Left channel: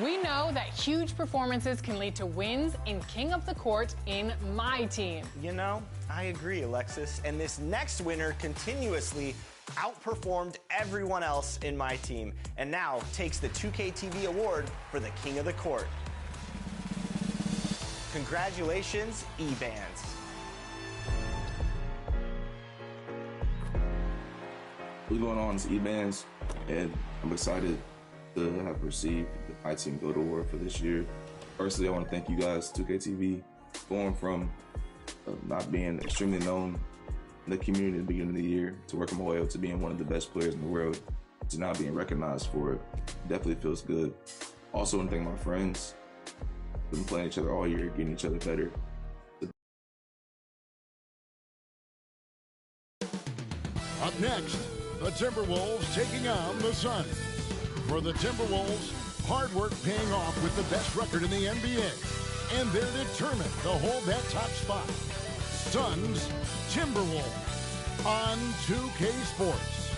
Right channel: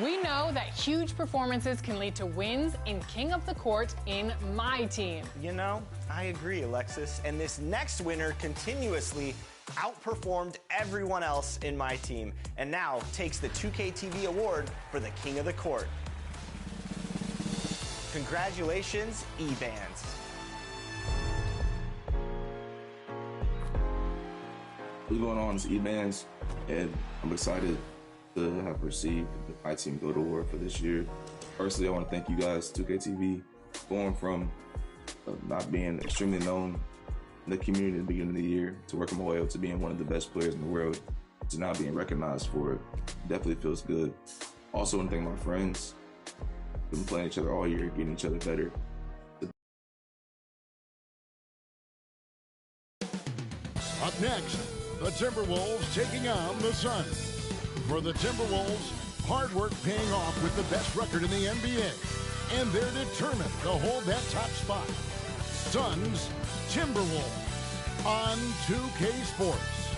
We know that huge performances can lead to wins in King of the Court in my team. You know, I agree, Alexis. And this next winner continuously outperformed everyone else in my team and now takes the 2K TV award for the King of the Court. Congratulations, E-Bands. What's going on? It's E-Bands, and I'm excited to have received the My Team GOAT Award for this year. Firstly, I want to thank you guys, 2KTV, going from not being extremely known in the community at the beginning of the year to working my way up to being one of the best players in the world to now being recognized for it. Definitely feels good. Also, I want to thank my friends. We've been playing each other all year, getting each other better. Up next, the Timberwolves taking on the Suns. For the Timberwolves, hard work paying off with the best record in the NBA. And they're determined to hold that top spot. Suns, Timberwolves on 2K Sports.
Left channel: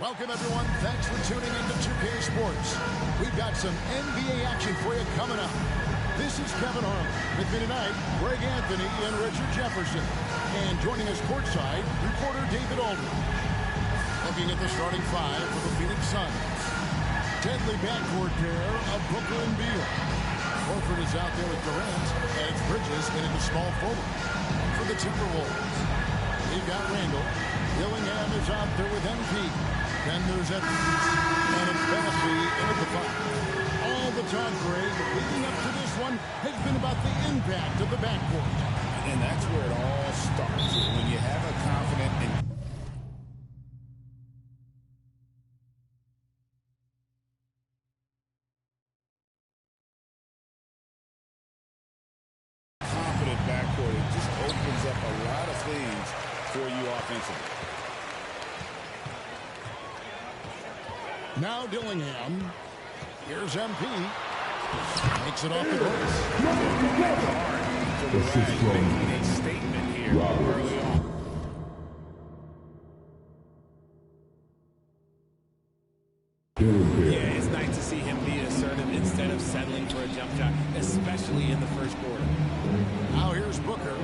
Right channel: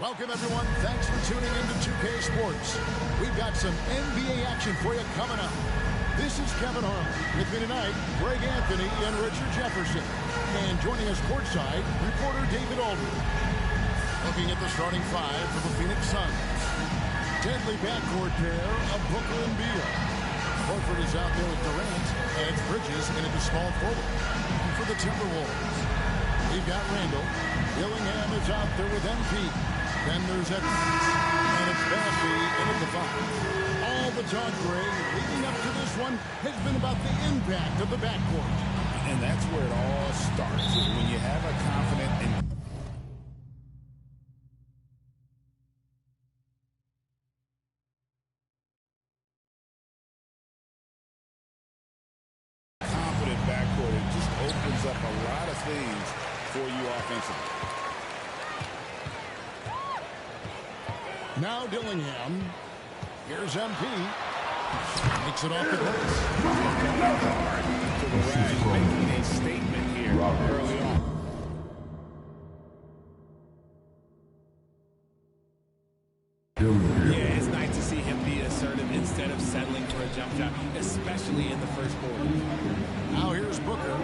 Welcome, everyone. Thanks for tuning in to 2K Sports. We've got some NBA action for you coming up. This is Kevin Harlan. With me tonight, Greg Anthony and Richard Jefferson. And joining us courtside, reporter David Aldridge. Looking at the starting five for the Phoenix Suns. Deadly backcourt pair of Booker and Beal. Horford is out there with Durant, and it's Bridges in at the small forward. And for the Timberwolves, we've got Randall. Dillingham is out there with MP. Then there's Edwards, and it's Bassey in at the five. All the talk, Greg, leading up to this one has been about the impact of the backcourt. And that's where it all starts. When you have a confident and confident backcourt, it just opens up a lot of things for you offensively. Now Dillingham. Here's MP. Makes it off the glass. Going hard to the rack, making a statement here early on. Yeah, it's nice to see him be assertive instead of settling for a jump shot, especially in the first quarter. Now here's Booker.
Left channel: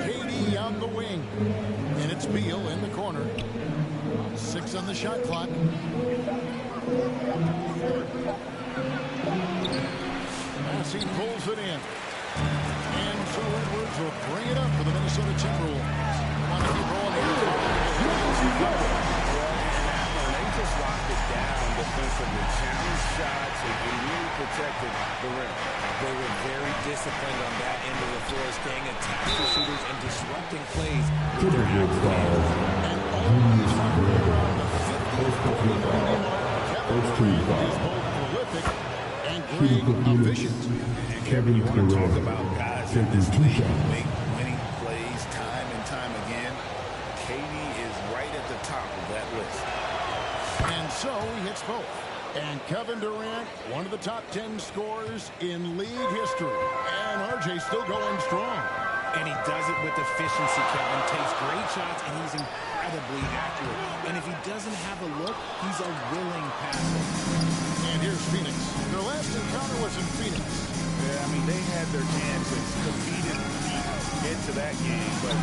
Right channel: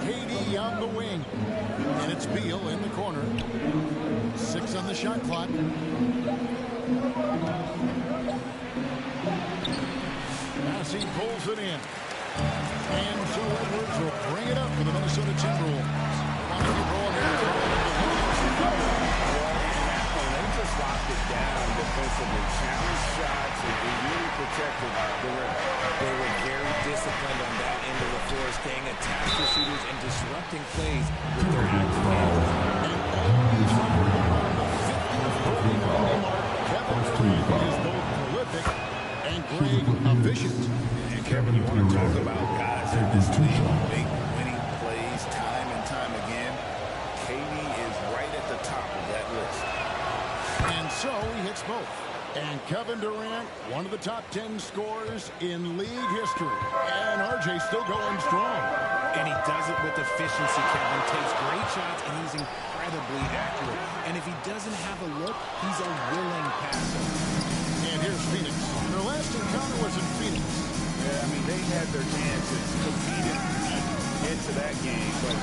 KD on the wing. And it's Beal in the corner. 6 on the shot clock. Bassey pulls it in. And so Edwards will bring it up for the Minnesota Timberwolves. They want to keep rolling here following the win against the Thunder. Yeah, and that one, they just locked it down defensively. Challenged shots and really protected the rim. They were very disciplined on that end of the floor, staying attached to shooters and disrupting plays with their active hands. And always hovering around the 50-40-90 mark. Kevin Durant is both prolific and Greg efficient. And Kevin, you want to talk about guys in this league who make winning plays time and time again. KD is right at the top of that list. And so he hits both. And Kevin Durant, one of the top 10 scorers in league history. And RJ still going strong. And he does it with efficiency, Kevin. Takes great shots, and he's incredibly accurate. And if he doesn't have a look, he's a willing passer. And here's Phoenix. Their last encounter was in Phoenix. Yeah, I mean, they had their chances, competed into that game, but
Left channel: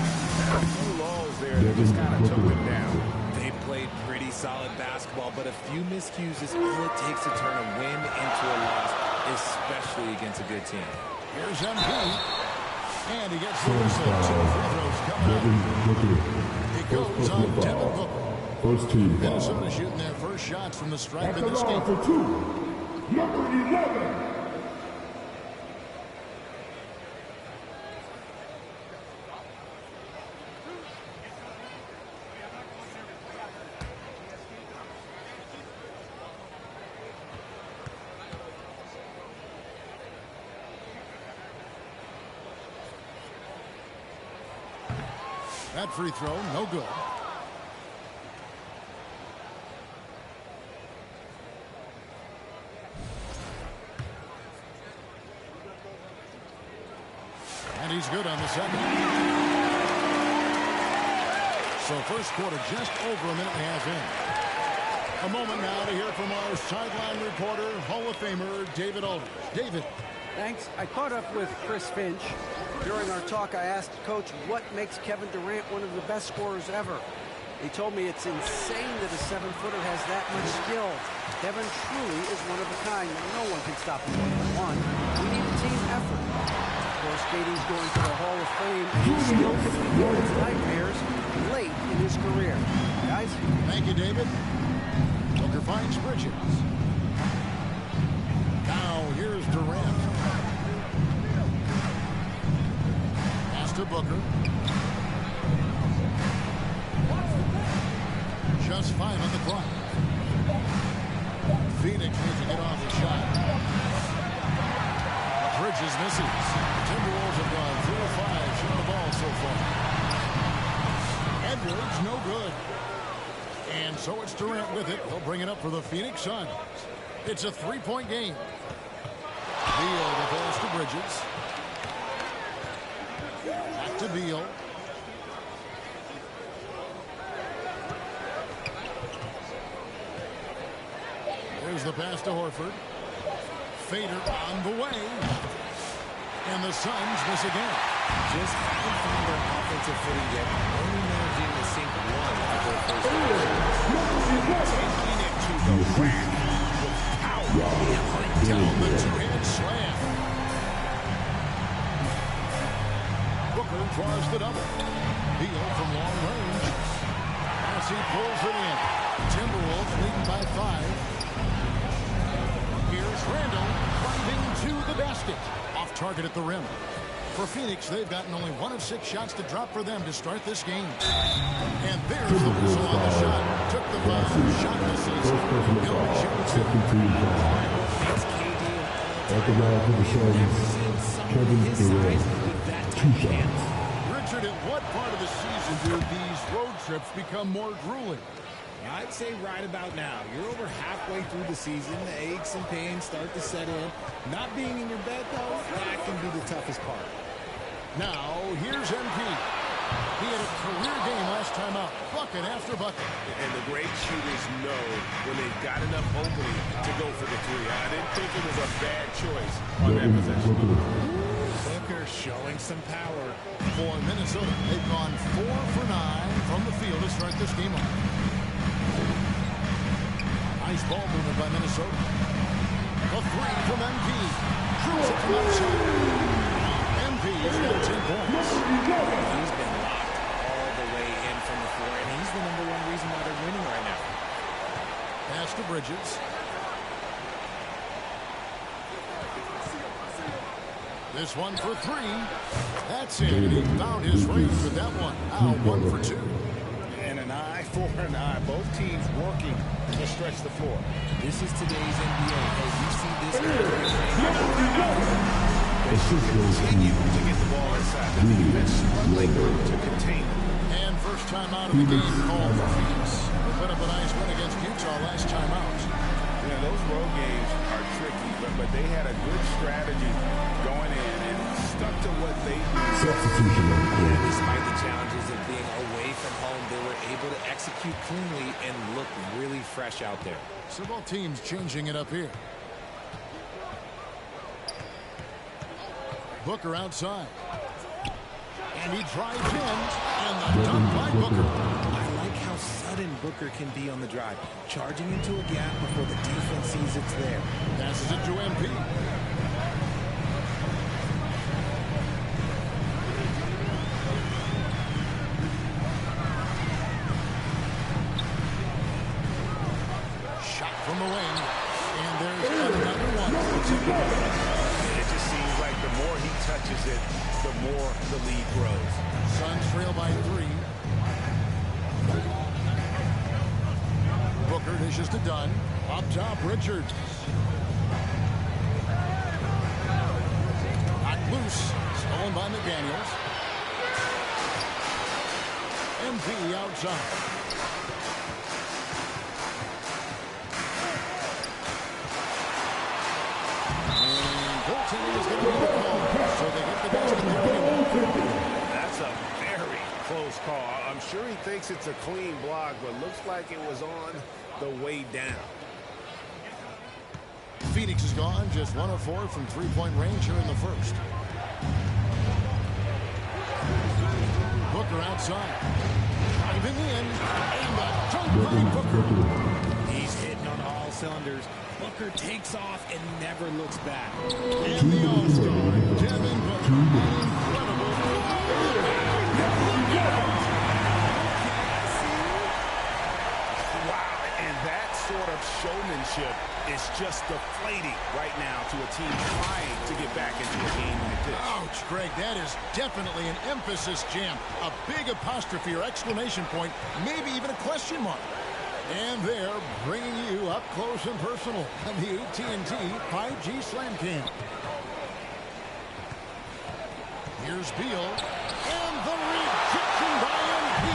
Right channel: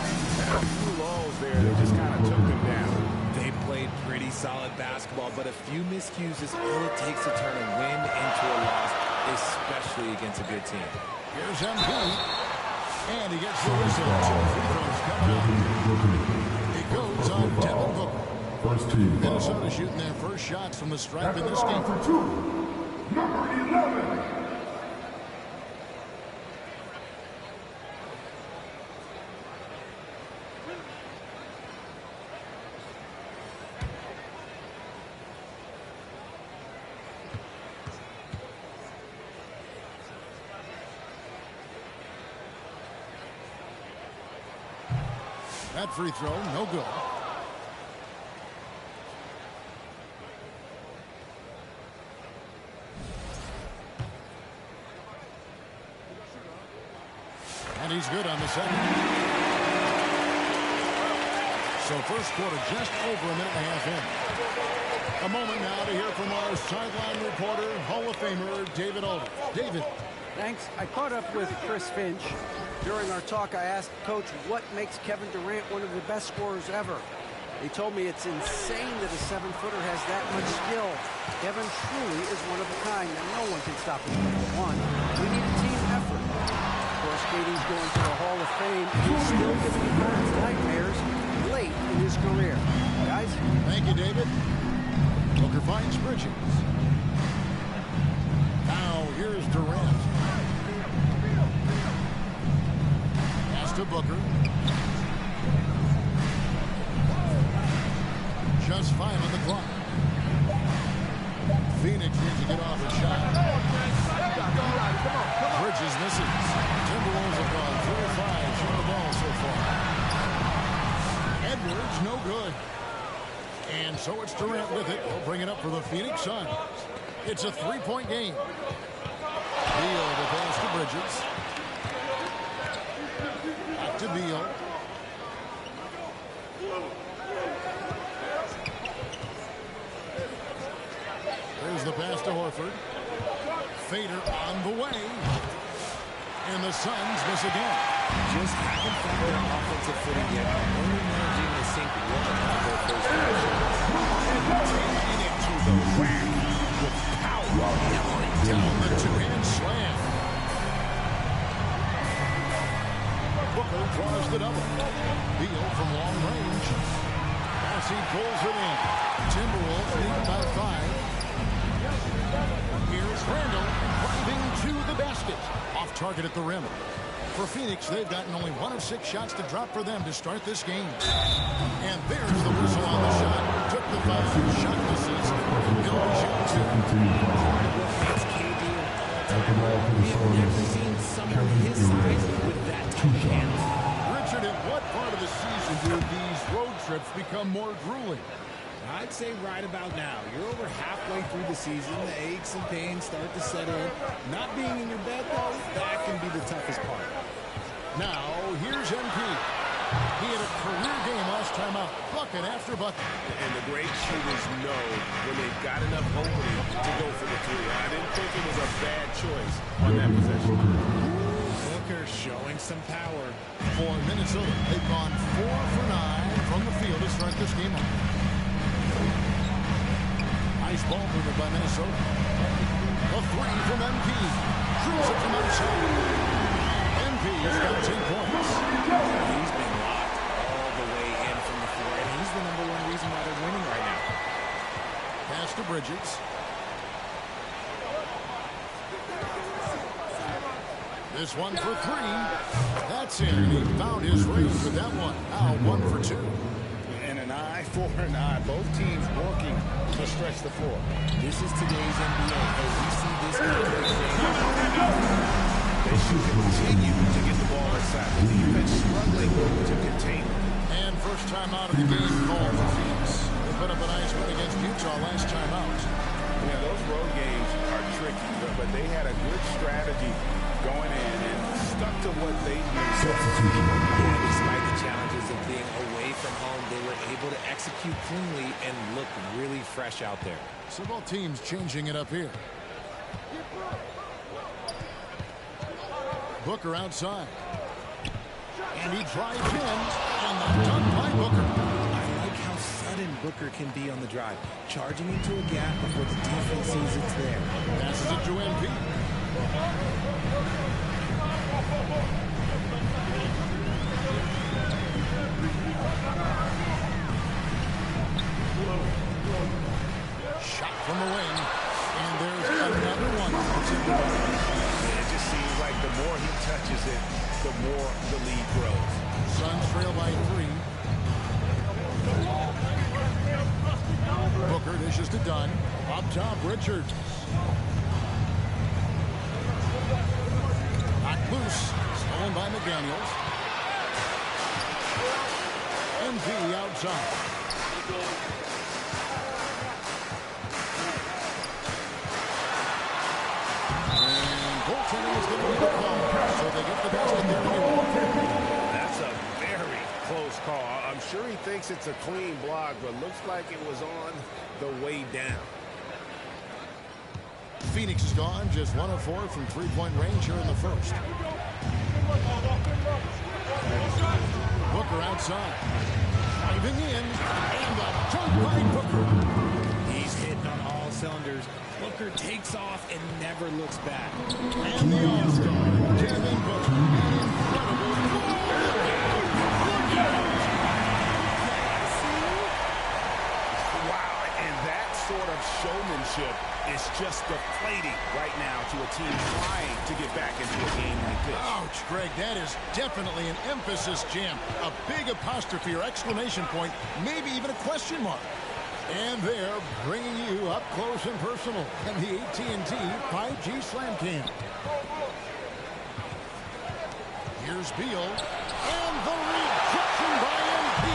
had a few lulls there that just kind of took them down. They played pretty solid basketball, but a few miscues is all it takes to turn a win into a loss, especially against a good team. Here's MP. And he gets the whistle. 2 free throws coming up. It goes on Devin Booker. First team. Minnesota shooting their first shots from the stripe in this game. For 2, number 11. That free throw, no good. And he's good on the second. So first quarter just over a minute and a half in. A moment now to hear from our sideline reporter, Hall of Famer David Aldridge. David. Thanks. I caught up with Chris Finch. During our talk, I asked Coach what makes Kevin Durant one of the best scorers ever. He told me it's insane that a 7-footer has that much skill. Kevin truly is one of a kind, and no one can stop him one-on-one. We need a team effort. Of course, KD's going to the Hall of Fame, and he's still giving opponents nightmares late in his career. Guys? Thank you, David. Booker finds Bridges. Now here's Durant. Pass to Booker. Just 5 on the clock. Phoenix needs to get off the shot. Bridges misses. Timberwolves have gone 3 of 5 shooting the ball so far. Edwards, no good. And so it's Durant with it. He'll bring it up for the Phoenix Suns. It's a 3-point game. Beal the pass to Bridges. Back to Beal. There's the pass to Horford. Fader on the way. And the Suns miss again. Just haven't found their offensive footing yet. Only managing to sink one of their first 5 shots. Taking it to the rack with power. Hammering down the two-hand slam. Booker draws the double. Beal from long range. As he pulls it in. Timberwolves leading by 5. Here's Randall driving to the basket. Off target at the rim. For Phoenix, they've gotten only 1 of 6 shots to drop for them to start this game. And there's the whistle on the shot. Took the foul. Shot misses. He'll be shooting 2. Part of what makes KD an all-timer. We've never seen someone his size with that type of hands. Richard, at what part of the season do these road trips become more grueling? I'd say right about now. You're over halfway through the season. The aches and pains start to set in. Not being in your bed, though, that can be the toughest part. Now, here's MP. He had a career game last time out. Bucket after bucket. And the great shooters know when they've got enough opening to go for the 3. I didn't think it was a bad choice on that possession. Booker showing some power. For Minnesota, they've gone 4 for 9 from the field to start this game off. Nice ball movement by Minnesota. A 3 from MP. Drills it from outside. MP has got 10 points. He's been locked all the way in from the floor, and he's the #1 reason why they're winning right now. Pass to Bridges. This one for 3. That's in, and he found his range with that one. Now 1 for 2. And an eye for an eye. Both teams working to stretch the floor. This is today's NBA. As we see this kind of exchange. They should continue to get the ball inside. The defense struggling to contain them. And first time out of the game called for Phoenix. They put up a nice win against Utah last time out. Yeah, those road games are tricky, but they had a good strategy going in and stuck to what they do. Substitution on the court. Yeah, despite the challenges of being away from home, they were able to execute cleanly and look really fresh out there. So both teams changing it up here. Booker outside. And he drives in. And the dunk by Booker. I like how sudden Booker can be on the drive. Charging into a gap before the defense sees it's there. Passes it to MP. Shot from the wing. And there's another one. It's in the ball. It just seems like the more he touches it, the more the lead grows. Suns trail by 3. Booker dishes to Dunn. Up top, Richards. Knocked loose. Stolen by McDaniels. MP outside. And goaltending is going to be the call. So they get the basket there anyway. close call. I'm sure he thinks it's a clean block, but looks like it was on the way down. Phoenix is gone, just 1 of 4 from three-point range here in the first. Booker outside. Driving in, and a dunk by Booker. He's hitting on all cylinders. Booker takes off and never looks back. And the All-Star, Devin Booker, an incredible look out! Okay, I see. Wow, and that sort of showmanship is just deflating right now to a team trying to get back into a game like this. Ouch, Greg, that is definitely an emphasis jam. A big apostrophe or exclamation point, maybe even a question mark. And they're bringing you up close and personal in the AT&T 5G Slam Cam. Here's Beal, and the rejection by MP.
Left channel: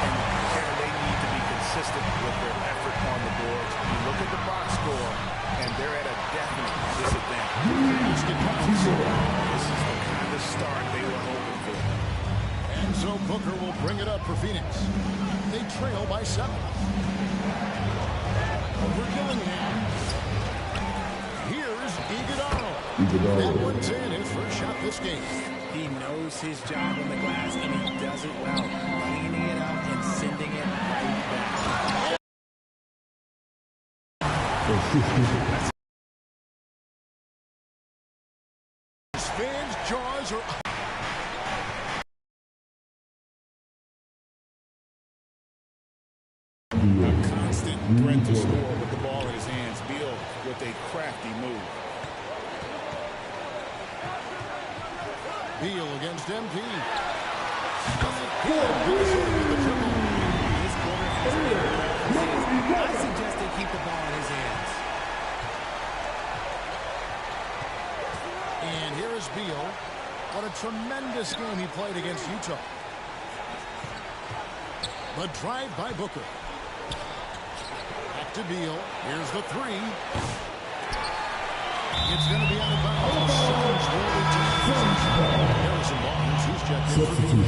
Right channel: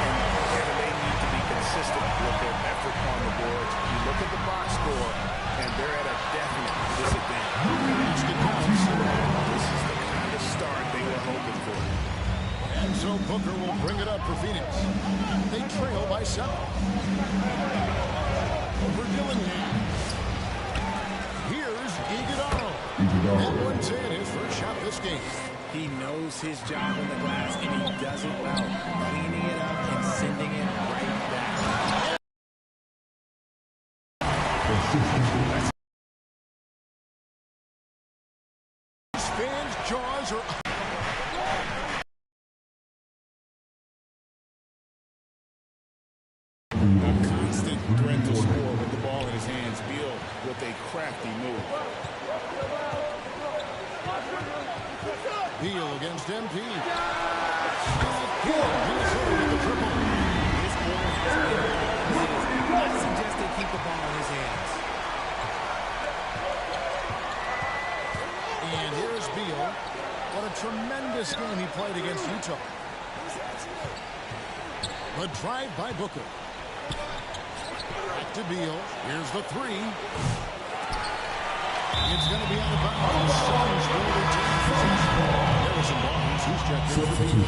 And Kevin, they need to be consistent with their effort on the boards. You look at the box score, and they're at a definite disadvantage. Basket counts. This is the kind of start they were hoping for. And so Booker will bring it up for Phoenix. They trail by 7. Over Dillingham. Here's Iguodala. That one's in his first shot this game. He knows his job on the glass, and he does it well. Cleaning it up and sending it right back. Fans' jaws are... A constant threat to score with the ball in his hands. Beal with a crafty move. Beal against MP. Again, Minnesota with the triple. This quarter has been all his. I suggest they keep the ball in his hands. And here is Beal. What a tremendous game he played against Utah. The drive by Booker. Back to Beal. Here's the 3. It's going to be out of bounds. The Suns will retain possession. Harrison Barnes, who's checked in for Beal.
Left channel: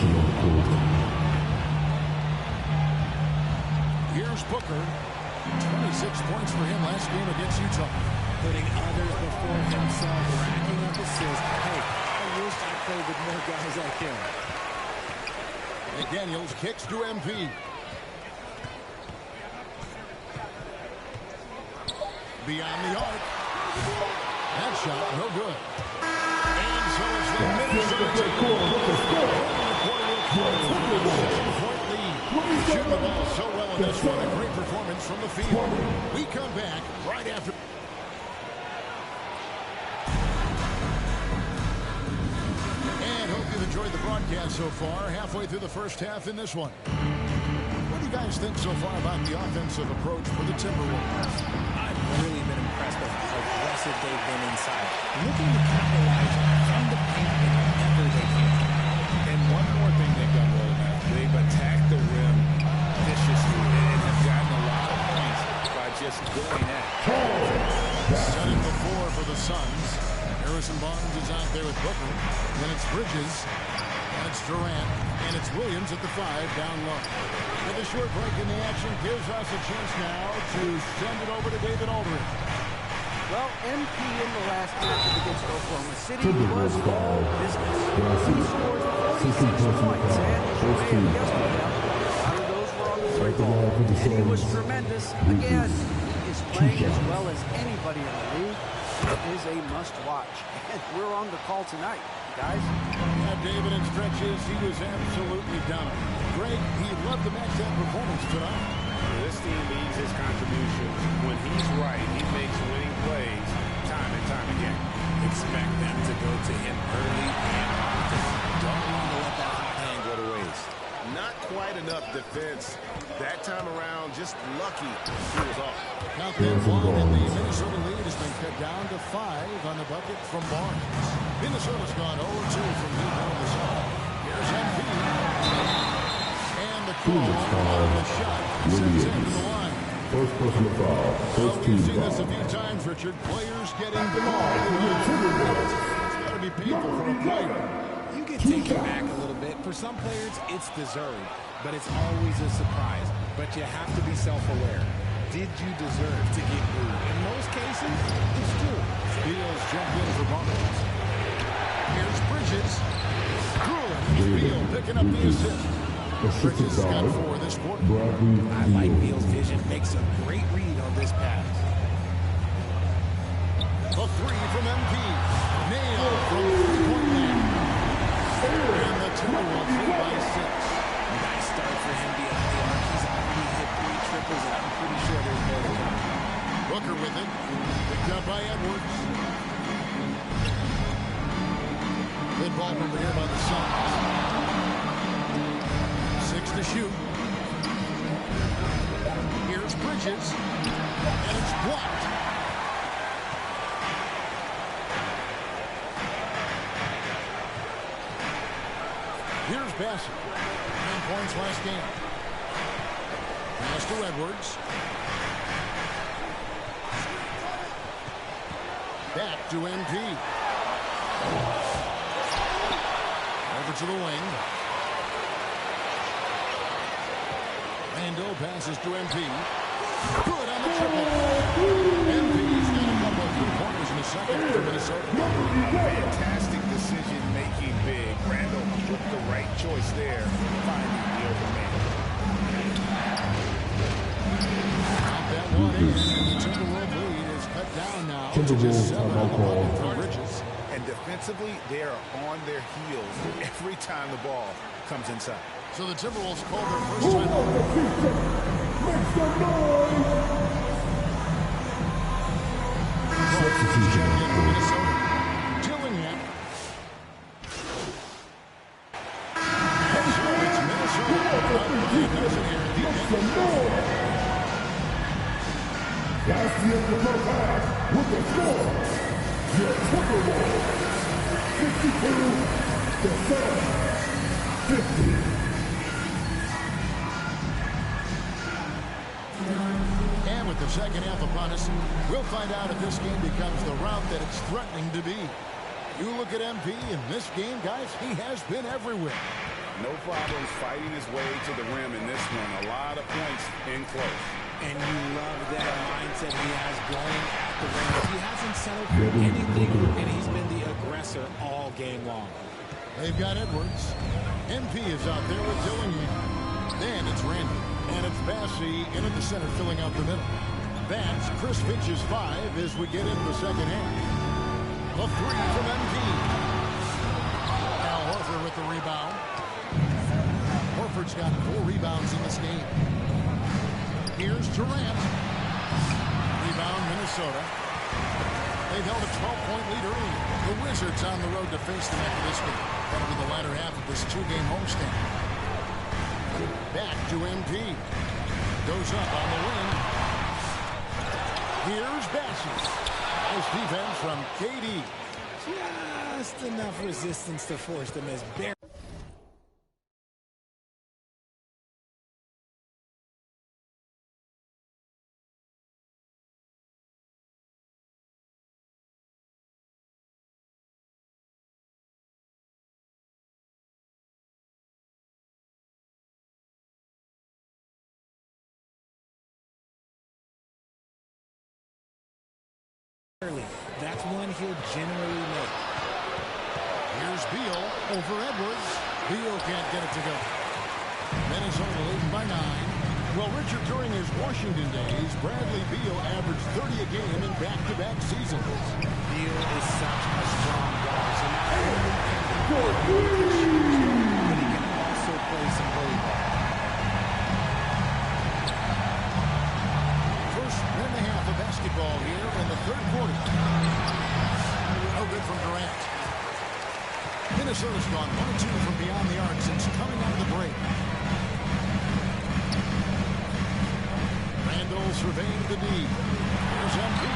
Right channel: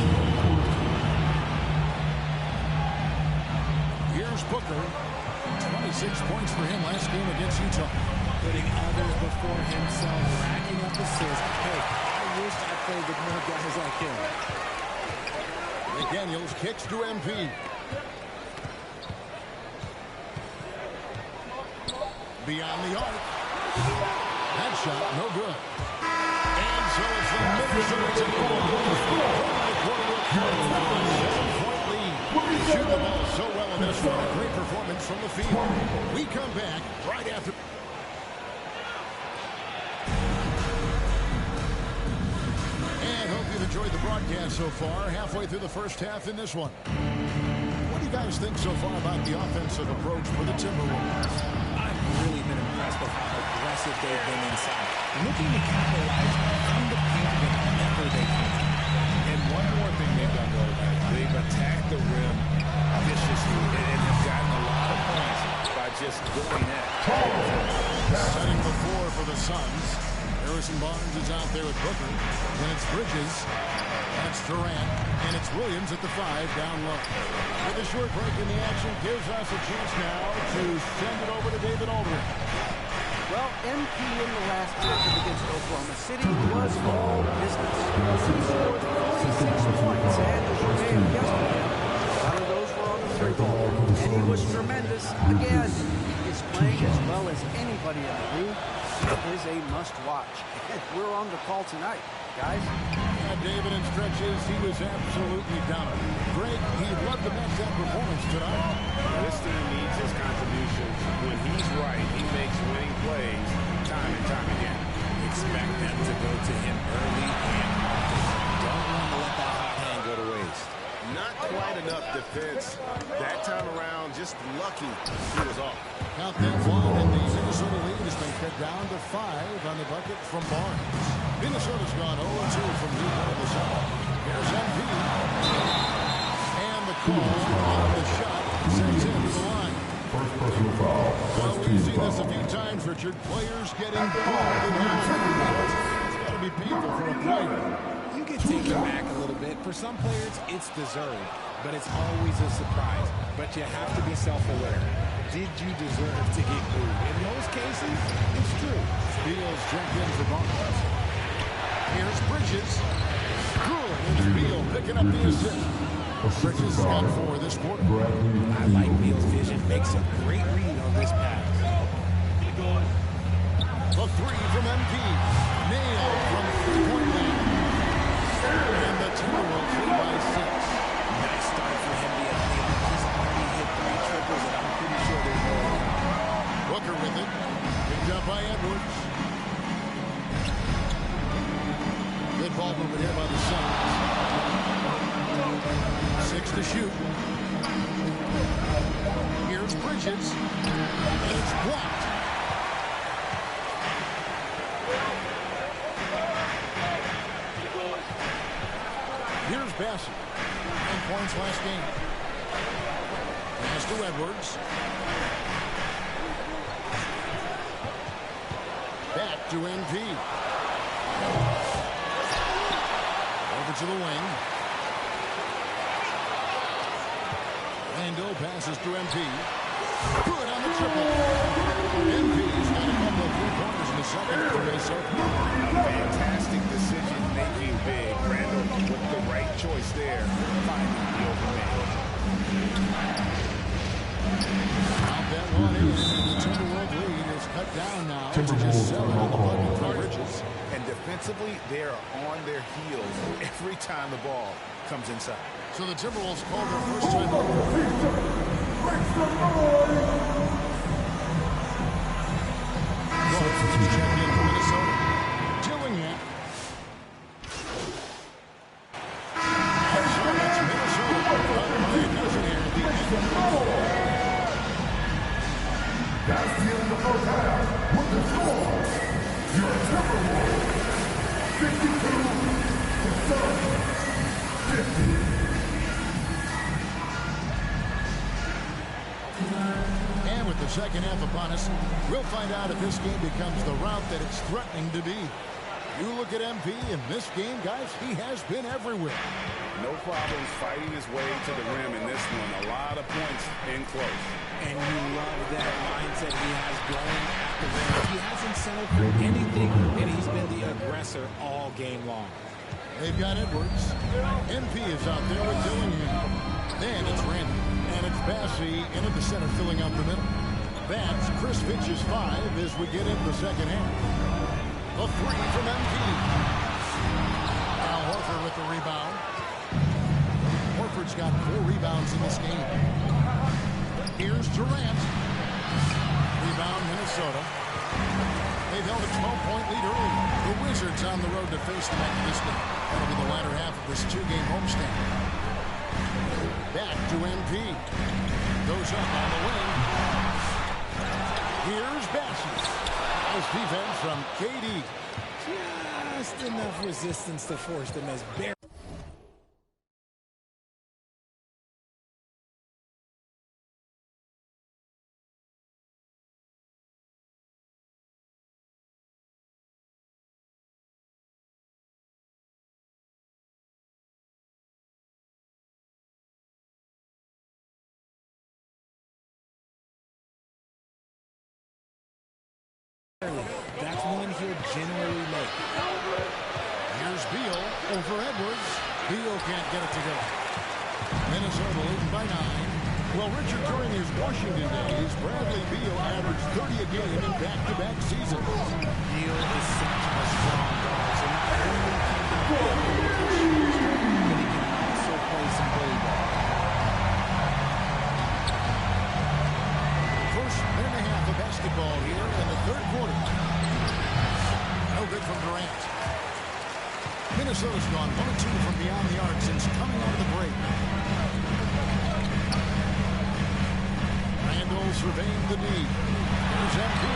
Here's Booker. 26 points for him last game against Utah. Putting others before himself, racking up assists. Hey, I wish I played with more guys like him. McDaniels kicks to MP. Beyond the arc. That shot, no good. And so it's the Minnesota team. Bringing the quarter to a close with a 7-point lead. Shooting the ball so well in this one. A great performance from the field. We come back right after. And hope you've enjoyed the broadcast so far. Halfway through the first half in this one. What do you guys think so far about the offensive approach for the Timberwolves? I've really been impressed with how aggressive they've been inside, looking to capitalize from the paint whenever they can. And one more thing they've done well tonight. They've attacked the rim viciously and have gotten a lot of points by just going at it. Setting the floor for the Suns. Harrison Barnes is out there with Booker. Then it's Bridges. And it's Durant. And it's Williams at the 5 down low. With a short break in the action gives us a chance now to send it over to David Aldridge. Well, MP in the last matchup against Oklahoma City was all business. He scored 46 points, and as you may have guessed with him, a lot of those were on the 3-ball. And he was tremendous. Again, he is playing as well as anybody in the league. He is a must-watch. And we're on the call tonight, guys. Yeah, David, in stretches, he was absolutely dominant. Greg, he loved to match that performance tonight. This team needs his contributions. When he's right, he makes winning plays time and time again. Expect them to go to him early and often. Don't want to let that hot hand go to waste. Not quite enough defense. That time around, just lucky he was off. Count that one, and the Minnesota lead has been cut down to 5 on the bucket from Barnes. Minnesota's gone 0-2 from deep on the side. Here's MP. And the call on the shot sends him to the line. First personal foul. Well, we've seen this a few times, Richard. Players getting balled at home. It's got to be painful for a player. You get taken back a little bit. For some players, it's deserved, but it's always a surprise. But you have to be self-aware. Did you deserve to get booed? In most cases, it's true. Beal's jumped in for Bunkers. Here's Bridges. Good, and Beal picking up the assist. Bridges has got 4 this quarter. I like Beal's vision. Makes a great read on this pass. The 3 from MP. Nailed from three-point land. And the Timberwolves lead by 6. Nice start for him beyond the arc. He's already hit 3 triples, and I'm pretty sure there's more to come. Booker with it. Picked up by Edwards. Good ball over here by the Suns. 6 to shoot. Here's Bridges. And it's blocked. Here's Bassett. 9 points last game. Pass to Edwards. Back to MP. Over to the wing. Randall passes to MP. Good on the triple. MP's got a couple of three-pointers in the second for Minnesota. A fantastic decision-making big. Randall with the right choice there, finding the open man. Count that one in, and the Timberwolves lead is cut down now to just 7 on the bucket for Bridges. And defensively, they are on their heels every time the ball comes inside. So the Timberwolves called their first timeout. Make some noise! Clark checked in for Minnesota. Dillingham. And so it's Minnesota. Up by a dozen here at the end. That's the end of the first half with the score. Your Timberwolves, 52, the Suns, 50. And with the second half upon us, we'll find out if this game becomes the route that it's threatening to be. You look at MP in this game, guys, he has been everywhere. No problems fighting his way to the rim in this one. A lot of points in close. And you love that mindset he has going at the rim. He hasn't settled for anything, and he's been the aggressor all game long. They've got Edwards. MP is out there with Dillingham. Then it's Randall. And it's Bassey into the center, filling out the middle. That's Chris Finch's 5 as we get into the second half. The 3 from MP. Al Horford with the rebound. Horford's got 4 rebounds in this game. Here's Durant. Rebound, Minnesota. They've held a 12-point lead early. The Wizards on the road to face them after this game. That'll be the latter half of this 2-game homestand. Back to MP. Goes up on the wing. Here's Bassett. Nice defense from KD. Just enough resistance to force them as bare. That's one he'll generally make. Here's Beal over Edwards. Beal can't get it to go. Minnesota leading by 9. Well, Richard, during his Washington days, Bradley Beal averaged 30 a game in back-to-back seasons. Beal is such a strong guard, so not only can he shoot, but he can also play some bully ball. First minute and a half of basketball here in the third quarter. No good from Durant. Minnesota's gone 1 of 2 from beyond the arc since coming out of the break. Randall surveying the D. Here's MP.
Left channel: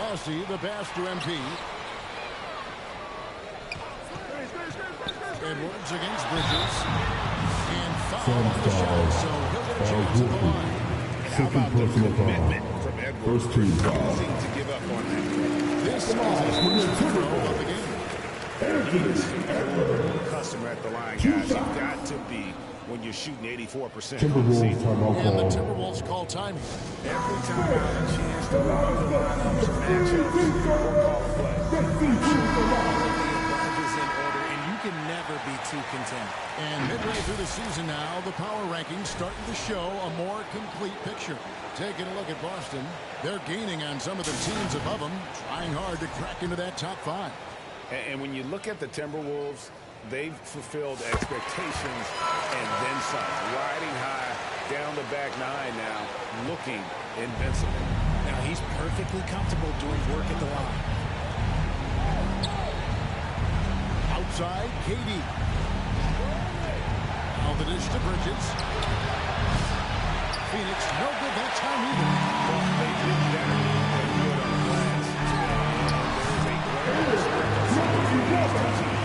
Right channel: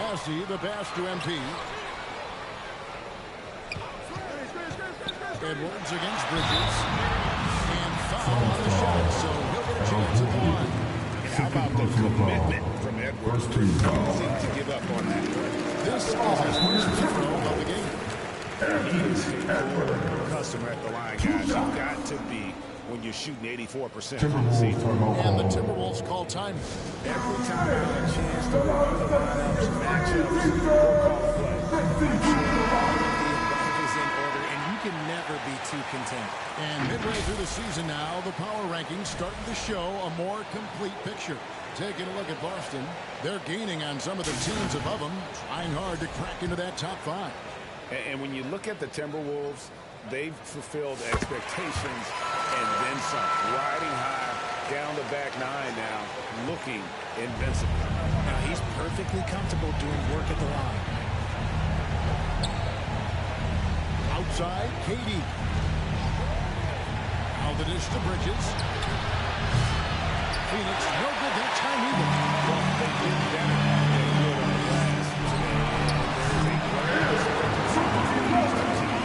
Bassey, the pass to MP. Edwards against Bridges. And foul on the shot, so he'll get a chance at the line. And how about the commitment from Edwards, refusing to give up on that play? This is his first free throw of the game. He is a poor customer at the line, guys. You've got to be when you're shooting 84% on the season. And the Timberwolves call timing. Every time out, a chance to review the lineups, matchups, or call a play. I'm sure all of the above is in order, and you can never be too content. And midway through the season now, the power rankings starting to show a more complete picture. Taking a look at Boston, they're gaining on some of the teams above them, trying hard to crack into that top 5. And when you look at the Timberwolves, they've fulfilled expectations and then some. Riding high down the back 9 now, looking invincible. Now he's perfectly comfortable doing work at the line. Outside, KD. Now the dish to Bridges. Phoenix, no good that time either. Well, they did better than good on the glass today. And there's a glaring discrepancy between these two teams.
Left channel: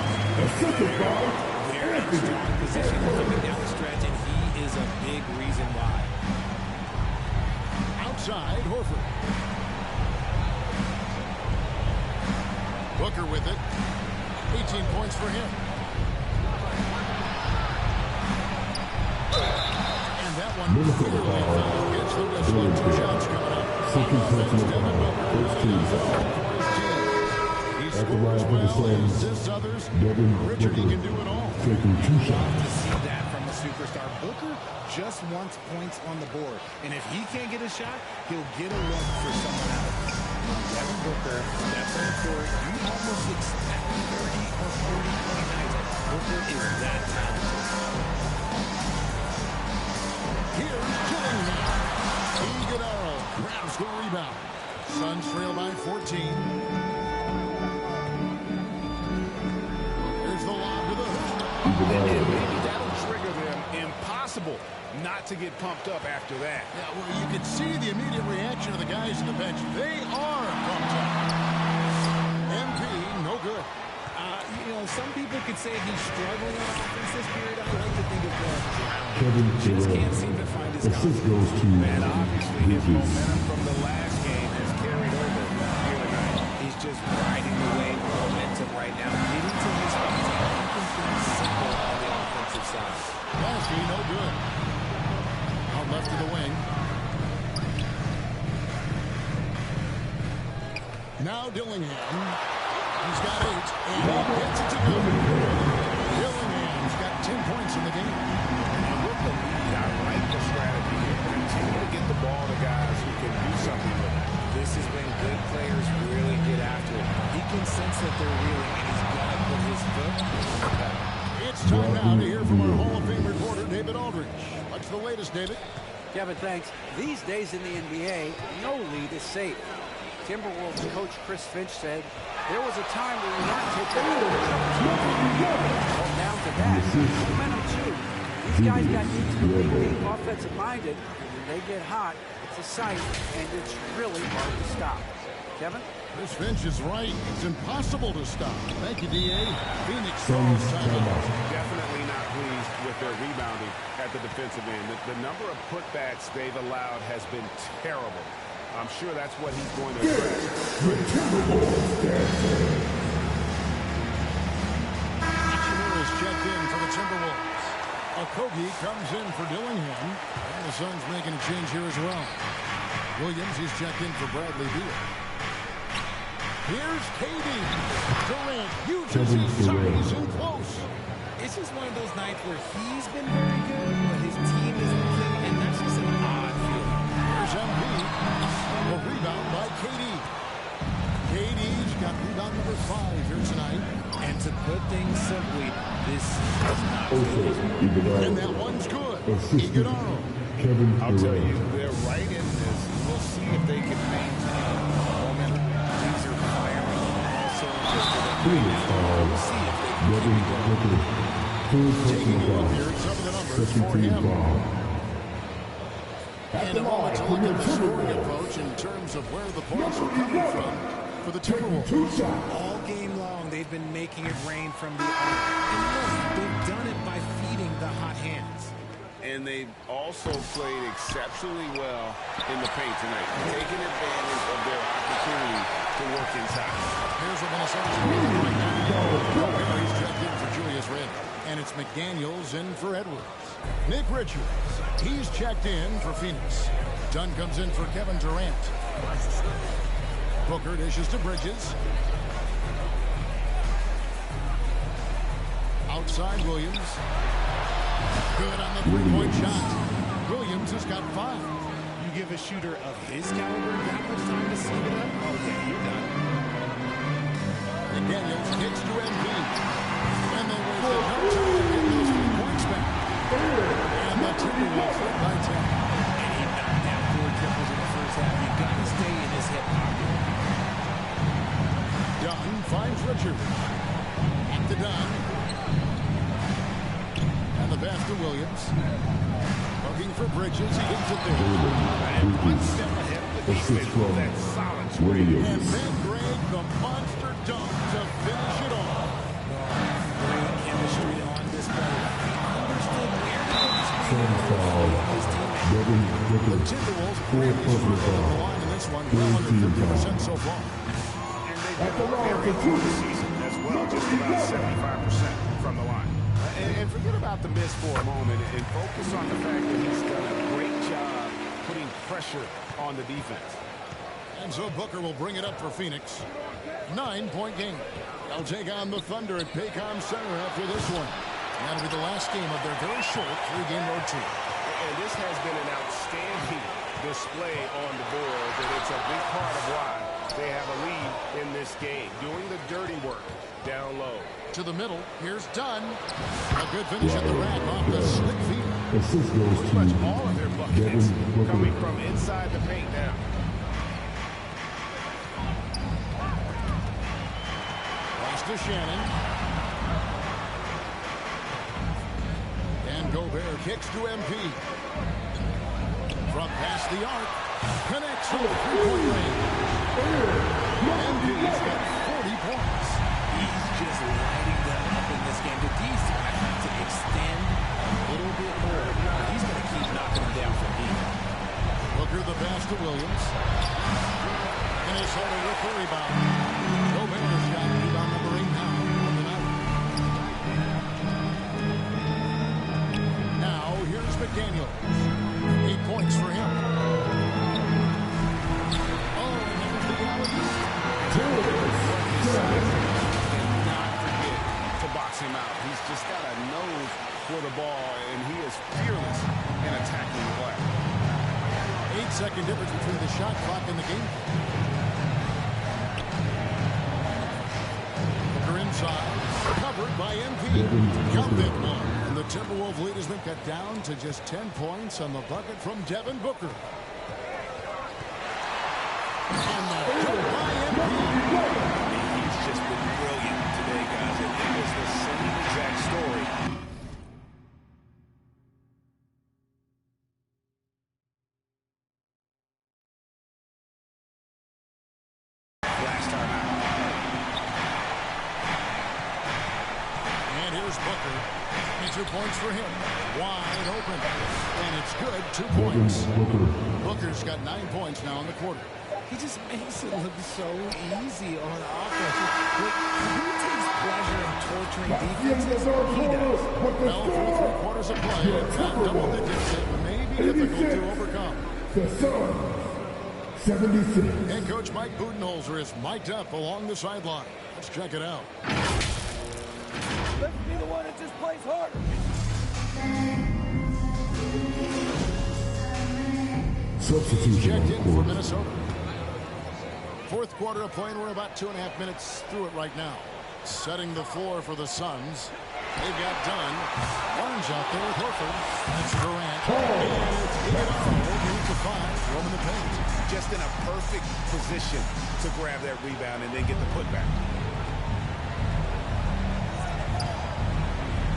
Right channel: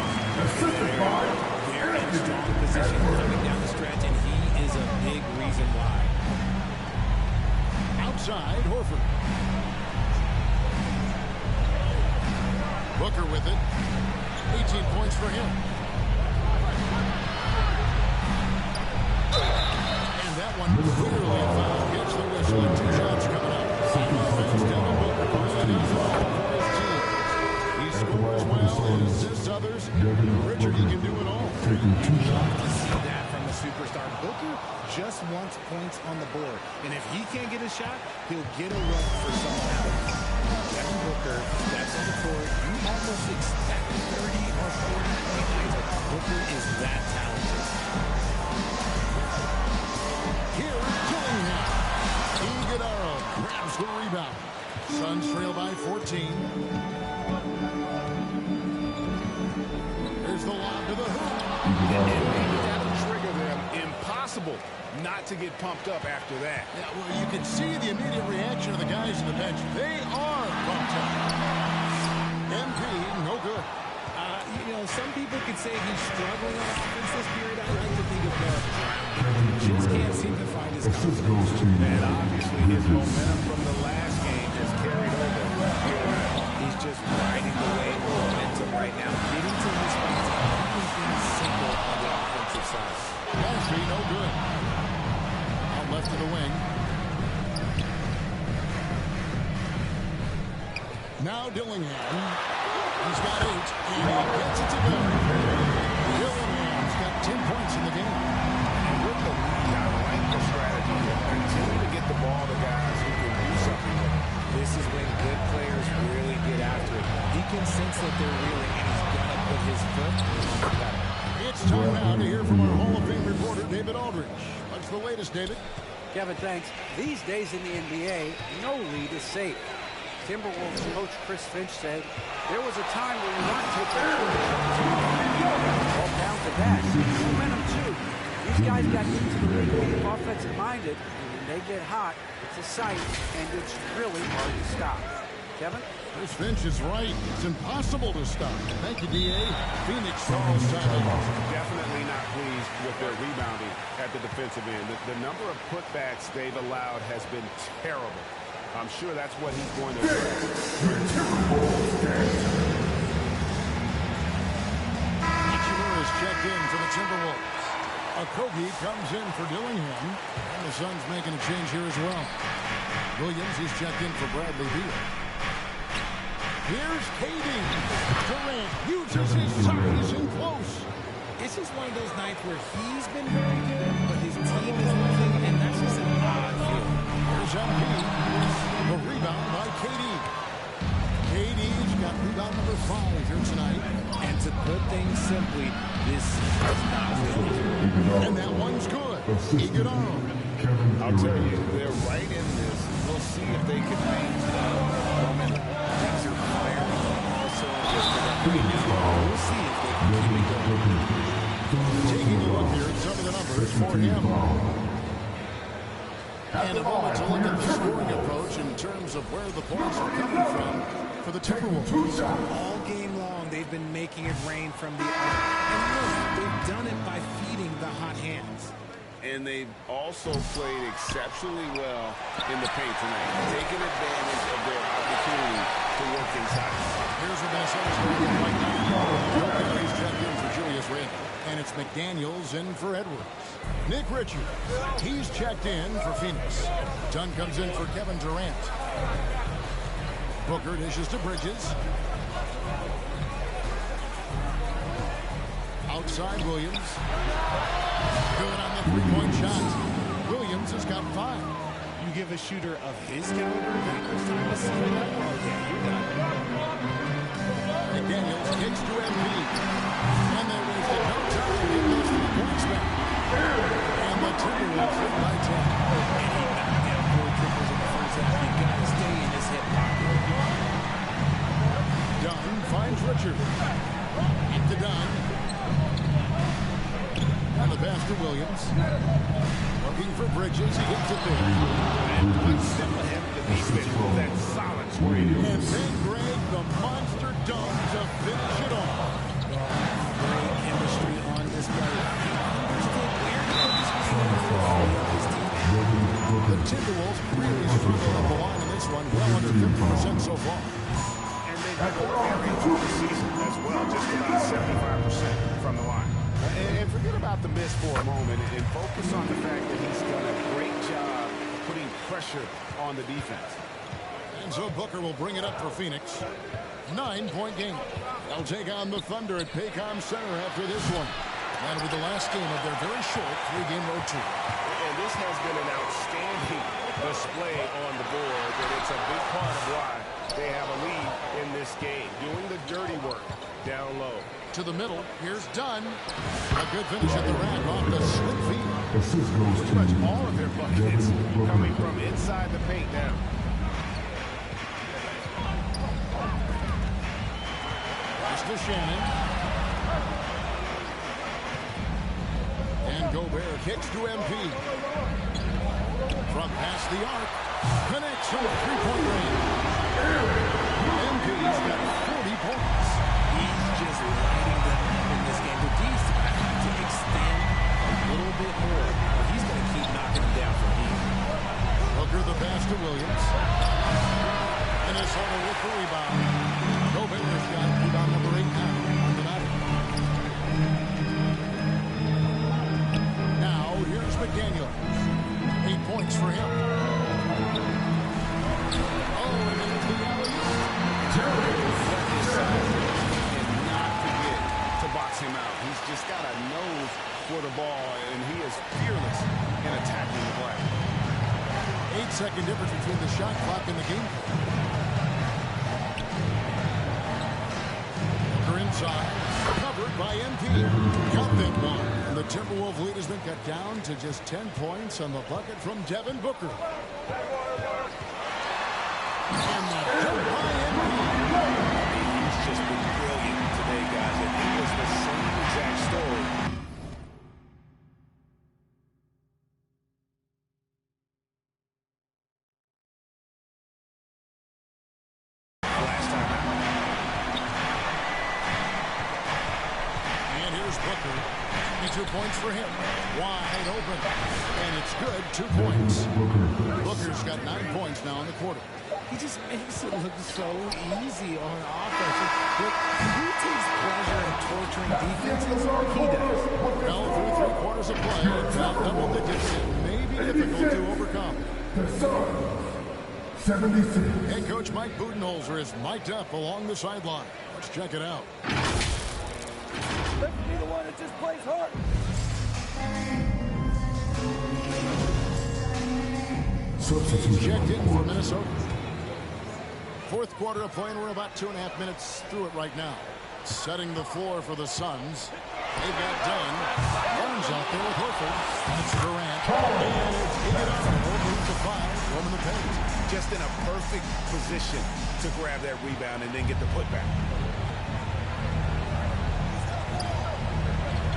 They're in strong position coming down the stretch, and he is a big reason why. Outside, Horford. Booker with it. 18 points for him. And that one clearly a foul. Gets the whistle and 2 shots coming up. On offense, Devin Booker really does it all for his team. He scores well and assists others. Richard, he can do it all. You love to see that from a superstar. Booker just wants points on the board. And if he can't get a shot, he'll get a look for someone else. Devin Booker steps on the court. You almost expect 30 or 40-point nights. Booker is that talented. Here's Killingham. Iguodala grabs the rebound. Suns trail by 14. Here's the lob to the hoop. And maybe that'll trigger them. Impossible not to get pumped up after that. Yeah, well, you can see the immediate reaction of the guys on the bench. They are pumped up. MP, no good. You know, some people could say he's struggling on offense this period. I like to think of more of drowning. Just can't seem to find his confidence. And obviously his momentum from the last game has carried over here tonight. He's just riding the wave of momentum right now, getting to his spots and keeping things simple on the offensive side. Lastly, no good. Out left of the wing. Now Dillingham. He's got 8, and he gets it to go. Dillingham's got 10 points in the game. And with the lead, I like the strategy here. Continue to get the ball to guys who can do something with it. This is when good players really get after it. He can sense that they're reeling, and he's going to put his foot on the pedal. It's time now to hear from our Hall of Fame reporter, David Aldridge. What's the latest, David? Kevin, thanks. These days in the NBA, no lead is safe. Timberwolves coach Chris Finch said there was a time where you weren't taking a all down to that. Momentum, too. These guys got into the league being offensive-minded, and when they get hot, it's a sight, and it's really hard to stop. Kevin? Chris Finch is right. It's impossible to stop. Thank you, D.A. Phoenix calls timeout. Definitely not pleased with their rebounding at the defensive end. The number of putbacks they've allowed has been terrible. I'm sure that's what he's going to address. Hachimura is checked in for the Timberwolves. Okogie comes in for Dillingham. And the Suns making a change here as well. Williams, he's checked in for Bradley Beal. Here's KD. Durant uses his size in close. It's just one of those nights where he's been very good, but his team is losing, and that's just an odd feeling. Here's MP. The rebound by KD. KD's got rebound number 5 here tonight. And to put things simply, this is not good. And that one's good. Iguodala. I'll tell you, they're right in this. We'll see if they can maintain momentum. Things are firing all cylinders for them right now. We'll see if they can keep it going. Taking a look here at some of the numbers for him. And a moment to look at the scoring approach in terms of where the points are coming from for the Timberwolves. All game long, they've been making it rain from the arc. And look, they've done it by feeding the hot hands. And they've also played exceptionally well in the paint tonight, taking advantage of their opportunity to work inside. Here's what Minnesota's going with right now. Gobert checked in for Julius Randle. And it's McDaniels in for Edwards. Nick Richards, he's checked in for Phoenix. Dunn comes in for Kevin Durant. Booker dishes to Bridges. Outside Williams. Good on the three-point shot. Williams has got 5. You give a shooter of his caliber that much time to set it up, oh yeah, you're done. McDaniels kicks to MP. And they wasted no time getting those 3 points back. And the Timberwolves lead by 10. And he knocked down 4 triples in the first half. You got to stay in his hip pocket. Dunn finds Richards. At the Dunn. And the pass to Williams. Looking for Bridges. He gets it there. And 1 step ahead of the defense with that solid screen. And then Greg, the monster dunk to finish it off. Great chemistry on display. He understood where to put the screen in order to free up his teammate. The Timberwolves really struggled at the line in this one. Well under 50% so far. And they've been ordinary all the season as well. Just about 75% from the line. And forget about the miss for a moment and focus on the fact that he's done a great job putting pressure on the defense. And so Booker will bring it up for Phoenix. 9-point game. They'll take on the Thunder at Paycom Center after this one. That'll be the last game of their very short 3-game road tour. And this has been an outstanding display on the board, and it's a big part of why they have a lead in this game, doing the dirty work down low. To the middle, here's Dunn. A good finish at the rack off the slick feed. Pretty much all of their buckets coming from inside the paint now. Pass to Shannon. And Gobert kicks to MP. From past the arc. Connects from 3-point range. MP's got 40 points. He's just lighting them up in this game. The D's going to have to extend a little bit more, or he's going to keep knocking them down from deep. Booker the pass to Williams. Minnesota with the rebound. Gobert's got rebound number 8 now on the night. Now here's McDaniels. 8 points for him. Oh, and there's the alley-oop. What his size is, you cannot forget to box him out. He's just got a nose for the ball, and he is fearless in attacking the glass. 8-second difference between the shot clock and the game clock. Booker inside, covered by MP. Count them 1, and the Timberwolves lead has been cut down to just 10 points on the bucket from Devin Booker. And the dunk by MP. I mean, he's just been brilliant today, guys, and it was the same exact story. Last time out. And here's Booker. 22 points for him. Wide open. And it's good. 2 points. Booker's got 9 points now in the quarter. He just makes it look so easy on offense. Look, who takes pleasure in torturing defenses? He does. Well, through 3 quarters of play, down double digits, it may be difficult to overcome. The Suns, 76. Head coach Mike Budenholzer is mic'd up along the sideline. Let's check it out. Let's be the one that just plays hard. Substitution Checked on in court. for Minnesota. Fourth quarter of play, and we're about 2.5 minutes through it right now. Setting the floor for the Suns. They've got Dunn. Barnes out there with Horford. That's Durant. And it's Iguodala. Getting to 5. Roaming the paint. Just in a perfect position to grab that rebound and then get the putback.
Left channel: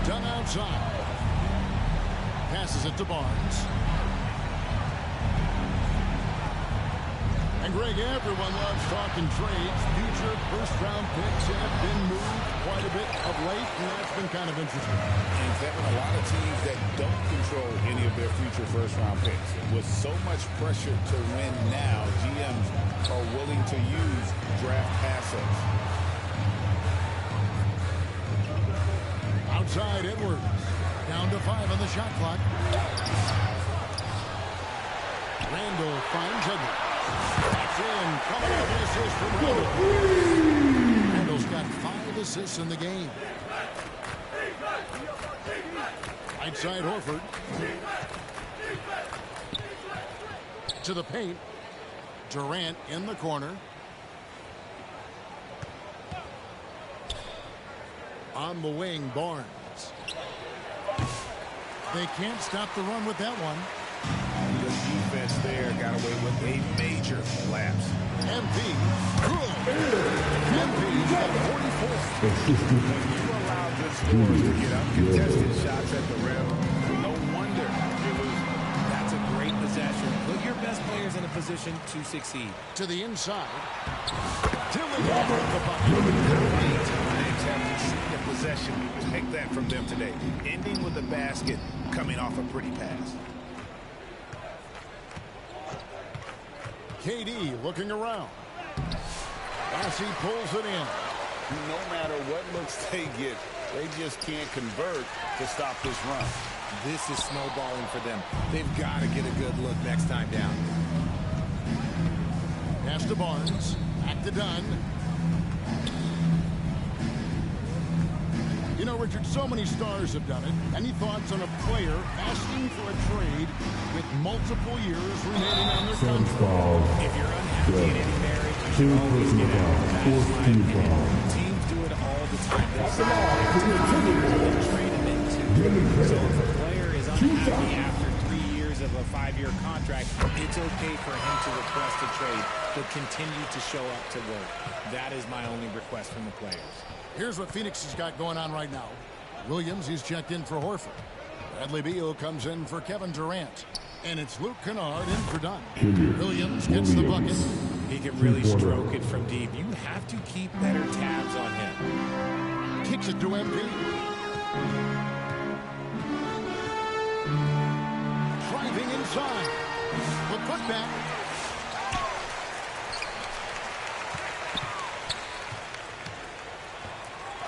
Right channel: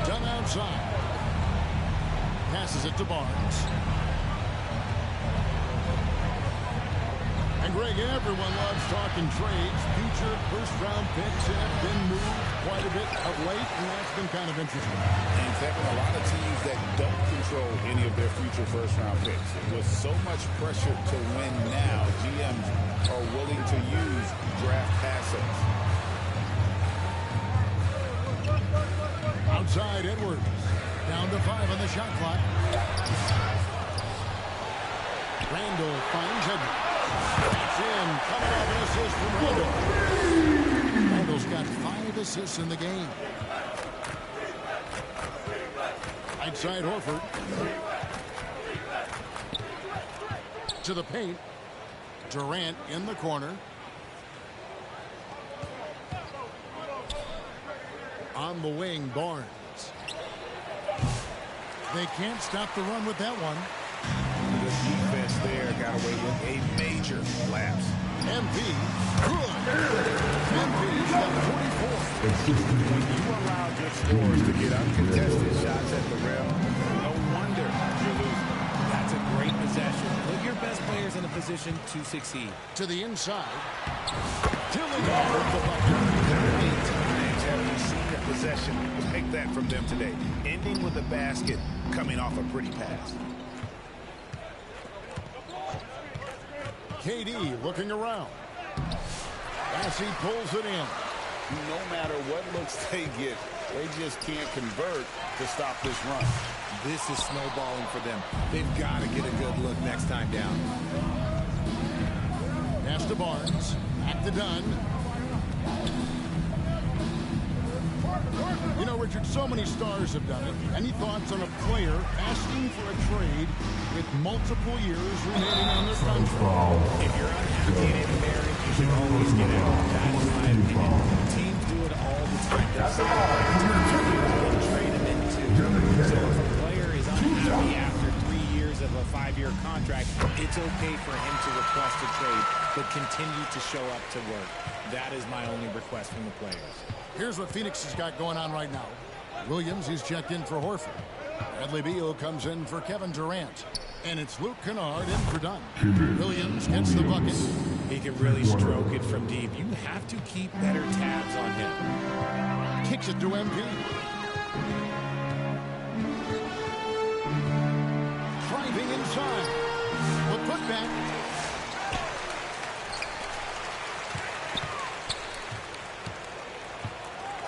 Dunn outside. Passes it to Barnes. And Greg, everyone loves talking trades. Future first-round picks have been moved quite a bit of late, and that's been kind of interesting. And Kevin, a lot of teams that don't control any of their future first-round picks. With so much pressure to win now, GMs are willing to use draft assets. Outside Edwards. Down to 5 on the shot clock. Randall finds Edwards. That's in. Coming off an assist from Randall. Randall's got 5 assists in the game. Right side Horford. To the paint. Durant in the corner. On the wing, Barnes. They can't stop the run with that one. The defense there got away with a major lapse. MP, good. MP's got 44. When you allow good scorers to get uncontested shots at the rim, no wonder you're losing. That's a great possession. Put your best players in a position to succeed. To the inside. Dillingham with the bucket. How many times have we seen a possession like that from them today? Ending with a basket, coming off a pretty pass. KD looking around. As he pulls it in. No matter what looks they get, they just can't convert to stop this run. This is snowballing for them. They've got to get a good look next time down. Pass to Barnes. Back to Dunn. You know, Richard, so many stars have done it. Any thoughts on a player asking for a trade with multiple years remaining on their contract? If you're unhappy in any marriage, you should always get out. That's my opinion. Teams do it all the time. They'll sign a player to 3 years and then trade him in 2. So if a player is unhappy after 3 years of a 5-year contract, it's okay for him to request a trade, but continue to show up to work. That is my only request from the players. Here's what Phoenix has got going on right now. Williams, he's checked in for Horford. Bradley Beal comes in for Kevin Durant. And it's Luke Kennard in for Dunn. Williams gets the bucket. He can really stroke it from deep. You have to keep better tabs on him. Kicks it to MP. Driving inside. The putback.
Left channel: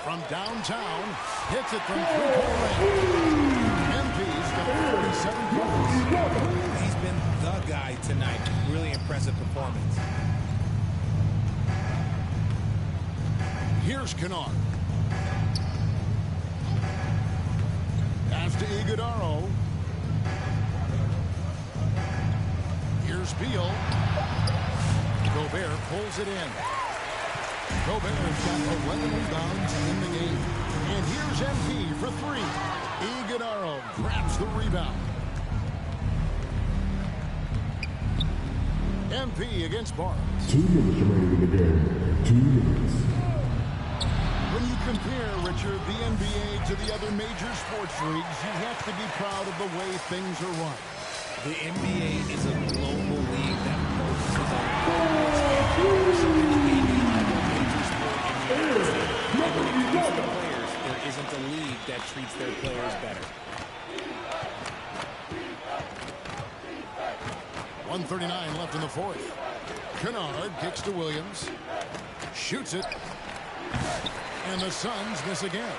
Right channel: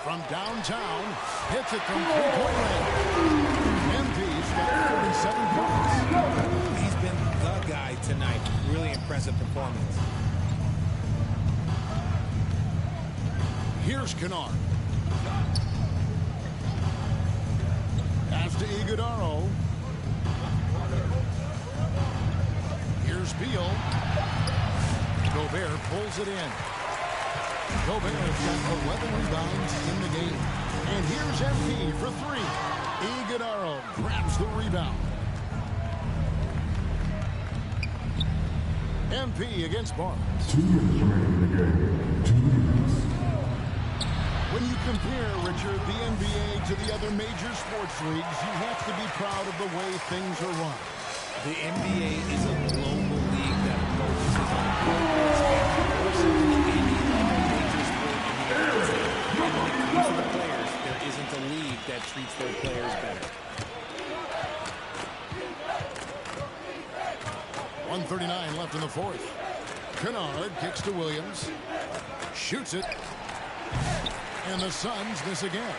From downtown, hits it from three-point range. MP's got 47 points. He's been the guy tonight. Really impressive performance. Here's Kennard. Pass to Iguodaro. Here's Beal. Gobert pulls it in. Gobert's got 11 rebounds in the game. And here's MP for 3. Iguodaro grabs the rebound. MP against Barnes. 2 minutes remaining in the game. 2 minutes. When you compare, Richard, the NBA to the other major sports leagues, you have to be proud of the way things are run. The NBA is a global league that focuses on global expansion more so than any other major sport in the United States. And when it comes to the players, there isn't a league that treats their players better. 1:39 left in the fourth. Kennard kicks to Williams. Shoots it. And the Suns miss again.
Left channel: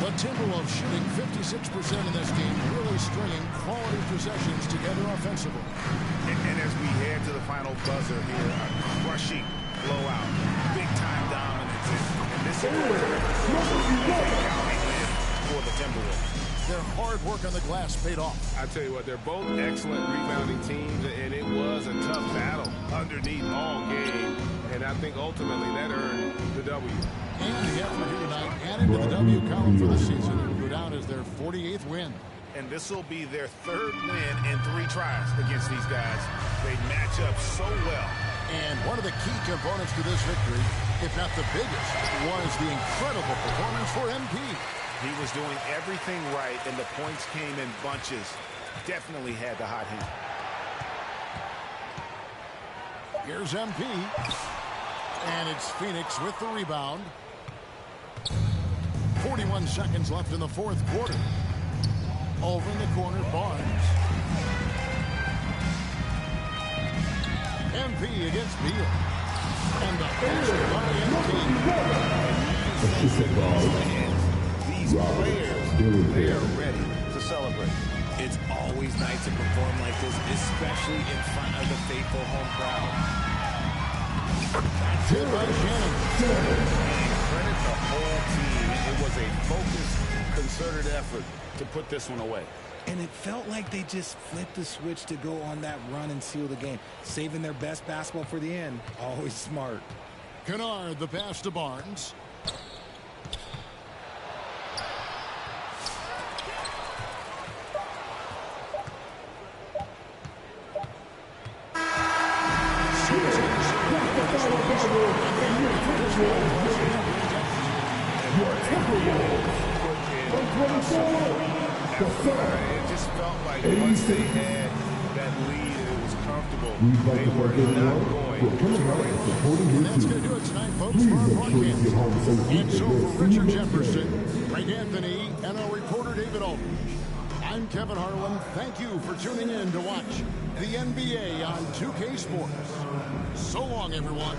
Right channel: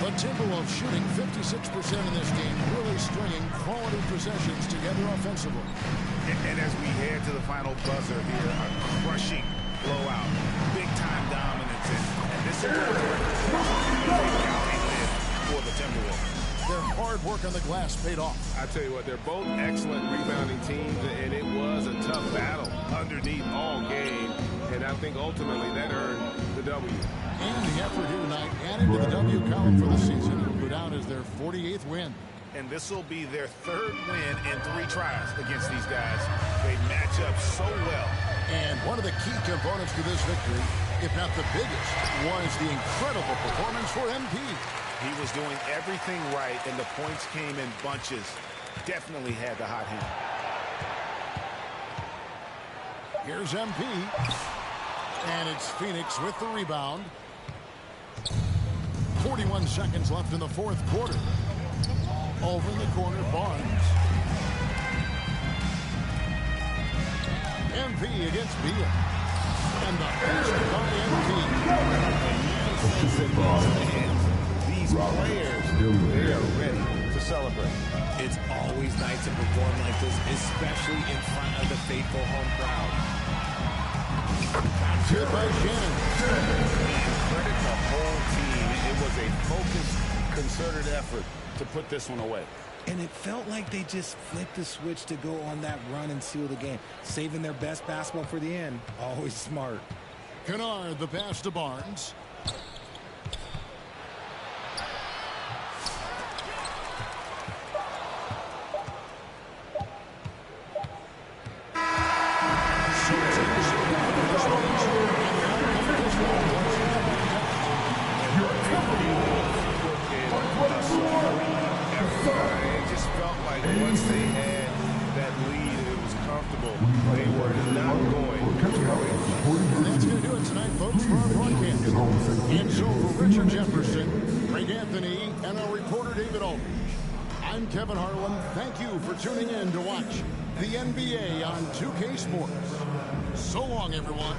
The Timberwolves shooting 56% in this game, really stringing quality possessions together offensively. And as we head to the final buzzer here, a crushing blowout, big-time dominance, and this is a record as a galling win for the Timberwolves. Their hard work on the glass paid off. I tell you what, they're both excellent rebounding teams, and it was a tough battle underneath all game, and I think ultimately that earned the W. And the effort here tonight added to the W column for the season. It will go down as their 48th win. And this will be their 3rd win in 3 tries against these guys. They match up so well. And one of the key components to this victory, if not the biggest, was the incredible performance for MP. He was doing everything right, and the points came in bunches. Definitely had the hot hand. Here's MP. And it's Phoenix with the rebound. 41 seconds left in the fourth quarter. Over in the corner, Barnes. MP against Beal. And the basket by MP. And you can sense that these fans, these players, they are ready to celebrate. It's always nice to perform like this, especially in front of the faithful home crowd. That's it by Shannon. And credit the whole team. It was a focused, concerted effort to put this one away. And it felt like they just flipped the switch to go on that run and seal the game. Saving their best basketball for the end. Always smart. Kennard, the pass to Barnes. It just felt like once they had that lead and it was comfortable, they were not going to relinquish. And that's going to do it tonight, folks, for our broadcast. And so for Richard Jefferson, Greg Anthony, and our reporter David Aldridge, I'm Kevin Harlan. Thank you for tuning in to watch the NBA on 2K Sports. So long, everyone.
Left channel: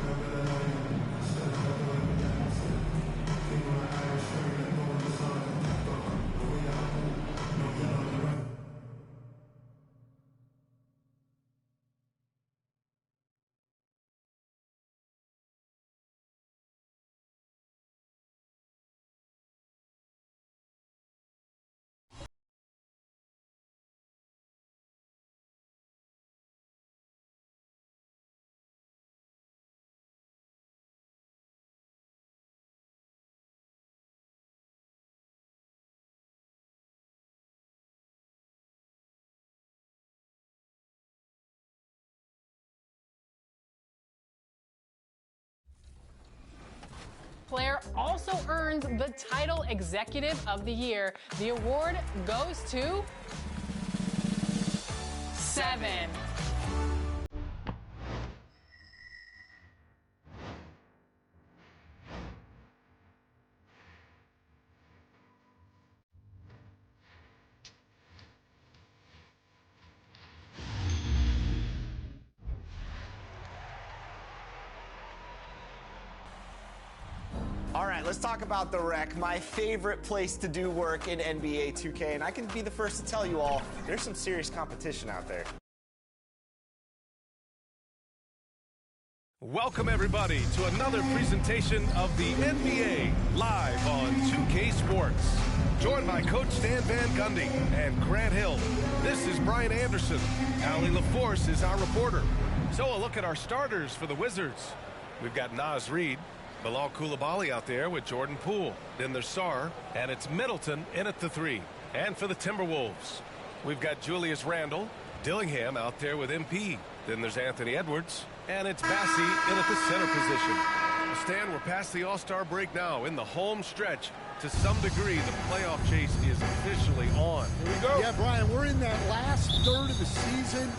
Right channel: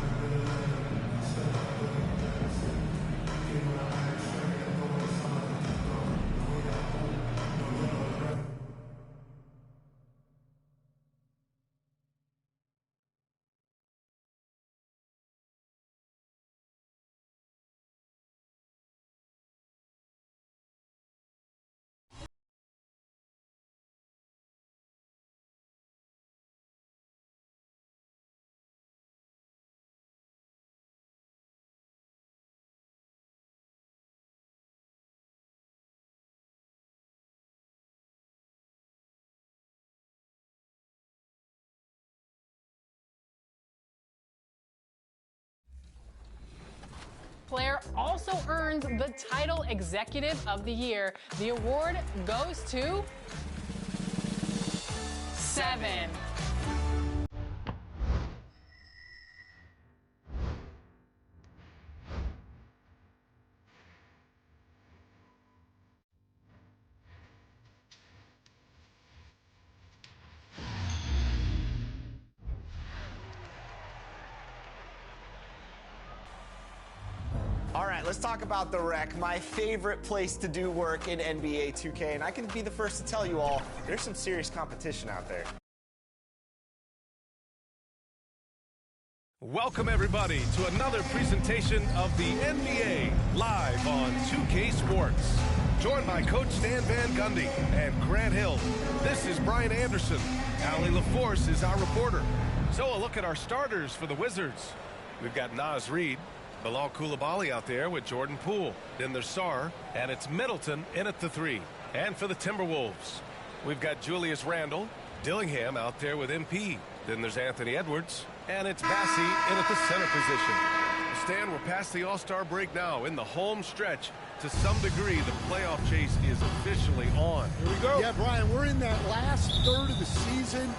Player also earns the title Executive of the Year. The award goes to 7. All right, let's talk about the Rec, my favorite place to do work in NBA 2K, and I can be the first to tell you all, there's some serious competition out there. Welcome, everybody, to another presentation of the NBA live on 2K Sports. Joined by Coach Stan Van Gundy and Grant Hill. This is Brian Anderson. Allie LaForce is our reporter. So a look at our starters for the Wizards. We've got Naz Reid, Bilal Coulibaly out there with Jordan Poole. Then there's Sarr, and it's Middleton in at the 3. And for the Timberwolves, we've got Julius Randle, Dillingham out there with MP. Then there's Anthony Edwards, and it's Bassey in at the center position. Stan, we're past the All-Star break now. In the home stretch, to some degree, the playoff chase is officially on. Here we go. Yeah, Brian, we're in that last third of the season.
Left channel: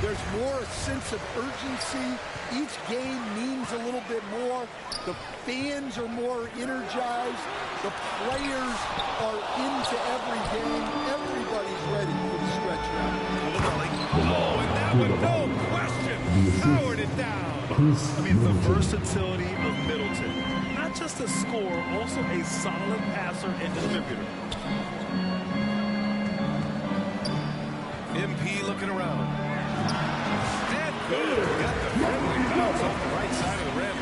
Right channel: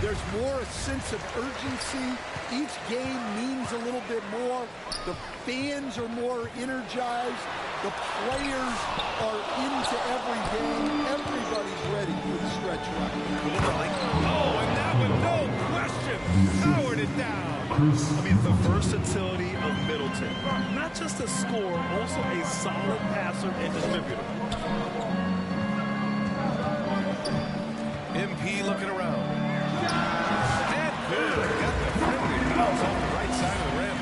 There's more a sense of urgency. Each game means a little bit more. The fans are more energized. The players are into every game. Everybody's ready for the stretch run. Oh, and that one, no question, powered it down. I mean, the versatility of Middleton. Not just a scorer, also a solid passer and distributor. MP looking around. And good. Got the friendly bounce off the right side of the rim.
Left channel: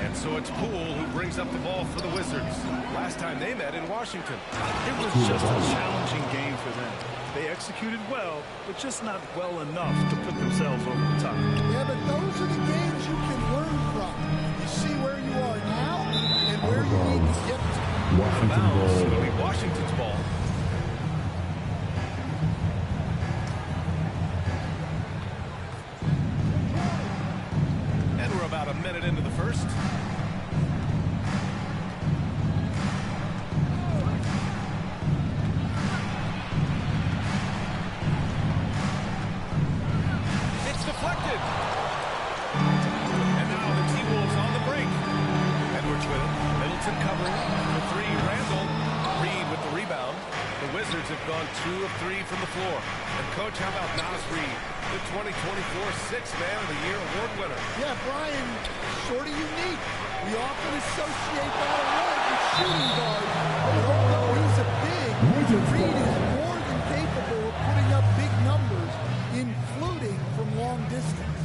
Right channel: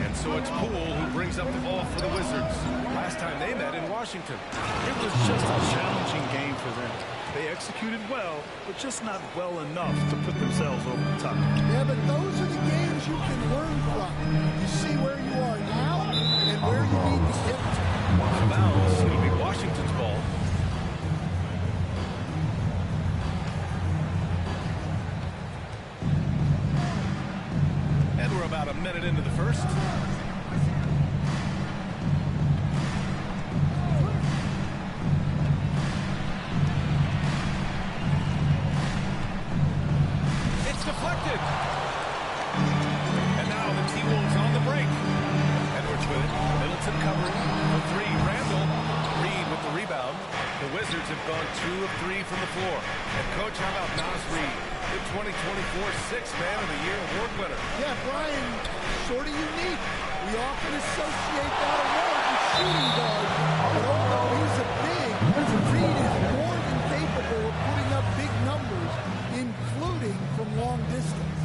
And so it's Poole who brings up the ball for the Wizards. Last time they met in Washington. It was just a challenging game for them. They executed well, but just not well enough to put themselves over the top. Yeah, but those are the games you can learn from. You see where you are now and where you need to get to. Out of bounds. It'll be Washington's ball. And we're about a minute into the first. It's deflected. And now the T-Wolves on the break. Edwards with it. Middleton covering for 3. Randle. Reid with the rebound. The Wizards have gone 2 of 3 from the floor. And coach, how about Naz Reid, the 2024 Sixth Man of the Year award winner? Yeah, Brian, sort of unique. We often associate that award with shooting guard, but although he's a big, Reed is more than capable of putting up big numbers, including from long distance.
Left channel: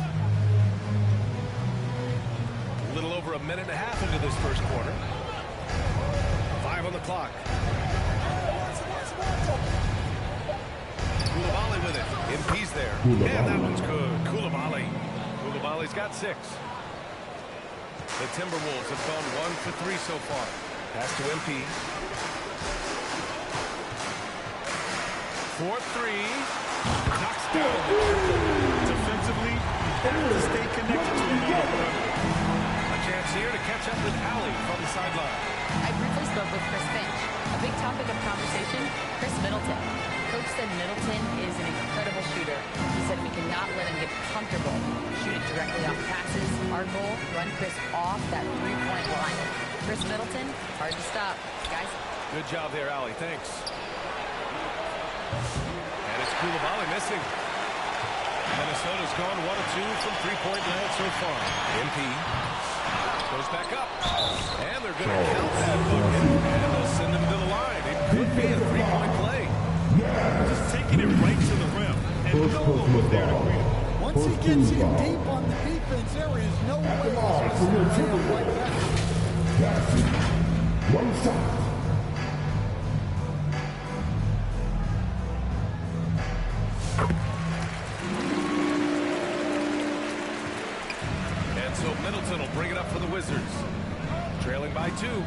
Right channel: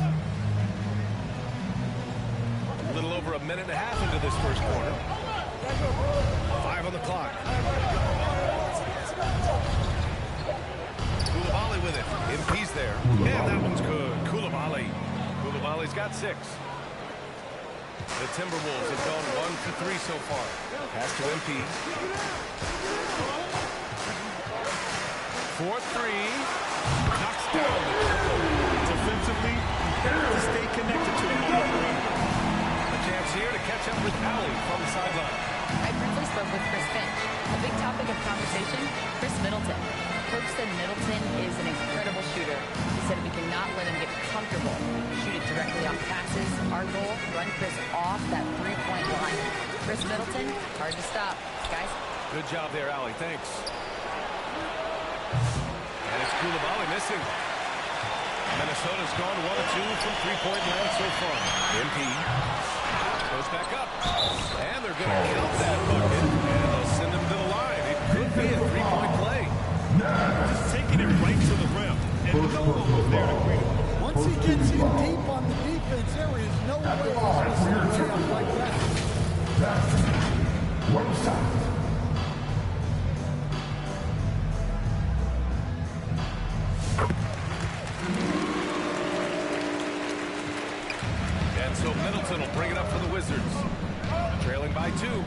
A little over a minute and a half into this first quarter. 5 on the clock. Coulibaly with it. MP's there. And that one's good. Coulibaly's got 6. The Timberwolves have gone 1 for 3 so far. Pass to MP. 4-3. Knocks down the triple. Defensively, you have to stay connected to him on the perimeter. A chance here to catch up with Allie from the sideline. I briefly spoke with Chris Finch. A big topic of conversation, Chris Middleton. Coach said Middleton is an incredible shooter. He said we cannot let him get comfortable. Shoot it directly off passes. Our goal, run Chris off that three-point line. Chris Middleton, hard to stop. Guys. Good job there, Allie. Thanks. And it's Coulibaly missing. Minnesota's gone 1 of 2 from three-point land so far. MP goes back up. And they're going to count that bucket. And they'll send him to the line. It could be a three-point play. Just taking it right to the rim. And no one was there to greet him. Once he gets in deep on the defense, there is no way he's supposed to lay up like that. One shot. And so Middleton will bring it up for the Wizards. Trailing by 2.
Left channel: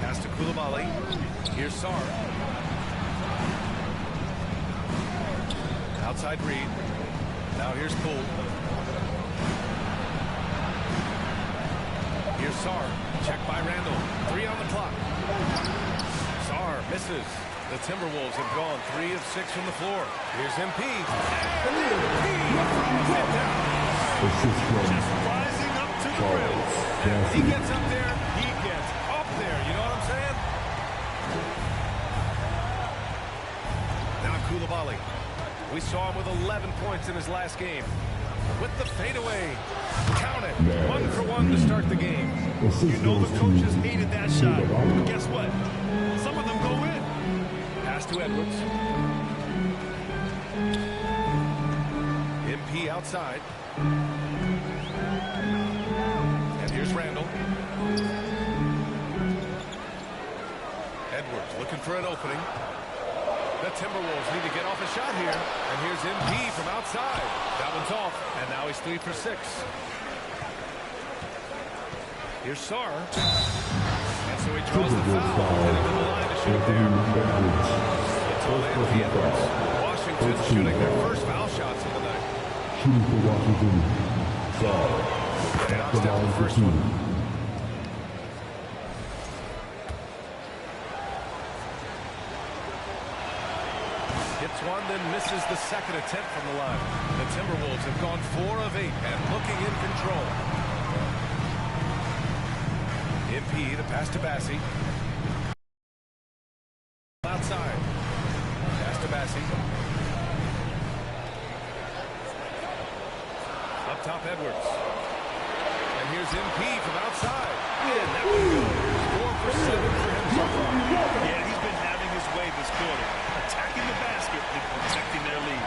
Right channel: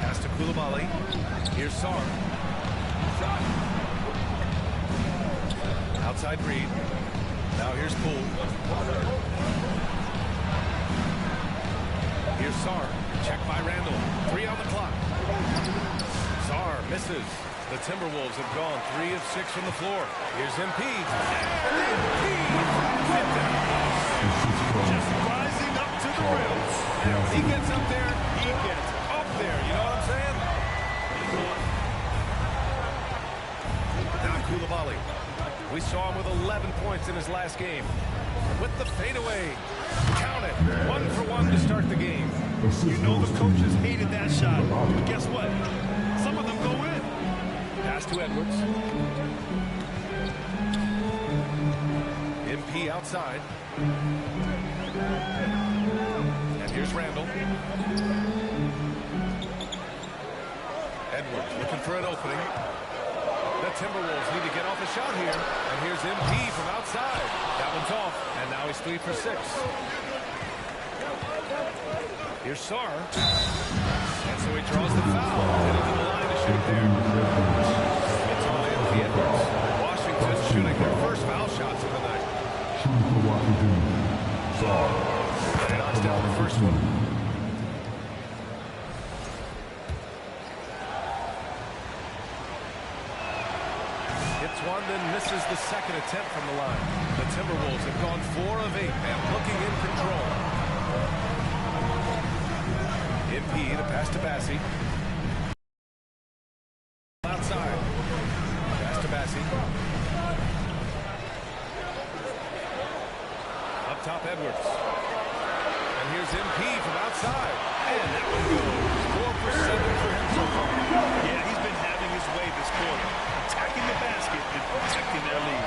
Pass to Coulibaly. Here's Sarr. Outside Reed. Now here's Poole. Here's Sarr. Check by Randall. 3 on the clock. Sarr misses. The Timberwolves have gone 3 of 6 from the floor. Here's MP. And MP throws it down. Just rising up to the rim. And when he gets up there, he gets up there. You know what I'm saying? Now Coulibaly. We saw him with 11 points in his last game. With the fadeaway. Count it. 1 for 1 to start the game. You know the coaches hated that shot. But guess what? Some of them go in. Pass to Edwards. MP outside. And here's Randall. Edwards looking for an opening. The Timberwolves need to get off a shot here. And here's MP from outside. That one's off. And now he's 3 for 6. Here's Sarr. And so he draws the foul. Headed to the line to shoot there. It's all Anthony Edwards. Washington shooting their first foul shots of the night. Shooting for Washington. Sarr. And he knocks down the first one. Hits one, then misses the second attempt from the line. The Timberwolves have gone 4 of 8 and looking in control. MP, the pass to Bassey. Outside. Pass to Bassey. Up top, Edwards. And here's MP from outside. And that one goes. 4 for 7 for him so far. Yeah, he's been having his way this quarter. Attacking the basket and protecting their lead.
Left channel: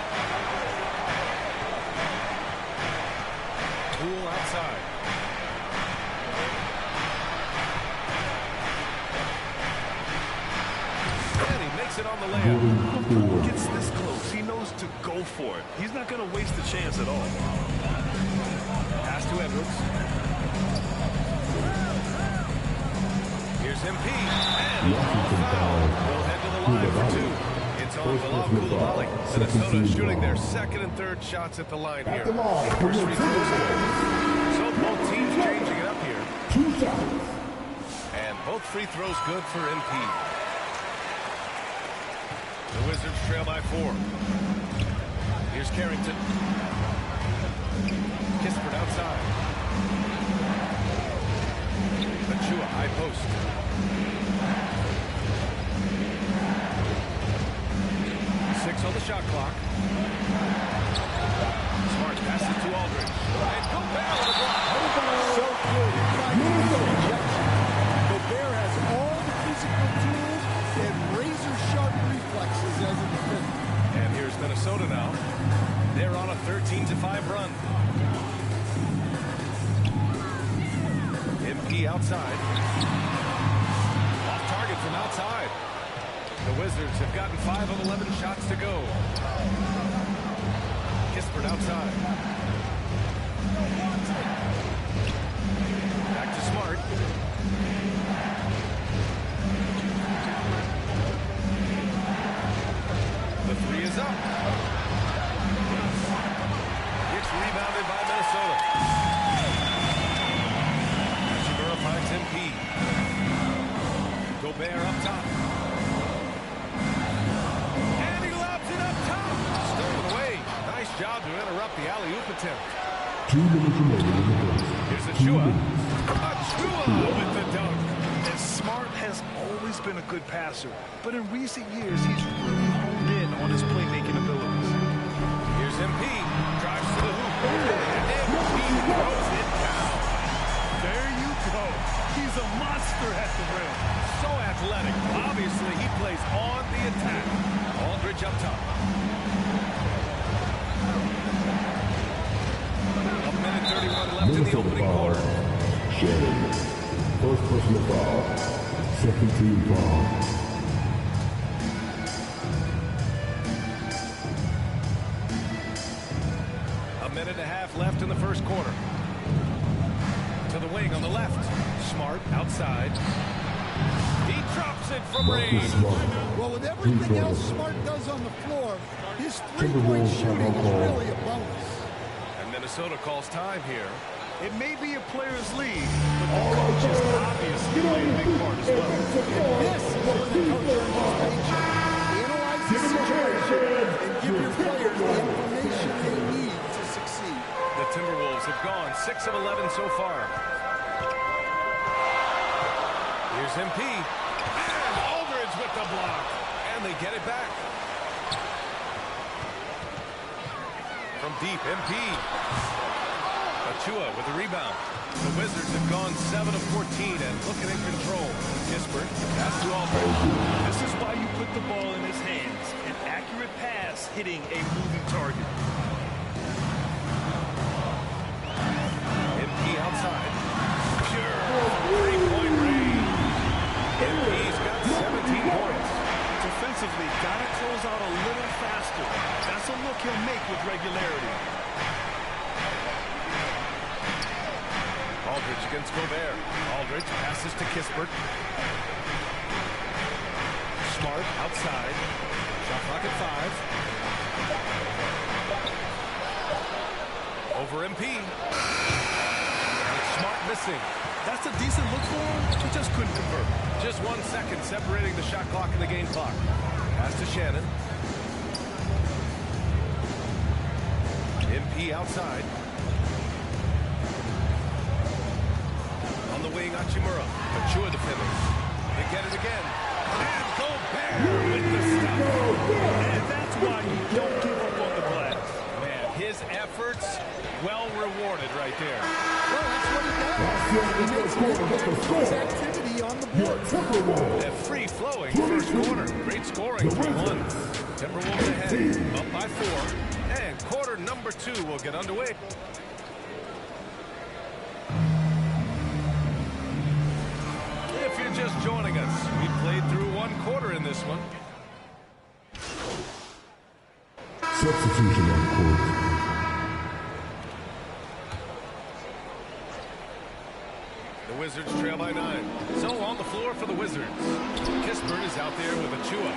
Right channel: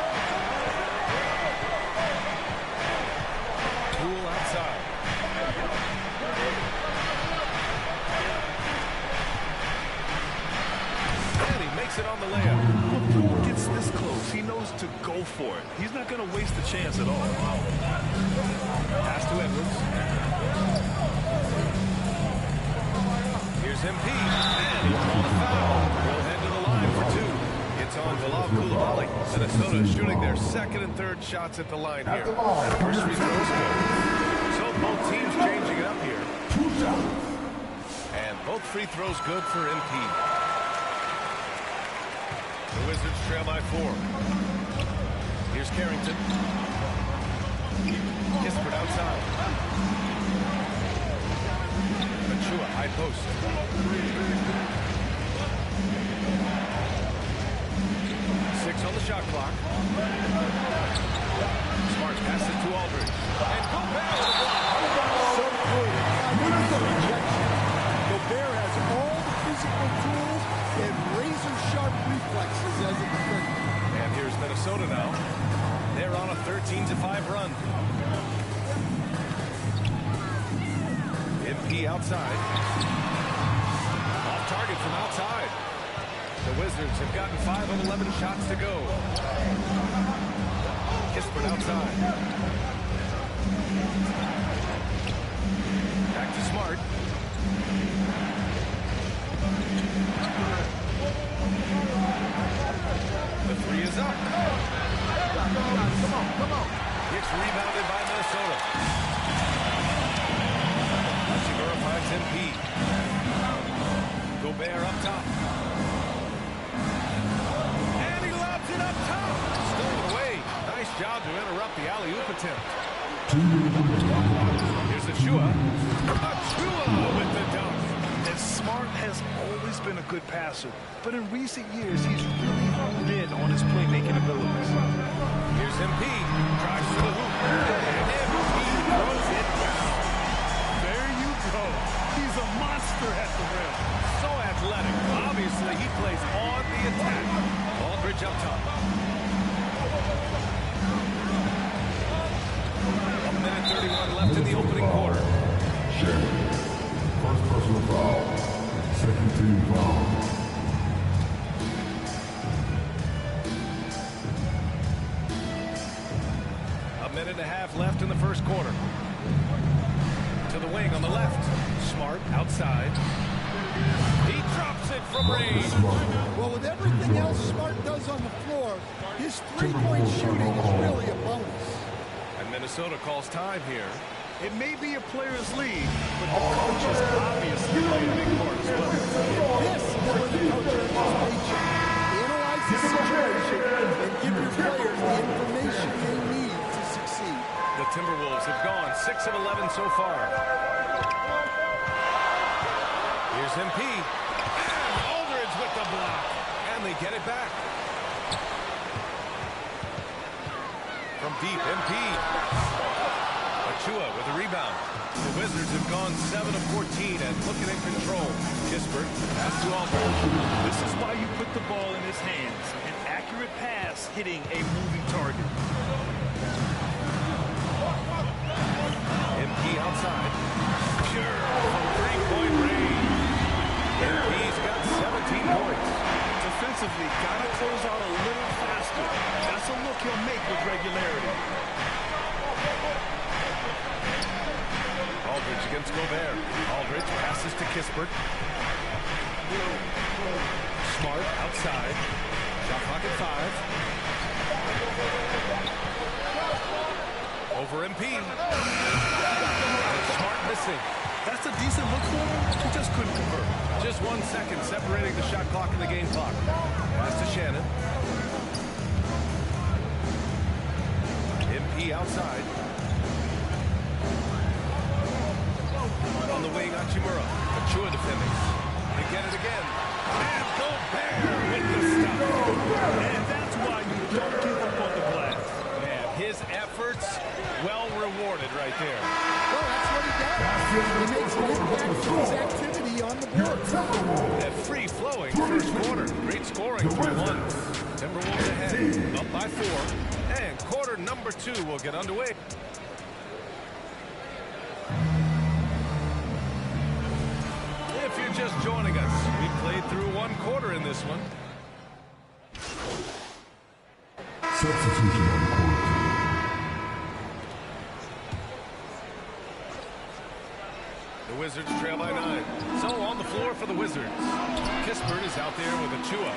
Poole outside. And he makes it on the layup. When Poole gets this close, he knows to go for it. He's not going to waste a chance at all. Pass to Edwards. Here's MP. And he'll draw the foul. He'll head to the line for 2. It's on Bilal Coulibaly. Minnesota is shooting their second and third shots at the line here. And first free throw is good. So both teams changing it up here. 2 shots. And both free throws good for MP. The Wizards trail by 4. Here's Carrington. Kispert outside. Achua, high post. Six on the shot clock. Smart passes to Aldridge. And Gobert with a block. So good at finding these rejections. Minnesota now. They're on a 13-5 run. MP outside. Off target from outside. The Wizards have gotten 5 of 11 shots to go. Kispert outside. Back to Smart. The three is up. It's rebounded by Minnesota. Hachimura finds MP. Gobert up top. And he lobs it up top. Stolen away. Nice job to interrupt the alley-oop attempt. 2 minutes remaining. Here's Achua. Achua with the dunk. And Smart has always been a good passer, but in recent years, he's really honed in on his playmaking abilities. Here's MP. Drives to the hoop. And MP throws it down. There you go. He's a monster at the rim. So athletic. Obviously, he plays on the attack. Aldridge up top. A minute 31 left in the opening quarter. Shannon. First personal foul. Second team foul. A minute and a half left in the first quarter. To the wing on the left. Smart outside. He drops it from range. Well, with everything else Smart does on the floor, his three-point shooting is really a bonus. And Minnesota calls time here. It may be a player's league, but the coaches obviously play a big part as well. And this is where the coach earns his paycheck. Analyze the situation and give your players the information they need to succeed. The Timberwolves have gone 6 of 11 so far. Here's MP. And Aldridge with the block. And they get it back. From deep, MP. Achua with the rebound. The Wizards have gone 7 of 14 and looking in control. Kispert, the pass to Aldridge. This is why you put the ball in his hands. An accurate pass hitting a moving target. MP outside. Pure from three-point range. MP's got 17 points. Defensively, gotta close out a little faster. That's a look he'll make with regularity. Aldridge against Gobert. Aldridge passes to Kispert. Smart outside. Shot clock at 5. Over MP. And it's Smart missing. That's a decent look for him. He just couldn't convert. Just 1 second separating the shot clock and the game clock. Pass to Shannon. MP outside. On the wing, Hachimura. Achua defending. They get it again. And Gobert with the stop. And that's why you don't give up on the glass. Man, his efforts well rewarded right there. Well, that's what he does. He makes an impact with his activity on the board. A free-flowing first quarter. Great scoring, 3-1. Timberwolves ahead, up by 4. And quarter number 2 will get underway. If you're just joining us, we played through 1 quarter in this one. Substitution on the court. The Wizards trail by 9. So on the floor for the Wizards. Kispert is out there with Achua.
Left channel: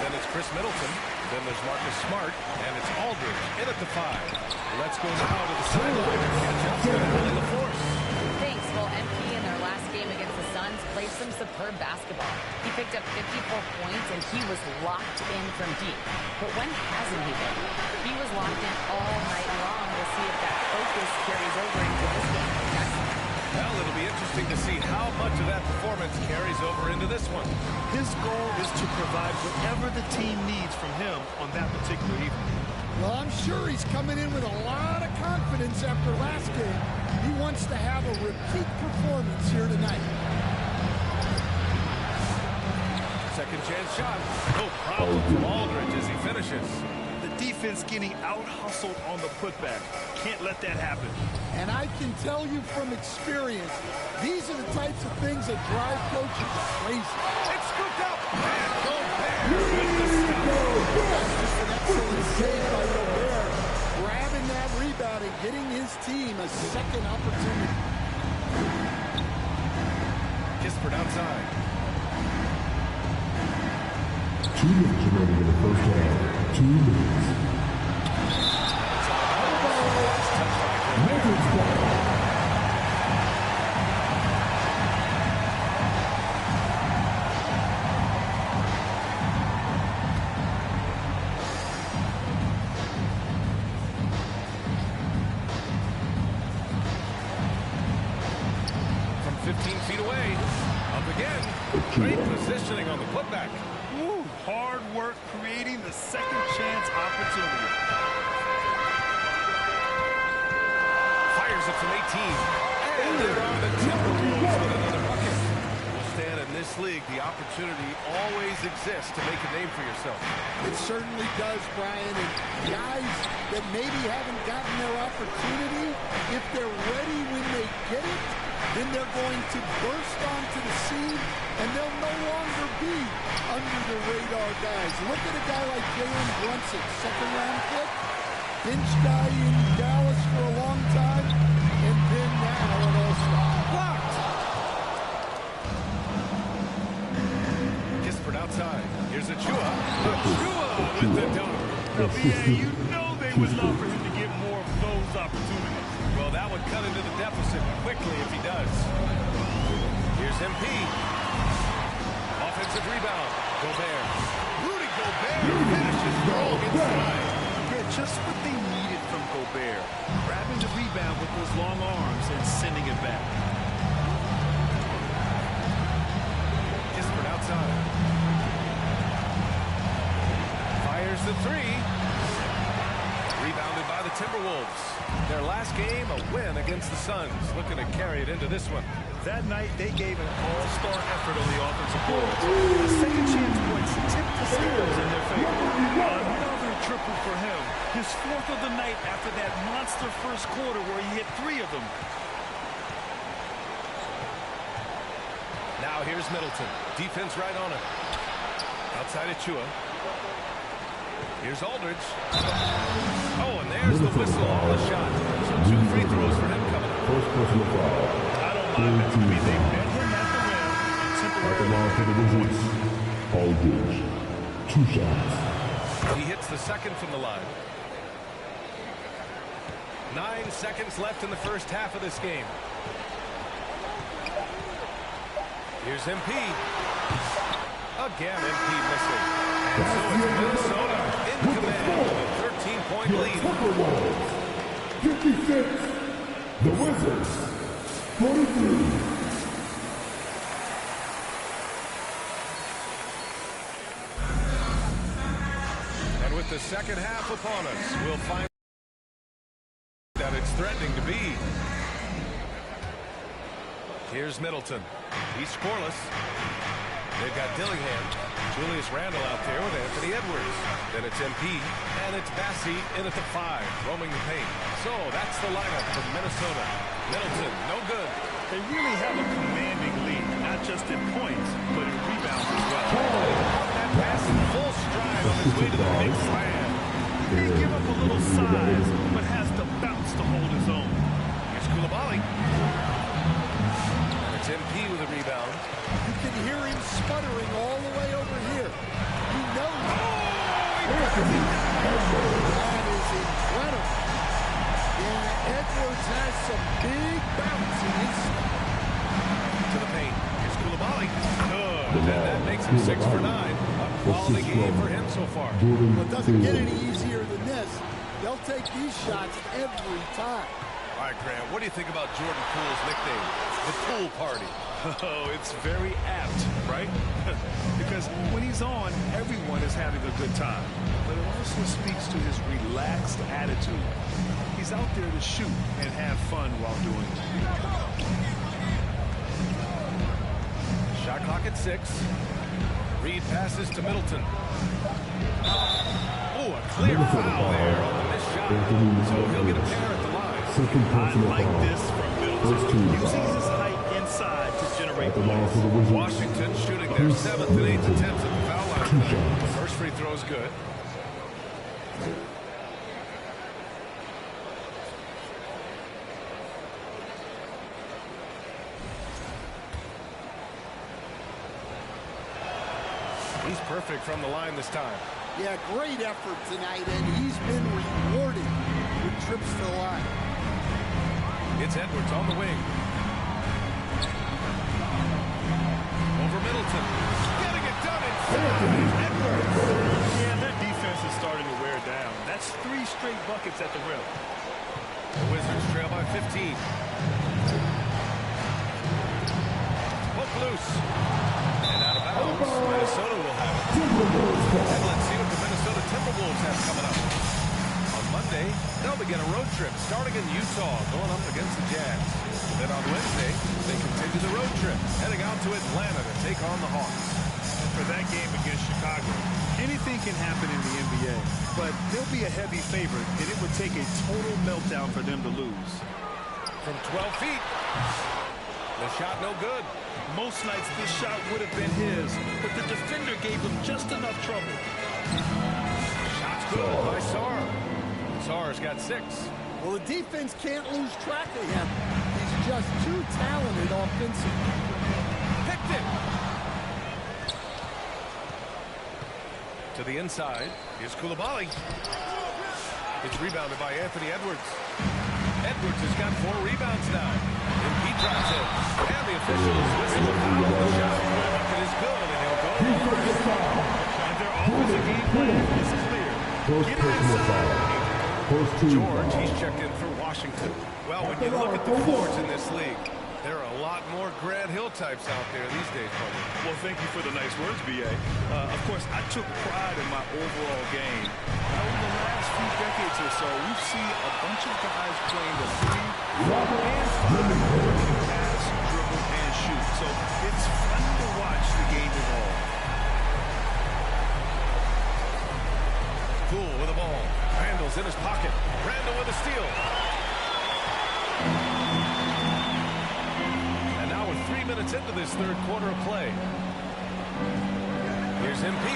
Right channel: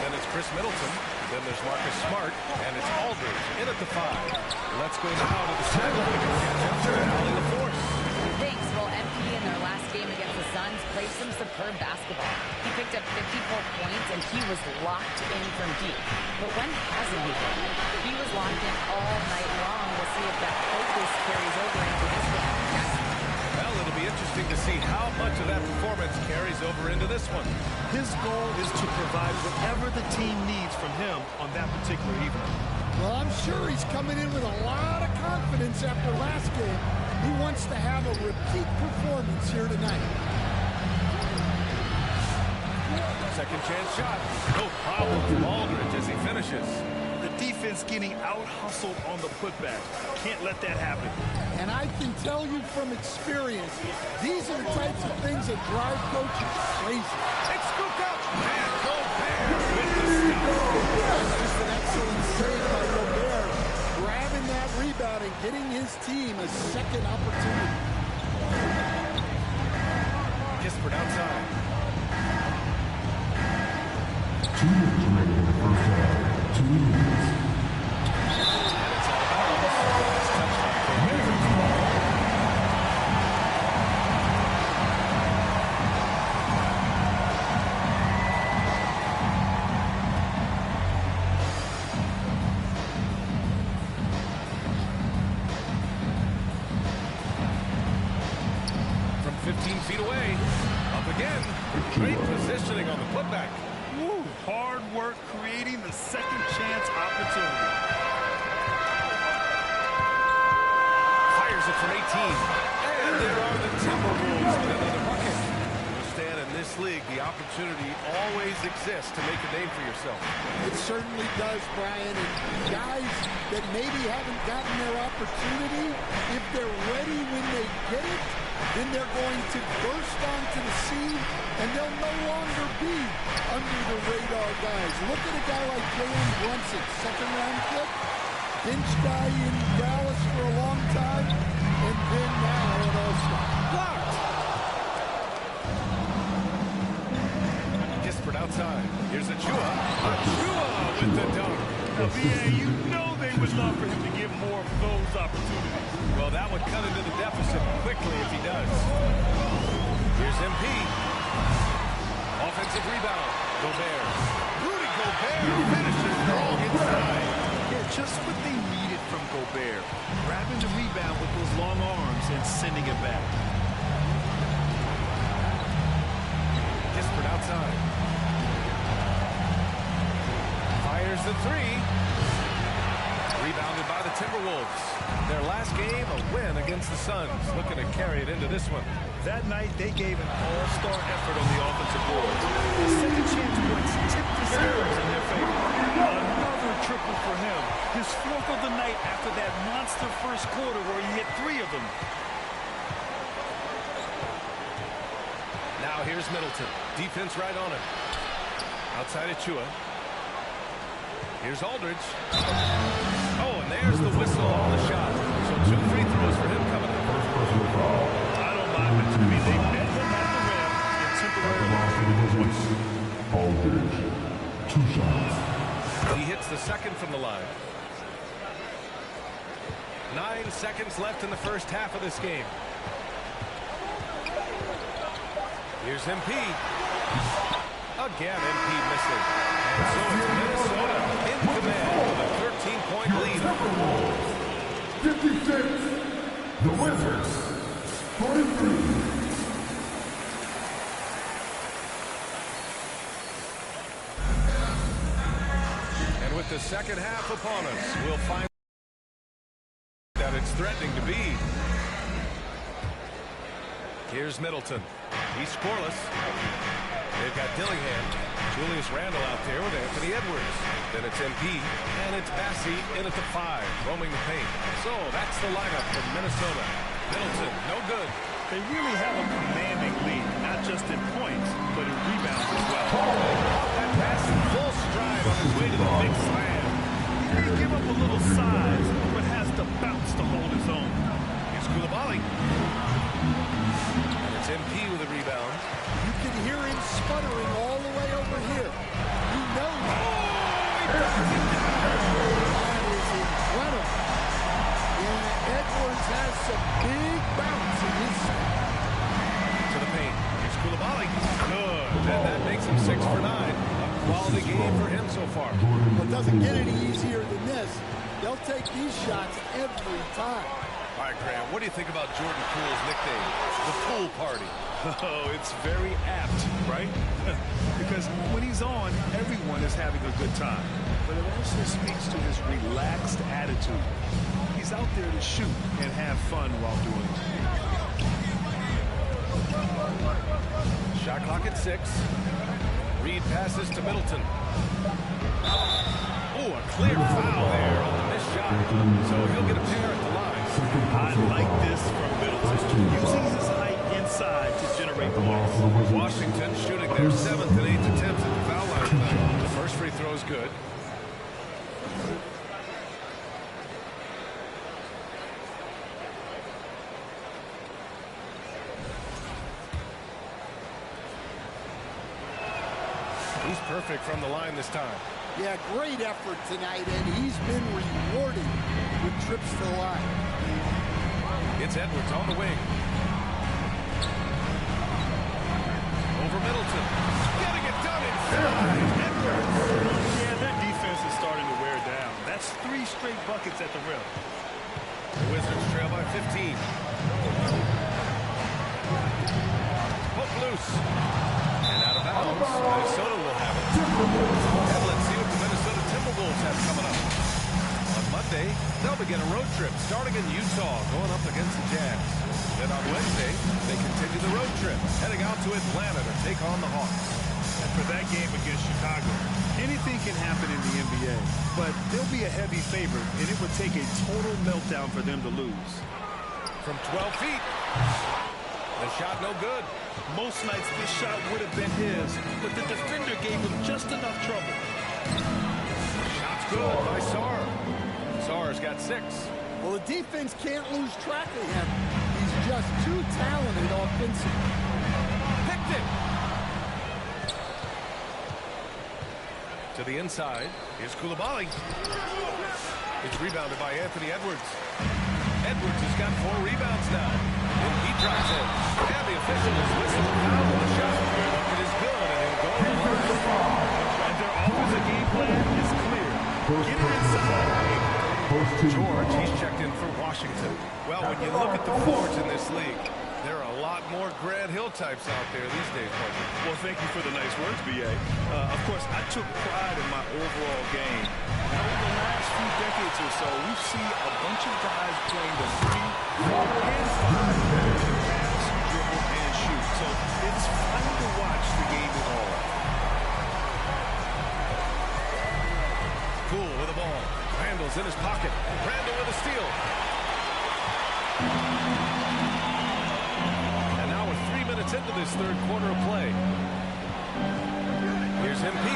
Then it's Chris Middleton. Then there's Marcus Smart. And it's Aldridge in at the 5. Let's go now to the sideline and catch up with Allie LaForce. Thanks. Well, MP in their last game against the Suns played some superb basketball. He picked up 54 points, and he was locked in from deep. But when hasn't he been? He was locked in all night long. We'll see if that focus carries over into this game. Guys? Well, it'll be interesting to see how much of that performance carries over into this one. His goal is to provide whatever the team needs from him on that particular evening. Well, I'm sure he's coming in with a lot of confidence after last game. He wants to have a repeat performance here tonight. Second chance shot. No problem from Aldridge as he finishes. The defense getting out-hustled on the putback. Can't let that happen. And I can tell you from experience, these are the types of things that drive coaches crazy. It's scooped up. And Gobert with the stop. That's just an excellent save by Gobert, grabbing that rebound and getting his team a second opportunity. Kispert outside. 2 minutes remaining in the first half. 2 minutes. And it's out of bounds. It's touched by Gobert. From 15 feet away. Up again. Great positioning on the putback. Woo, hard work creating the second chance opportunity. Fires it from 18. And there are the Timberwolves with another bucket. Well, Stan, in this league, the opportunity always exists to make a name for yourself. It certainly does, Brian. And guys that maybe haven't gotten their opportunity, if they're ready when they get it, then they're going to burst onto the scene, and they'll no longer be under the radar guys. Look at a guy like Jalen Brunson, second-round pick, bench guy in Dallas for a long time, and then now an all-star. Blocked. Kispert outside. Here's Achua. Achua with the dunk. Now, B.A., you know they would love for him to get more of those opportunities. Well, that would cut into the deficit quickly if he does. Here's MP. Offensive rebound. Gobert. Rudy Gobert finishes strong inside. Yeah, just what they needed from Gobert. Grabbing the rebound with those long arms and sending it back. Kispert outside. Fires the three. Rebounded by the Timberwolves. Their last game, a win against the Suns. Looking to carry it into this one. That night, they gave an all-star effort on the offensive boards. The second chance points tipped the scales in their favor. Another triple for him. His 4th of the night after that monster first quarter where he hit 3 of them. Now here's Middleton. Defense right on him. Outside Achua. Here's Aldridge. Oh, and there's the whistle on the shot. So 2 free throws for him coming up. First personal foul. I don't mind that. I mean, they met him at the rim and temporarily took the points. Aldridge. 2 shots. He hits the second from the line. 9 seconds left in the first half of this game. Here's MP. Again, MP missing. And so it's Minnesota in command with a 13-point lead. 56. The Wizards. 43. And with the second half upon us, we'll find that it's threatening to be. Here's Middleton. He's scoreless. They've got Dillingham, Julius Randle out there with Anthony Edwards. Then it's MP, and it's Bassey in at the 5, roaming the paint. So that's the lineup from Minnesota. Middleton, no good. They really have a commanding lead, not just in points, but in rebounds as well. And he caught that pass in full stride on his way to the big slam. He may give up a little size, but has the bounce to hold his own. Here's Coulibaly. And it's MP with a rebound. You can hear him sputtering all the way over here. He knows. Oh, he backs it down. That is incredible. Yeah, Edwards has some big bounce in his step. To the paint. Here's Coulibaly. Good. And that makes him 6 for 9. A quality game for him so far. Well, it doesn't get any easier than this. They'll take these shots every time. All right, Grant, what do you think about Jordan Poole's nickname, the Pool Party? Oh, it's very apt, right? Because when he's on, everyone is having a good time. But it also speaks to his relaxed attitude. He's out there to shoot and have fun while doing it. Shot clock at 6. Reed passes to Middleton. Oh, a clear foul there on the missed shot. So he'll get a pair at the line. I like this from Middleton, using his height inside to generate points. Washington shooting their 7th and 8th attempts at the foul line tonight. The first free throw is good. He's perfect from the line this time. Yeah, great effort tonight, and he's been rewarded with trips to the line. It's Edwards on the wing. Over Middleton. Getting it done inside. Edwards. Yeah, their defense is starting to wear down. That's 3 straight buckets at the rim. The Wizards trail by 15. Poke loose. And out of bounds. Minnesota will have it. And let's see what the Minnesota Timberwolves have coming up. On Monday, they'll begin a road trip starting in Utah, going up against the Jazz. Then on Wednesday, they continue the road trip, heading out to Atlanta to take on the Hawks. And for that game against Chicago, anything can happen in the NBA, but they'll be a heavy favorite, and it would take a total meltdown for them to lose. From 12 feet. The shot no good. Most nights this shot would have been his, but the defender gave him just enough trouble. Shot's good by Sarr. Sarr's got 6. Well, the defense can't lose track of him. He's just too talented offensively. Picked it. To the inside. Here's Coulibaly. It's rebounded by Anthony Edwards. Edwards has got 4 rebounds now. And he drives in. And the officials whistle a foul on the shot. The bucket is good, and he'll go to the line. And their offensive game plan is clear. Get it inside. George, he's checked in for Washington. Well, when you look at the forwards in this league, there are a lot more Grant Hill types out there these days, partner. Well, thank you for the nice words, B.A. Of course, I took pride in my overall game. And over the last few decades or so, we've seen a bunch of guys playing the 3, 4, and 5 who can pass, dribble, and shoot. So it's fun to watch the game evolve. Poole with the ball. Randall's in his pocket. Randall with a steal. And now we're 3 minutes into this third quarter of play. Here's MP.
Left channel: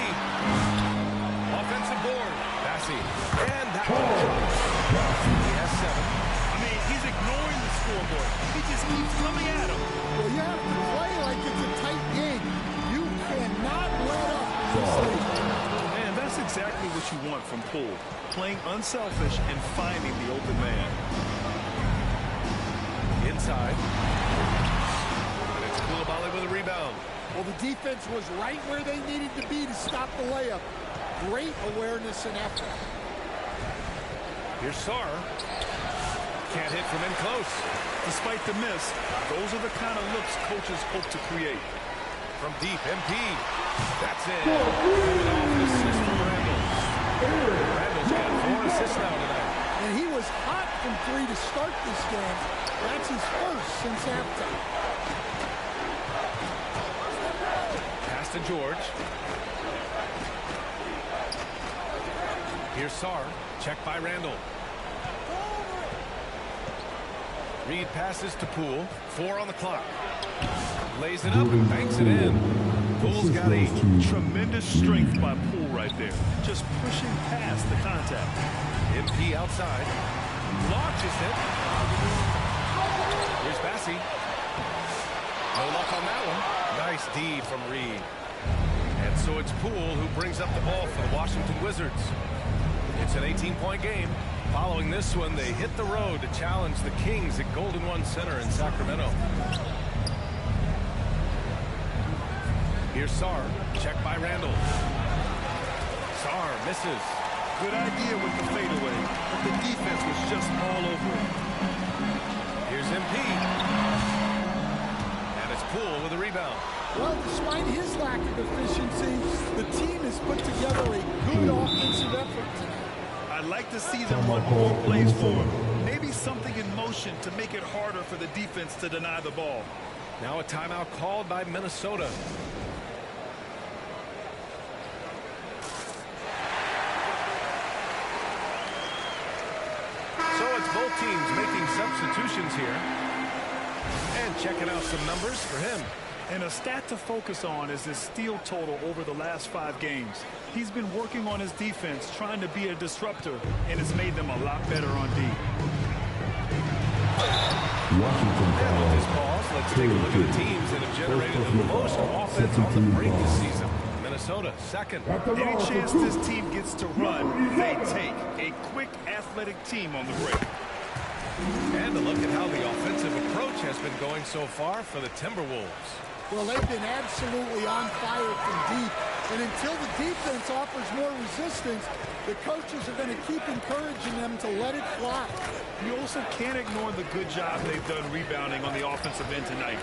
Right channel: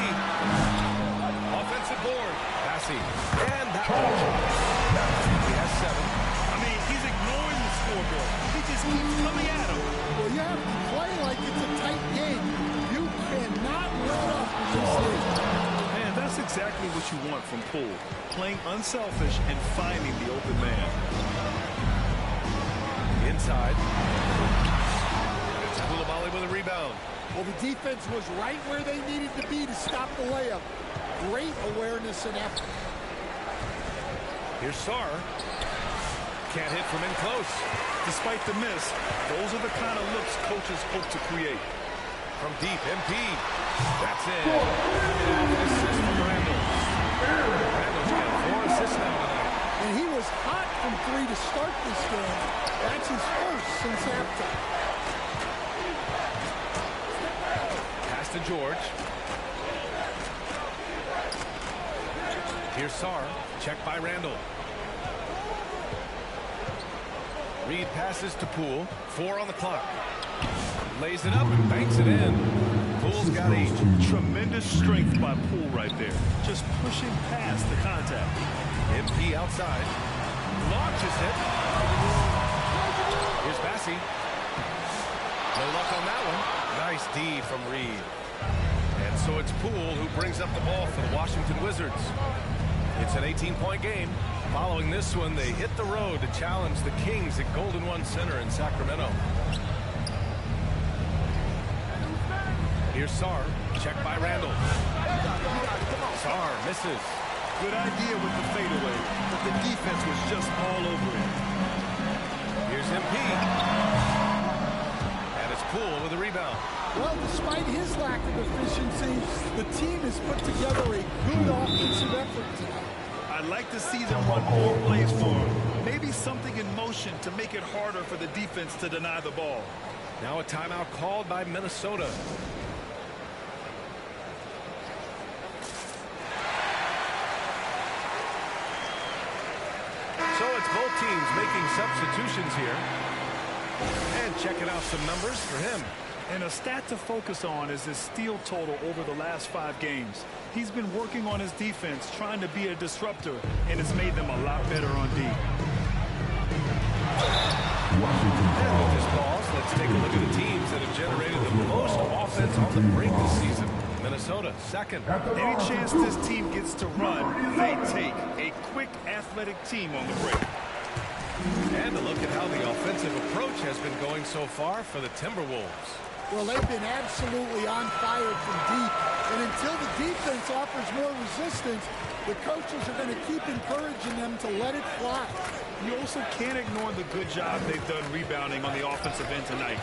Offensive board. Bassey. And that one drops. He has 7. I mean, he's ignoring the scoreboard. He just keeps coming at him. Well, you have to play like it's a tight game. You cannot let up in this league. Man, that's exactly what you want from Poole. Playing unselfish and finding the open man. Inside. And it's Coulibaly with a rebound. Well, the defense was right where they needed to be to stop the layup. Great awareness and effort. Here's Sarr. Can't hit from in close. Despite the miss, those are the kind of looks coaches hope to create. From deep, MP. That's it. Coming off an assist from Randall. Randall's got 4 assists now tonight. And he was hot from 3 to start this game. That's his first since halftime. Pass to George. Here's Sarr. Checked by Randall. Reed passes to Poole. 4 on the clock. Lays it up and banks it in. Poole's got 8. Tremendous strength by Poole right there. Just pushing past the contact. MP outside. Launches it. Here's Bassey. No luck on that one. Nice D from Reed. And so it's Poole who brings up the ball for the Washington Wizards. It's an 18-point game. Following this one, they hit the road to challenge the Kings at Golden One Center in Sacramento. Here's Sarr, checked by Randall. Sarr misses. Good idea with the fadeaway, but the defense was just all over it. Here's MP. And it's Poole with a rebound. Well, despite his lack of efficiency, the team has put together a good offensive effort tonight. I'd like to see them run more plays for him. Maybe something in motion to make it harder for the defense to deny the ball. Now a timeout called by Minnesota. So it's both teams making substitutions here. And checking out some numbers for him. And a stat to focus on is his steal total over the last 5 games. He's been working on his defense, trying to be a disruptor, and it's made them a lot better on D. And with this pause, let's take a look at the teams that have generated the most offense on the break this season. Minnesota, second. Any chance this team gets to run, they take. A quick, athletic team on the break. And a look at how the offensive approach has been going so far for the Timberwolves. Well, they've been absolutely on fire from deep. And until the defense offers more resistance, the coaches are going to keep encouraging them to let it fly. You also can't ignore the good job they've done rebounding on the offensive end tonight.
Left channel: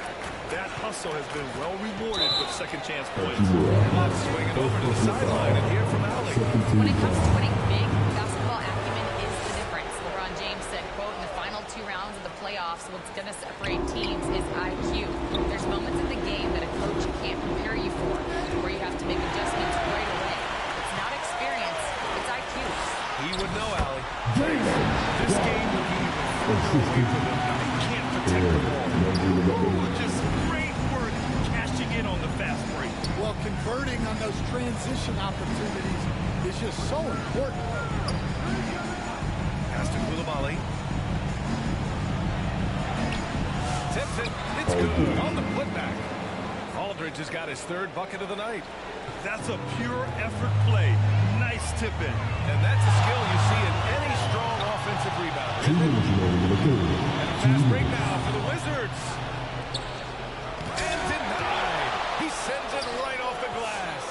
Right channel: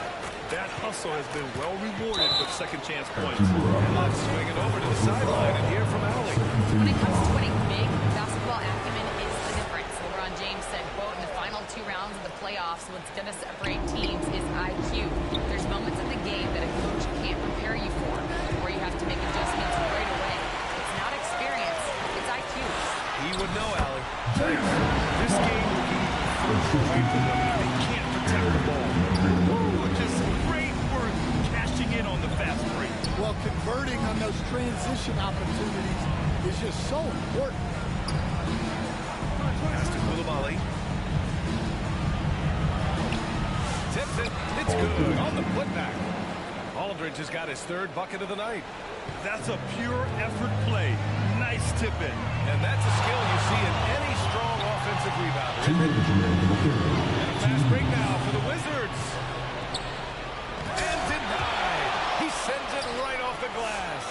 That hustle has been well rewarded with second chance points. And let's swing it over to the sideline and hear from Allie. When it comes to winning big, basketball acumen is the difference. LeBron James said, quote, in the final 2 rounds of the playoffs, what's going to separate teams is IQ. There's moments in the game that a coach can't prepare you for, where you have to make adjustments right away. It's not experience, it's IQ. He would know, Allie. This game will get even further away from them if they can't protect the ball. Ooh, just great work cashing in on the fast break. Well, converting on those transition opportunities is just so important. Pass to Koulibaly. Tips it. It's good on the putback. Aldridge has got his 3rd bucket of the night. That's a pure effort play. Nice tip-in. And that's a skill you see in any strong offensive rebounder, isn't it? And a fast break now for the Wizards. And denied. He sends it right off the glass.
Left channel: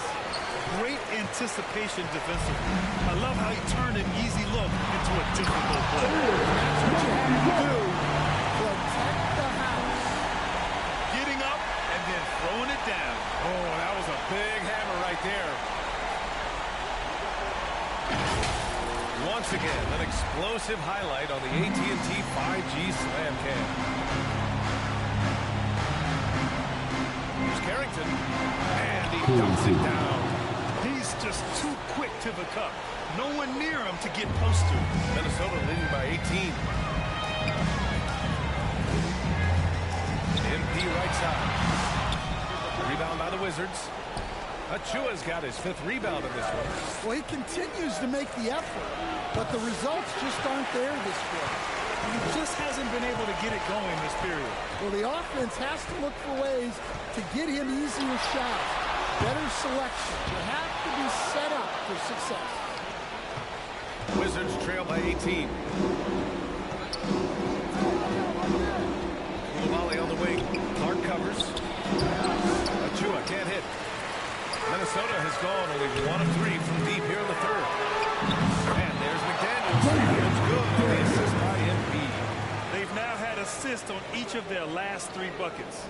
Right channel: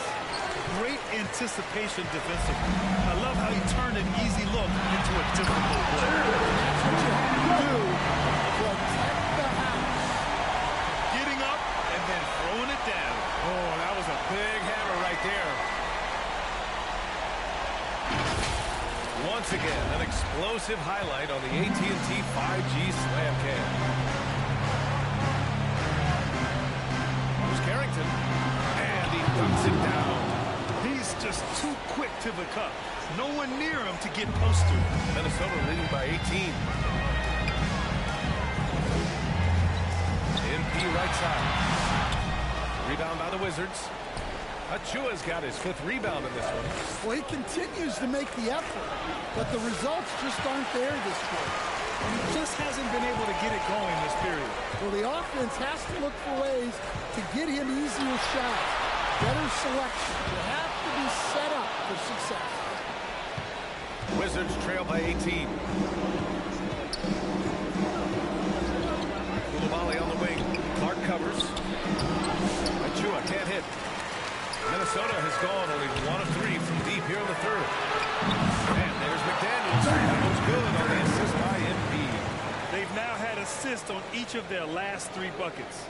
Great anticipation defensively. I love how he turned an easy look into a difficult play. And that's what you have to do. Protect the house. Getting up and then throwing it down. Oh, that was a big hammer right there. Once again, an explosive highlight on the AT&T 5G Slam Cam. Here's Carrington, and he dunks it down. He's just too quick to the cup. No one near him to get postered. Minnesota leading by 18. MP right side. Rebound by the Wizards. Achua's got his 5th rebound in this one. Well, he continues to make the effort, but the results just aren't there this quarter. And he just hasn't been able to get it going this period. Well, the offense has to look for ways to get him easier shots, better selection. You have to be set up for success. Wizards trail by 18. Koulibaly on the wing. Clark covers. Achua can't hit. Minnesota has gone only 1 of 3 from deep here in the 3rd. And there's McDaniels. That one's good on the assist by MP. They've now had assists on each of their last 3 buckets.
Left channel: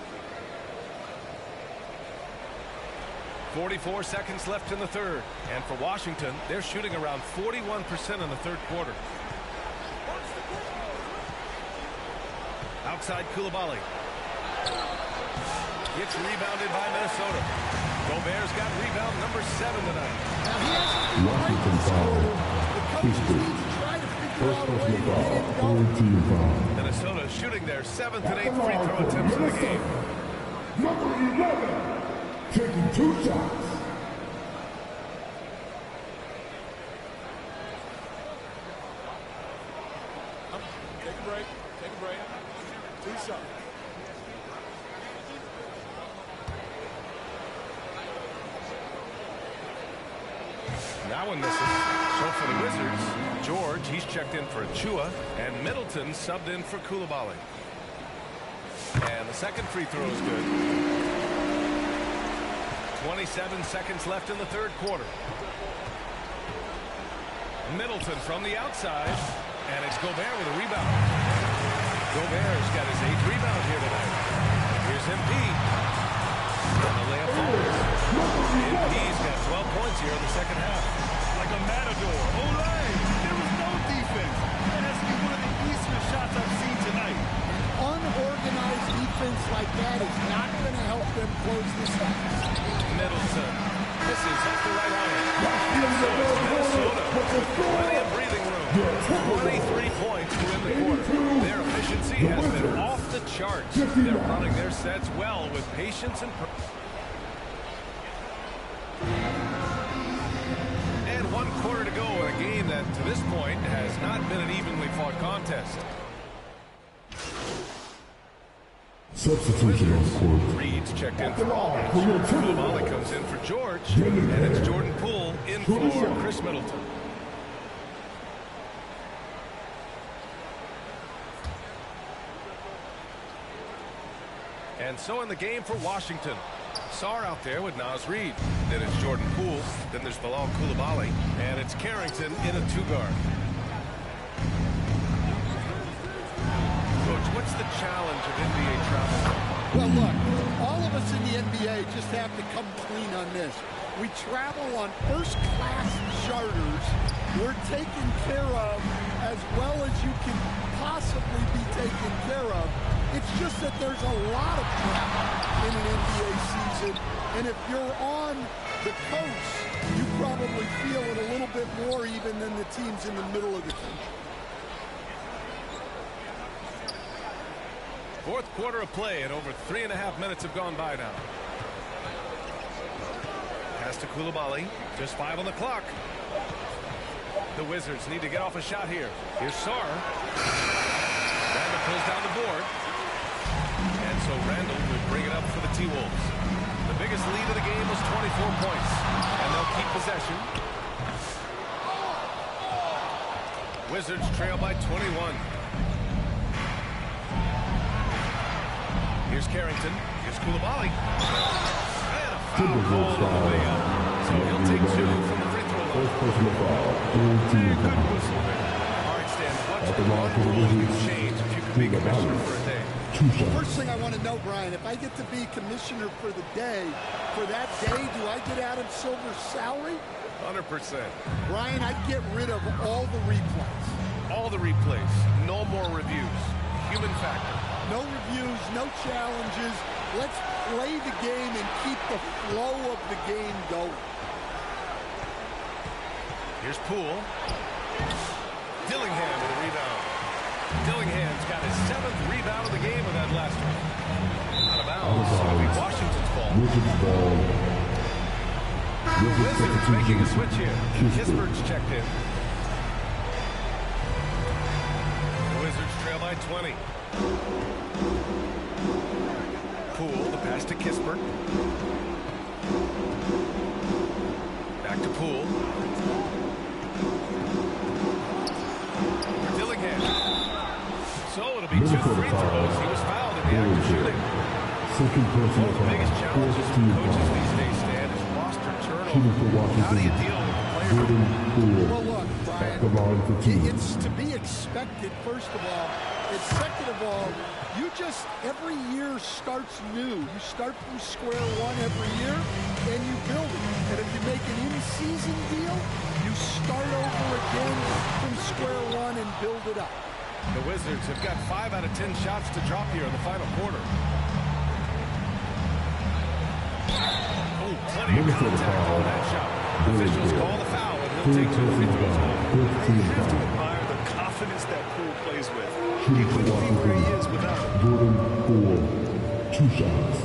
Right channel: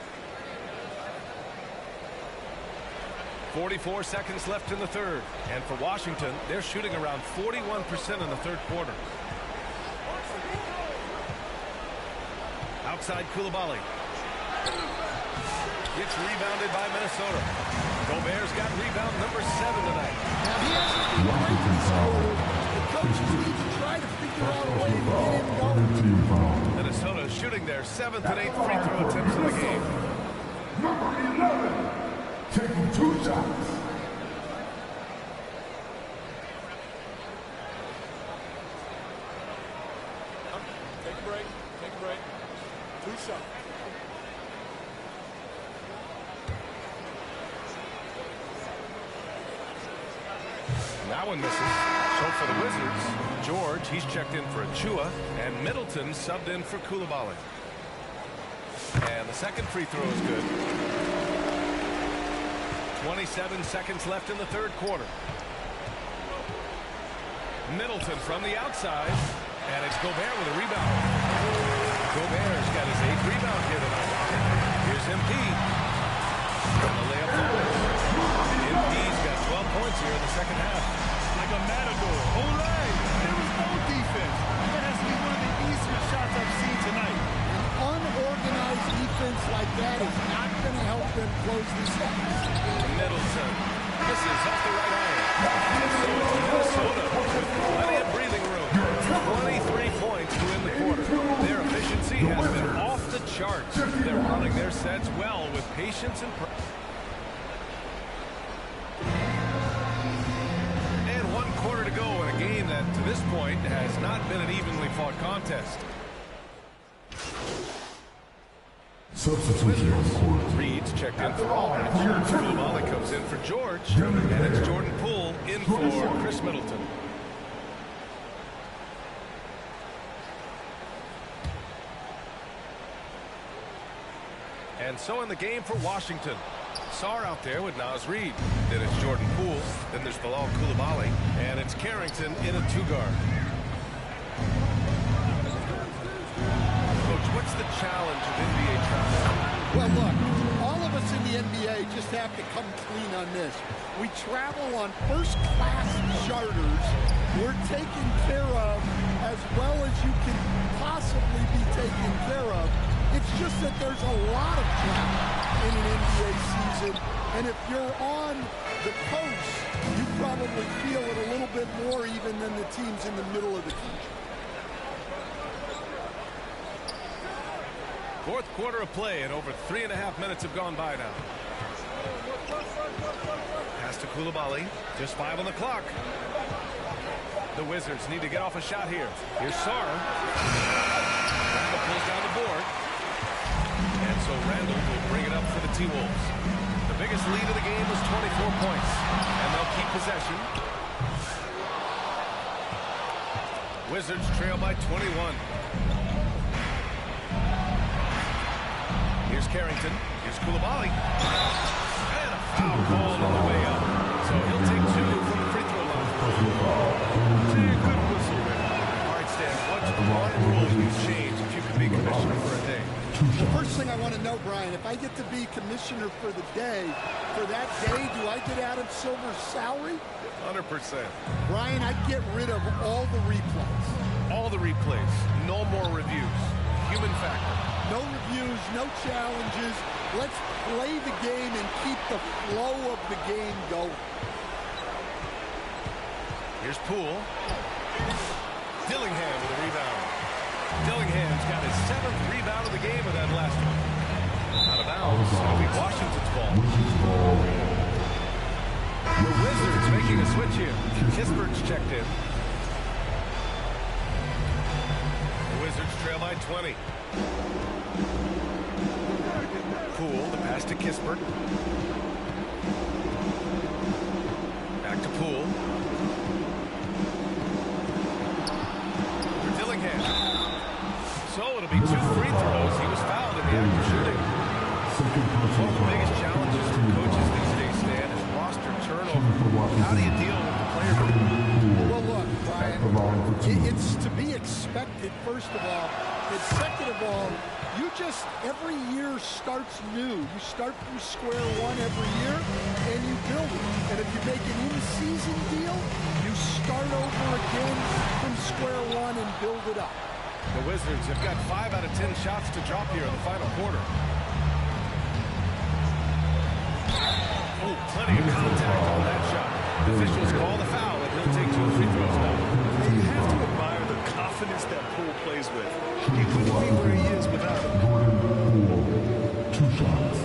44 seconds left in the 3rd. And for Washington, they're shooting around 41% in the 3rd quarter. Outside Koulibaly. Gets rebounded by Minnesota. Gobert's got rebound number 7 tonight. Now, he hasn't been great this quarter. The coaches need to try to figure out a way to get him going. Minnesota shooting their 7th and 8th free throw attempts in the game. Number 11, taking 2 shots. Take a break. Take a break. 2 shots. That one misses. So for the Wizards, George, he's checked in for Achua, and Middleton subbed in for Koulibaly. And the 2nd free throw is good. 27 seconds left in the 3rd quarter. Middleton from the outside, and it's Gobert with a rebound. Gobert's got his 8th rebound here tonight. Here's MP. And the layup falls. MP's got 12 points here in the 2nd half. Like a matador. Olay! There was no defense. That has to be one of the easier shots I've seen tonight. An unorganized defense like that is not going to help them close this out. Middleton Misses off the right iron. And so it's Minnesota with plenty of breathing room. 23 points to win the quarter. Their efficiency has been off the charts. They're running their sets well with patience and And 1 quarter to go in a game that, to this point, has not been an evenly fought contest. Substitution on the court. Reed's checked in for Aldridge. Koulibaly comes in for George. And it's Jordan Poole in for Chris Middleton. And so in the game for Washington. Sarr out there with Naz Reid. Then it's Jordan Poole. Then there's Bilal Koulibaly. And it's Carrington in a 2-guard. Coach, what's the challenge of NBA travel? Well, look, all of us in the NBA just have to come clean on this. We travel on first-class charters. We're taken care of as well as you can possibly be taken care of. It's just that there's a lot of travel in an NBA season, and if you're on the coast, you probably feel it a little bit more even than the teams in the middle of the country. Fourth quarter of play, and over 3.5 minutes have gone by now. Pass to Koulibaly. Just 5 on the clock. The Wizards need to get off a shot here. Here's Sarr. Randall pulls down the board. And so Randall will bring it up for the T-Wolves. The biggest lead of the game was 24 points. And they'll keep possession. Wizards trail by 21. Here's Carrington. Here's Koulibaly. And a foul called on the way up. So he'll take 2 from the free throw line. Good whistle there. All right, Stan, what's one rule you'd change if you could be commissioner for a day? The first thing I want to know, Brian, if I get to be commissioner for the day, for that day, do I get Adam Silver's salary? 100%. Brian, I'd get rid of all the replays. All the replays. No more reviews. Human factor. No reviews, no challenges. Let's play the game and keep the flow of the game going. Here's Poole. Dillingham with a rebound. Dillingham's got his 7th rebound of the game with that last one. Out of bounds. It'll be Washington's ball. The Wizards making a switch here. Kispert's checked in. The Wizards trail by 20. Poole, the pass to Kispert. Back to Poole. For Dillingham. So it'll be 2 free throws. He was fouled in the act of shooting. One of the biggest challenges for coaches these days, Stan, is roster turnover. How do you deal with the player? Well, look, Brian, it's to be expected, first of all. And second of all, you just, every year starts new. You start from square one every year, and you build it. And if you make an in-season deal, you start over again from square one and build it up. The Wizards have got 5 out of 10 shots to drop here in the final quarter. Oh, plenty of contact on that shot. Officials call the foul, and he'll take 2 free throws now. You have to admire the confidence that Poole plays with. He couldn't be where he is without it. Jordan Poole, 2 shots.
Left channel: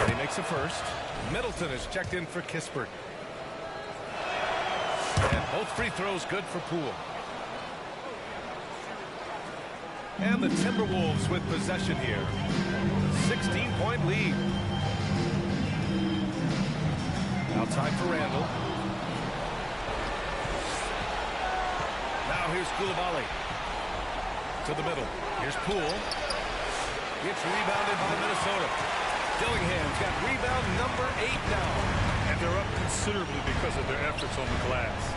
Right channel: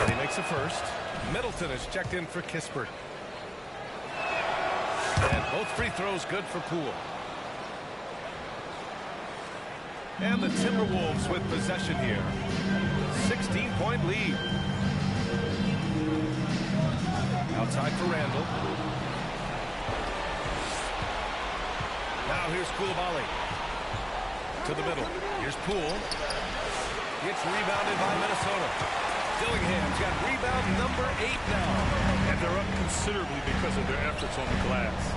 And he makes a first. Middleton is checked in for Kispert. And both free throws good for Poole. And the Timberwolves with possession here. 16-point lead. Outside for Randall. Now here's Koulibaly. To the middle. Here's Poole. Gets rebounded by Minnesota. Dillingham's got rebound number 8 now. And they're up considerably because of their efforts on the glass.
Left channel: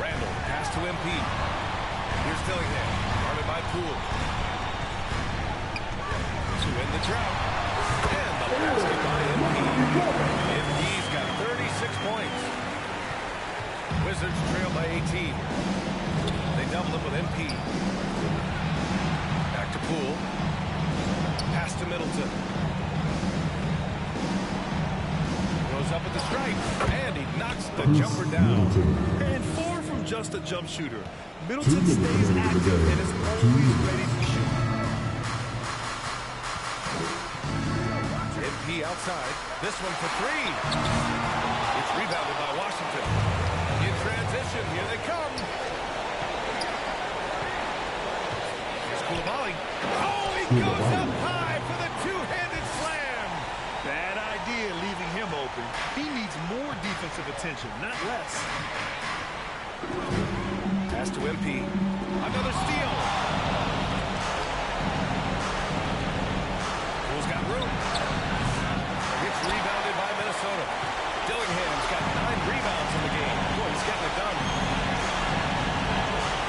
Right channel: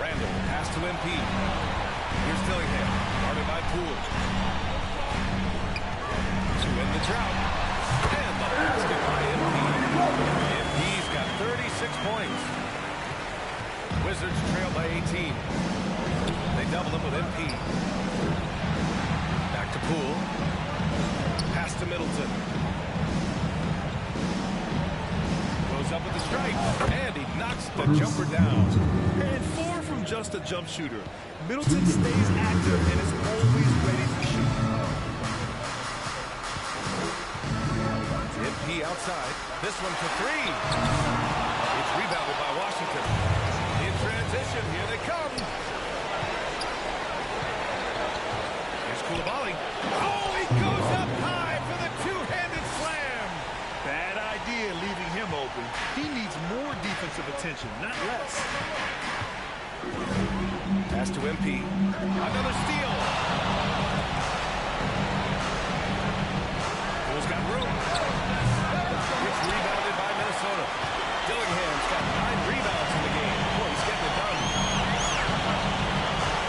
Randall, the pass to MP. Here's Dillingham, guarded by Poole. To end the drought. And the basket by MP. MP's got 36 points. Wizards trail by 18. They double him with MP. Back to Poole. to Middleton. Goes up at the stripe, and he knocks the jumper down. And far from just a jump shooter, Middleton stays active and is always ready to shoot. MP outside. This one for three. It's rebounded by Washington. In transition, here they come. Here's Coulibaly. Oh, he goes up high for the two-handed slam. Bad idea leaving him open. He needs more defensive attention, not less. Pass to MP. Another steal. Pool's got room. It's rebounded by Minnesota. Dillingham's got 9 rebounds in the game. Boy, he's getting it done.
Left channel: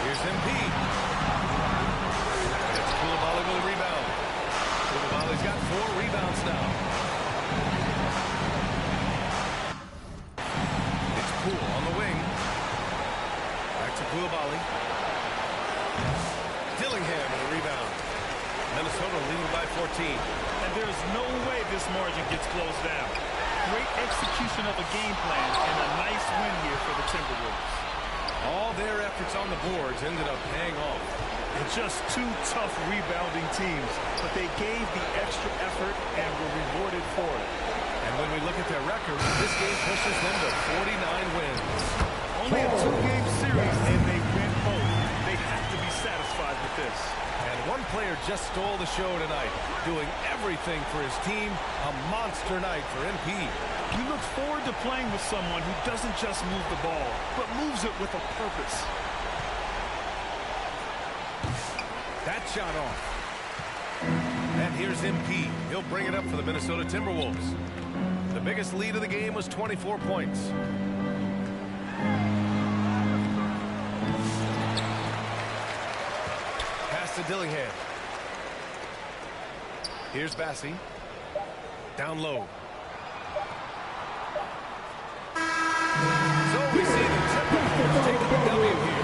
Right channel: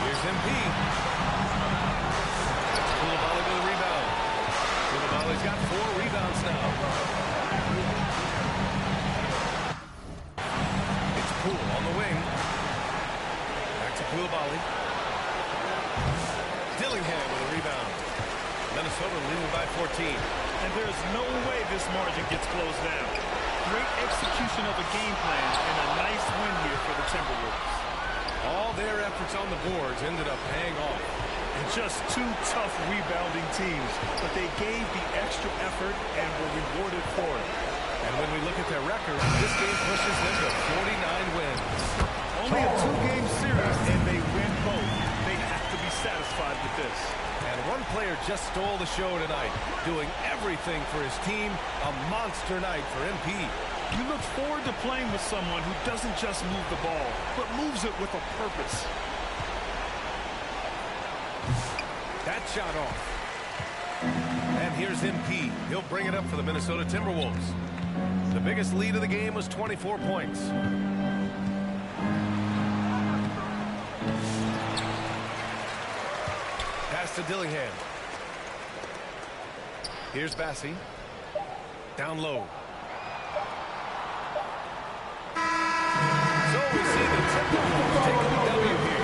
Here's MP. And it's Coulibaly with a rebound. Coulibaly's got 4 rebounds now. It's Poole on the wing. Back to Coulibaly. Dillingham with a rebound. Minnesota leading by 14. And there's no way this margin gets closed down. Great execution of a game plan and a nice win here for the Timberwolves. All their efforts on the boards ended up paying off. And just 2 tough rebounding teams, but they gave the extra effort and were rewarded for it. And when we look at their record, this game pushes them to 49 wins. Only a 2-game series, and they win both. They have to be satisfied with this. And one player just stole the show tonight, doing everything for his team. A monster night for MP. You look forward to playing with someone who doesn't just move the ball, but moves it with a purpose. That shot off. And here's MP. He'll bring it up for the Minnesota Timberwolves. The biggest lead of the game was 24 points. Pass to Dillingham. Here's Bassi. Down low. So we see the Timberwolves taking the W here.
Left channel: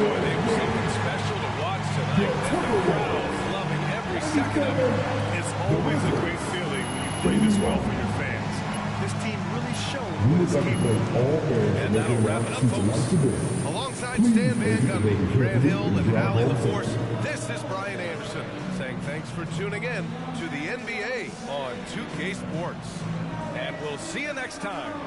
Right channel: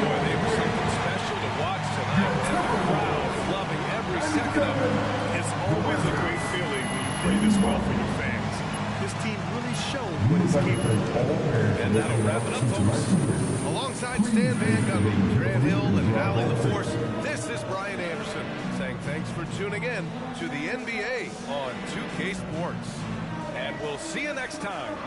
Boy, they were something special to watch tonight. And the crowd loving every second of it. It's always a great feeling when you play this well for your fans. This team really showed what it's capable of. And that'll wrap it up, folks. Alongside Stan Van Gundy, Grant Hill, and Allie LaForce, this is Brian Anderson saying thanks for tuning in to the NBA on 2K Sports. And we'll see you next time.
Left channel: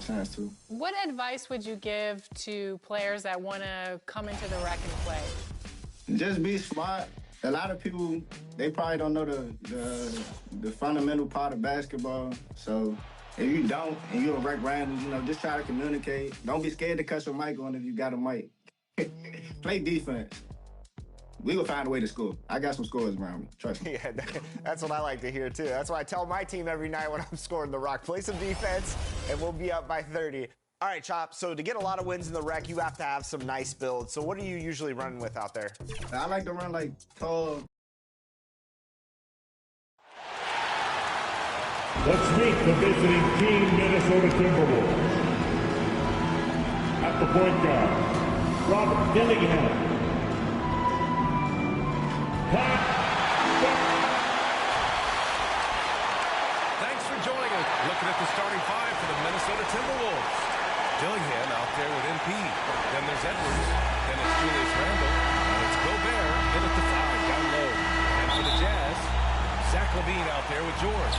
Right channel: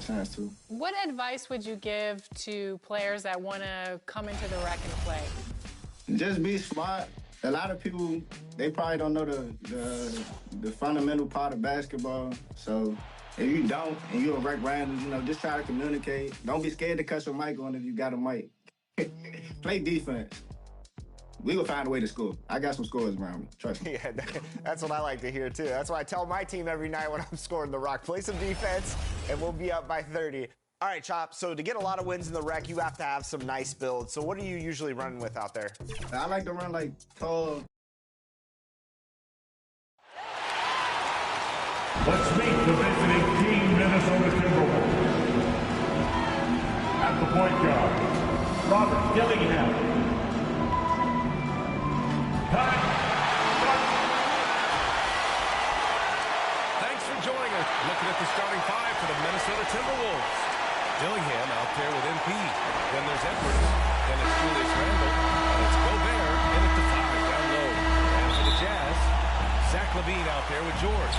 Chance to. What advice would you give to players that want to come into the rec and play? Just be smart. A lot of people, they probably don't know the fundamental part of basketball. So if you don't and you're a rec random, just try to communicate. Don't be scared to cut your mic on if you got a mic. Play defense. We will find a way to score. I got some scores around me. Trust me. Yeah, that's what I like to hear, too. That's why I tell my team every night when I'm scoring the rock, play some defense, and we'll be up by 30. All right, Chop, so to get a lot of wins in the rec, you have to have some nice builds. So what are you usually running with out there? I like to run like tall. Let's meet the visiting team, Minnesota Timberwolves. At the point guard, Robert Dillingham. Thanks for joining us. Looking at the starting five for the Minnesota Timberwolves. Dillingham out there with MP. Then there's Edwards. Then it's Julius Randle. And it's Gobert in at the 5 down low. And for the Jazz, Zach LaVine out there with George.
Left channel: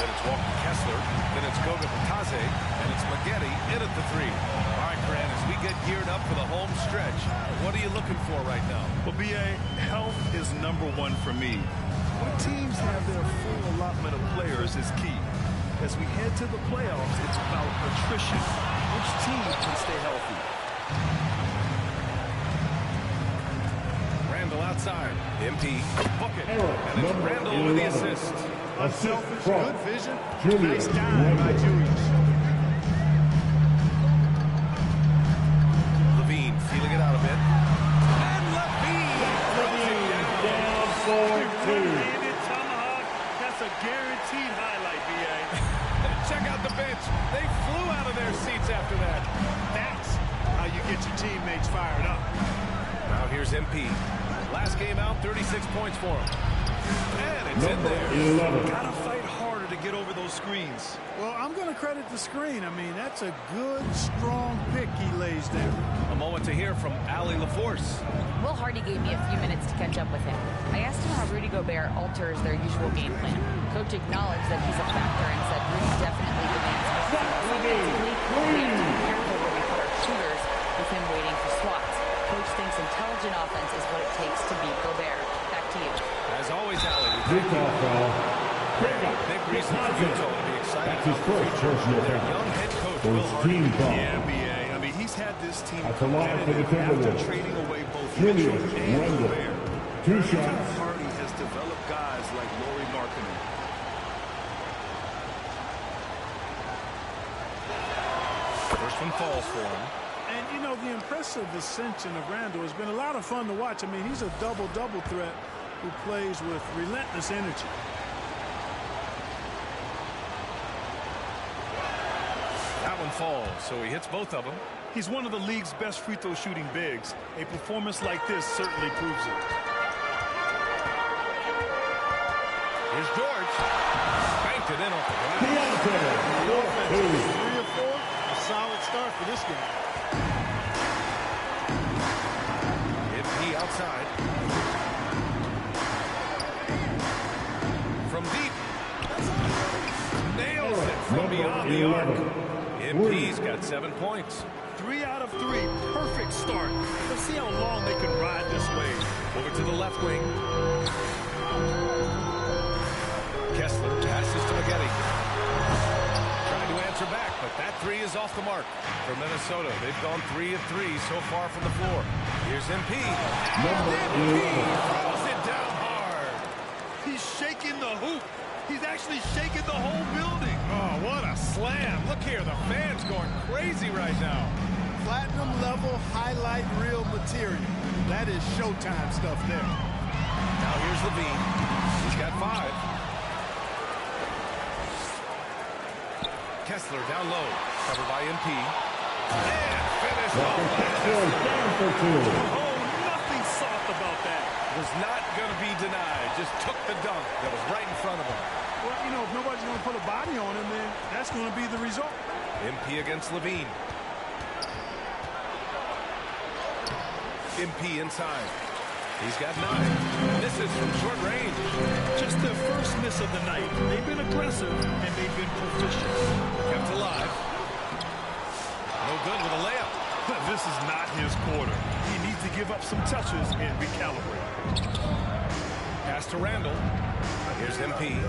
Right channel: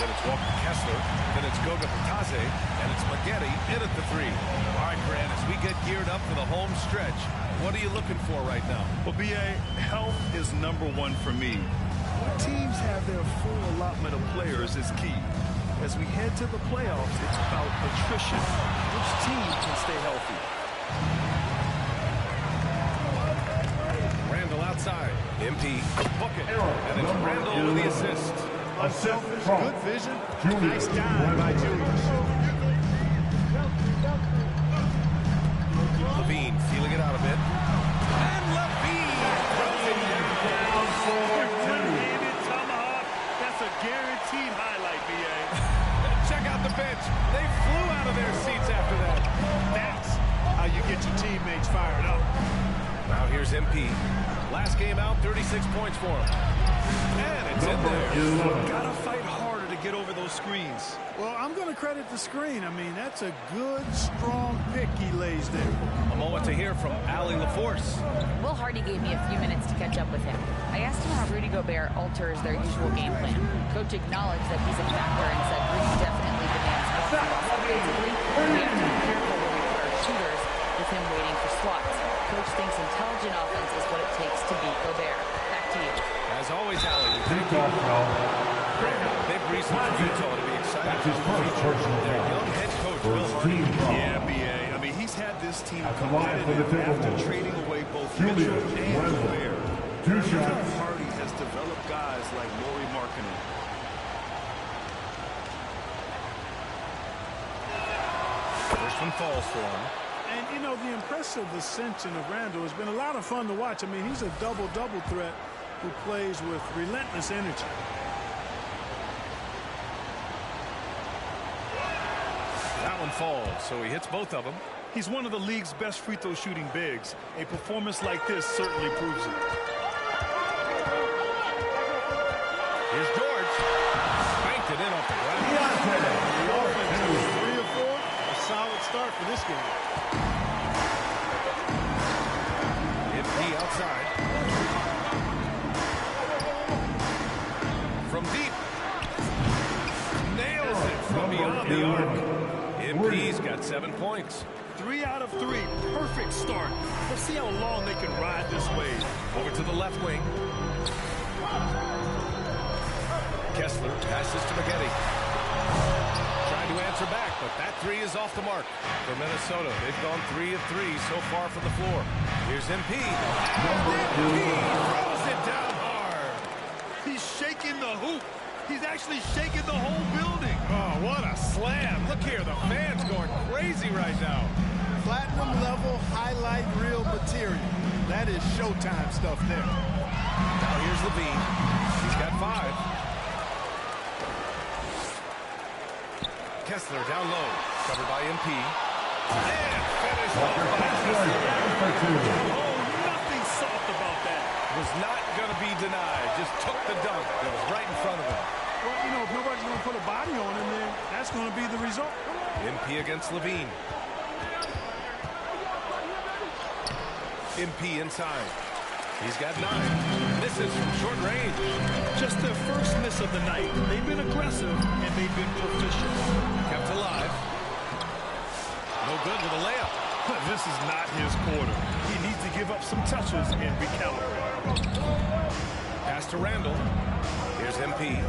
Then it's Walker Kessler. Then it's Goga Bitadze. And it's Maggette in at the 3. All right, Grant, as we get geared up for the home stretch, what are you looking for right now? Well, B.A., health is #1 for me. When teams have their full allotment of players is key. As we head to the playoffs, it's about attrition. Which team can stay healthy? Randle outside. MP. Book it. And it's Randle with the assist. Unselfish, good vision. Nice dive by Julius. LaVine feeling it out a bit. And LaVine throws it down for 2. One-handed tomahawk. That's a guaranteed highlight, B.A. Check out the bench. They flew out of their seats after that. That's how you get your teammates fired up. Now here's MP. Last game out, 36 points for him. And it's in there. 11. Gotta fight harder to get over those screens. Well, I'm going to credit the screen. I mean, that's a good, strong pick he lays there. A moment to hear from Allie LaForce. Will Hardy gave me a few minutes to catch up with him. I asked him how Rudy Gobert alters their usual game plan. Coach acknowledged that he's a factor and said Rudy definitely demands more from us offensively. We have to be careful where we put our shooters with him waiting for swats. Coach thinks intelligent offense is what it takes to beat Gobert. Back to you. As always, Allie, we thank you. Big reason for Utah to be excited about the future. Their young head coach, Will Hardy. Yeah, B.A. I mean, he's had this team competitive after trading away both Mitchell and Gobert. Two shots. shots. Hardy has developed guys like Lauri Markkanen. First one falls for him. And, you know, the impressive ascension of Randle has been a lot of fun to watch. I mean, he's a double-double threat who plays with relentless energy. That one falls, so he hits both of them. He's one of the league's best free throw shooting bigs. A performance like this certainly proves it. Here's George. Banked it in off the glass. The offense is 3 or 4. A solid start for this game. MP outside. From deep. Nails it from beyond the arc. MP's got 7 points. 3 out of 3. Perfect start. Let's see how long they can ride this wave. Over to the left wing. Kessler passes to Maggette. Trying to answer back, but that 3 is off the mark. For Minnesota, they've gone 3 of 3 so far from the floor. Here's MP. And MP throws it down hard. He's shaking the hoop. He's actually shaking the whole building. Oh, what a slam. Look here, the fans going crazy right now. Platinum level highlight reel material. That is Showtime stuff there. Now here's LaVine. He's got 5. Kessler down low, covered by MP. And finished off by Kessler. Oh, nothing soft about that. Was not going to be denied. Just took the dunk that was right in front of him. Well, you know, if nobody's going to put a body on him, then that's going to be the result. MP against LaVine. MP inside. He's got 9. Misses from short range. Just their first miss of the night. They've been aggressive, and they've been proficient. Kept alive. No good with a layup. This is not his quarter. He needs to give up some touches and recalibrate. Pass to Randle. Here's MP.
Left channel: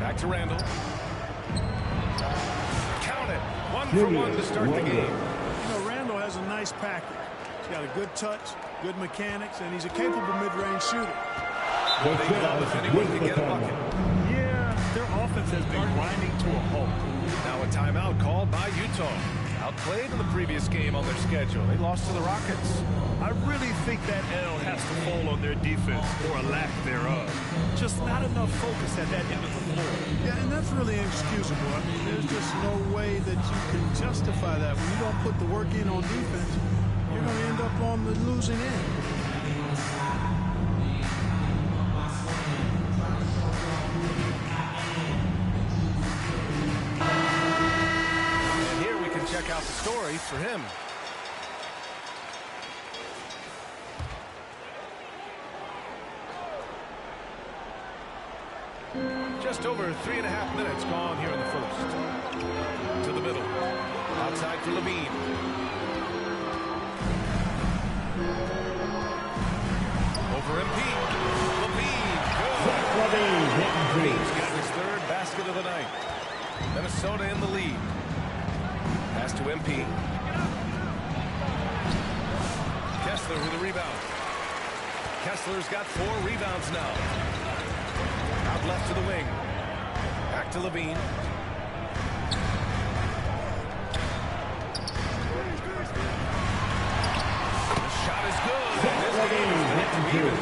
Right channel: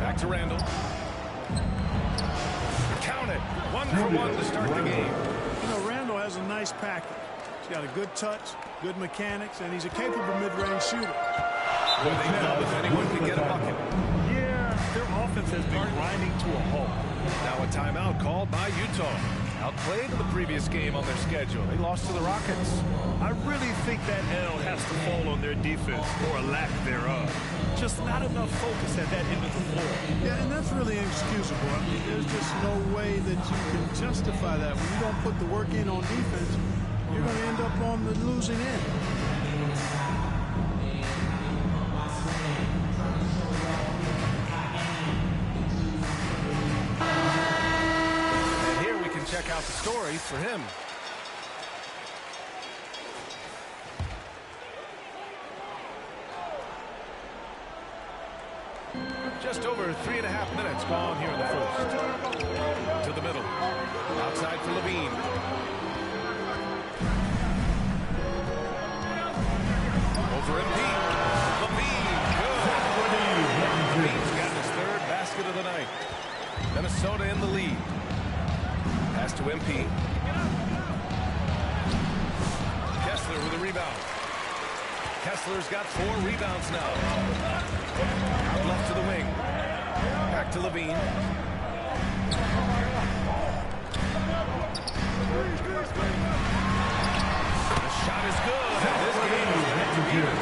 Back to Randle. Count it. 1 for 1 to start the game. You know, Randle has a nice package. He's got a good touch, good mechanics, and he's a capable mid-range shooter. Well, they love if anyone can get a bucket. Yeah, their offense has been grinding to a halt. Now a timeout called by Utah. Outplayed in the previous game on their schedule. They lost to the Rockets. I really think that L has to fall on their defense, or a lack thereof. Just not enough focus at that end of the floor. Yeah, and that's really inexcusable. I mean, there's just no way that you can justify that. When you don't put the work in on defense, you're going to end up on the losing end. And here we can check out the story for him. Just over 3.5 minutes gone here in the first. To the middle. Outside for Levine. Over MP. Levine, good. Levine's got his third basket of the night. Minnesota in the lead. Pass to MP. Kessler with a rebound. Kessler's got 4 rebounds now. Out left to the wing. Back to Levine. The shot is good, and this game is back to even.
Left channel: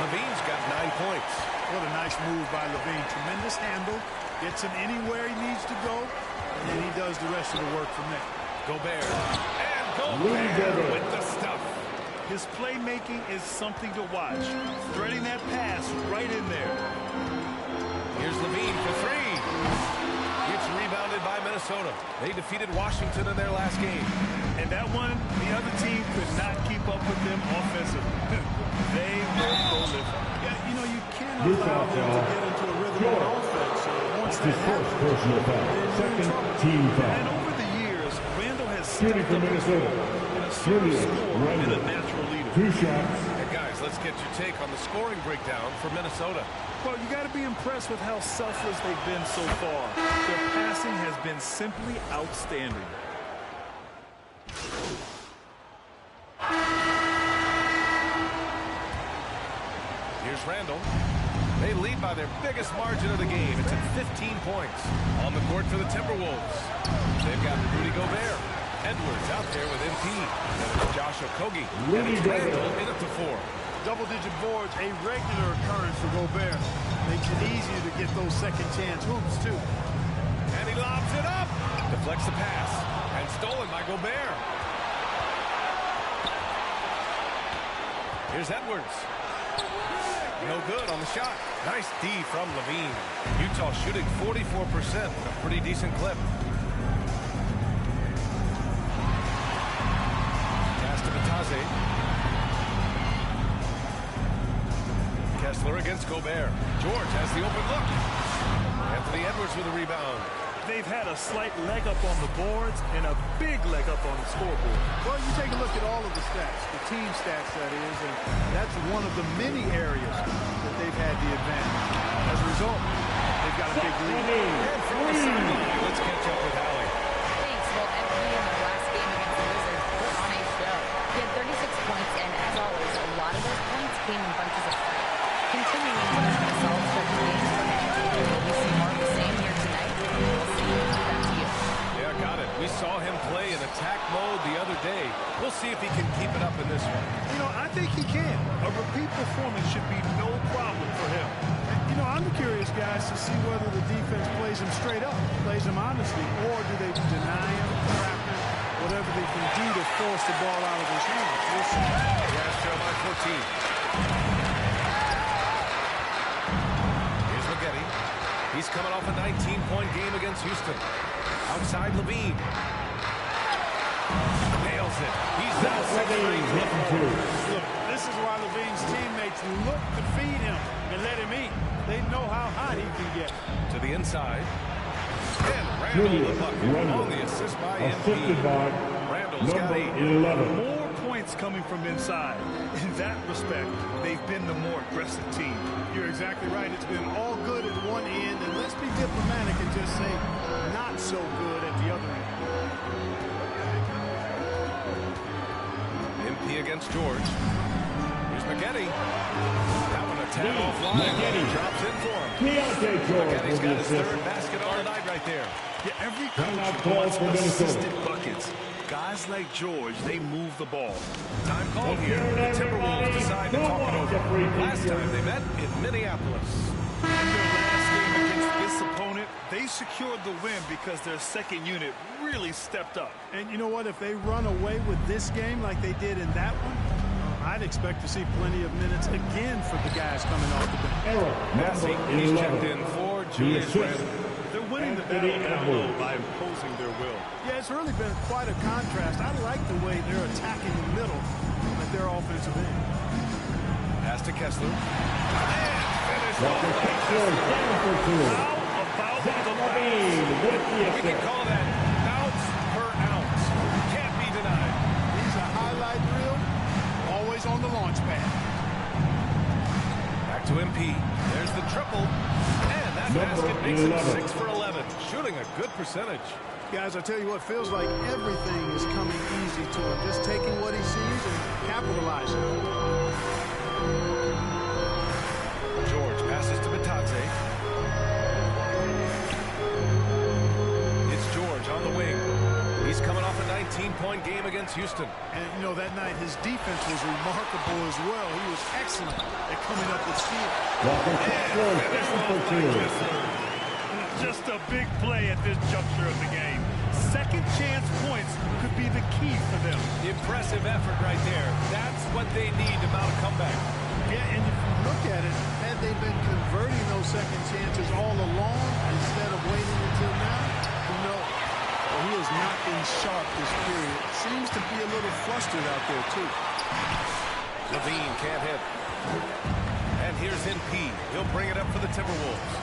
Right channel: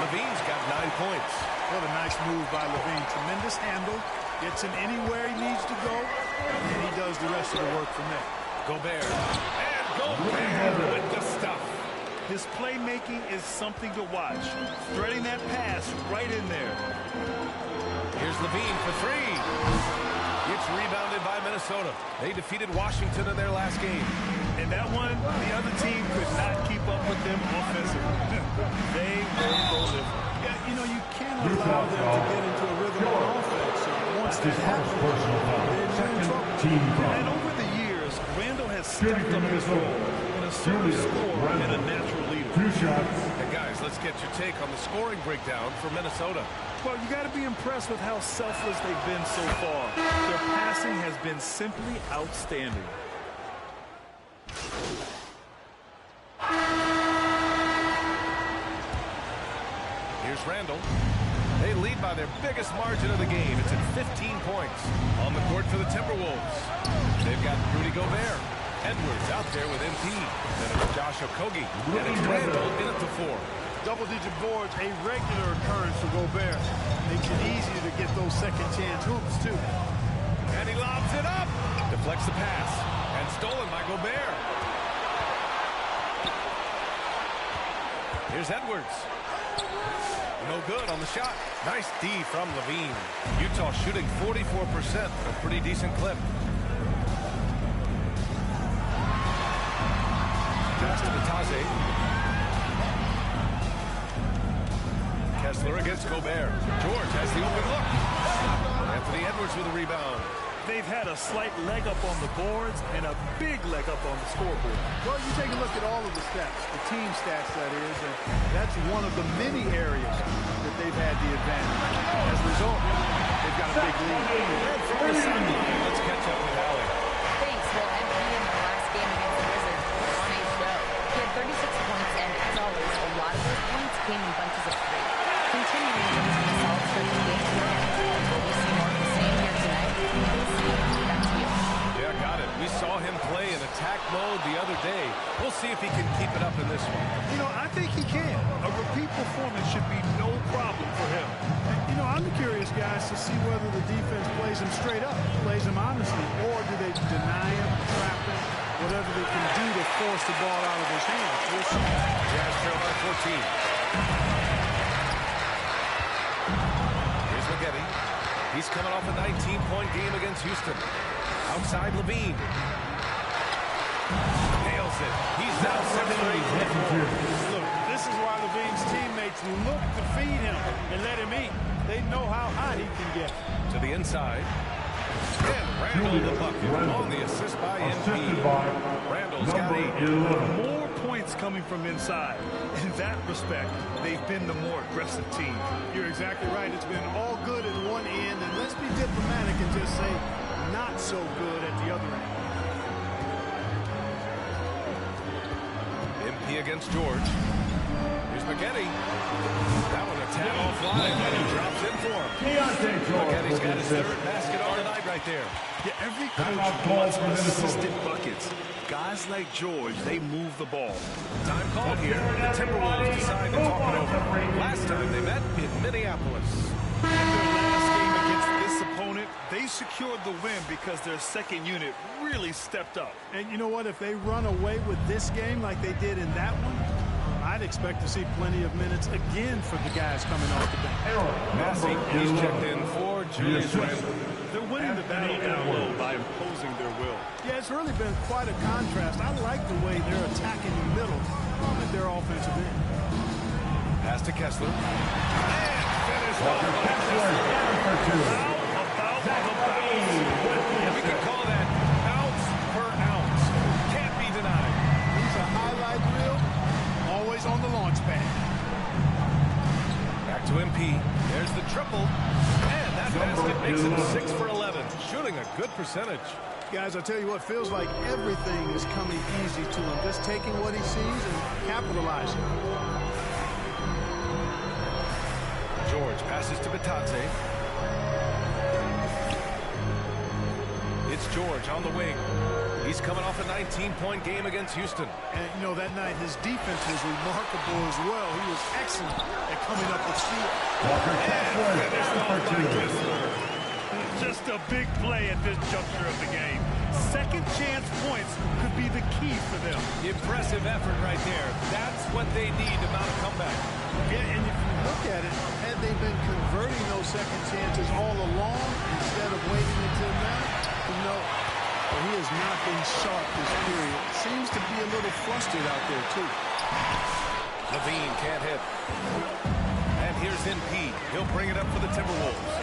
Levine's got 9 points. What a nice move by Levine. Tremendous handle. Gets him anywhere he needs to go, and then he does the rest of the work from there. Gobert. And Gobert with the stuff. His playmaking is something to watch. Threading that pass right in there. Here's Levine for 3. It's rebounded by Minnesota. They defeated Washington in their last game. And that one, the other team could not keep up with them offensively. They were prolific. Yeah, you know, you can't allow them to get into a rhythm on offense. Once that happens, then you're in trouble. And over the years, Randall has stepped up his role in a assertive scorer and a natural leader. 2 shots. And guys, let's get your take on the scoring breakdown for Minnesota. Well, you got to be impressed with how selfless they've been so far. Their passing has been simply outstanding. Here's Randall. They lead by their biggest margin of the game. It's at 15 points. On the court for the Timberwolves. They've got Rudy Gobert. Edwards out there with MP. Then it's Josh Okogie. And it's Randall in at the 4. Double-digit boards, a regular occurrence for Gobert. Makes it easier to get those second-chance hoops, too. And he lobs it up. Deflects the pass. And stolen by Gobert. Here's Edwards. No good on the shot. Nice D from Levine. Utah shooting 44%. A pretty decent clip. Pass to Batase. Kessler against Gobert. George has the open look. Anthony Edwards with a rebound. They've had a slight leg up on the boards and a big leg up on the scoreboard. Well, you take a look at all of the stats, the team stats, that is, and that's one of the many areas that they've had the advantage. As a result, they've got a big lead. And from the sideline, let's catch up with Allie. Thanks. Well, MP in their last game against the Wizards put on a show. He had 36 points, and as always, a lot of those points came in bunches of 3. Continuing what has been a solid stretch of games for him. Will we see more of the same here tonight? We'll see. Back to you. Yeah, got it. We saw him play in attack mode the other day. We'll see if he can keep it up in this one. You know, I think he can. A repeat performance should be no problem for him. And, you know, I'm curious, guys, to see whether the defense plays him straight up, plays him honestly, or do they deny him, trap him, whatever they can do to force the ball out of his hands. We'll see. Jazz trail by 14. Spaghetti. He's coming off a 19-point game against Houston. Outside Levine. Nails it. He's now 6 for 8 for 4. Look, this is why Levine's teammates look to feed him and let him eat. They know how hot he can get. To the inside. And Randall the bucket on the assist by MP. Randall's got 8. 11. More points coming from inside. In that respect, they've been the more aggressive team. You're exactly right. It's been all good at one end, and let's be diplomatic and just say not so good at the other end. MP against George. Here's McGetty. That one a tad offline, but he drops in for him. McGetty's got his third basket on the night right there. Yeah, every coach wants assisted buckets. Guys like George, they move the ball. Time called here. The Timberwolves decide to talk it over. Last time they met in Minneapolis. In their last game against this opponent, they secured the win because their second unit really stepped up. And you know what? If they run away with this game like they did in that one, I'd expect to see plenty of minutes again for the guys coming off the bench. Massey, he's checked in for Julius Randle. They're winning the battle down low by imposing their will. Yeah, it's really been quite a contrast. I like the way they're attacking the middle at their offensive end. Pass to Kessler. And finished off by Kessler. How about the bounce? We can call that bounce per ounce. Can't be denied. He's a highlight reel, always on the launch pad. Back to MP. There's the triple. And that basket makes him 6 for 11. Shooting a good percentage. Guys, I tell you what, feels like everything is coming easy to him. Just taking what he sees and capitalizing. George passes to Batadze. It's George on the wing. He's coming off a 19-point game against Houston. And, you know, that night his defense was remarkable as well. He was excellent at coming up with steals. And finished off by Kessler. Just a big play at this juncture of the game. Second chance points could be the key for them. Impressive effort right there. That's what they need to mount a comeback. Yeah, and if you look at it, had they been converting those second chances all along instead of waiting until now, who knows? Well, he has not been sharp this period. Seems to be a little flustered out there, too. Levine can't hit. And here's MP. He'll bring it up for the Timberwolves.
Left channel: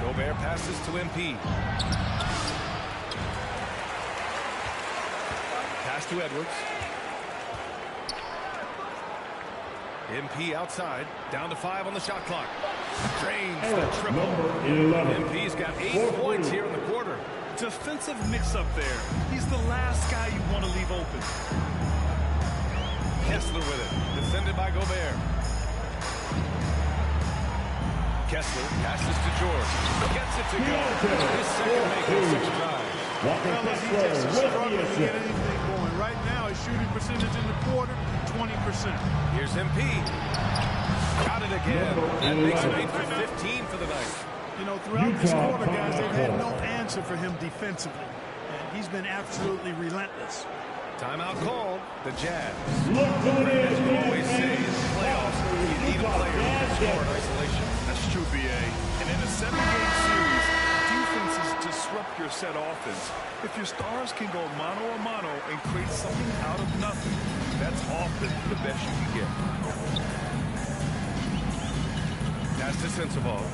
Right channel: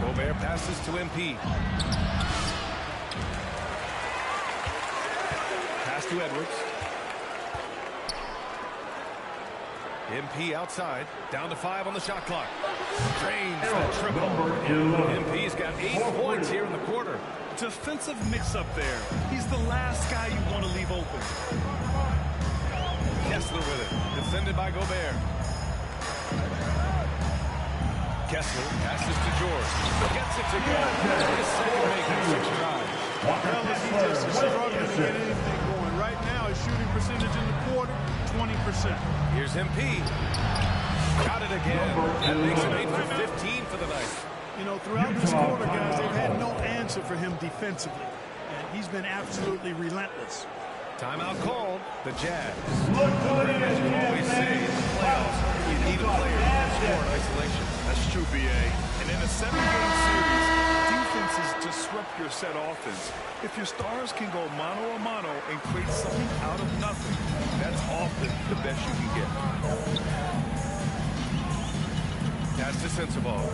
Gobert passes to MP. Pass to Edwards. MP outside. Down to 5 on the shot clock. Drains the triple. MP's got 8 points here in the quarter. Defensive mix-up there. He's the last guy you want to leave open. Kessler with it. Defended by Gobert. Kessler passes to George. Gets it to go. His second make in 6 tries. Fellas, he just is struggling to get anything going. Right now, his shooting percentage in the quarter, 20%. Here's MP. Got it again. That makes him 8 for 15 for the night. You know, throughout this quarter, guys, they've had no answer for him defensively. And he's been absolutely relentless. Timeout called. The Jazz. As you always say, in the playoffs, you need a player who can score in isolation. That's true, BA. And in a 7-game series, defenses disrupt your set offense. If your stars can go mano-a-mano and create something out of nothing, that's often the best you can get. Pass to Sensabaugh.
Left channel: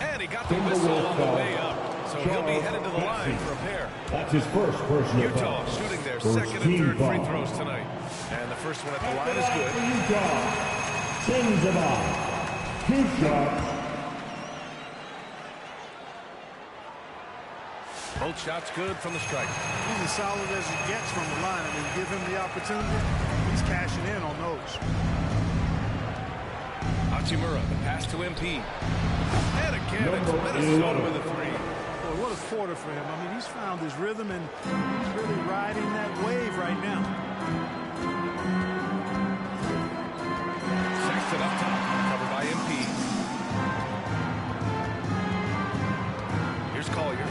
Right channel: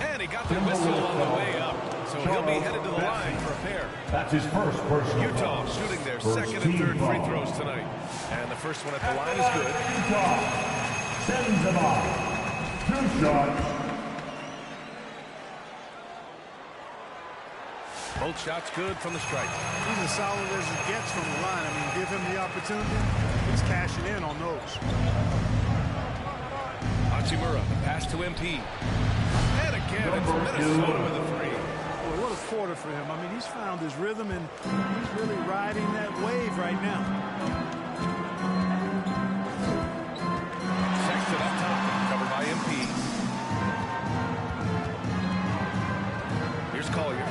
And he got the whistle on the way up. So he'll be headed to the line for a pair. That's his first personal Utah foul. shooting their First second and third free foul. throws tonight. And the first one at the line is good. Utah sends him on. 2 shots. Both shots good from the stripe. He's as solid as he gets from the line. I mean, give him the opportunity, he's cashing in on those. Hachimura, the pass to MP. And again, it's Minnesota with a 3. Boy, what a quarter for him. I mean, he's found his rhythm, and he's really riding that wave right now. Sexton up top, covered by MP. Here's Collier.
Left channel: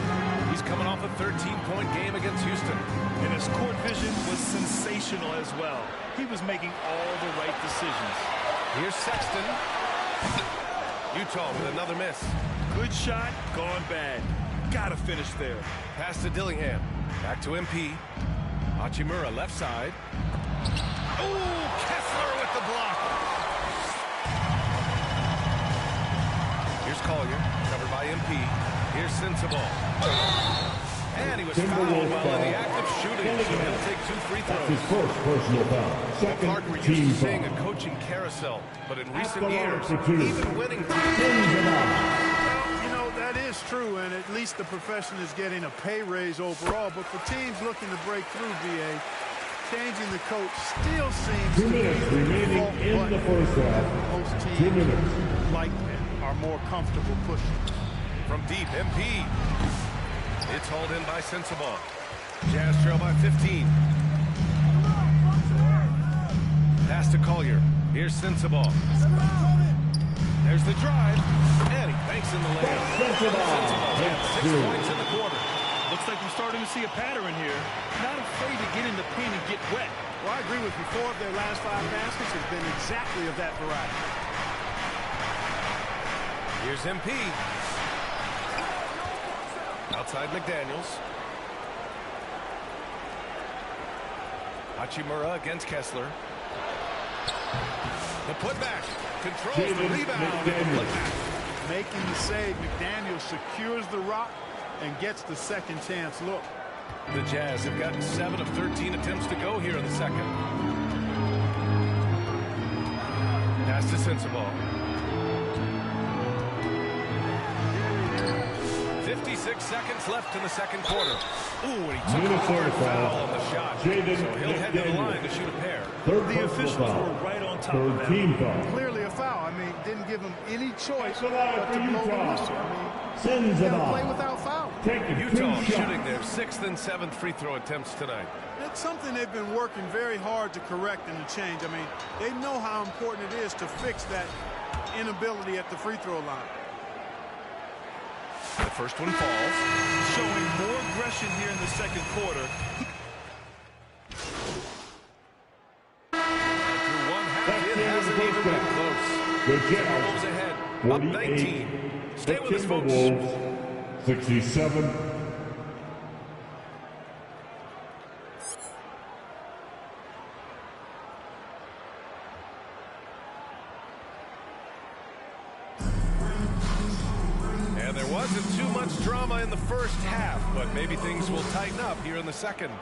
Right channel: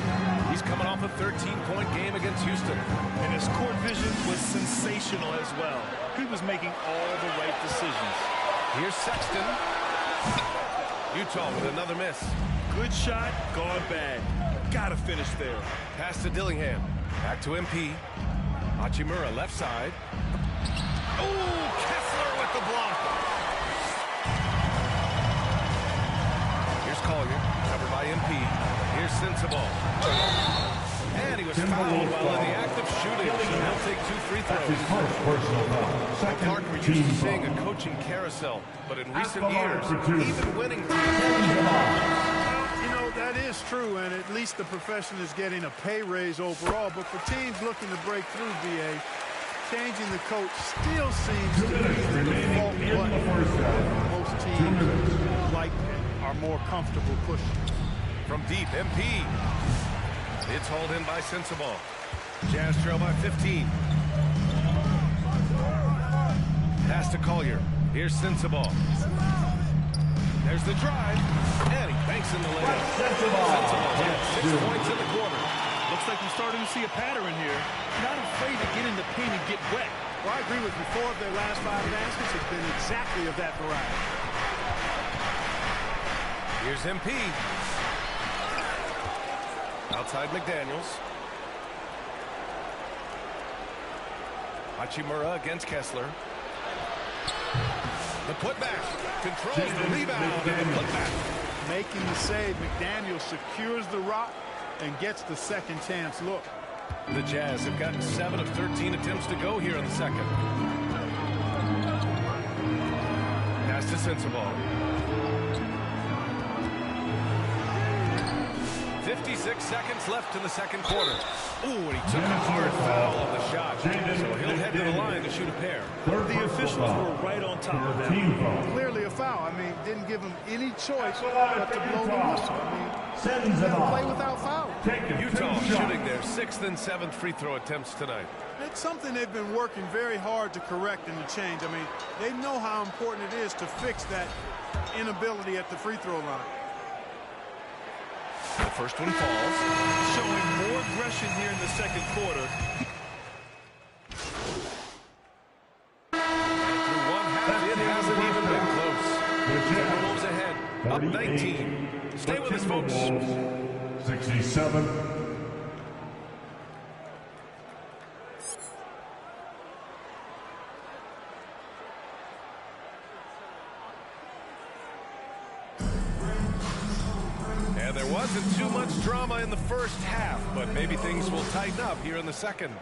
He's coming off a 13-point game against Houston. And his court vision was sensational as well. He was making all the right decisions. Here's Sexton. Utah with another miss. Good shot, gone bad. Gotta finish there. Pass to Dillingham. Back to MP. Hachimura left side. Oh, Kessler with the block. Here's Collier, covered by MP. Here's Sensabaugh. And he was fouled while in the act of shooting, so he'll take 2 free throws. That's his first personal foul. Well, Clark, we're used to seeing a coaching carousel, but in recent years, even winning teams. Well, you know, that is true, and at least the profession is getting a pay raise overall. But for teams looking to break through, BA, Changing the coach still seems to be the default button that most teams like and are more comfortable pushing. From deep, MP. It's hauled in by Sensabaugh. Jazz trail by 15. Pass to Collier. Here's Sensabaugh. There's the drive, and he banks in the layup. Sensabaugh's got 6 points in the quarter. Looks like we're starting to see a pattern here. Not afraid to get in the paint and get wet. Well, I agree with you. 4 of their last 5 baskets have been exactly of that variety. Here's MP. Outside McDaniels. Hachimura against Kessler. The putback. Controls the rebound and the putback. Making the save, McDaniels secures the rock and gets the second chance look. The Jazz have gotten 7 of 13 attempts to go here in the second. Pass to Sensabaugh. 56 seconds left in the second quarter. Ooh, and he took a hard foul on the shot. So he'll head to the line to shoot a pair. The officials were right on top of that. Clearly a foul. I mean, didn't give him any choice but to blow the whistle. I mean, you gotta play without foul. Utah shooting their 6th and 7th free throw attempts tonight. It's something they've been working very hard to correct and to change. I mean, they know how important it is to fix that inability at the free throw line. The first one falls. Showing more aggression here in the second quarter. And through one half, it hasn't even been close. Timberwolves ahead, up 19. Stay with us, folks. 67. And there wasn't too much drama in the first half, but maybe things will tighten up here in the second.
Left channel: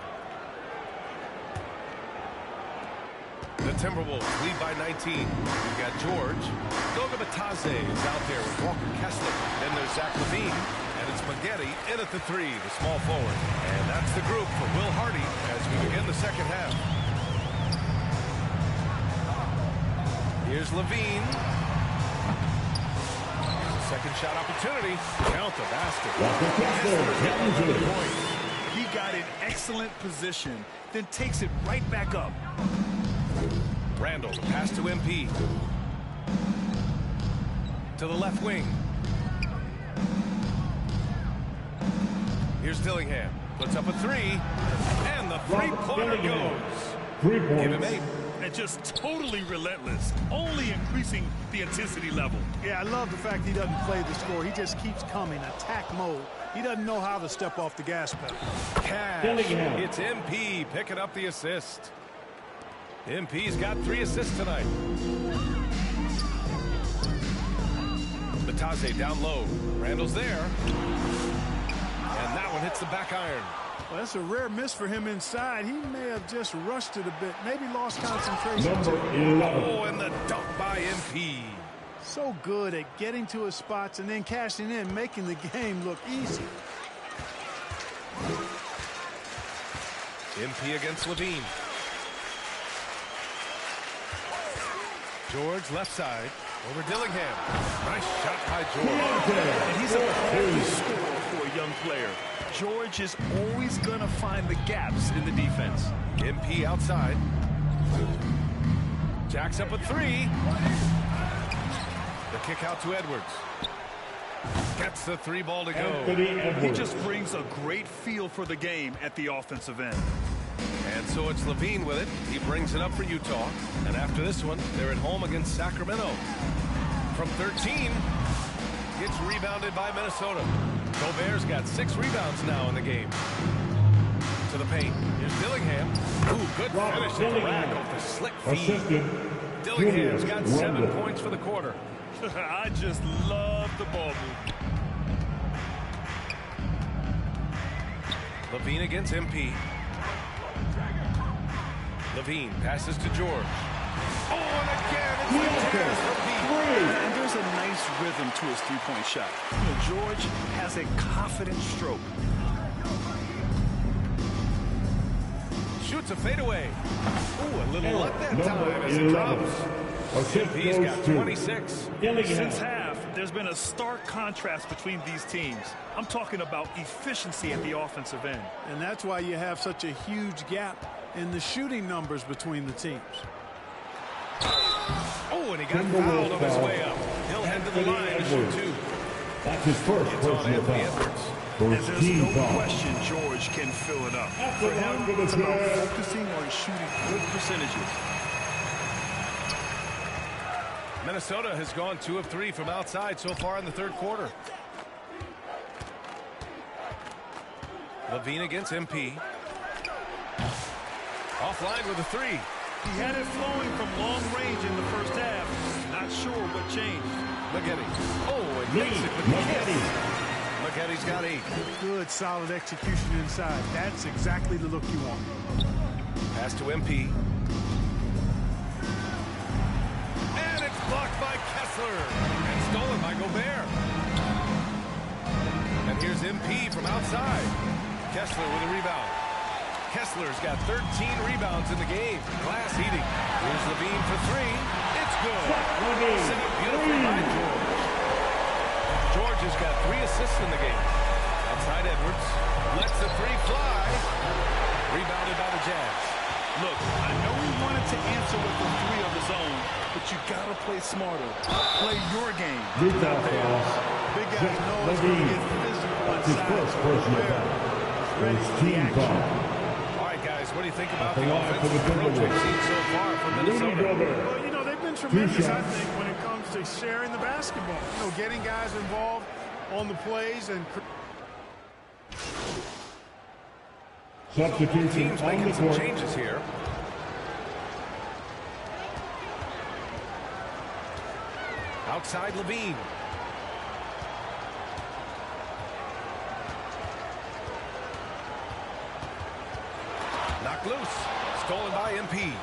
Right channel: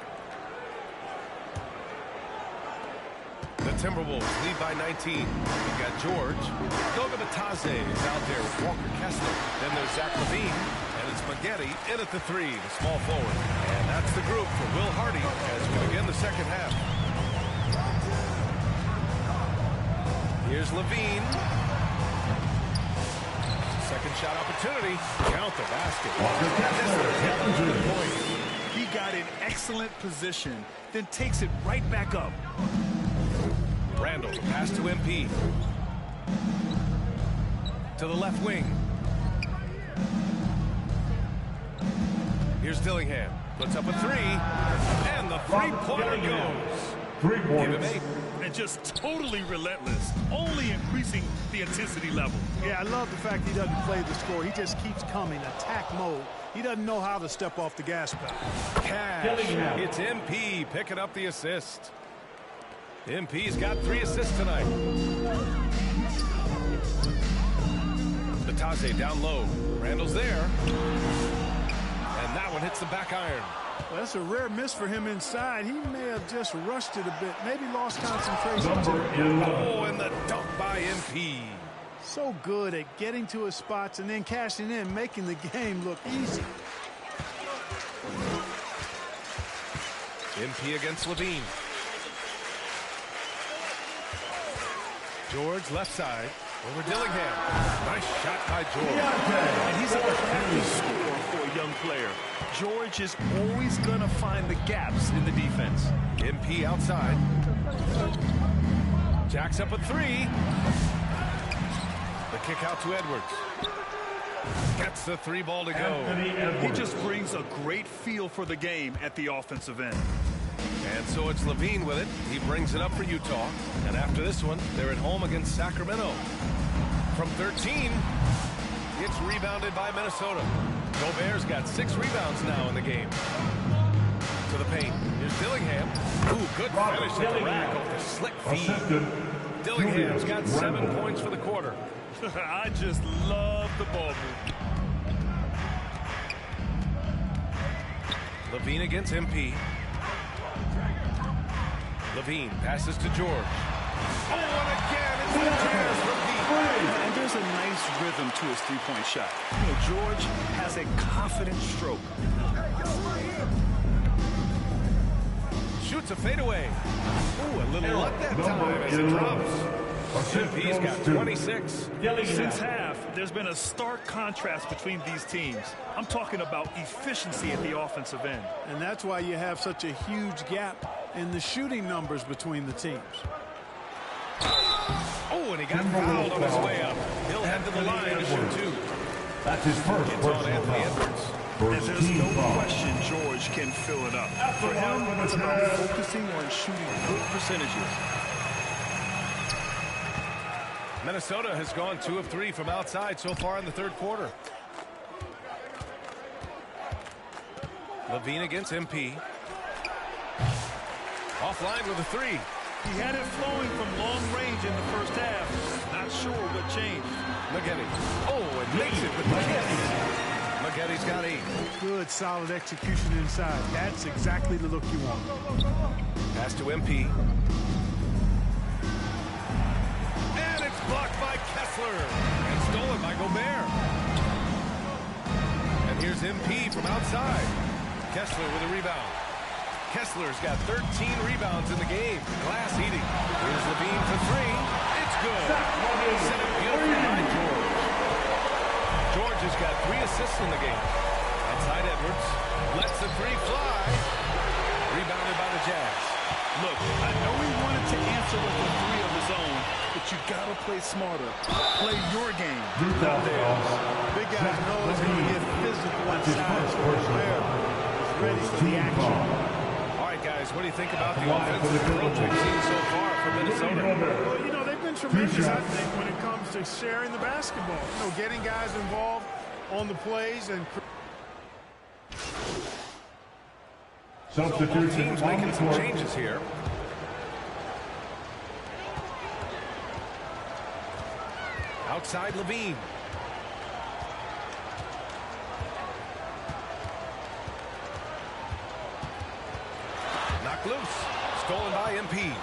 The Timberwolves lead by 19. We've got George. Goga Batadze is out there with Walker Kessler. Then there's Zach LaVine, and it's Maggette in at the 3, the small forward. And that's the group for Will Hardy as we begin the second half. Here's LaVine. Second shot opportunity. Count the basket. Kessler's got 11 points. He got in excellent position, then takes it right back up. Randall, the pass to MP. To the left wing. Here's Dillingham. Puts up a 3. And the three-pointer goes. 3 points. Give him 8. And just totally relentless, only increasing the intensity level. Yeah, I love the fact he doesn't play the score. He just keeps coming, attack mode. He doesn't know how to step off the gas pedal. Cash. It's MP picking up the assist. MP's got 3 assists tonight. Batadze down low. Randall's there. And that one hits the back iron. Well, that's a rare miss for him inside. He may have just rushed it a bit. Maybe lost concentration. Oh, and the dunk by MP. So good at getting to his spots and then cashing in, making the game look easy. MP against LaVine. George left side. Over Dillingham. Nice shot by George. And he's a crafty scorer for a young player. George is always going to find the gaps in the defense. MP outside. Jacks up a 3. The kick out to Edwards. Gets the 3 ball to go. He just brings a great feel for the game at the offensive end. And so it's LaVine with it. He brings it up for Utah. And after this one, they're at home against Sacramento. From 13, it's rebounded by Minnesota. Gobert's got 6 rebounds now in the game. To the paint. Here's Dillingham. Ooh, good finish at the rack off the slick feed. Dillingham's got 7 points for the quarter. I just love the ball movement. LaVine against MP. LaVine passes to George. Oh, and again, it's the Jazz from deep. And there's a nice rhythm to his three-point shot. You know, George has a confident stroke. shoots a fadeaway. Ooh, a little luck that time as it drops. MP's got 26. Since half, there's been a stark contrast between these teams. I'm talking about efficiency at the offensive end. And that's why you have such a huge gap in the shooting numbers between the teams. Oh, and he got fouled on his way up. He'll head to the line to shoot 2. That's his first It's on personal Anthony foul. Edwards. And there's no question George can fill it up. For him, it's about focusing on shooting good percentages. Minnesota has gone 2 of 3 from outside so far in the third quarter. Levine against MP. Offline with a 3. He had it flowing from long range in the first half. Not sure what changed. Maggette. Oh, and makes it with the kiss. Maggette's got 8. Good, solid execution inside. That's exactly the look you want. Pass to MP. And it's blocked by Kessler. And stolen by Gobert. And here's MP from outside. Kessler with a rebound. Kessler's got 13 rebounds in the game. Glass heating. Here's Levine for 3. It's good. Set up beautifully by George. George has got 3 assists in the game. Outside Edwards. Lets the 3 fly. Rebounded by the Jazz. Look, I know he wanted to answer with a 3 of his own, but you got to play smarter. Play your game, not theirs. Big guys know it's going to get physical inside. Gobert is ready for the action. All right, guys, what do you think about the offensive approach we've seen so far from Minnesota? Well, you know, they've been tremendous, I think, when it comes to sharing the basketball. You know, getting guys involved on the plays and... So both teams making some changes here. Outside Levine. Knocked loose. Stolen by MP.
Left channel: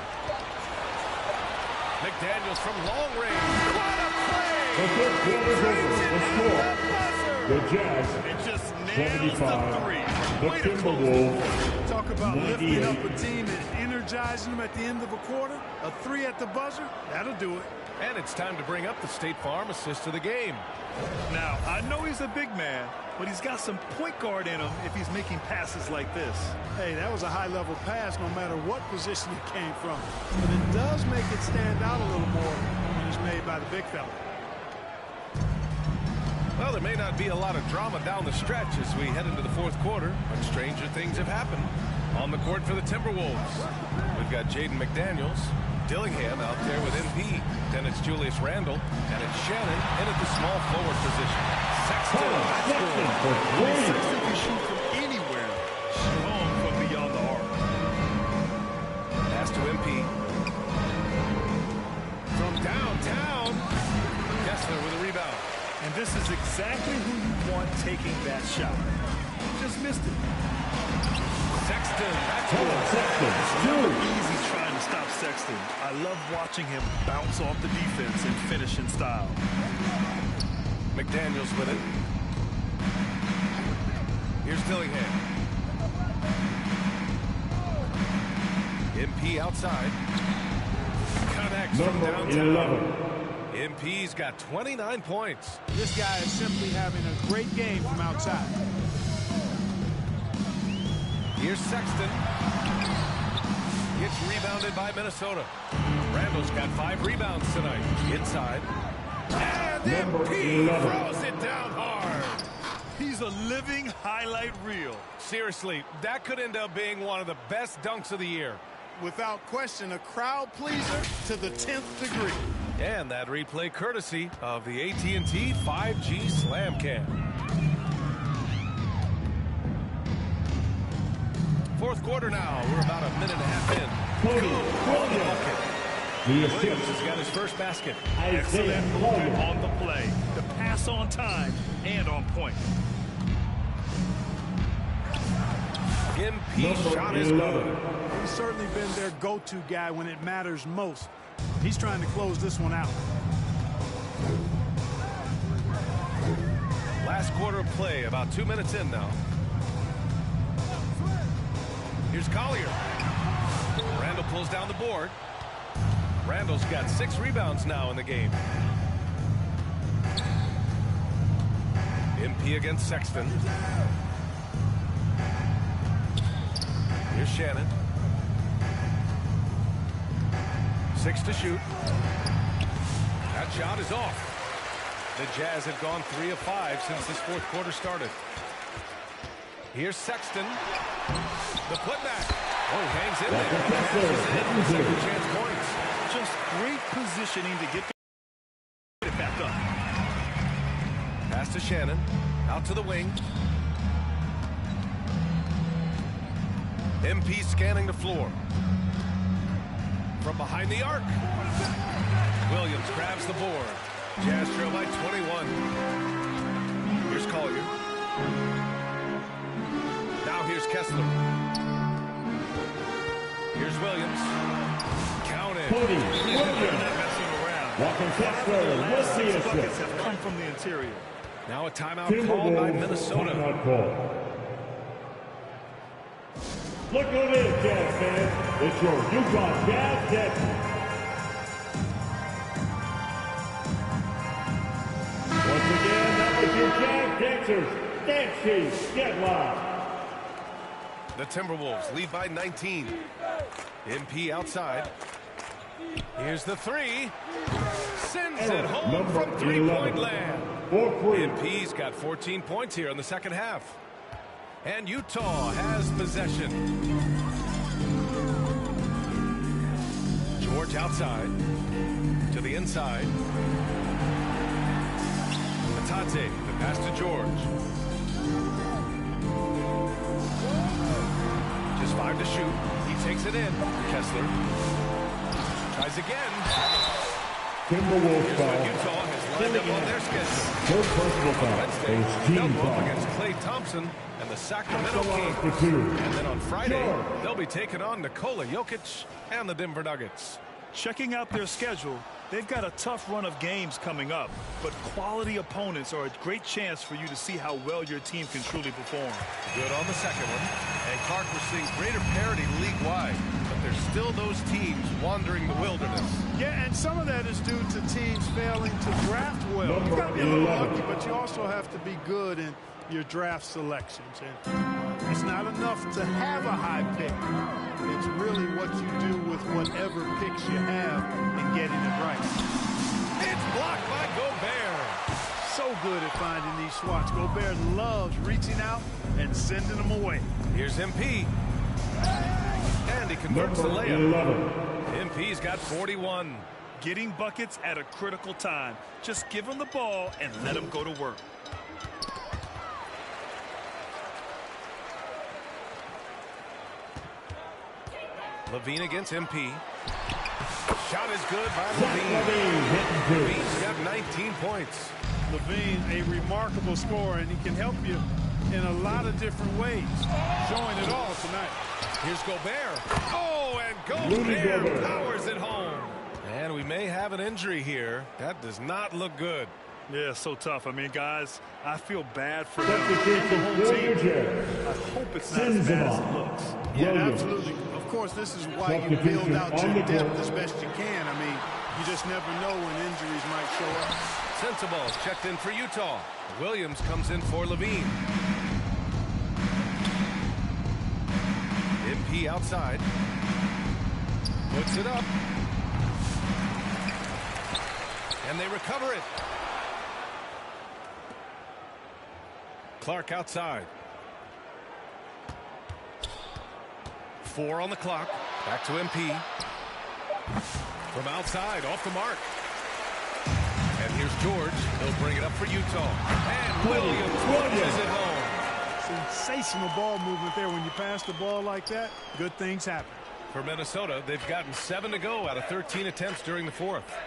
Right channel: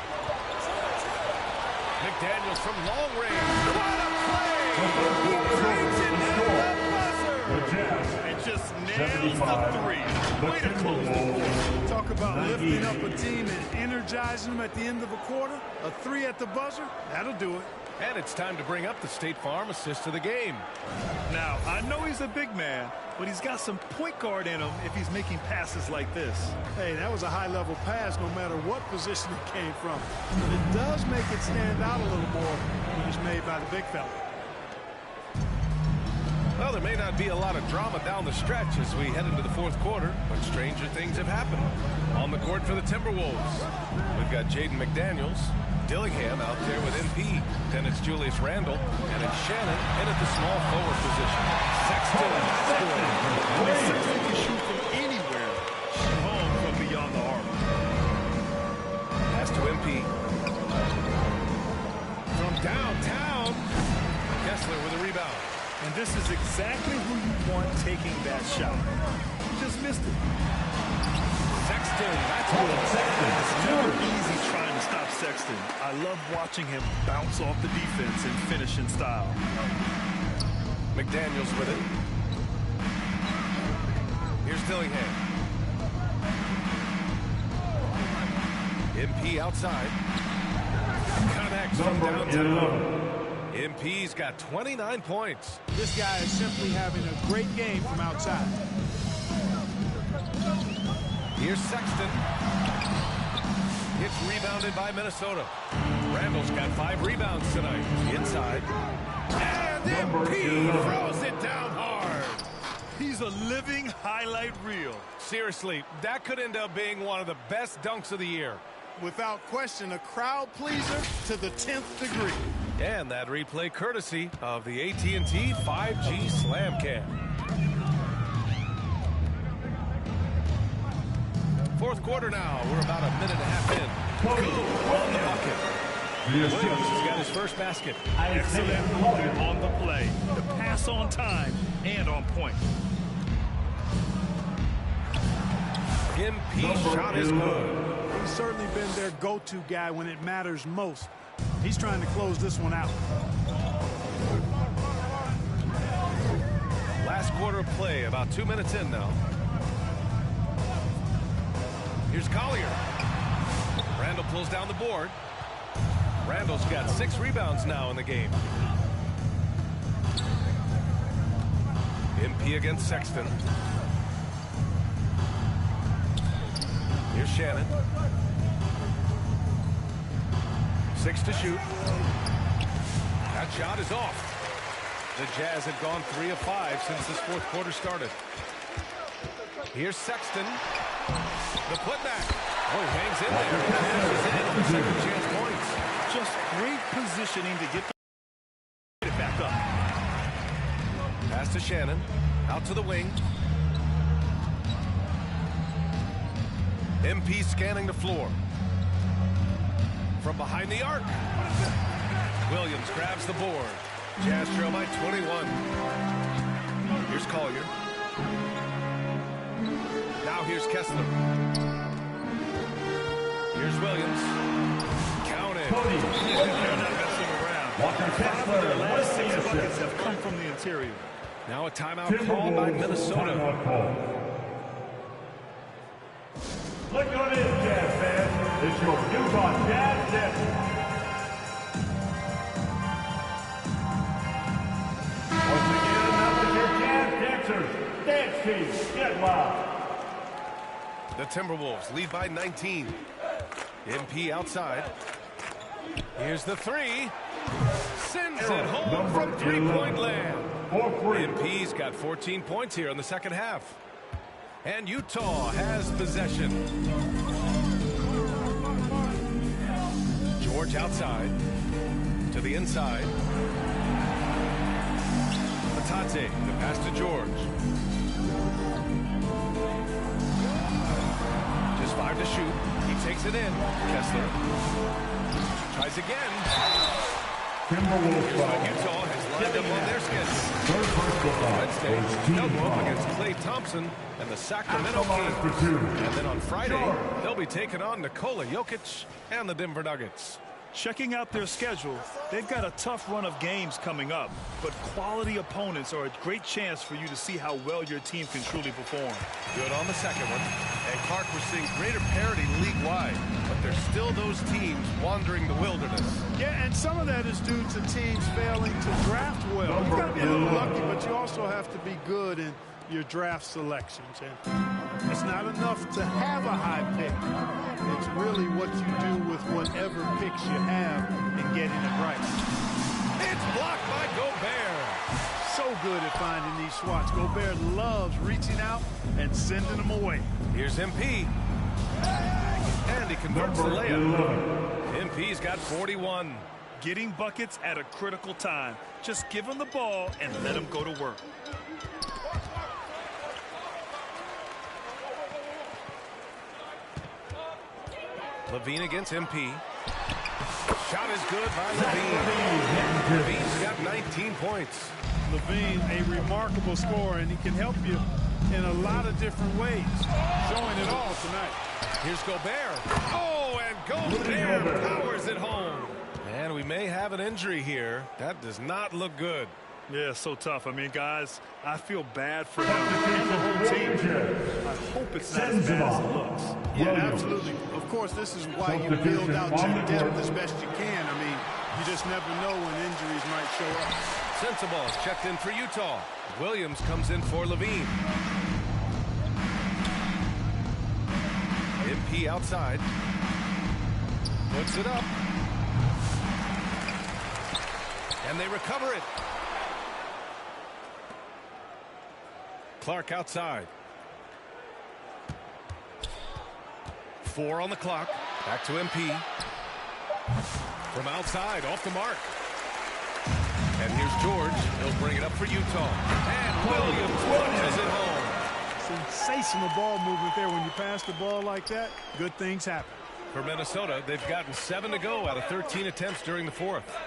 McDaniels from long range. What a play! He drains it at the buzzer! The Jazz. And just nails the 3. Way to close the quarter. Talk about lifting up a team and energizing them at the end of a quarter. A 3 at the buzzer, that'll do it. And it's time to bring up the State Farm assist of the game. Now, I know he's a big man, but he's got some point guard in him if he's making passes like this. Hey, that was a high-level pass no matter what position it came from. But it does make it stand out a little more when it's made by the big fella. Well, there may not be a lot of drama down the stretch as we head into the fourth quarter, but stranger things have happened. On the court for the Timberwolves, we've got Jaden McDaniels, Dillingham out there with MP. Then it's Julius Randle, and it's Shannon in at the small forward position. Sexton, that's good. I mean, Sexton can shoot from anywhere, strong from beyond the arc. Pass to MP. From downtown, Kessler with a rebound. And this is exactly who you want taking that shot. He just missed it. Sexton, that's good. It's never easy trying to stop Sexton. I love watching him bounce off the defense and finish in style. McDaniels with it. Here's Dillingham. MP outside. Connects from downtown. MP's got 29 points. This guy is simply having a great game from outside. Here's Sexton. Gets rebounded by Minnesota. Randall's got 5 rebounds tonight. Inside. And MP throws it down hard. He's a living highlight reel. Seriously, that could end up being one of the best dunks of the year. Without question, a crowd pleaser to the 10th degree. And that replay courtesy of the AT&T 5G Slam Cam. Fourth quarter now. We're about a minute and a half in. Good on the bucket. Williams has got his first basket. Excellent movement on the play. The pass on time and on point. MP shot is good. He's certainly been their go-to guy when it matters most. He's trying to close this one out. Last quarter of play, about 2 minutes in now. Here's Collier. Randall pulls down the board. Randall's got 6 rebounds now in the game. MP against Sexton. Here's Shannon. 6 to shoot. That shot is off. The Jazz have gone 3 of 5 since this fourth quarter started. Here's Sexton. The putback. Oh, he hangs in there and cashes in on the second chance points. Just great positioning to get it back up. Pass to Shannon. Out to the wing. MP scanning the floor. From behind the arc. Williams grabs the board. Jazz trail by 21. Here's Collier. Now here's Kessler. Here's Williams. Counted. They're not messing around. 5 of their last 6 buckets have come from the interior. Now a timeout called by Minnesota. Look who it is, Jazz fans. It's your Utah Jazz Dancers. Once again, that was your Jazz Dancers. Dance team, get loud. The Timberwolves lead by 19. MP outside. Here's the 3. Sends it home from 3-point land. MP's got 14 points here in the second half. And Utah has possession. George outside. To the inside. Patate, the pass to George. Just 5 to shoot. He takes it in. Kessler tries again. Here's what Utah has lined up on their schedule. Third personal foul. Wednesday, they'll go up against Klay Thompson and the Sacramento Kings. And then on Friday, they'll be taking on Nikola Jokic and the Denver Nuggets. Checking out their schedule, they've got a tough run of games coming up, but quality opponents are a great chance for you to see how well your team can truly perform. Good on the second one. And Clark, we're seeing greater parity league-wide, but there's still those teams wandering the wilderness. Yeah, and some of that is due to teams failing to draft well. You've got to be a little lucky, but you also have to be good in your draft selections. And it's not enough to have a high pick. It's really what you do with whatever picks you have and getting it right. It's blocked by Gobert. So good at finding these swats. Gobert loves reaching out and sending them away. Here's MP. And he converts the layup. MP's got 41. Getting buckets at a critical time. Just give him the ball and let him go to work. Levine against MP. Shot is good by Levine. Levine's got 19 points. Levine, a remarkable scorer, and he can help you in a lot of different ways. Showing it all tonight. Here's Gobert. Oh, and Gobert powers it home. And we may have an injury here. That does not look good. Yeah, so tough. I mean, guys, I feel bad for him and the whole team. I hope it's not as bad as it looks. Yeah, absolutely. Of course, this is why you build out your depth as best you can. I mean, you just never know when injuries might show up. Sensabaugh is checked in for Utah. Williams comes in for Levine. MP outside. Puts it up. And they recover it. Clark outside. 4 on the clock. Back to MP. From outside, off the mark. And here's George. He'll bring it up for Utah. And Williams punches it home. Sensational ball movement there. When you pass the ball like that, good things happen. For Minnesota, they've gotten 7 to go out of 13 attempts during the fourth.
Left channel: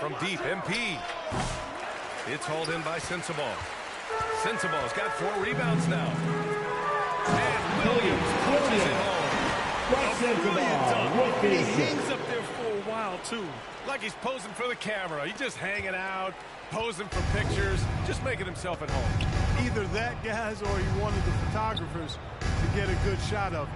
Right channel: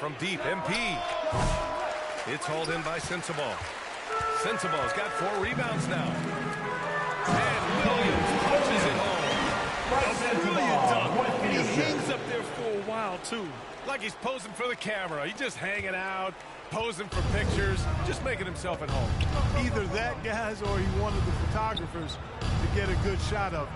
From deep, MP. It's hauled in by Sensabaugh. Sensabaugh's got 4 rebounds now. And Williams punches it home. A brilliant dunk. And he hangs up there for a while, too. Like he's posing for the camera. He's just hanging out, posing for pictures, just making himself at home. Either that, guys, or he wanted the photographers to get a good shot of it.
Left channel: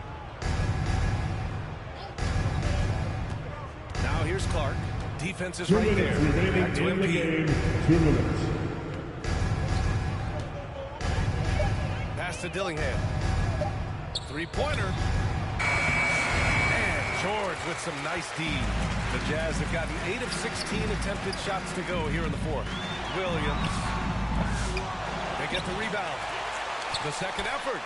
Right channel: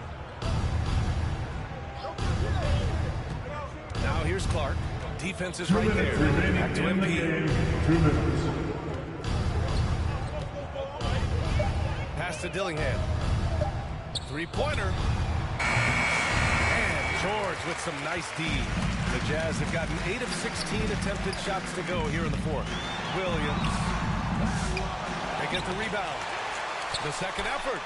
Now here's Clark. Defense is 2 right minutes there. remaining Back to in the MP. game. 2 minutes. Pass to Dillingham. Three-pointer. And George with some nice D. The Jazz have gotten 8 of 16 attempted shots to go here in the fourth. Williams. They get the rebound. The second effort.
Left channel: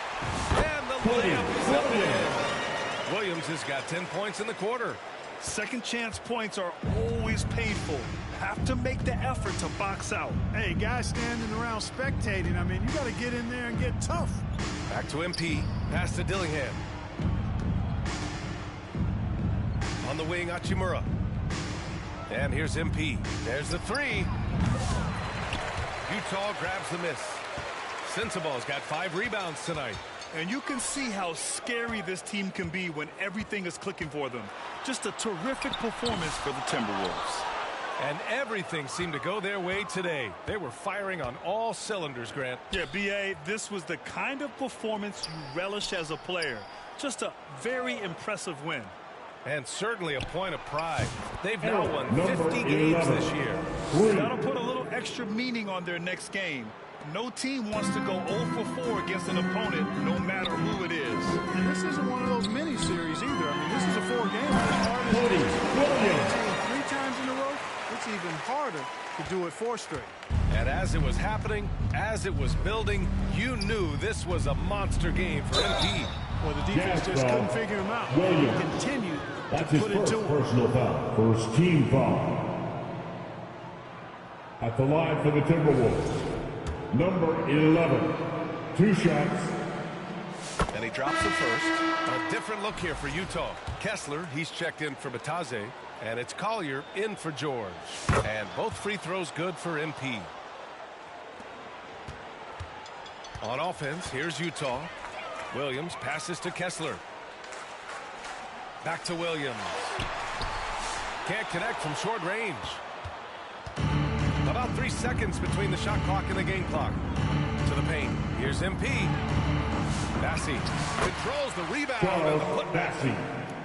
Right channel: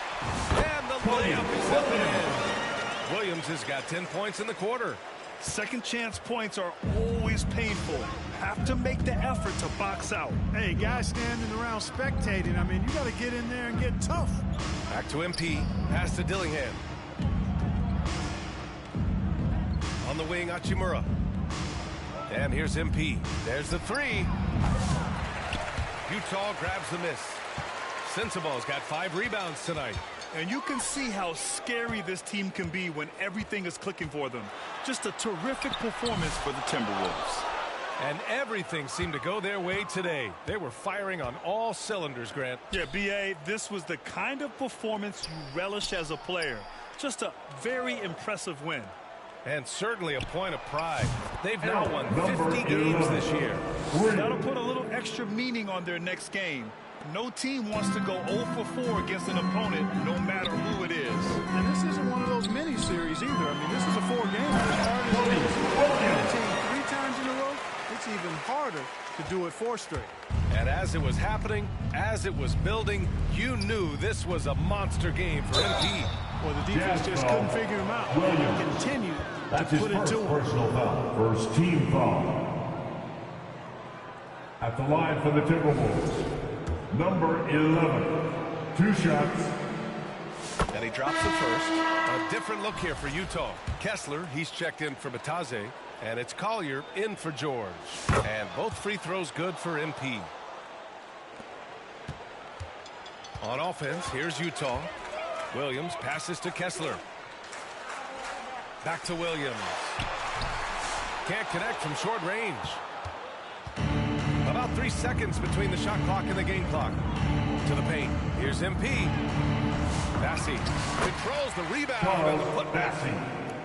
And the layup is up and in. Williams has got 10 points in the quarter. Second chance points are always painful. Have to make the effort to box out. Hey, guys standing around spectating, I mean, you got to get in there and get tough. Back to MP. Pass to Dillingham. On the wing, Hachimura. And here's MP. There's the three. Utah grabs the miss. Sensabaugh's got 5 rebounds tonight. And you can see how scary this team can be when everything is clicking for them. Just a terrific performance for the Timberwolves. And everything seemed to go their way today. They were firing on all cylinders, Grant. Yeah, B.A., this was the kind of performance you relish as a player. Just a very impressive win. And certainly a point of pride. They've now won 50 games this year. That'll put a little extra meaning on their next game. No team wants to go 0 for 4 against an opponent, no matter who it is. And this isn't one of those mini-series either. I mean, this is a 4-game. As hard as it is to beat a team 3 times in a row, it's even harder to do it 4 straight. And as it was happening, as it was building, you knew this was a monster game for MP. Well, the defense just couldn't figure him out. Williams. And continued to That's his put it first to him. personal foul. First team foul. At the line for the Timberwolves, number 11. 2 shots. And he drops the first. A different look here for Utah. Kessler, he's checked in for Bataze. And it's Collier in for George. And both free throws good for MP. On offense, here's Utah. Williams passes to Kessler. Back to Williams. Can't connect from short range. About 3 seconds between the shot clock and the game clock. To the paint. Here's MP. Bassey controls the rebound and the putback.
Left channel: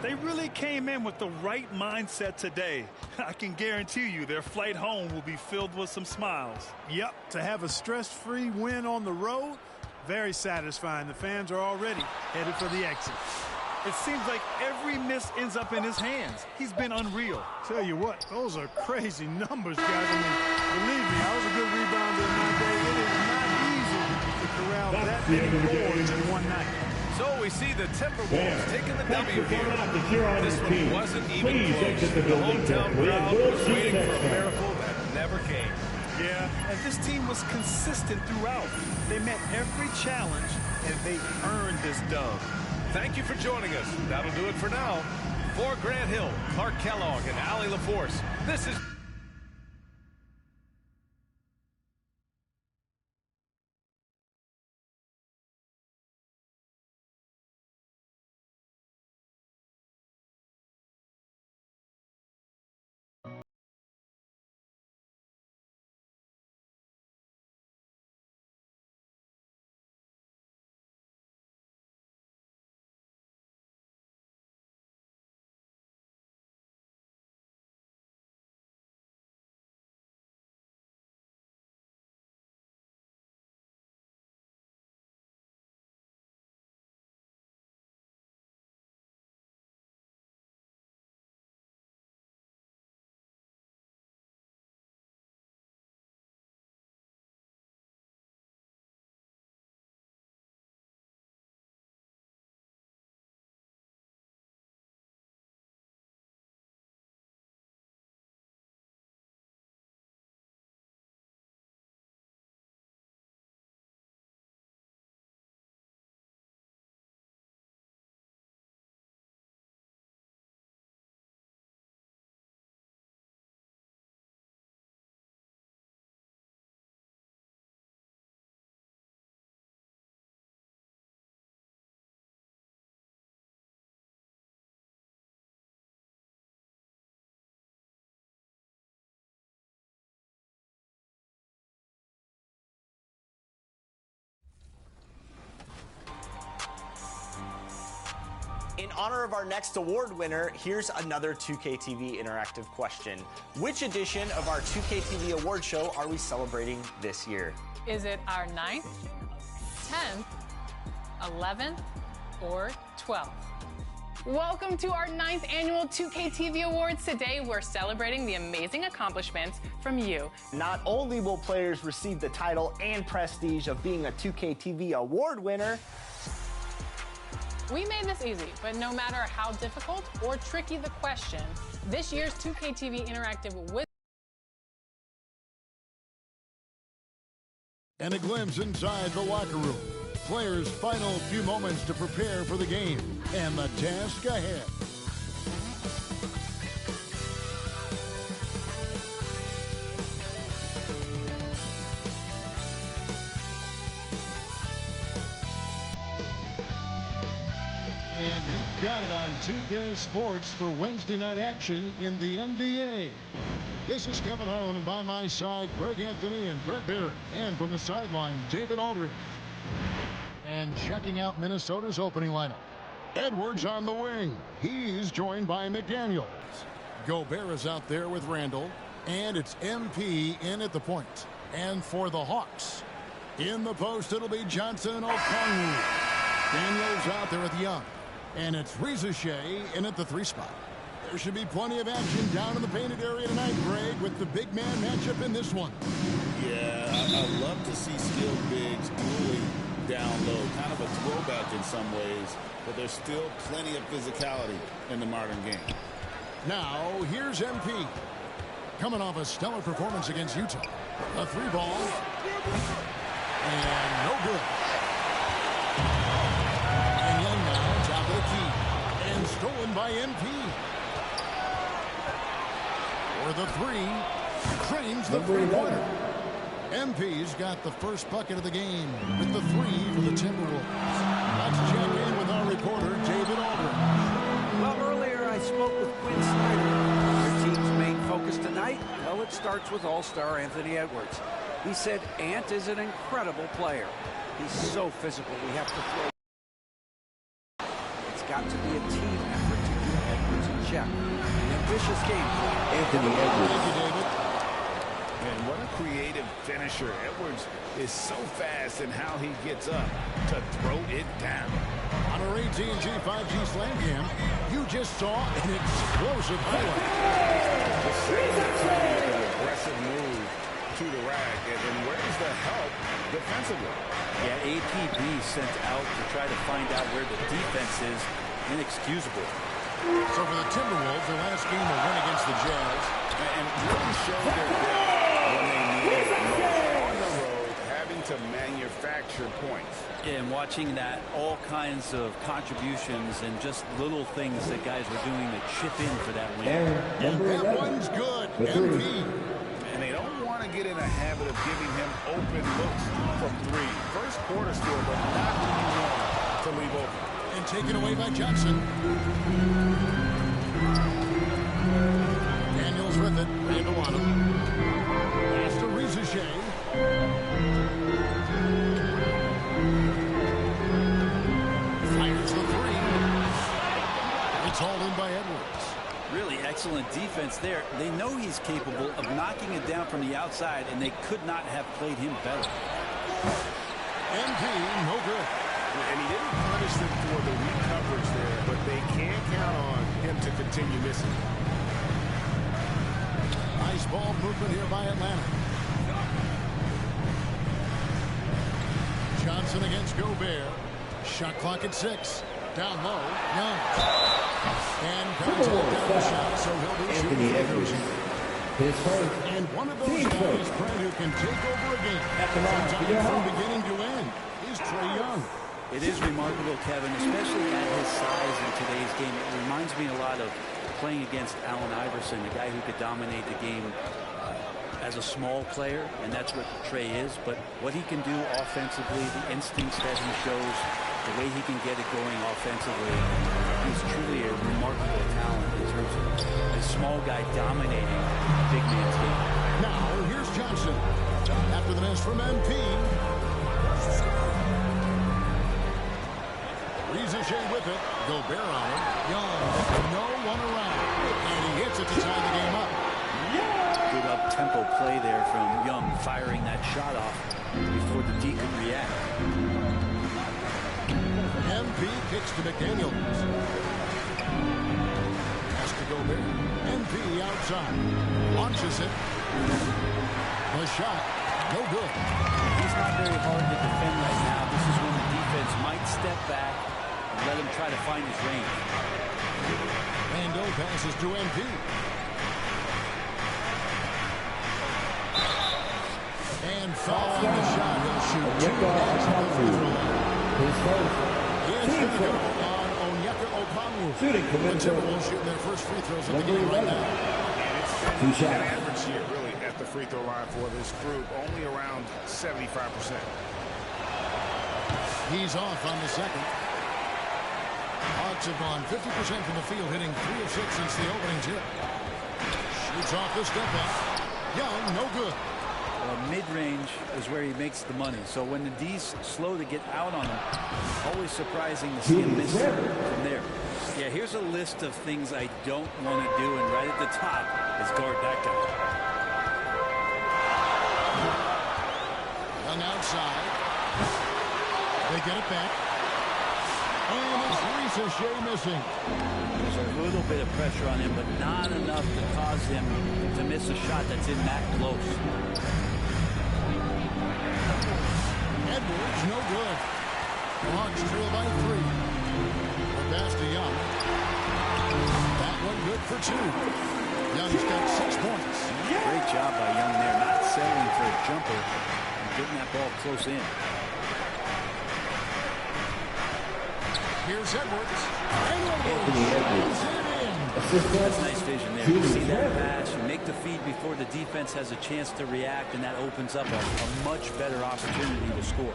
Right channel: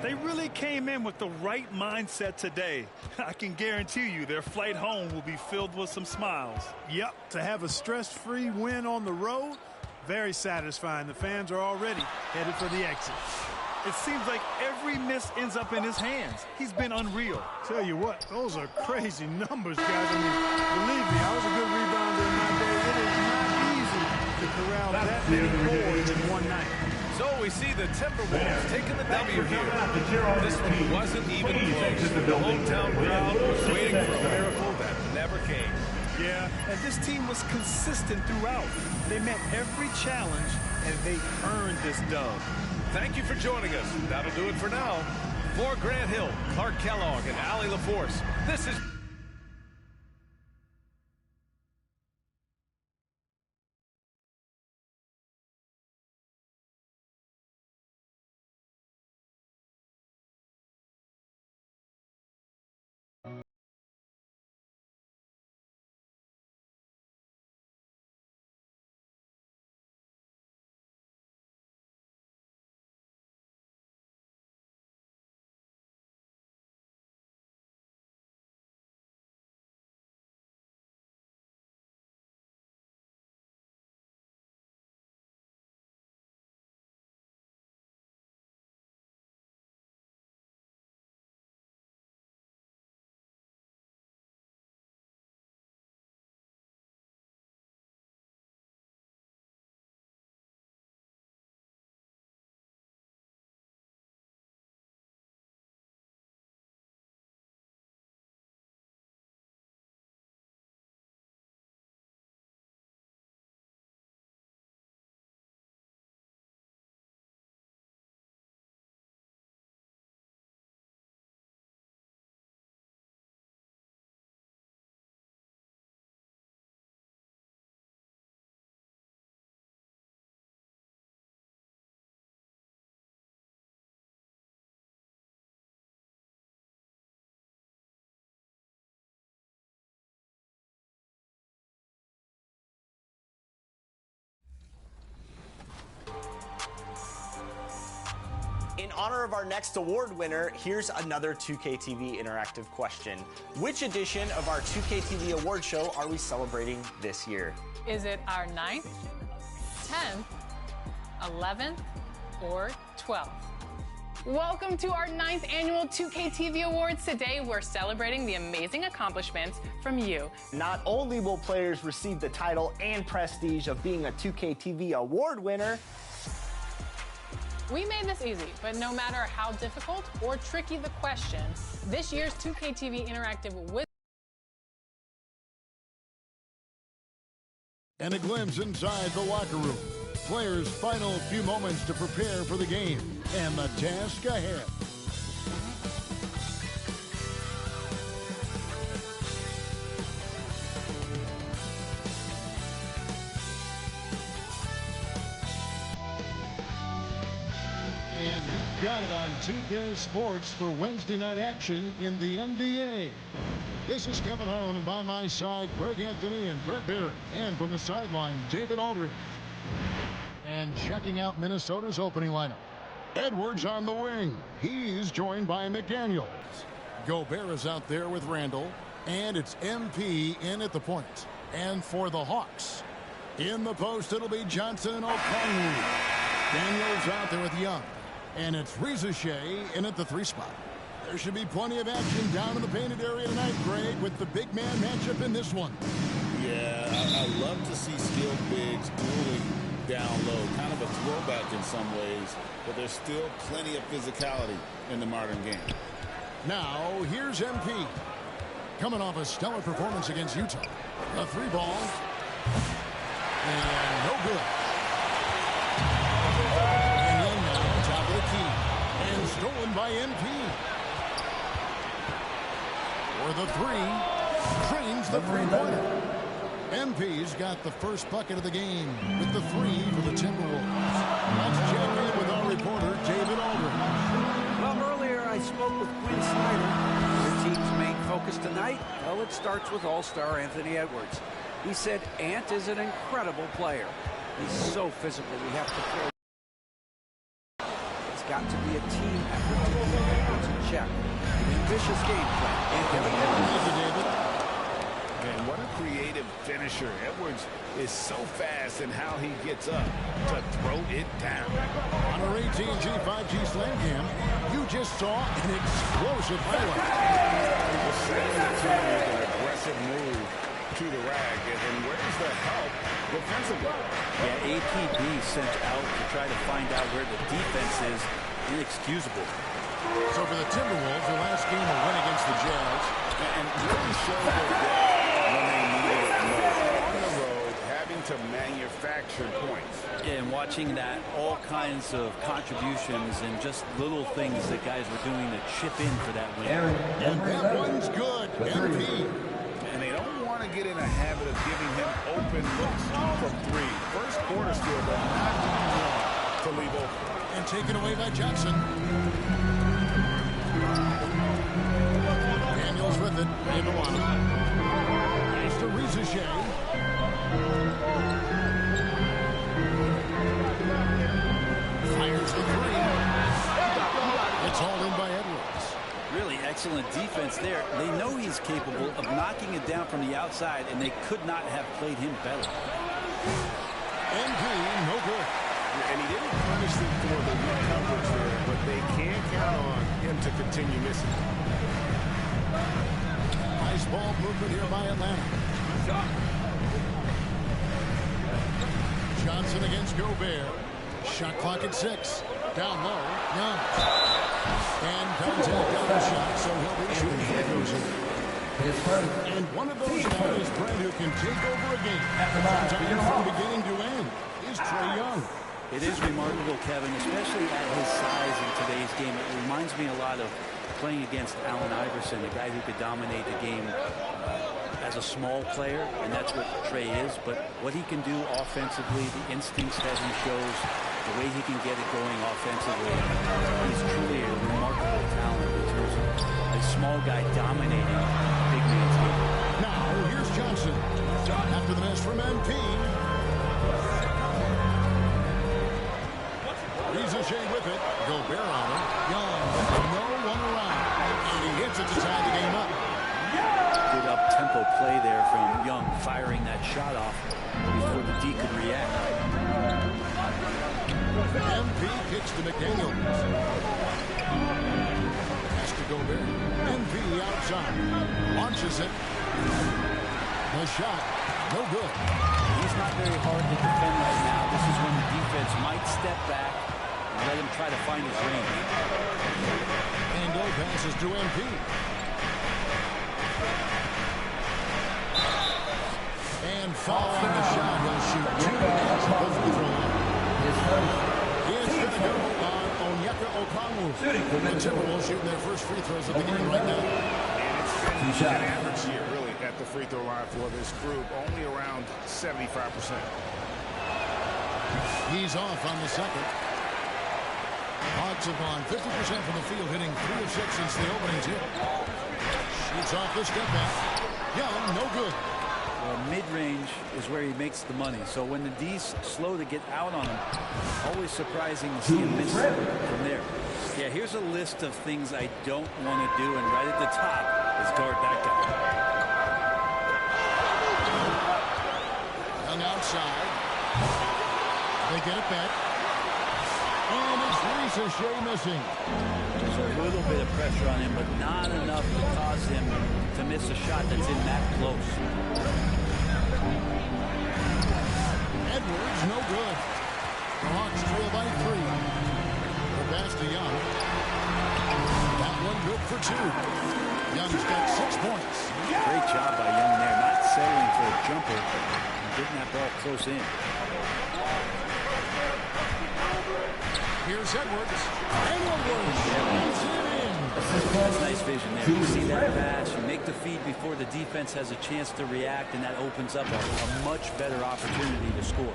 They really came in with the right mindset today. I can guarantee you their flight home will be filled with some smiles. Yep, to have a stress-free win on the road, very satisfying. The fans are already headed for the exit. It seems like every miss ends up in his hands. He's been unreal. Tell you what, those are crazy numbers, guys. I mean, believe me, I was a good rebounder in my day. It is not easy to corral that many boards in one night. So we see the Timberwolves taking the W here. This one wasn't even close. The hometown crowd was waiting for a miracle that never came. Yeah, and this team was consistent throughout. They met every challenge, and they earned this dub. Thank you for joining us. That'll do it for now. For Grant Hill, Clark Kellogg, and Allie LaForce, this is In honor of our next award winner, here's another 2K TV interactive question. Which edition of our 2K TV award show are we celebrating this year? Is it our 9th, 10th, 11th, or 12th? Welcome to our 9th annual 2K TV Awards. Today, we're celebrating the amazing accomplishments from you. Not only will players receive the title and prestige of being a 2K TV award winner, we made this easy, but no matter how difficult or tricky the question, this year's 2K TV Interactive with And a glimpse inside the locker room. Players' final few moments to prepare for the game and the task ahead. And you've got it on 2K Sports for Wednesday night action in the NBA. This is Kevin Harlan, and by my side, Greg Anthony and Brett Barrett. And from the sideline, David Aldridge. And checking out Minnesota's opening lineup. Edwards on the wing. He's joined by McDaniels. Gobert is out there with Randall. And it's MP in at the point. And for the Hawks, in the post, it'll be Johnson and Okongwu. Daniels out there with Young. And it's Reza Shea in at the 3 spot. There should be plenty of action down in the painted area tonight, Greg, with the big man matchup in this one. Yeah, I love to see skilled bigs dueling down low. Kind of a throwback in some ways, but there's still plenty of physicality in the modern game. Now, here's MP. Coming off a stellar performance against Utah. A 3-ball. And no good. And Young now, top of the key. And stolen by MP. For the 3. Cranes the 3-pointer. MP's got the first bucket of the game with the 3 for the Timberwolves. Let's check in with our reporter, David Aldridge. Well, earlier I spoke with Quinn Snyder. Their team's main focus tonight, well, it starts with all-star Anthony Edwards. He said Ant is an incredible player. He's so physical, we have to throw. It's got to be a team effort to keep Edwards in check. An ambitious game plan. Anthony Edwards. Thank you, David. And what a creative finisher. Edwards is so fast in how he gets up to throw it down. On our AT&T 5G Slam Cam, you just saw an explosive highlight. Just setting the tone with an aggressive move to the rack. And where's the help defensively? Yeah, APB sent out to try to find out where the defense is. Inexcusable. So for the Timberwolves, their last game a win against the Jazz. And really showed their depth when they needed it most. On the road, having to manufacture points. Yeah, and watching that, all kinds of contributions and just little things that guys were doing to chip in for that win. And that one's good. MP. And they don't want to get in a habit of giving him open looks from 3. First quarter still, but not who you want to leave open. And taken away by Johnson. Daniels with it. Randall on him. Pass to Reza Shea. Fires the 3. It's all in by Edwards. Really excellent defense there. They know he's capable of knocking it down from the outside, and they could not have played him better. MP, no good. And he didn't punish them for the weak coverage there, but they can't count on him to continue missing. Nice ball movement here by Atlanta. Johnson against Gobert. Shot clock at 6. Down low, Young. And contact down the shot, so he'll be shooting free throws here. And one of those guys, Brett, who can take over a game. Sometimes from beginning to end is Trae Young. It is remarkable, Kevin, especially at his size in today's game. It reminds me a lot of playing against Allen Iverson, a guy who could dominate the game as a small player, and that's what Trae is. But what he can do offensively, the instincts that he shows, the way he can get it going offensively, he's truly a remarkable talent in terms of a small guy dominating a big man's game. Now, here's Johnson. After the miss from MP. Rizachet with it. Gobert on him. Young, no one around. And he hits it to tie the game up. Good up-tempo play there from Young, firing that shot off before the D could react. MP kicks to McDaniel. Has to Gobert. MP outside. Launches it. The shot. No good. He's not very hard to defend right now. This is when the defense might step back and let him try to find his range. Randall passes to MP. And foul on the shot. He'll shoot 2 at the free throw line. It's going to go on Onyeka Okongwu. The Timberwolves shooting their first free throws of the game right now. And it's been an average year, really, at the free throw line for this group. Only around 75%. He's off on the second. Hawks have gone 50% from the field, hitting 3 of 6 since the opening tip. Shoots off the step back. Young, no good. Well, mid-range is where he makes the money. So when the D's slow to get out on him, always surprising to see him miss from there. Yeah, here's a list of things I don't want to do, and right at the top is guard that guy. Young outside. They get it back. And it's Rizachet missing. There's a little bit of pressure on him, but not enough to cause him to miss a shot that's in that close. Edwards, no good. The Hawks trail by 3. The pass to Young. That one good for 2. Young's got 6 points. Great job by Young there, not settling for a jumper and getting that ball close in. Here's Edwards. And Edwards slams it in. That's nice vision there. You see that pass, you make the feed before the defense has a chance to react, and that opens up a much better opportunity to score.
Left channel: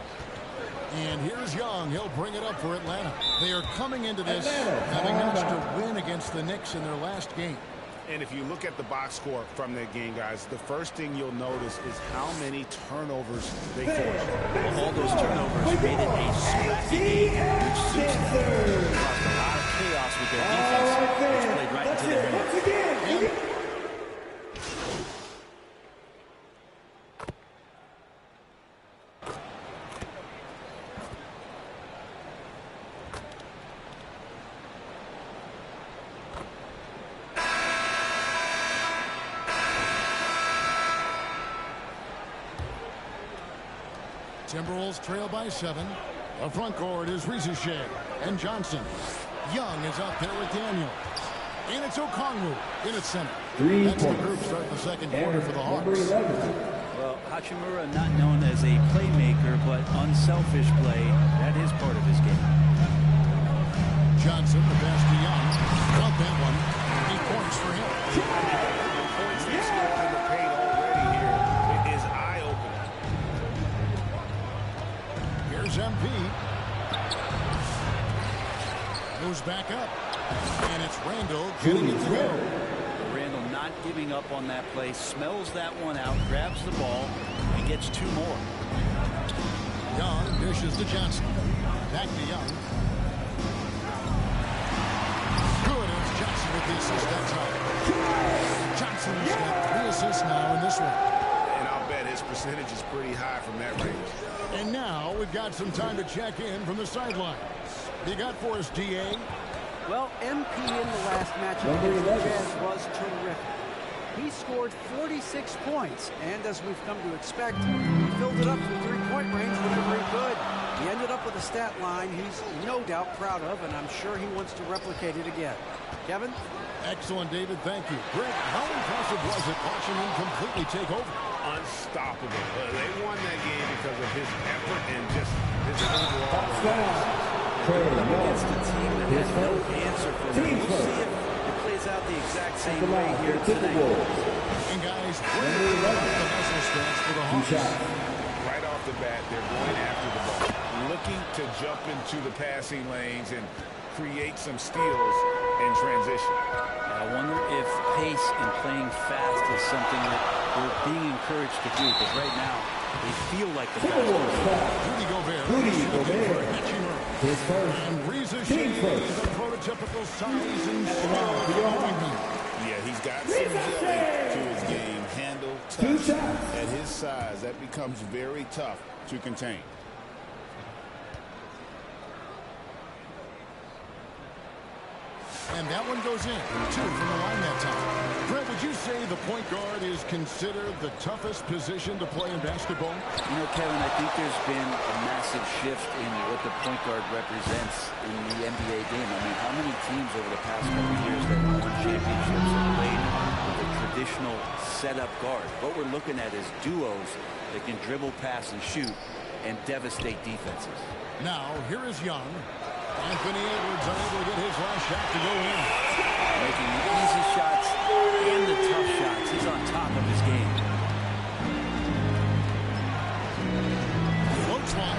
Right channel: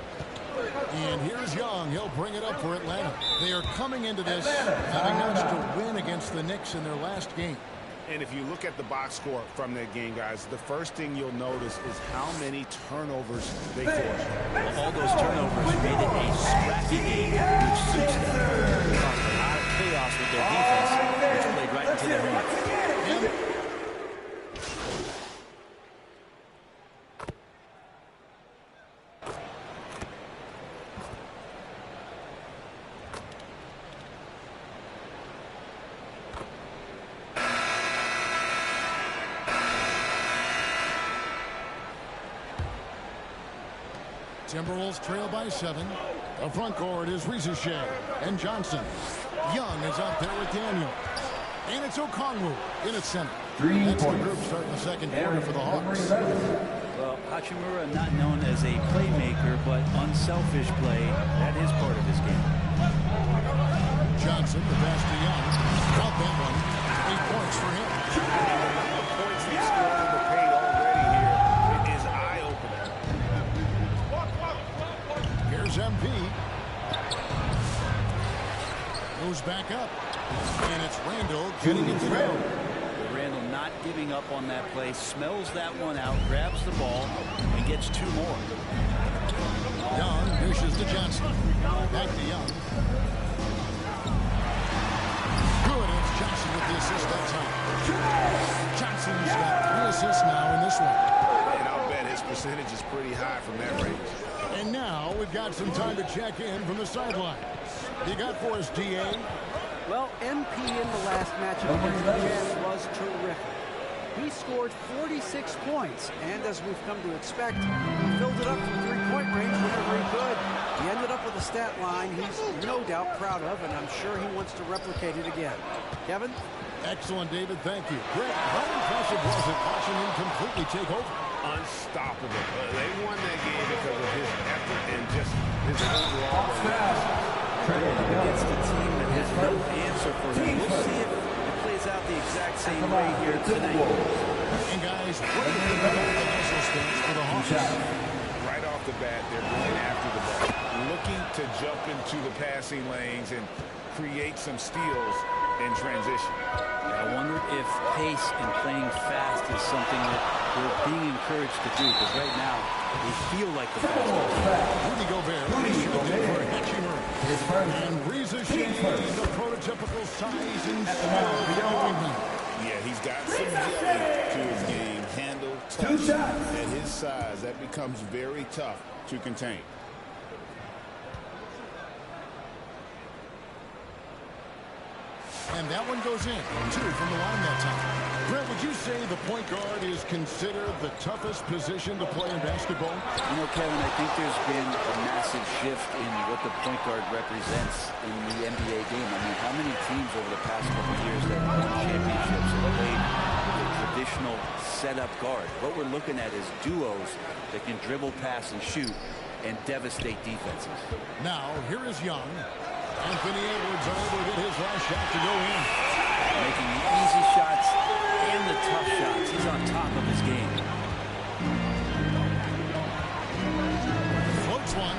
And here's Young. He'll bring it up for Atlanta. They are coming into this having managed to win against the Knicks in their last game. And if you look at the box score from that game, guys, the first thing you'll notice is how many turnovers they forced. Well, all those turnovers made it a scrappy game, which suits them. They caused a lot of chaos with their defense, which played right into their hands. Timberwolves trail by 7. The front court is Rizachet and Johnson. Young is out there with Daniels. And it's Okongwu in its center. That's the group starting the second quarter for the Hawks. Well, Hachimura not known as a playmaker, but unselfish play. That is part of his game. Johnson, the pass to Young. Got that one. 8 points for him. The points they scored in the paint already here. It is eye-opening. Here's MP. Moves back up. And it's Randall getting it to go. Randall not giving up on that play. Smells that one out. Grabs the ball. And gets 2 more. Young dishes to Johnson. Back to Young. Good. It's Johnson with the assist that time. Johnson's got 3 assists now in this one. And I'll bet his percentage is pretty high from that range. And now we've got some time to check in from the sidelines. You got for us, DA? Well, MP in the last matchup against the Jazz was terrific. He scored 46 points, and as we've come to expect, he filled it up to the 3-point range whenever he could. He ended up with a stat line he's no doubt proud of, and I'm sure he wants to replicate it again. Kevin? Excellent, David. Thank you. Greg, how impressive was it watching him completely take over? Unstoppable. They won that game because of his effort and just his overall relentlessness. Going up against a team that had no answer for him. We'll see if it plays out the exact same way here tonight. And guys, what do you think about the hustle stance for the Hawks? Right off the bat, they're going after the ball, looking to jump into the passing lanes and create some steals in transition. I wonder if pace and playing fast is something that the they're being encouraged to do, because right now they feel like the faster team. Rudy Gobert. And Reza Shea, the prototypical size and skill for the wingman. Yeah, he's got some jelly to his game. Handle, touch. At his size, that becomes very tough to contain. And that one goes in. 2 from the line that time. Brent, would you say the point guard is considered the toughest position to play in basketball? You know, Kevin, I think there's been a massive shift in what the point guard represents in the NBA game. I mean, how many teams over the past couple of years that have won championships have played with a traditional setup guard? What we're looking at is duos that can dribble, pass, and shoot and devastate defenses. Now, here is Young. Anthony Edwards unable to get his last shot to go in. Making the easy shots and the tough shots. He's on top of his game. Floats one.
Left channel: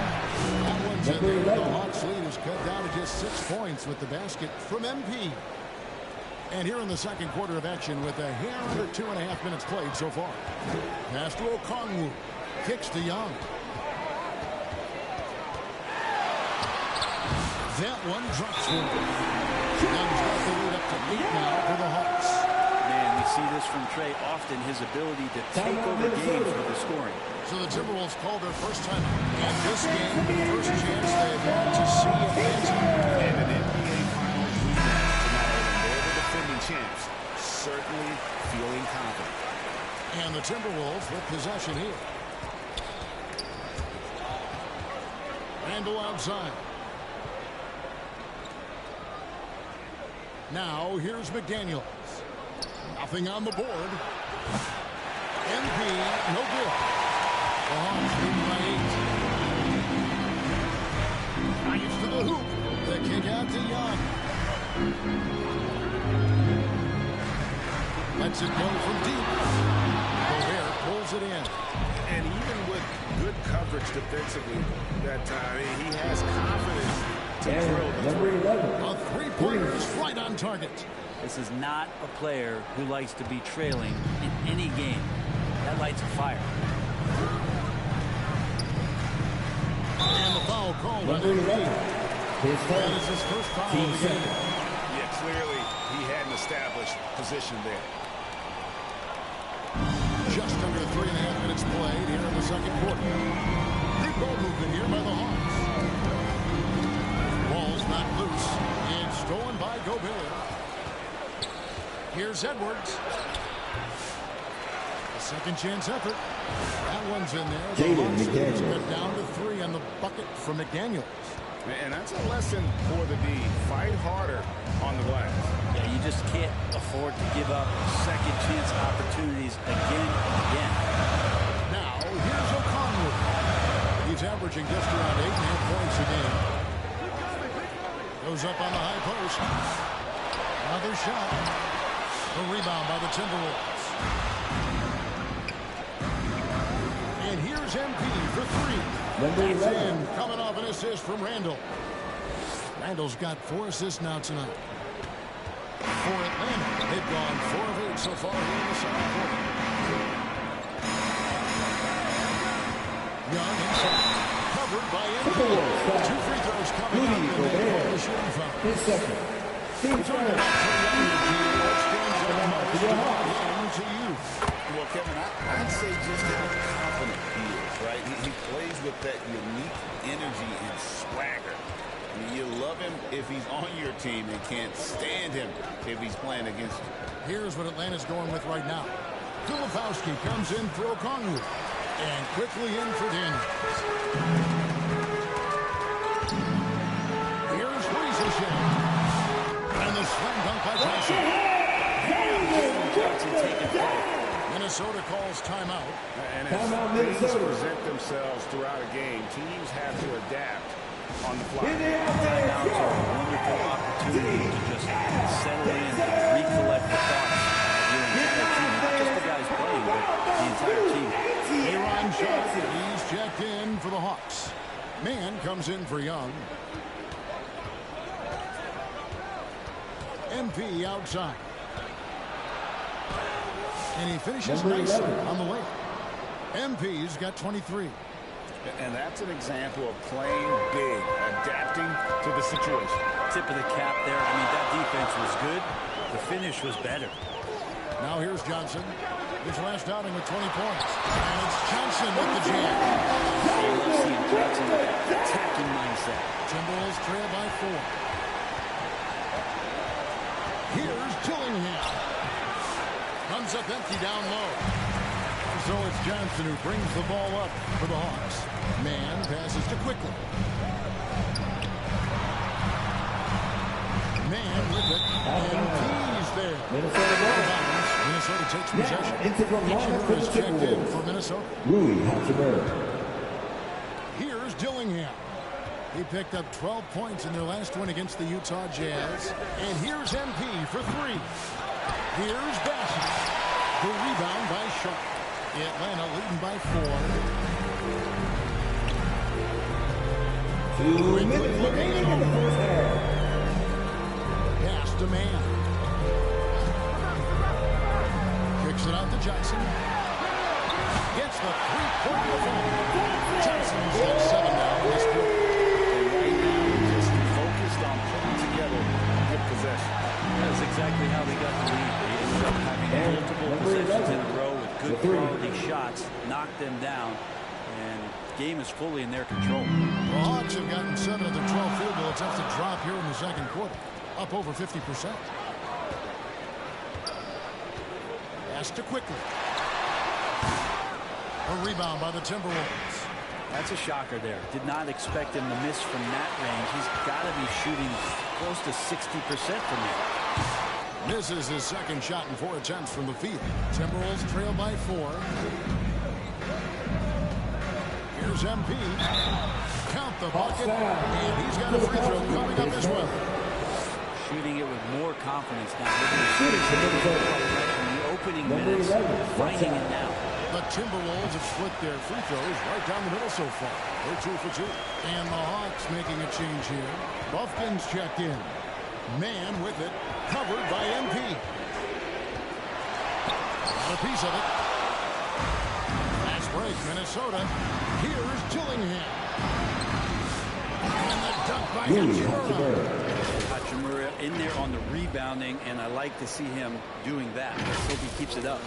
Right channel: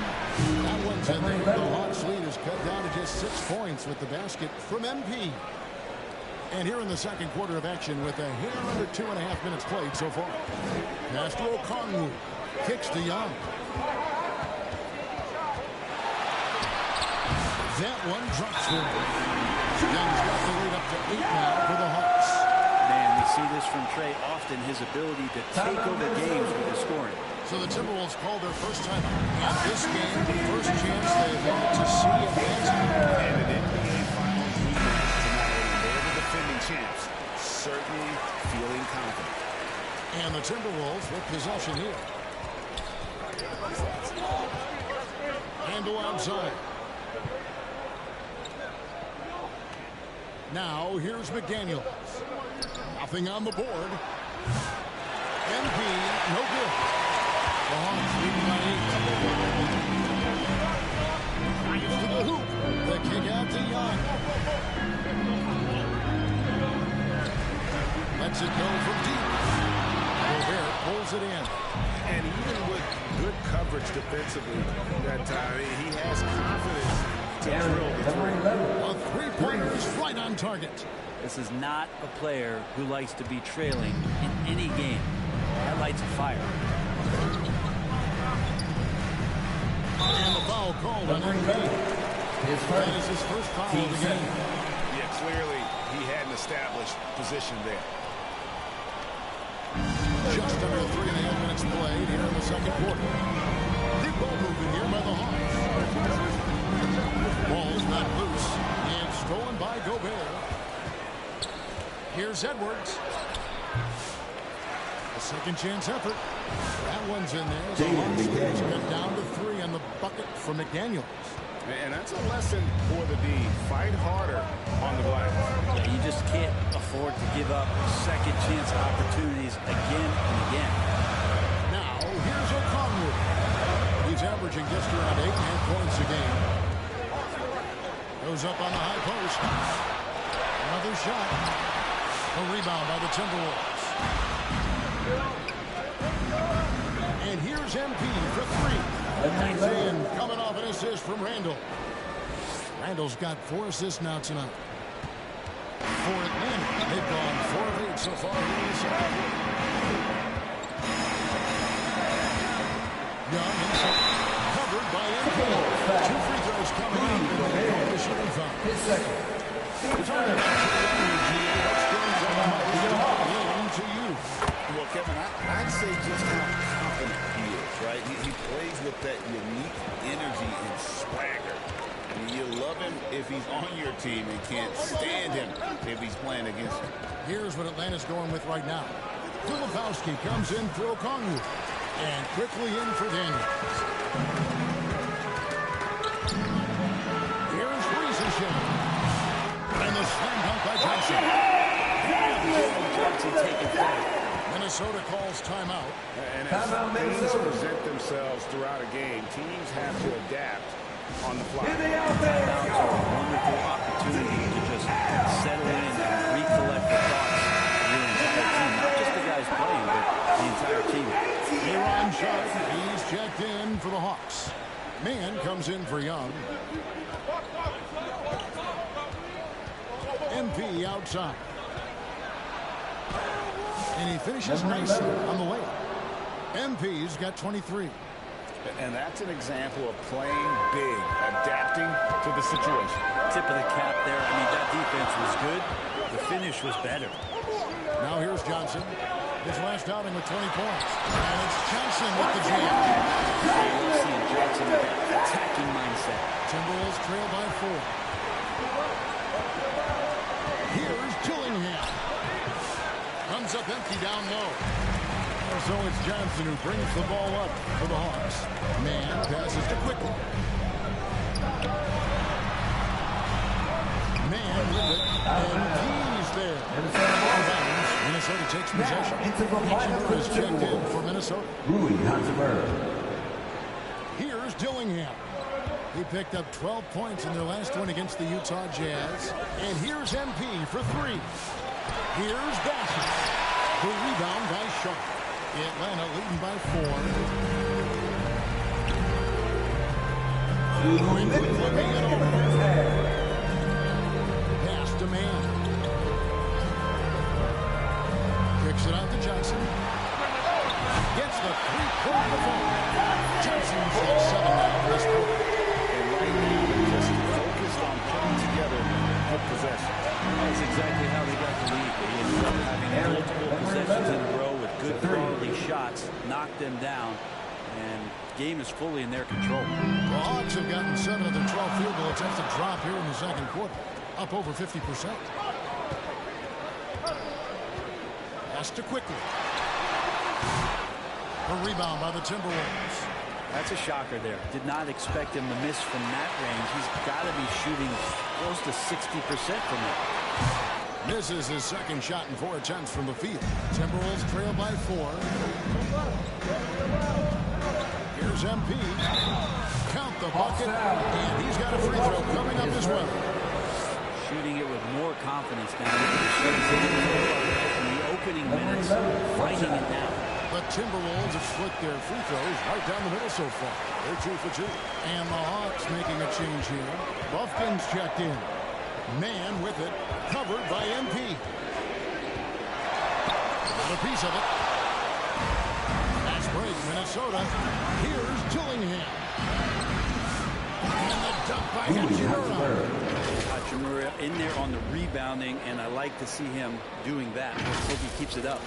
That one's in there. The Hawks lead is cut down to just 6 points with the basket from MP. And here in the second quarter of action with a hair under 2.5 minutes played so far. Pass to Okongwu. Kicks to Young. That one drops for him. Young's got the lead up to 8 now for the Hawks. Man, we see this from Trey often, his ability to take over games with his scoring. So the Timberwolves call their first timeout. And this game, the first chance they've had to see Atlanta. And an NBA Finals rematch tonight, and they're the defending champs. Certainly feeling confident. And the Timberwolves with possession here. Randle outside. Now, here's McDaniels. Nothing on the board. MP, no good. The Hawks leading by 8. Drives to the hoop. The kick out to Young. Lets it go from deep. Gobert pulls it in. And even with good coverage defensively that time, he has confidence to drill the three. A three-pointer is right on target. This is not a player who likes to be trailing in any game. That lights a fire. And the foul called on MVP. That is his first foul of the game. Yeah, clearly he had an established position there. Just under 3.5 minutes played here in the second quarter. Good ball movement here by the Hawks. Ball's not loose. It's stolen by Gobert. Here's Edwards. A second chance effort. That one's in there. The Hawks cut down to 3 on the bucket from McDaniels. And that's a lesson for the D. Fight harder on the glass. Yeah, you just can't afford to give up second chance opportunities again and again. Now, here's Okongwu. He's averaging just around 8.5 points a game. Goes up on the high post. Another shot. A rebound by the Timberwolves. And here's MP for 3. That's in, coming off an assist from Randle. Randle's got 4 assists now tonight. For Atlanta, they've gone 4 of 8 so far here in the second quarter. Young inside. Covered by MP. 2 free throws coming up, and they call the shooting foul. His second. We're talking about Trae Young here, GA. What stands out most about him to you? Well, Kevin, I'd say just how confident he is, right? He plays with that unique energy and swagger. I mean, you love him if he's on your team and can't stand him if he's playing against you. Here's what Atlanta's going with right now. Filipowski comes in for Okongwu. And quickly in for Daniels. Here's Reza Shea. And the slam dunk by Johnson. Jalen Johnson taking play. Minnesota calls timeout. And as things present themselves throughout a game, teams have to adapt on the fly. Timeouts are a wonderful opportunity to just settle in and recollect the thoughts of your entire team. Not just the guys playing, but the entire team. Aaron Sharp, he's checked in for the Hawks. Man comes in for Young. MP outside. And he finishes nicely on the layup. MP's got 23. And that's an example of playing big, adapting to the situation. Tip of the cap there. I mean, that defense was good. The finish was better. Now here's Johnson. His last outing with 20 points. And it's Johnson with the jam. I love seeing Johnson with that attacking mindset. Timberwolves trail by 4. Here's Dillingham. Comes up empty down low. So it's Johnson who brings the ball up for the Hawks. Man passes to Quickly. Man with it. And he's there. Minnesota takes possession. Hachimura is checked in for Minnesota. Rui Hachimura. Here's Dillingham. He picked up 12 points in their last one against the Utah Jazz. And here's MP for 3. Here's Bassett. The rebound by Sharp. Atlanta leading by 4. Quickly looking it over. Pass to Man. Kicks it out to Johnson. Gets the three-point default. Johnson's got 7 now in this quarter. And right now, they're just focused on putting together good possession. That's exactly how they got the lead. They ended up having multiple possessions in a row with good quality shots, knocked them down, and game is fully in their control. The Hawks have gotten 7 of their 12 field goal attempts to drop here in the second quarter, up over 50%. Pass to Quickly. A rebound by the Timberwolves. That's a shocker there. Did not expect him to miss from that range. He's got to be shooting close to 60% from there. Misses his second shot in 4 attempts from the field. Timberwolves trail by 4. Here's MP. Count the bucket. And he's got a free throw coming up as well. Shooting it with more confidence now. Look at his face. He didn't look quite right in the opening minutes. Finding it now. The Timberwolves have split their free throws right down the middle so far. They're 2 for 2. And the Hawks making a change here. Buffkin's checked in. Man with it. Covered by MP. Got a piece of it. Fast break, Minnesota. Here's Dillingham. And the dunk by Hachimura. Hachimura in there on the rebounding, and I like to see him doing that. Let's hope he keeps it up.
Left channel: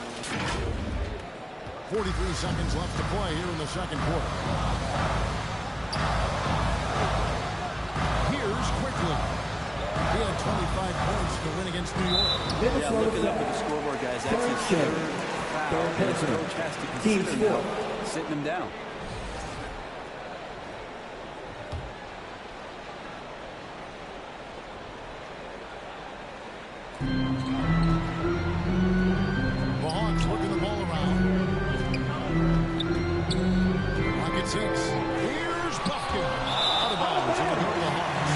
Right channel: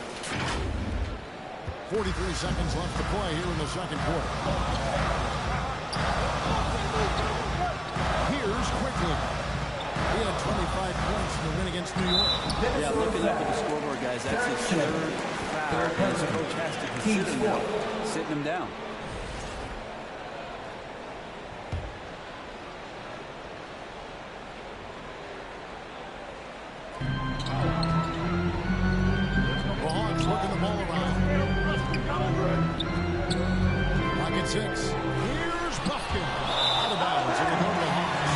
43 seconds left to play here in the second quarter. Here's Quickly. He had 25 points in the win against New York. Yeah, looking up at the scoreboard, guys. That's his third foul, and his coach has to consider now sitting him down. The Hawks working the ball around. Rocket 6. Here's Buffkin. Out of bounds. It will go to the Hawks.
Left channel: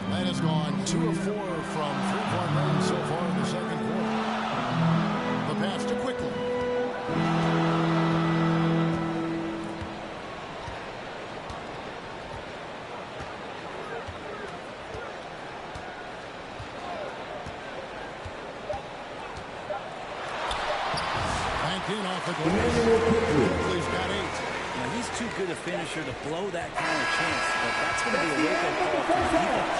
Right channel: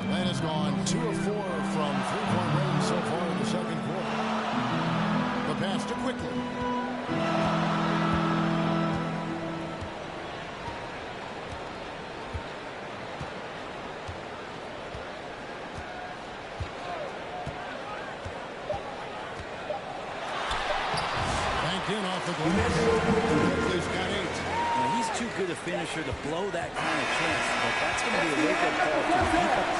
Atlanta's gone 2 of 4 from three-point range so far in the second quarter. The pass to Quickly. In off the glass. Quickly's got 8. Now, he's too good a finisher to blow that kind of chance, but that's going to be a wake-up call to the defense.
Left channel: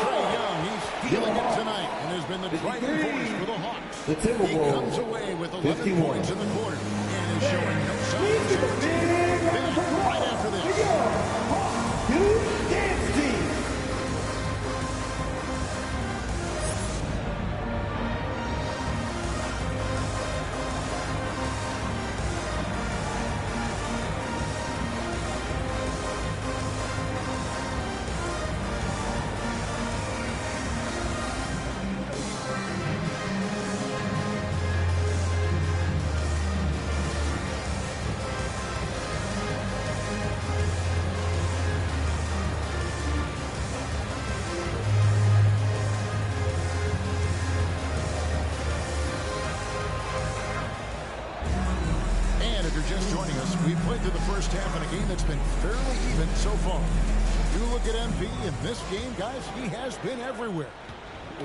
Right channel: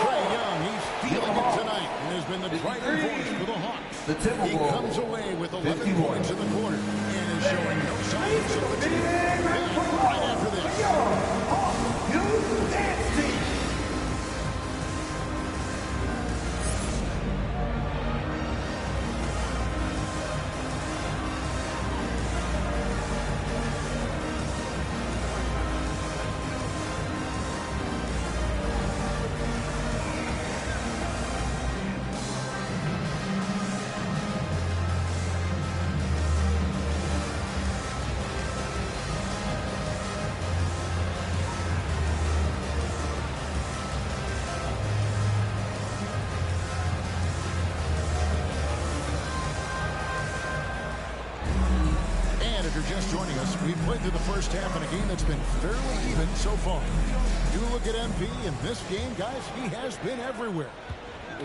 Trae Young, he's feeling it tonight and has been the driving force for the Hawks. He comes away with 11 points in the quarter and is showing no signs of fatigue. Right after this. Dance team. tonight, if you're just joining us, we've played through the first half in a game that's been fairly even so far. You look at MP in this game, guys, he has been everywhere.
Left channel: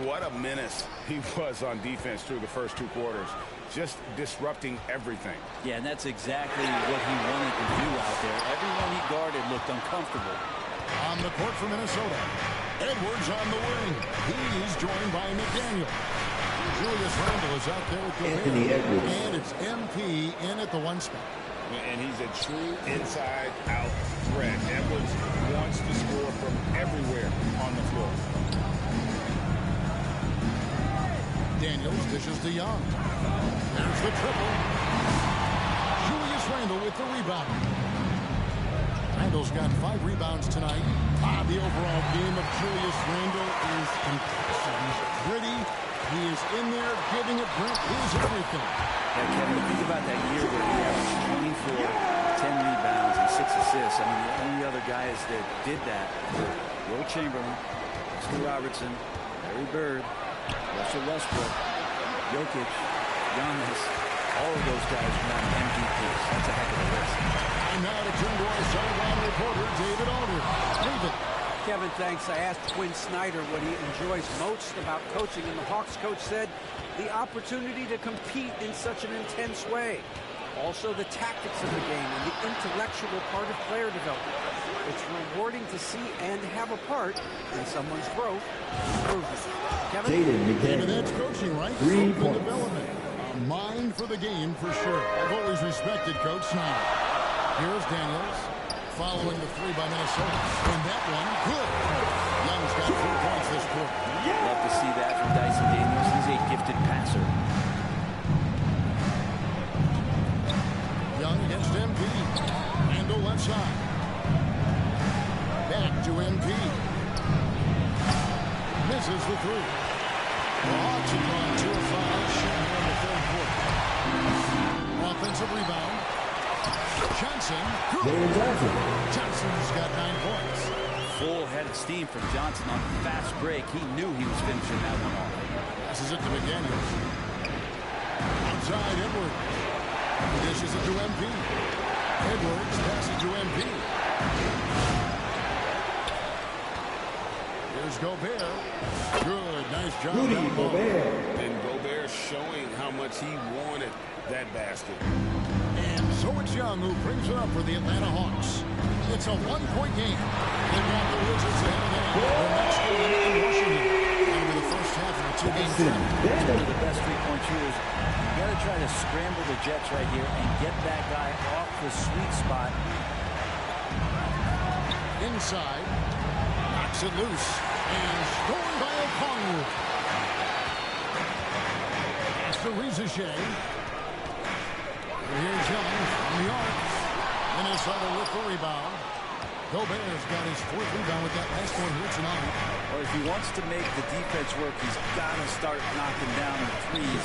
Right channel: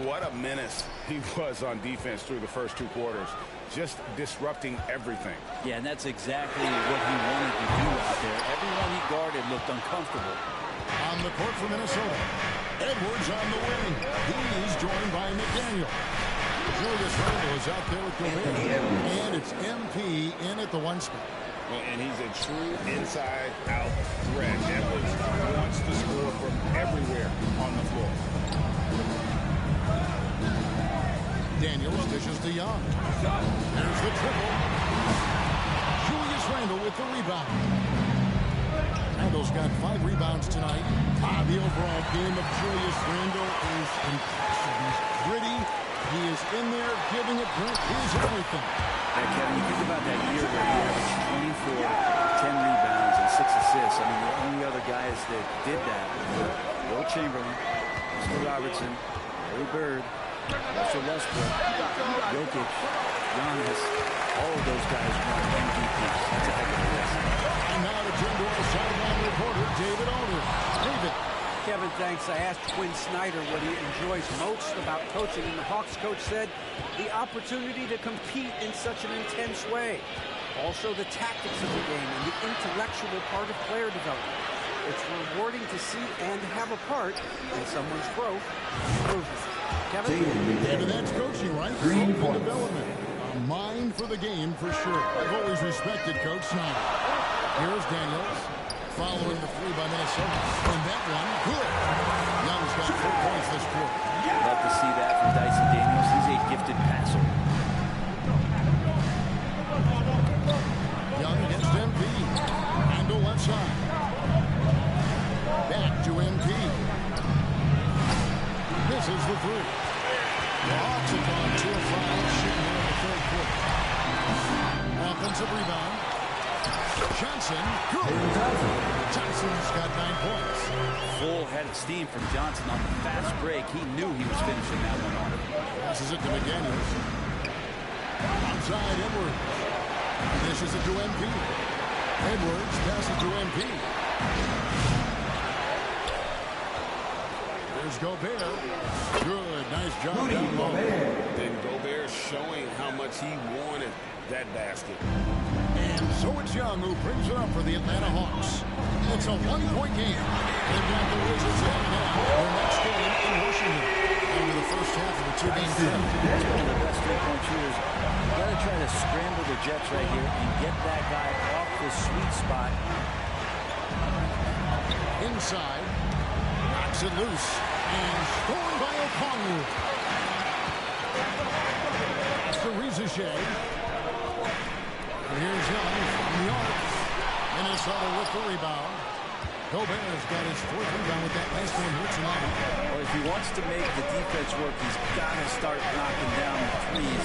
What a menace he was on defense through the first 2 quarters. Just disrupting everything. Yeah, and that's exactly what he wanted to do out there. Everyone he guarded looked uncomfortable. On the court for Minnesota, Edwards on the wing. He's joined by McDaniel. Julius Randle is out there with Gobert. And it's MP in at the 1 spot. And he's a true inside-out threat. Edwards wants to score from everywhere on the floor. Daniels dishes to Young. There's the triple. Julius Randle with the rebound. Randle's got 5 rebounds tonight. The overall game of Julius Randle is impressive. He's gritty. He is in there giving it Brent his everything. Yeah, Kevin, you think about that year where he averaged 24, 10 rebounds, and 6 assists. I mean, the only other guys that did that were Will Chamberlain, Oscar Robertson, Larry Bird, Russell Westbrook, Jokic, Giannis. All of those guys won MVPs. That's a heck of a list. And now to turn to our sideline reporter, David Aldridge. David. Kevin, thanks. I asked Quinn Snyder what he enjoys most about coaching, and the Hawks coach said the opportunity to compete in such an intense way. Also, the tactics of the game and the intellectual part of player development. It's rewarding to see and have a part in someone's growth and improvement. Kevin? David, that's coaching, right? Green development. A mind for the game, for sure. I've always respected Coach Snyder. Here's Daniels, following the 3 by Minnesota. And that one, good. Young's got 4 points this quarter. Love to see that from Dyson Daniels. He's a gifted passer. Young against MP. Randle left side. Back to MP. Misses the 3. The Hawks have gone 2 of 5 shooting here in the 3rd quarter. Offensive rebound. Johnson, good. Johnson's got 9 points. Full head of steam from Johnson on the fast break. He knew he was finishing that one off. Passes it to McDaniels. Outside Edwards. He dishes it to MP. Edwards passes to MP. Here's Gobert. Good, nice job down low. And Gobert showing how much he wanted that basket. And so it's Young who brings it up for the Atlanta Hawks. It's a 1-point game. They've got the Wizards ahead of them. Their next game in Washington. Over the first half of a 2-game trip. That's one of the best 3-point shooters. You got to try to scramble the Jets right here and get that guy off the sweet spot. Inside. Knocks it loose. And stolen by Okongwu. That's to Rizichet. Here's Young from the arc. Minnesota with the rebound. Gobert's got his 4th rebound with that last one here tonight. Well, if he wants to make the defense work, he's got to start knocking down the threes.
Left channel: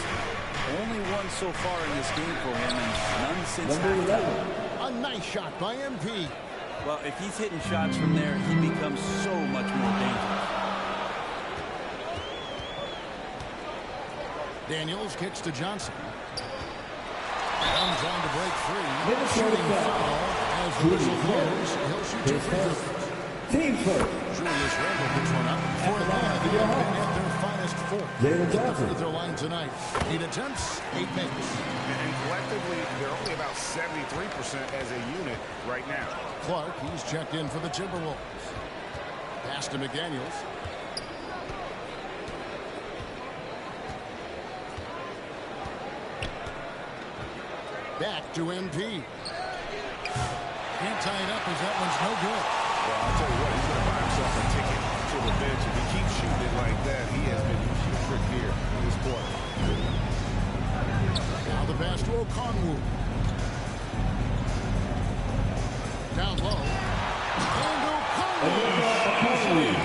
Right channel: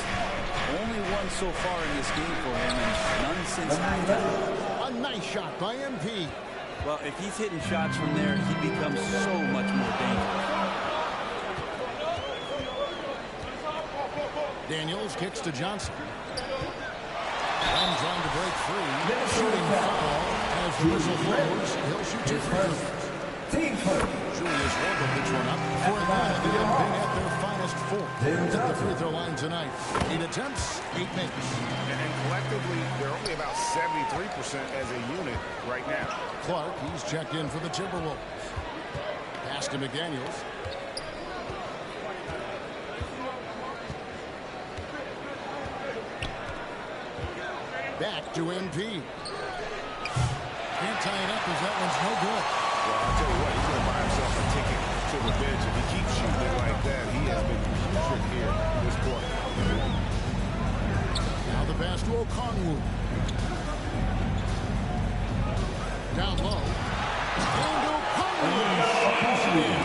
Only one so far in this game for him, and none since halftime. A nice shot by MP. Well, if he's hitting shots from there, he becomes so much more dangerous. Daniels kicks to Johnson. Young trying to break free. Shooting foul as the whistle blows. He'll shoot 2 free throws. Team first. Julius Randle picks one up. For Atlanta, they have been at their finest 4. At the free throw line tonight. 8 attempts, 8 makes. And collectively, they're only about 73% as a unit right now. Clark, he's checked in for the Timberwolves. Pass to McDaniels. Back to MP. Can't tie it up as that one's no good. Well, I'll tell you what, he's going to buy himself a ticket to the bench. If he keeps shooting it like that, he has been putrid here this quarter. Now the pass to Okongwu. Down low. And Okongwu shoots it in.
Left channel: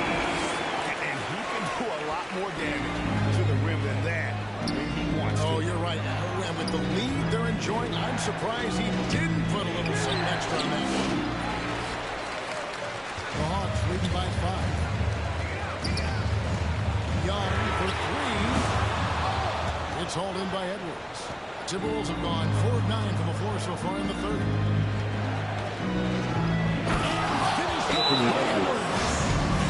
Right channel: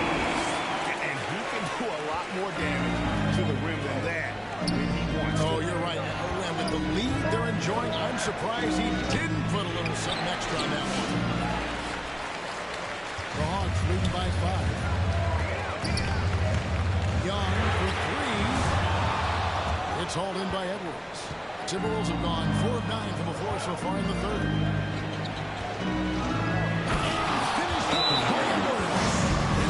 And he can do a lot more damage to the rim than that when he wants to. Oh, you're right. And with the lead they're enjoying, I'm surprised he didn't put a little something extra on that one. The Hawks leading by 5. Young for 3. It's hauled in by Edwards. Timberwolves have gone 4 of 9 from the floor so far in the third. Finished off by Edwards.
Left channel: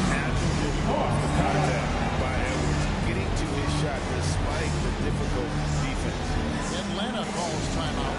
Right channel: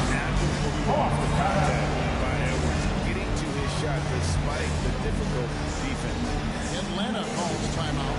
Agile move off the contact by Edwards, getting to his shot despite the difficult defense. Atlanta calls timeout.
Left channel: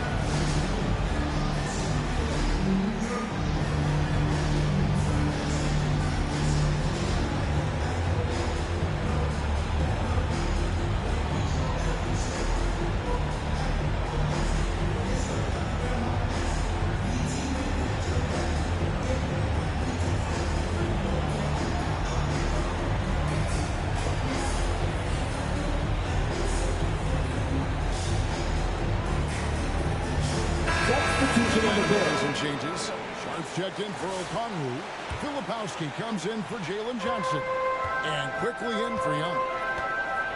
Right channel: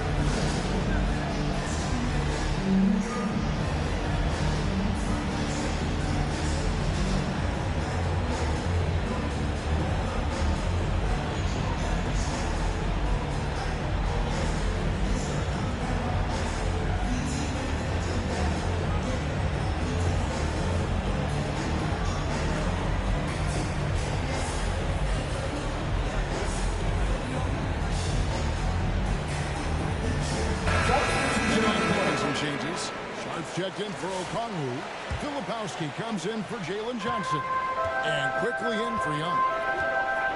Changes. Sharps checked in for Okongwu. Filipowski comes in for Jalen Johnson. And quickly in for Young.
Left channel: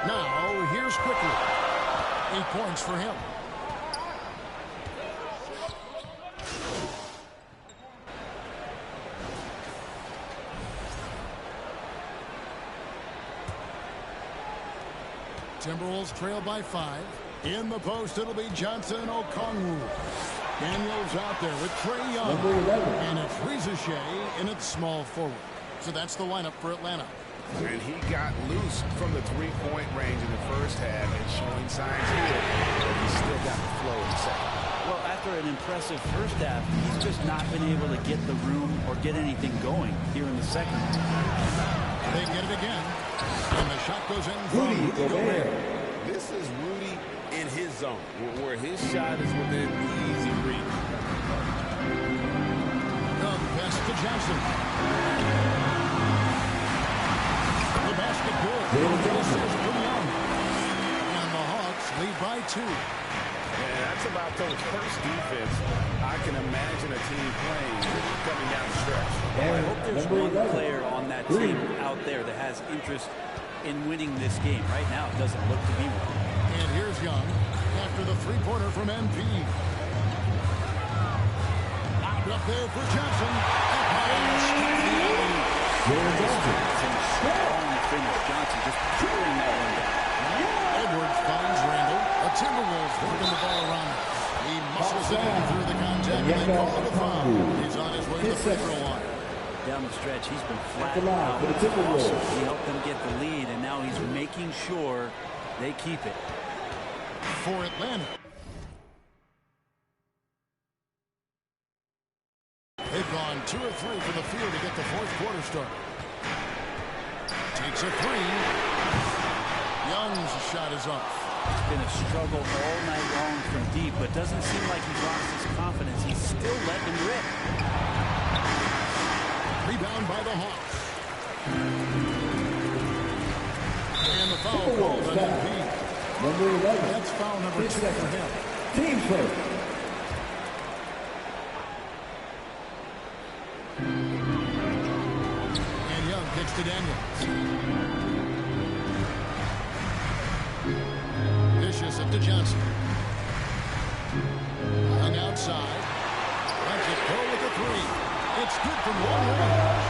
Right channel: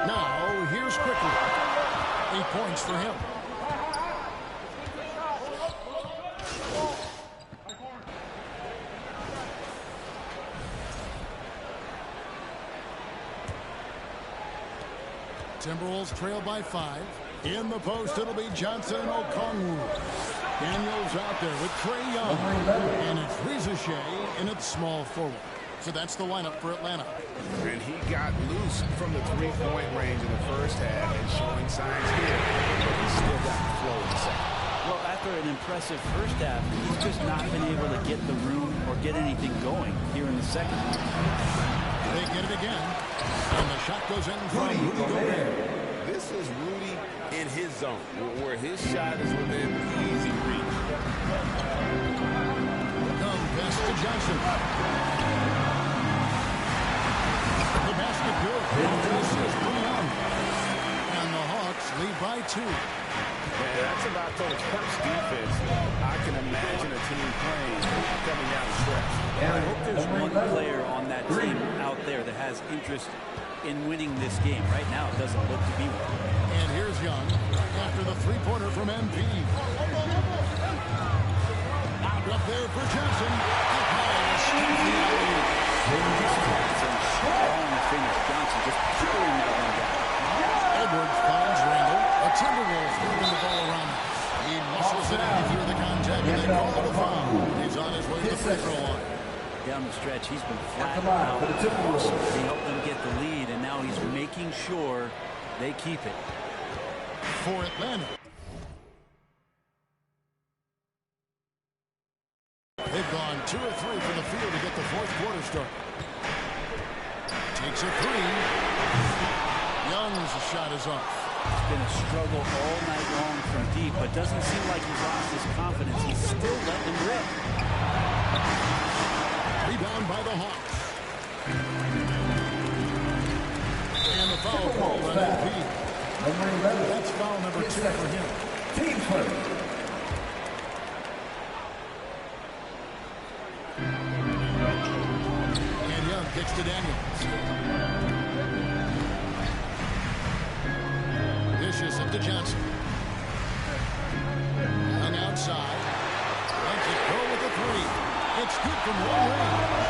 Now, here's Quickly. 8 points for him. Timberwolves trail by 5. In the post, it'll be Johnson and Okongwu. Daniels out there with Trae Young. And it's Rizachet in its small forward. So that's the lineup for Atlanta. And he got loose from the three-point range in the first half and showing signs here, but he's still got the flow in the second. Well, after an impressive first half, he's just not been able to get the room or get anything going here in the second. They get it again. And the shot goes in from Rudy Gobert. This is Rudy in his zone, where his shot is within easy reach. Come pass to Johnson. The basket good. This is from Young. And the Hawks lead by 2. Yeah, that's about the first defense I can imagine a team playing coming down the stretch. I hope there's one player on that team out there that has interest in winning this game. Right now, it doesn't look to be one. And here's Young after the three-pointer from MP. Out up there for Johnson. Up high and stop the alley-oop. Nice pass and strong to finish. Johnson just pouring that one down. Edwards finds Randall. The Timberwolves working the ball around him. He muscles it in through the contact, and they call the foul. He's on his way to the free throw line. Down the stretch, he's been flat out. Awesome. He helped them get the lead, and now he's making sure they keep it. For Atlanta. They've gone 2 or 3 from the field to get the fourth quarter started. Takes a 3. Young's shot is off. It's been a struggle all night long from deep, but doesn't seem like he's lost his confidence. He's still letting him rip. Rebound by the Hawks. And the foul called on MP. Number 11. That's foul number 2 for him. Team first. And Young kicks to Daniels. Vicious up to Johnson. Young outside. Lets it go with a 3. It's good from long range.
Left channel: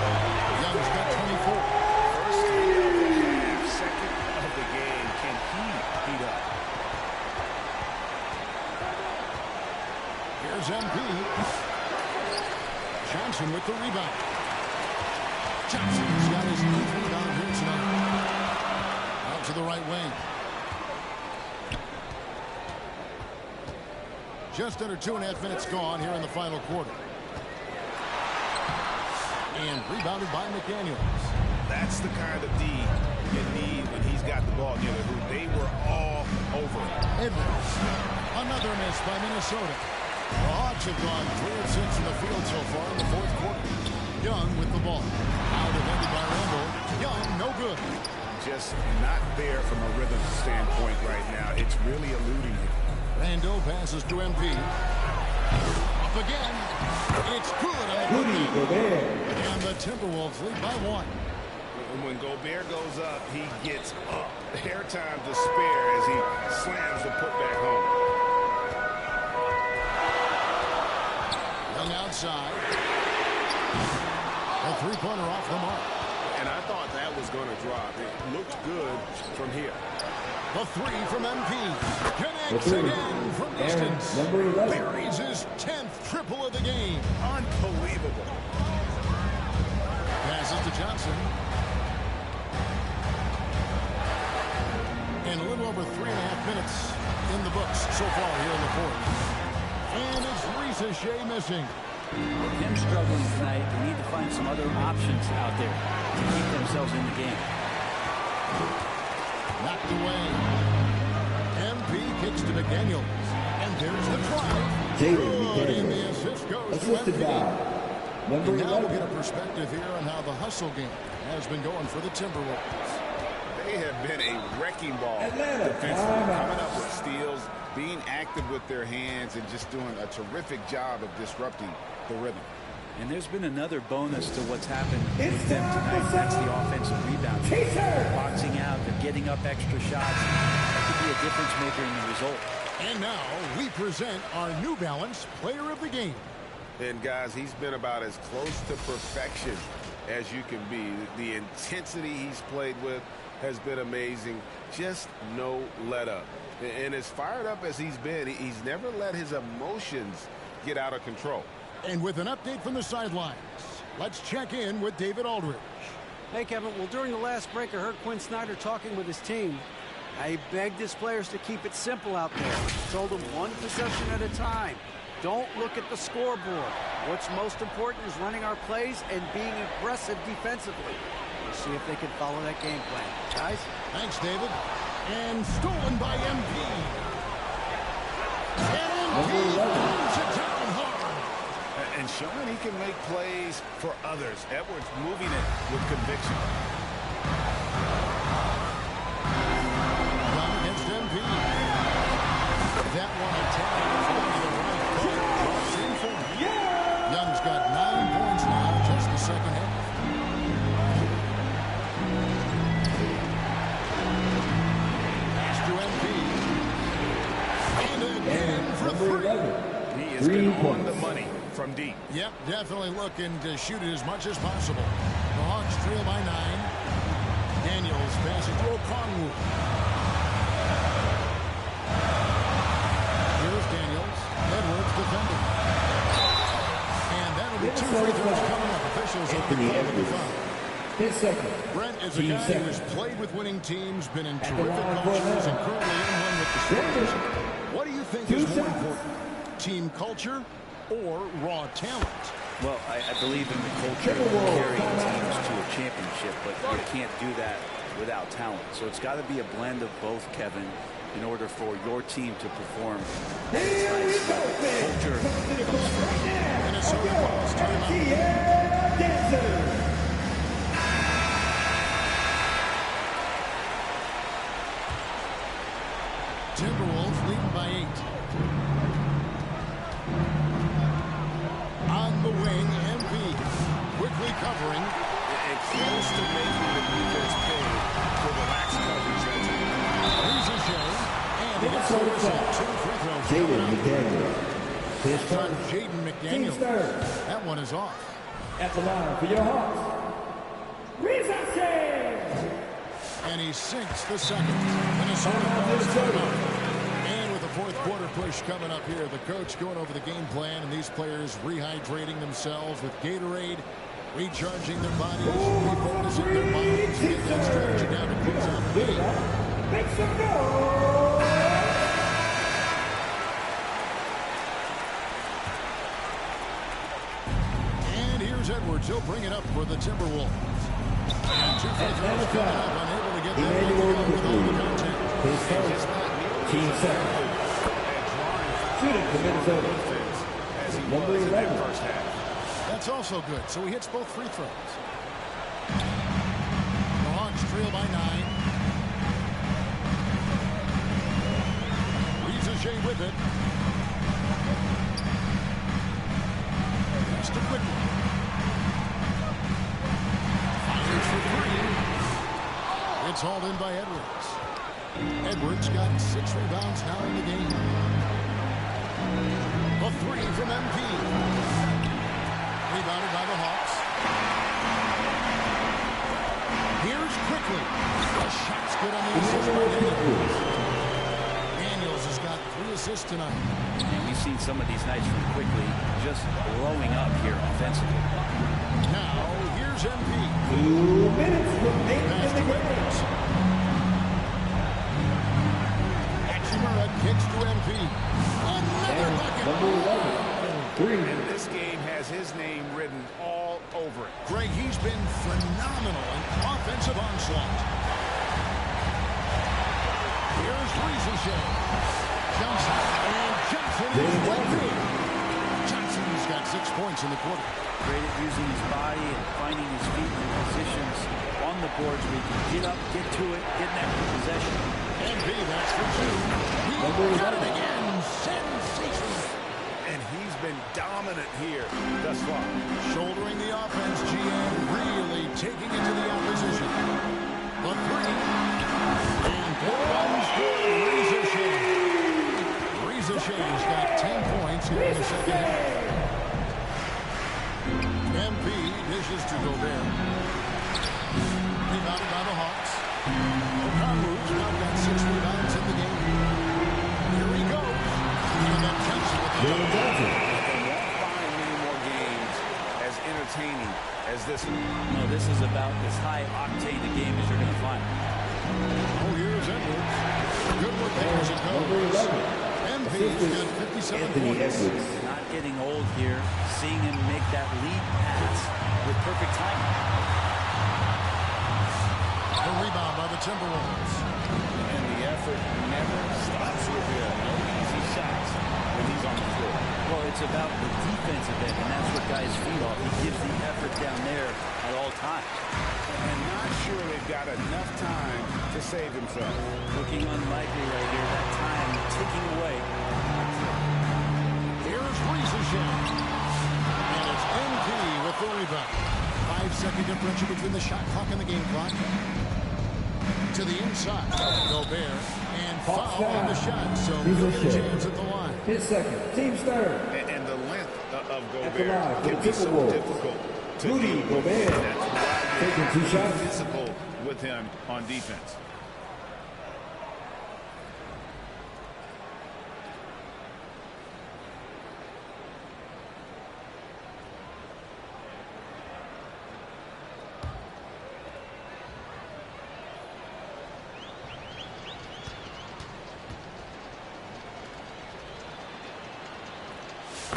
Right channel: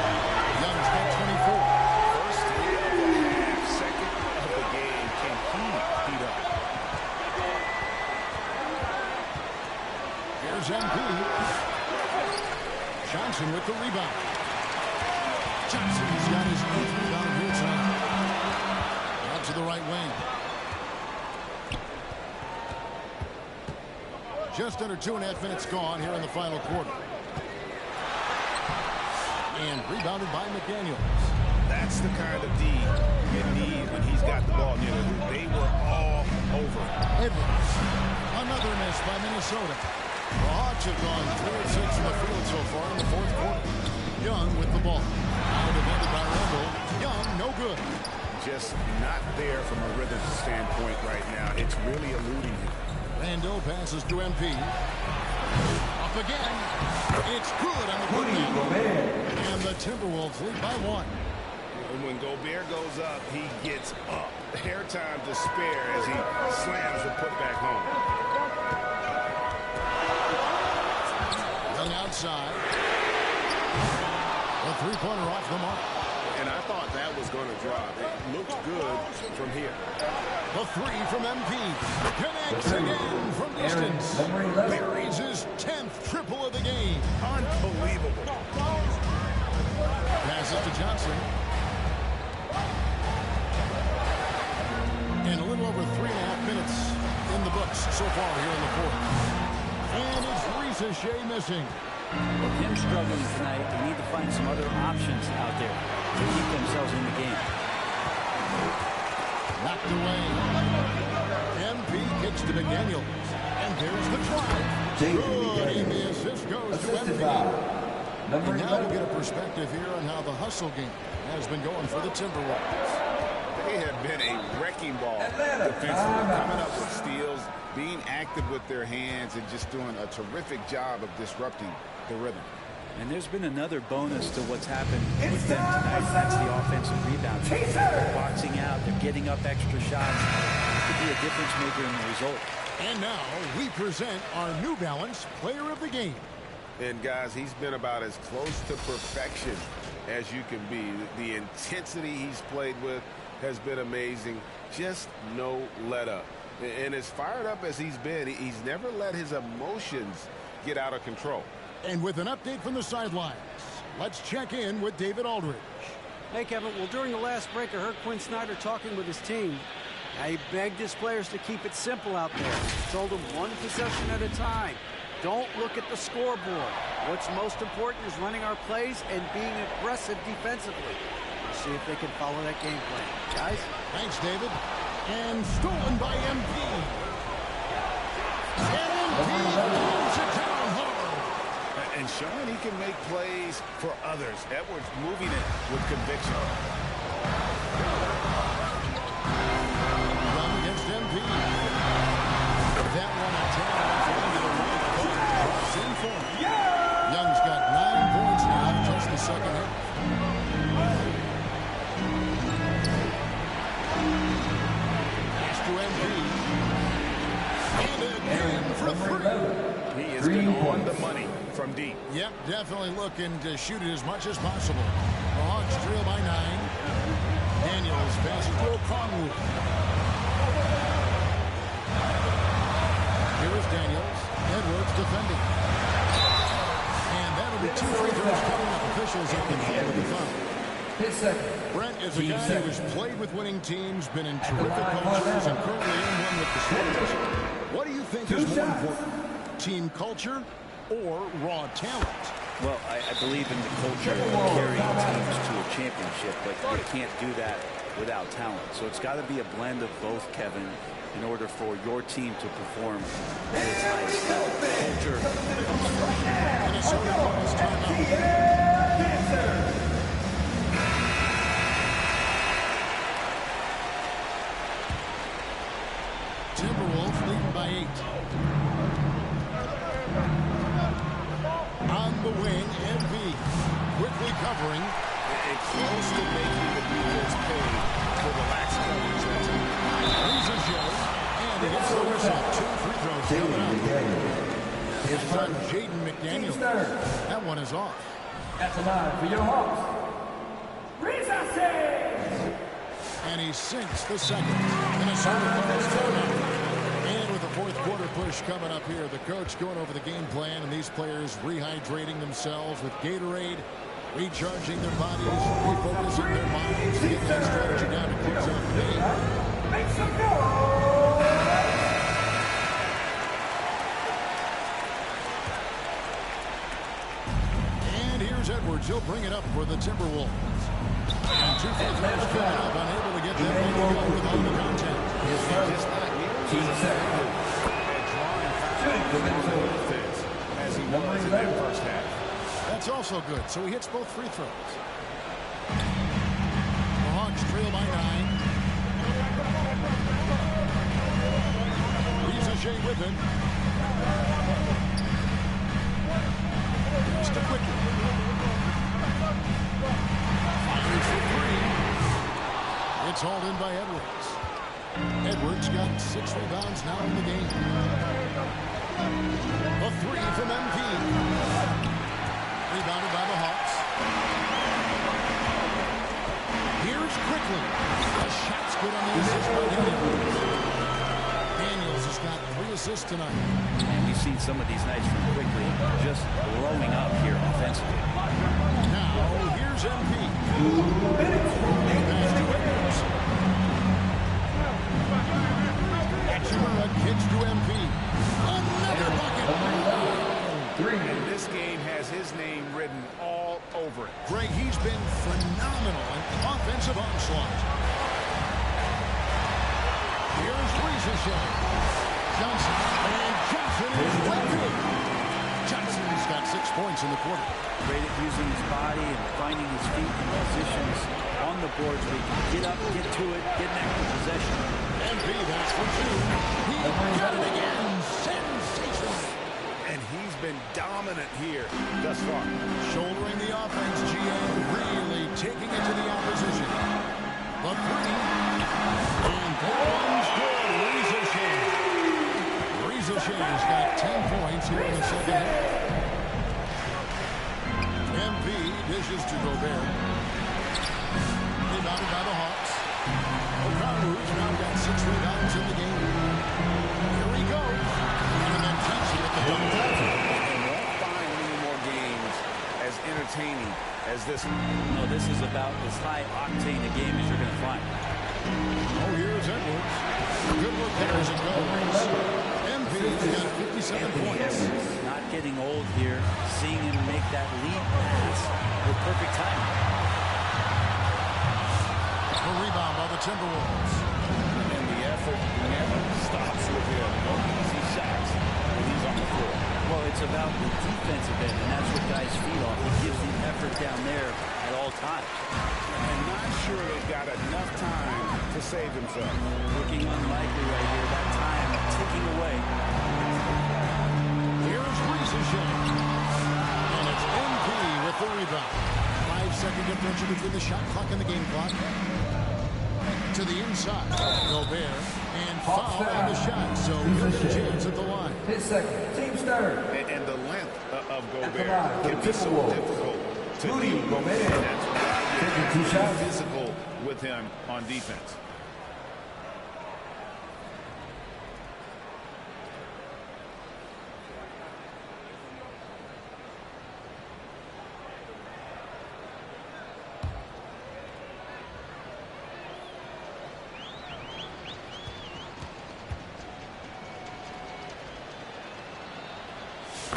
Young's got 24. First 3 of the half, second of the game. Can he heat up? Here's MP. Johnson with the rebound. Johnson's got his 8th rebound here tonight. Out to the right wing. Just under 2.5 minutes gone here in the final quarter. And rebounded by McDaniels. That's the kind of D you need when he's got the ball near the hoop. They were all over. Edwards. Another miss by Minnesota. The Hawks have gone 3 of 6 in the field so far in the fourth quarter. Young with the ball. Out defended by Randall. Young, no good. Just not there from a rhythm standpoint right now. It's really eluding him. Randall passes to MP. Up again. It's good on the putback. And the Timberwolves lead by 1. When Gobert goes up, he gets up. Airtime to spare as he slams the putback home. Young outside. A three-pointer off the mark. And I thought that was going to drop. It looked good from here. The 3 from MP. Connects again from distance. Buries his 10th triple of the game. Unbelievable. Passes to Johnson. And a little over 3.5 minutes in the books so far here in the fourth. And it's Ricochet missing. With him struggling tonight, they need to find some other options out there to keep themselves in the game. Knocked away. MP kicks to McDaniels. And there's the drive. Good, and the assist goes to MP. And now we'll get a perspective here on how the hustle game has been going for the Timberwolves. They have been a wrecking ball defensively, coming up with steals, being active with their hands, and just doing a terrific job of disrupting the rhythm. And there's been another bonus to what's happened with them tonight. That's the offensive rebounding. They're boxing out. They're getting up extra shots. That could be a difference maker in the result. And now we present our New Balance Player of the Game. And, guys, he's been about as close to perfection as you can be. The intensity he's played with has been amazing. Just no let up. And as fired up as he's been, he's never let his emotions get out of control. And with an update from the sidelines, let's check in with David Aldridge. Hey, Kevin. Well, during the last break, I heard Quinn Snyder talking with his team. He begged his players to keep it simple out there. He told them one possession at a time. Don't look at the scoreboard. What's most important is running our plays and being aggressive defensively. We'll see if they can follow that game plan. Guys? Thanks, David. And stolen by MP. And MP throws it down hard. And showing he can make plays for others. Edwards moving it with conviction. Young against MP. That one a tad off into the right, but drops in for him. Young's got 9 points now, just the second half. Pass to MP. And again for three. He has been on the money from deep. Yep, definitely looking to shoot it as much as possible. The Hawks trail by 9. Daniels passes to Okongwu. Here's Daniels. Edwards defending. And that'll be 2 free throws coming up. Officials have been called with the foul. Brent is a guy who has played with winning teams, been in terrific cultures, and currently in one with the Spurs. What do you think is more important? Team culture or raw talent? Well, I believe in the culture of carrying teams to a championship, but you can't do that without talent. So it's got to be a blend of both, Kevin, in order for your team to perform at its highest level. Culture comes first. Minnesota calls timeout. Timberwolves leading by 8. On the wing, MV quickly covering. And close to making the defense pay for the lax coverage that time. Ricochet, and he gets the whistle. 2 free throws coming up. It's on Jaden McDaniels. That one is off. That's a line for your Hawks. Ricochet! And he sinks the second. Minnesota calls timeout. And with the fourth quarter push coming up here, the coach going over the game plan, and these players rehydrating themselves with Gatorade, recharging their bodies, refocusing their minds, and getting that strategy down to close out the game. Make some noise! And here's Edwards. He'll bring it up for the Timberwolves. And 2 free throws coming up, unable to get that one to go with all the contact. He's just not nearly as effective at drawing fouls on defense as he was in that first half. That's also good. So he hits both free throws. The Hawks trail by 9. Ricochet with it. Pass to Quickly. Fires for 3. It's hauled in by Edwards. Edwards got 6 rebounds now in the game. A 3 from MP. Rebounded by the Hawks. Here's Quickly. The shot's good on the assist by Daniels. Daniels has got 3 assists tonight. And we've seen some of these nights from quickly just blowing up here offensively. Now, here's MP. 2 minutes remaining. Pass to Edwards. Hachimura kicks to MP. Another bucket. And this game has his name written all over it. Greg, he's been phenomenal in offensive onslaught. Here's Ricochet. Johnson. And Johnson is right there. Johnson's got 6 points in the quarter. Great at using his body and finding his feet in positions on the boards where he can get up, get to it, get an extra possession. MP, that's for 2. He got it again. Sensational. And he's been dominant here thus far. Shouldering the offense, GM really taking it to the opposition. A 3. And that one's good. Ricochet's got 10 points here in the second half. MP dishes to Gobert. Rebounded by the Hawks. Okongwu's now got 6 rebounds in the game. Here he goes. And then Johnson with the double. And won't find many more games as entertaining as this one. No, this is about as high octane a game as you're going to find. Oh, here's Edwards. Good work there as it goes. MP's got 57 points. Not getting old here. Seeing him make that lead pass with perfect timing. The rebound by the Timberwolves. And the effort never stops with him. No easy shots when he's on the floor. Well, it's about the defensive end, and that's what guys feed off. He gives the effort down there at all times. And not sure they've got enough time to save themselves. Looking unlikely right here. That time ticking away. Here's Ricochet. And it's MP with the rebound. 5-second differential between the shot clock and the game clock. To the inside. Gobert. And foul on the shot. So he'll get a chance at the line. 10 seconds. Team start. And the length of Gobert can be so difficult to deal with. Gobert. And that's why you have to be physical with him on defense.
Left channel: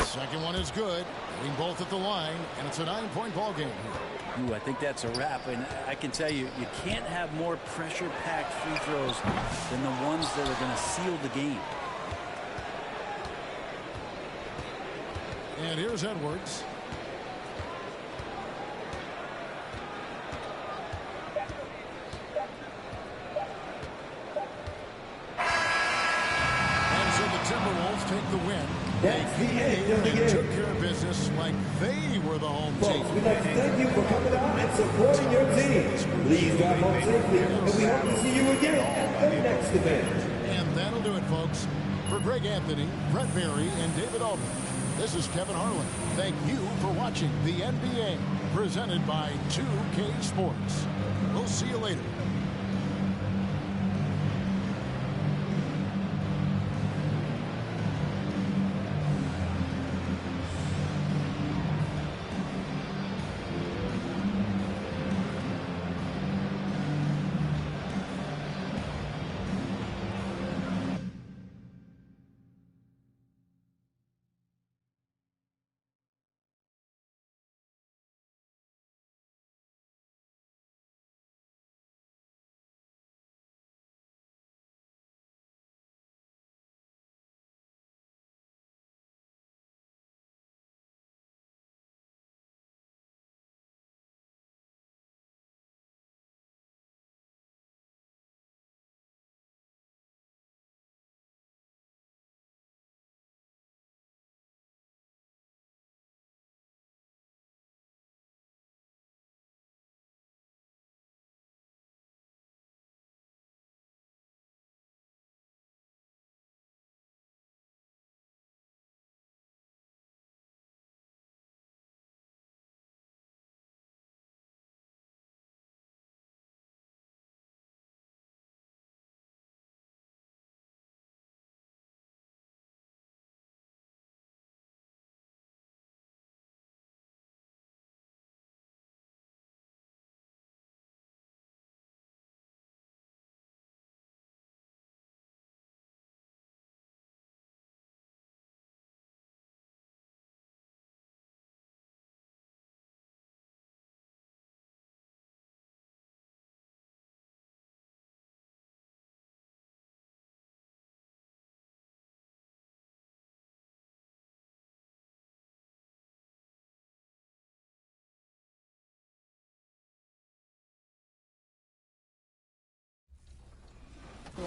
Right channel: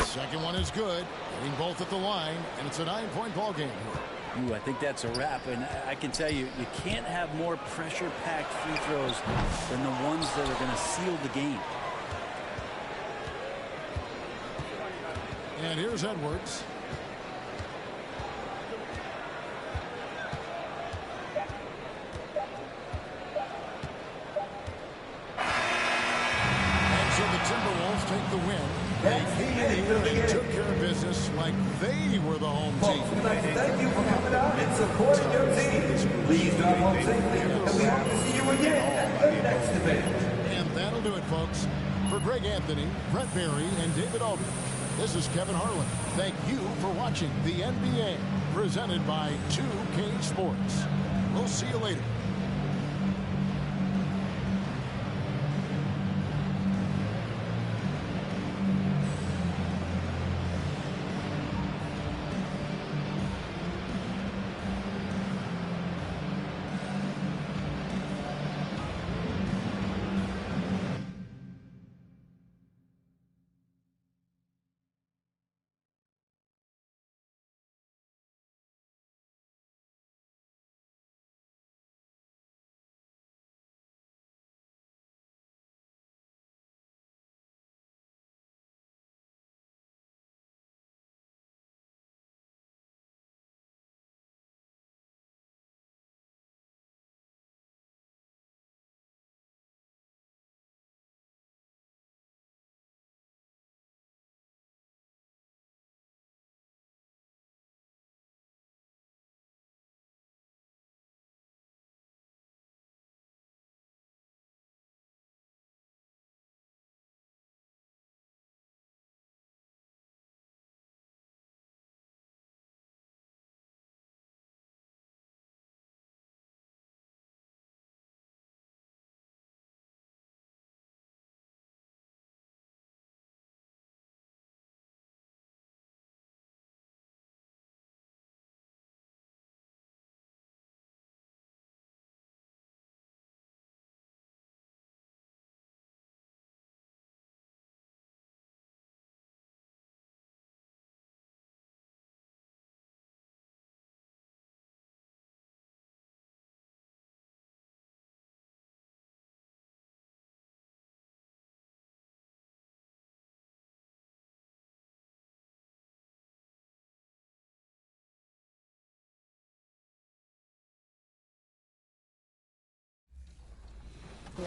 Second one is good. Getting both at the line, and it's a 9-point ball game here. Ooh, I think that's a wrap. And I can tell you, you can't have more pressure-packed free throws than the ones that are going to seal the game. And here's Edwards. And so the Timberwolves take the win. They came here and took care of business like they were the home team. We'd like to thank you for coming out and supporting your team. Please drive home safely, and we hope to see you again at the next event. And that'll do it, folks. For Greg Anthony, Brett Berry, and David Aldridge, this is Kevin Harlan. Thank you for watching the NBA, presented by 2K Sports. We'll see you later.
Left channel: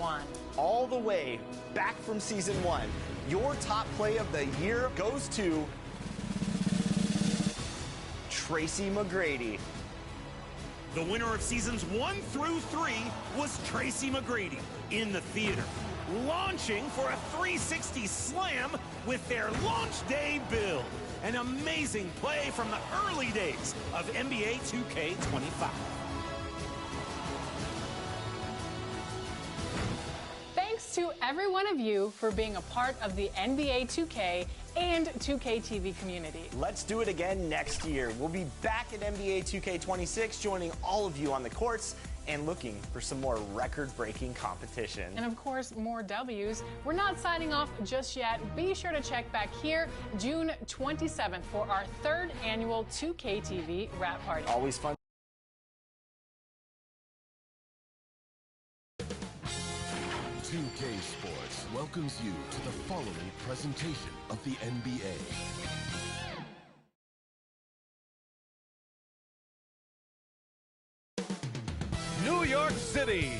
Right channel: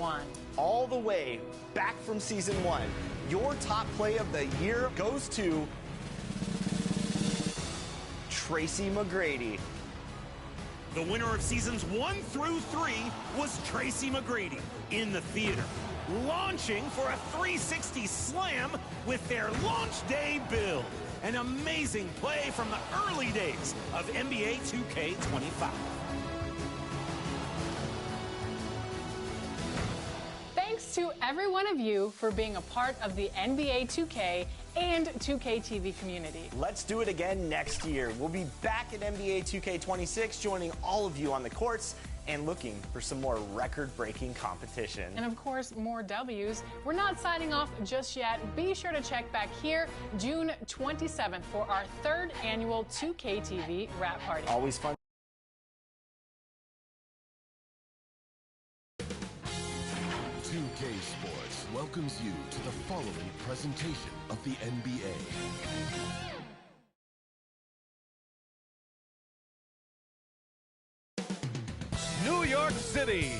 1. All the way back from season 1, your top play of the year goes to Tracy McGrady. The winner of seasons 1 through 3 was Tracy McGrady in the theater, launching for a 360 slam with their launch day build. An amazing play from the early days of NBA 2K25. Thanks to every one of you for being a part of the NBA 2K and 2K TV community. Let's do it again next year. We'll be back at NBA 2K26, joining all of you on the courts and looking for some more record-breaking competition. And of course, more W's. We're not signing off just yet. Be sure to check back here June 27th for our 3rd annual 2K TV wrap party. Always fun. 2K Sports welcomes you to the following presentation of the NBA. New York City.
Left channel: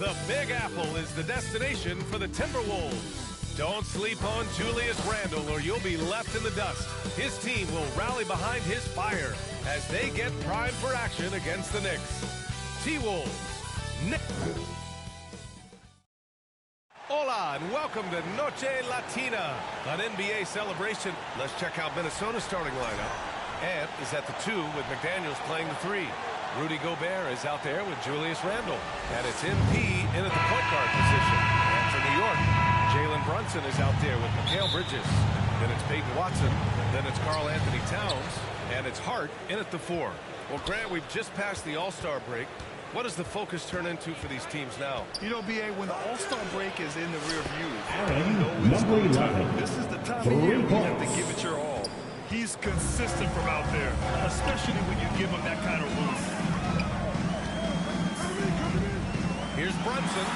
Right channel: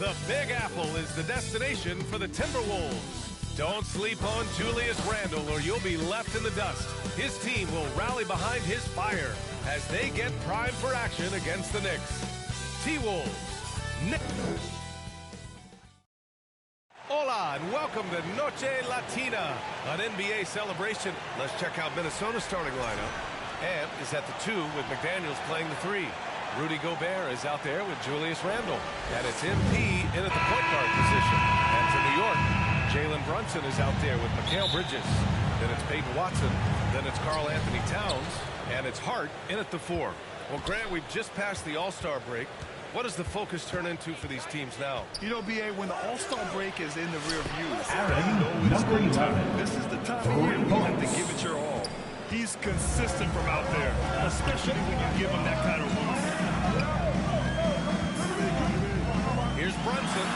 The Big Apple is the destination for the Timberwolves. Don't sleep on Julius Randle or you'll be left in the dust. His team will rally behind his fire as they get primed for action against the Knicks. T-Wolves. Hola and welcome to Noche Latina, an NBA celebration. Let's check out Minnesota's starting lineup. Ant is at the 2 with McDaniels playing the 3. Rudy Gobert is out there with Julius Randle. And it's MP in at the point guard position. And for New York, Jalen Brunson is out there with Mikal Bridges. Then it's Peyton Watson. Then it's Karl Anthony Towns. And it's Hart in at the 4. Well, Grant, we've just passed the All-Star break. What does the focus turn into for these teams now? You know, B.A., when the All-Star break is in the rear view, Aaron, you know it's number go time. 11. This is the time of year we have to give it your all. He's consistent from out there, especially when you give him that kind of room. Here's Brunson.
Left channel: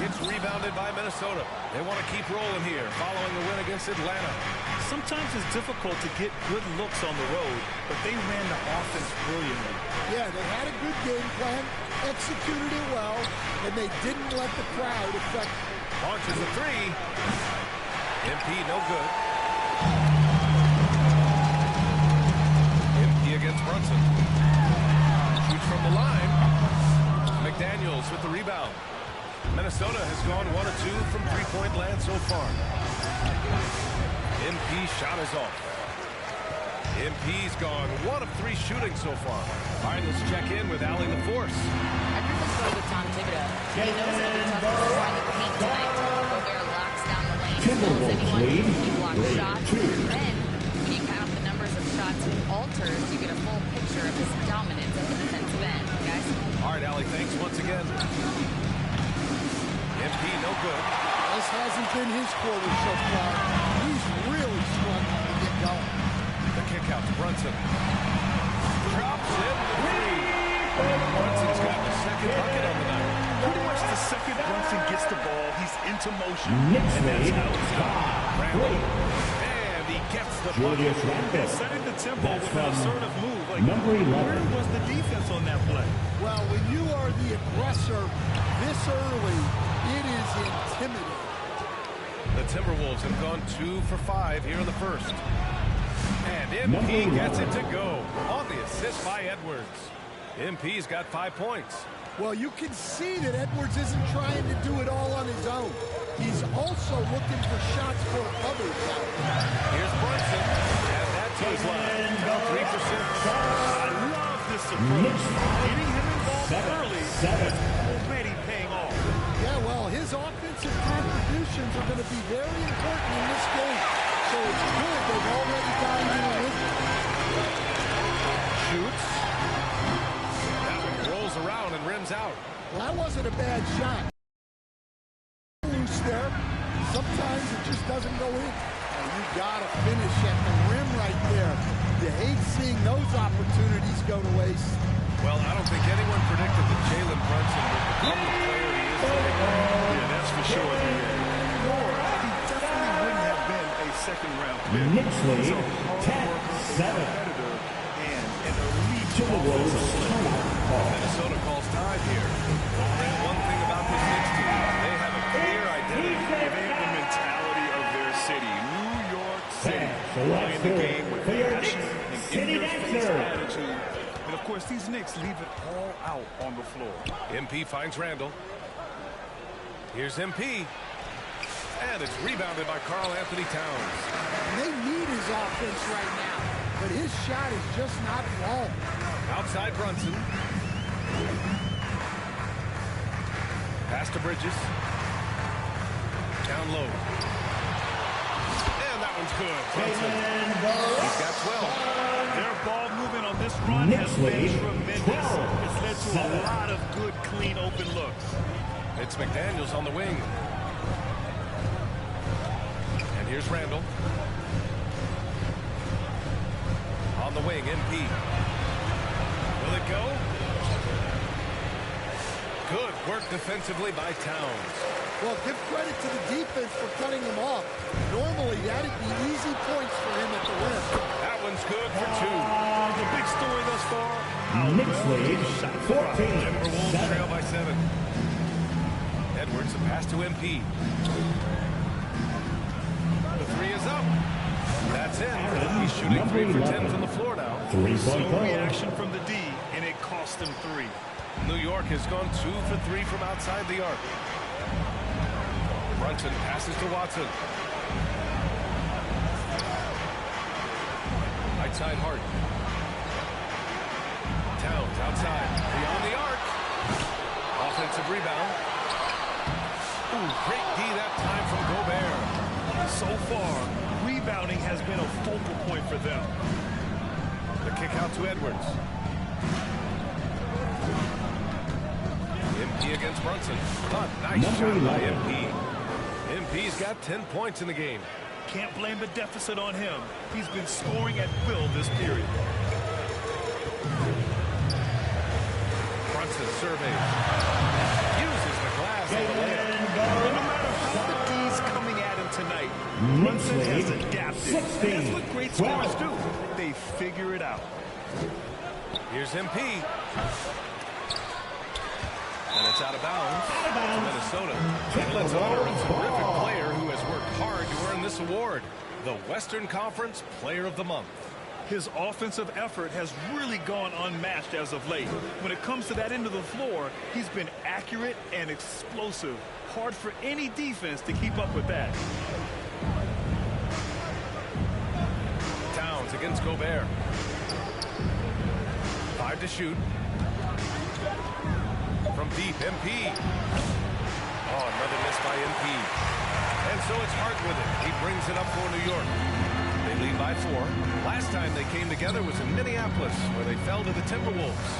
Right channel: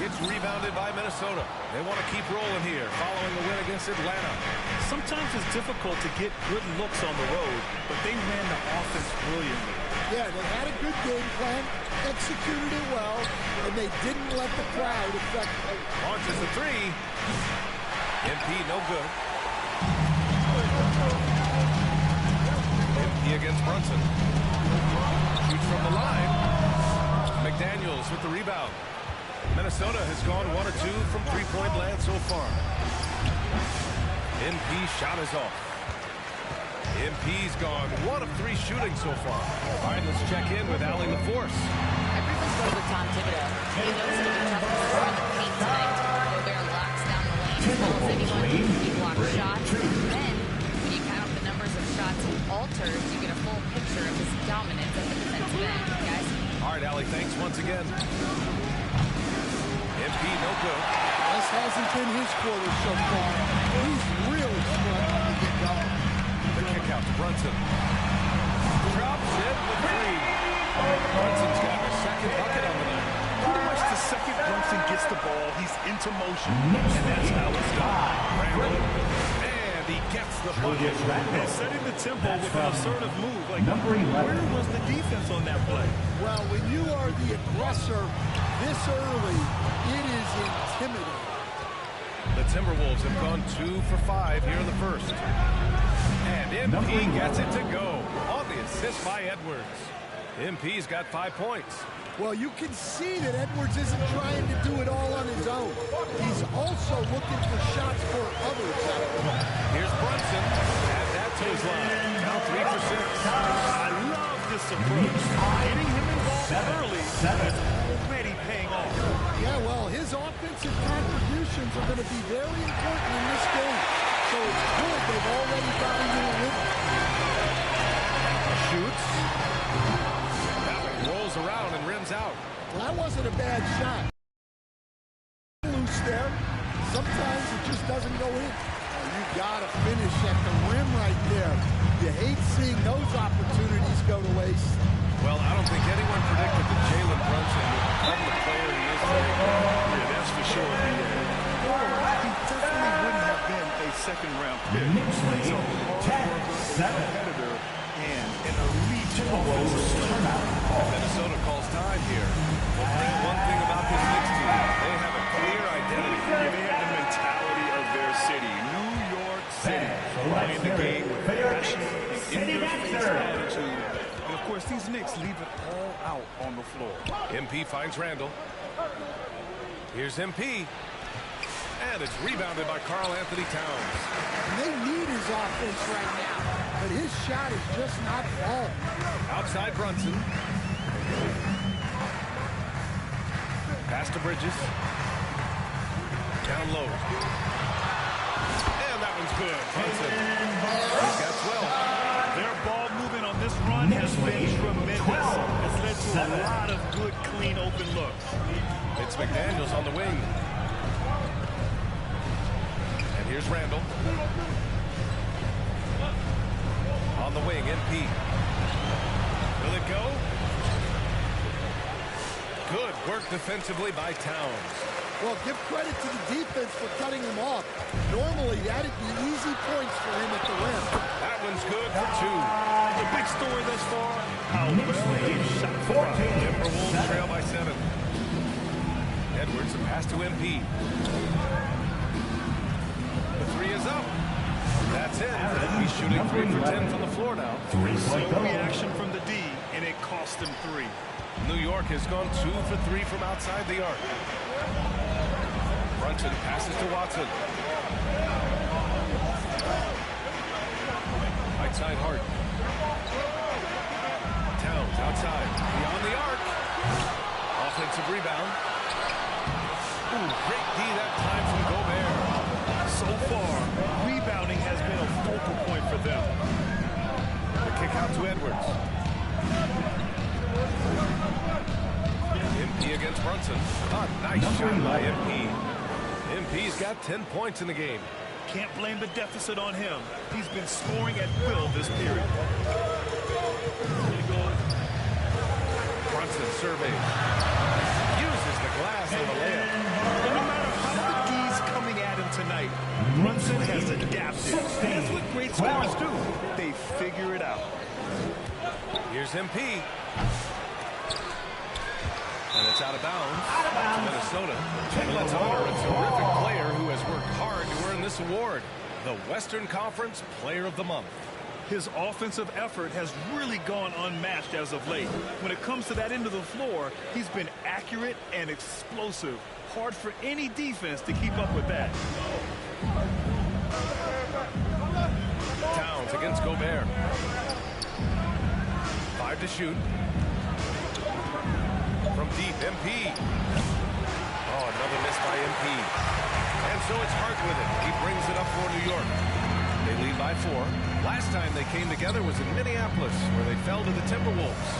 It's rebounded by Minnesota. They want to keep rolling here following the win against Atlanta. Sometimes it's difficult to get good looks on the road, but they ran the offense brilliantly. Yeah, they had a good game plan, executed it well, and they didn't let the crowd affect them. Launches the 3. MP no good. MP against Brunson. Shoots from the line. McDaniels with the rebound. Minnesota has gone 1 of 2 from three-point land so far. MP shot is off. MP's gone 1 of 3 shooting so far. All right, let's check in with Allie LaForce. Everyone's going with Tom Thibodeau. He knows it'll be tough to score in the paint tonight. Gobert locks down the lane as well as anyone. He blocks shots. And then, when you count up the numbers of shots he alters, you get a full picture of his dominance at the defensive end, guys. All right, Allie, thanks once again. MP no good. This hasn't been his quarter so far. He's really struggling to get going. The kick out to Brunson. Drops in the 3. Brunson's gotten a second bucket on the night. Pretty much the second Brunson gets the ball, he's into motion, and that's how it's done. Randle. And he gets the bucket. And setting the tempo with an assertive move. Like, number 11. Where was the defense on that play? Well, when you are the aggressor this early, it is intimidating. The Timberwolves have gone 2 for 5 here in the first. And MP gets it to go on the assist by Edwards. MP's got 5 points. Well, you can see that Edwards isn't trying to do it all on his own. He's also looking for shots for others out there. Here's Brunson. Add that to his line. Now 3 for 6. I love this approach. Getting him involved early is already paying off. Yeah, well, his offensive contributions are going to be very important in this game. So it's good they've already got him in a rhythm. Shoots. That one rolls around and rims out. Well, that wasn't a bad shot. Loose there. Sometimes it just doesn't go in. Oh, you got to finish at the rim right there. You hate seeing those opportunities go to waste. Well, I don't think anyone predicted that Jalen Brunson would become the player he is today. Yeah, that's for sure, B.A. Or he definitely wouldn't have been a second-round pick. Knicks lead, He's a hard worker, a competitor, and an elite offensive play. Minnesota calls time here. Well, Grant, one thing about this Knicks team, they have a clear identity. Yeah, they have the mentality of their city, New York City, playing the game with passion and in-your-face attitude. And, of course, these Knicks leave it all out on the floor. MP finds Randall. Here's MP. And it's rebounded by Karl Anthony Towns. And they need his offense right now, but his shot is just not falling. Outside Brunson. Pass to Bridges. Down low. And that one's good. Brunson. He's got 12. Their ball movement on this run has been tremendous. It's led to a lot of good, clean, open looks. It's McDaniels on the wing. And here's Randall. On the wing, MP. Will it go? Good work defensively by Towns. Well, give credit to the defense for cutting him off. Normally, that'd be easy points for him at the rim. That one's good for 2. The big story thus far, how well they shot the rock. Timberwolves trail by 7. Edwards, a pass to MP. The 3 is up. That's in. He's shooting 3 for 10 from the floor now. Slow reaction from the D, and it cost him 3. New York has gone 2 for 3 from outside the arc. Brunson passes to Watson. Right side Hart. Towns outside. Beyond the arc. Offensive rebound. Ooh, great D that time from Gobert. So far, rebounding has been a focal point for them. The kick out to Edwards. MP against Brunson. A nice shot by MP. MP's got 10 points in the game. Can't blame the deficit on him. He's been scoring at will this period. Brunson surveys. Uses the glass on the layup. And no matter how the D's coming at him tonight, Brunson has adapted. And that's what great scorers do. They figure it out. Here's MP. And it's out of bounds to Minnesota. And let's honor a terrific player who has worked hard to earn this award, the Western Conference Player of the Month. His offensive effort has really gone unmatched as of late. When it comes to that end of the floor, he's been accurate and explosive. Hard for any defense to keep up with that. Towns against Gobert. 5 to shoot. From deep, MP. Oh, another miss by MP. And so it's Hart with it. He brings it up for New York. They lead by 4. Last time they came together was in Minneapolis, where they fell to the Timberwolves.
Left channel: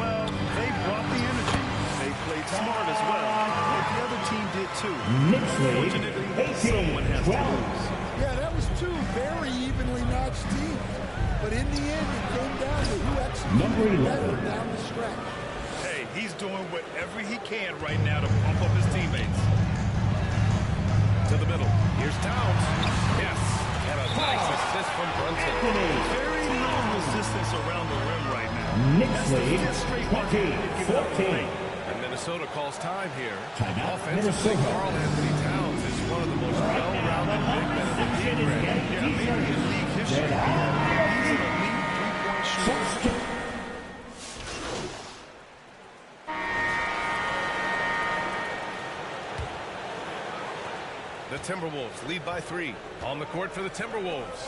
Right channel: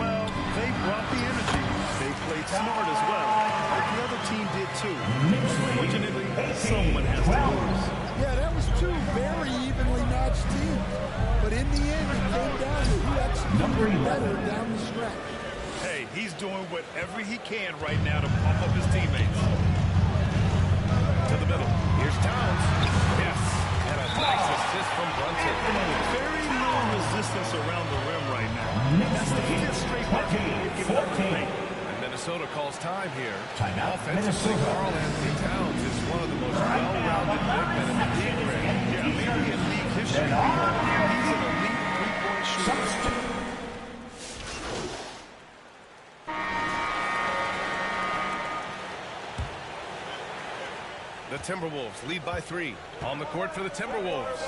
Well, they brought the energy. They played smart as well. But the other team did too. Unfortunately, someone has to lose. Yeah, that was 2 very evenly matched teams. But in the end, it came down to who executed better down the stretch. Hey, he's doing whatever he can right now to pump up his teammates. To the middle. Here's Towns. Yes. And a nice assist from Brunson. Very little resistance around the rim right now. That's the 5th straight bucket they've given up in the paint. And Minnesota calls time here. Offensively, Karl Anthony Towns is one of the most well-rounded big men in the league, Greg. Yeah, maybe in league history. He's an elite three-point shooter. The Timberwolves lead by 3. On the court for the Timberwolves.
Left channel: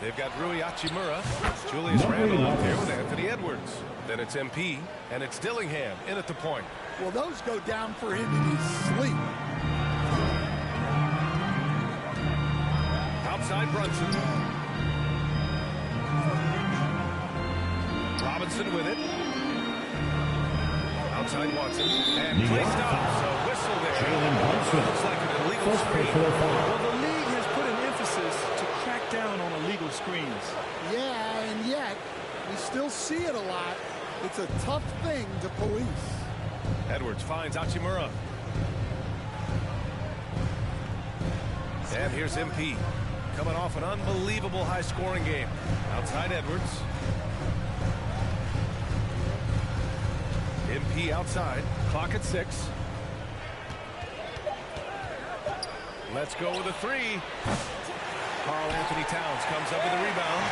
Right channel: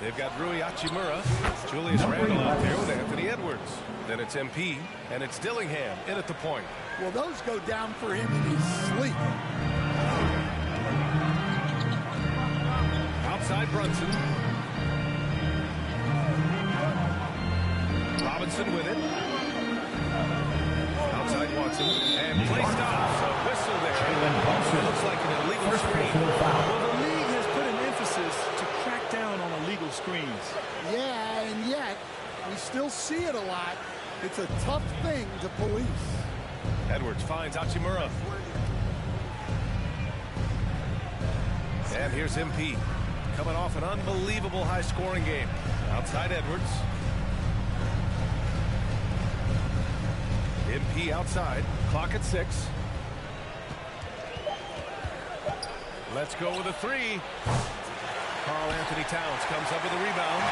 They've got Rui Hachimura, Julius Randle out there with Anthony Edwards. Then it's MP, and it's Dillingham in at the point. Well, those go down for him in his sleep. Outside Brunson. Robinson with it. Outside Watson. And play stops. A whistle there. It looks like an illegal screen. Well, the league has put an emphasis to crack down on illegal screens. Yeah, and yet, we still see it a lot. It's a tough thing to police. Edwards finds Hachimura. And here's MP. Coming off an unbelievable high-scoring game. Outside Edwards. MP outside. Clock at 6. Let's go with a 3. Karl Anthony Towns comes up with a rebound.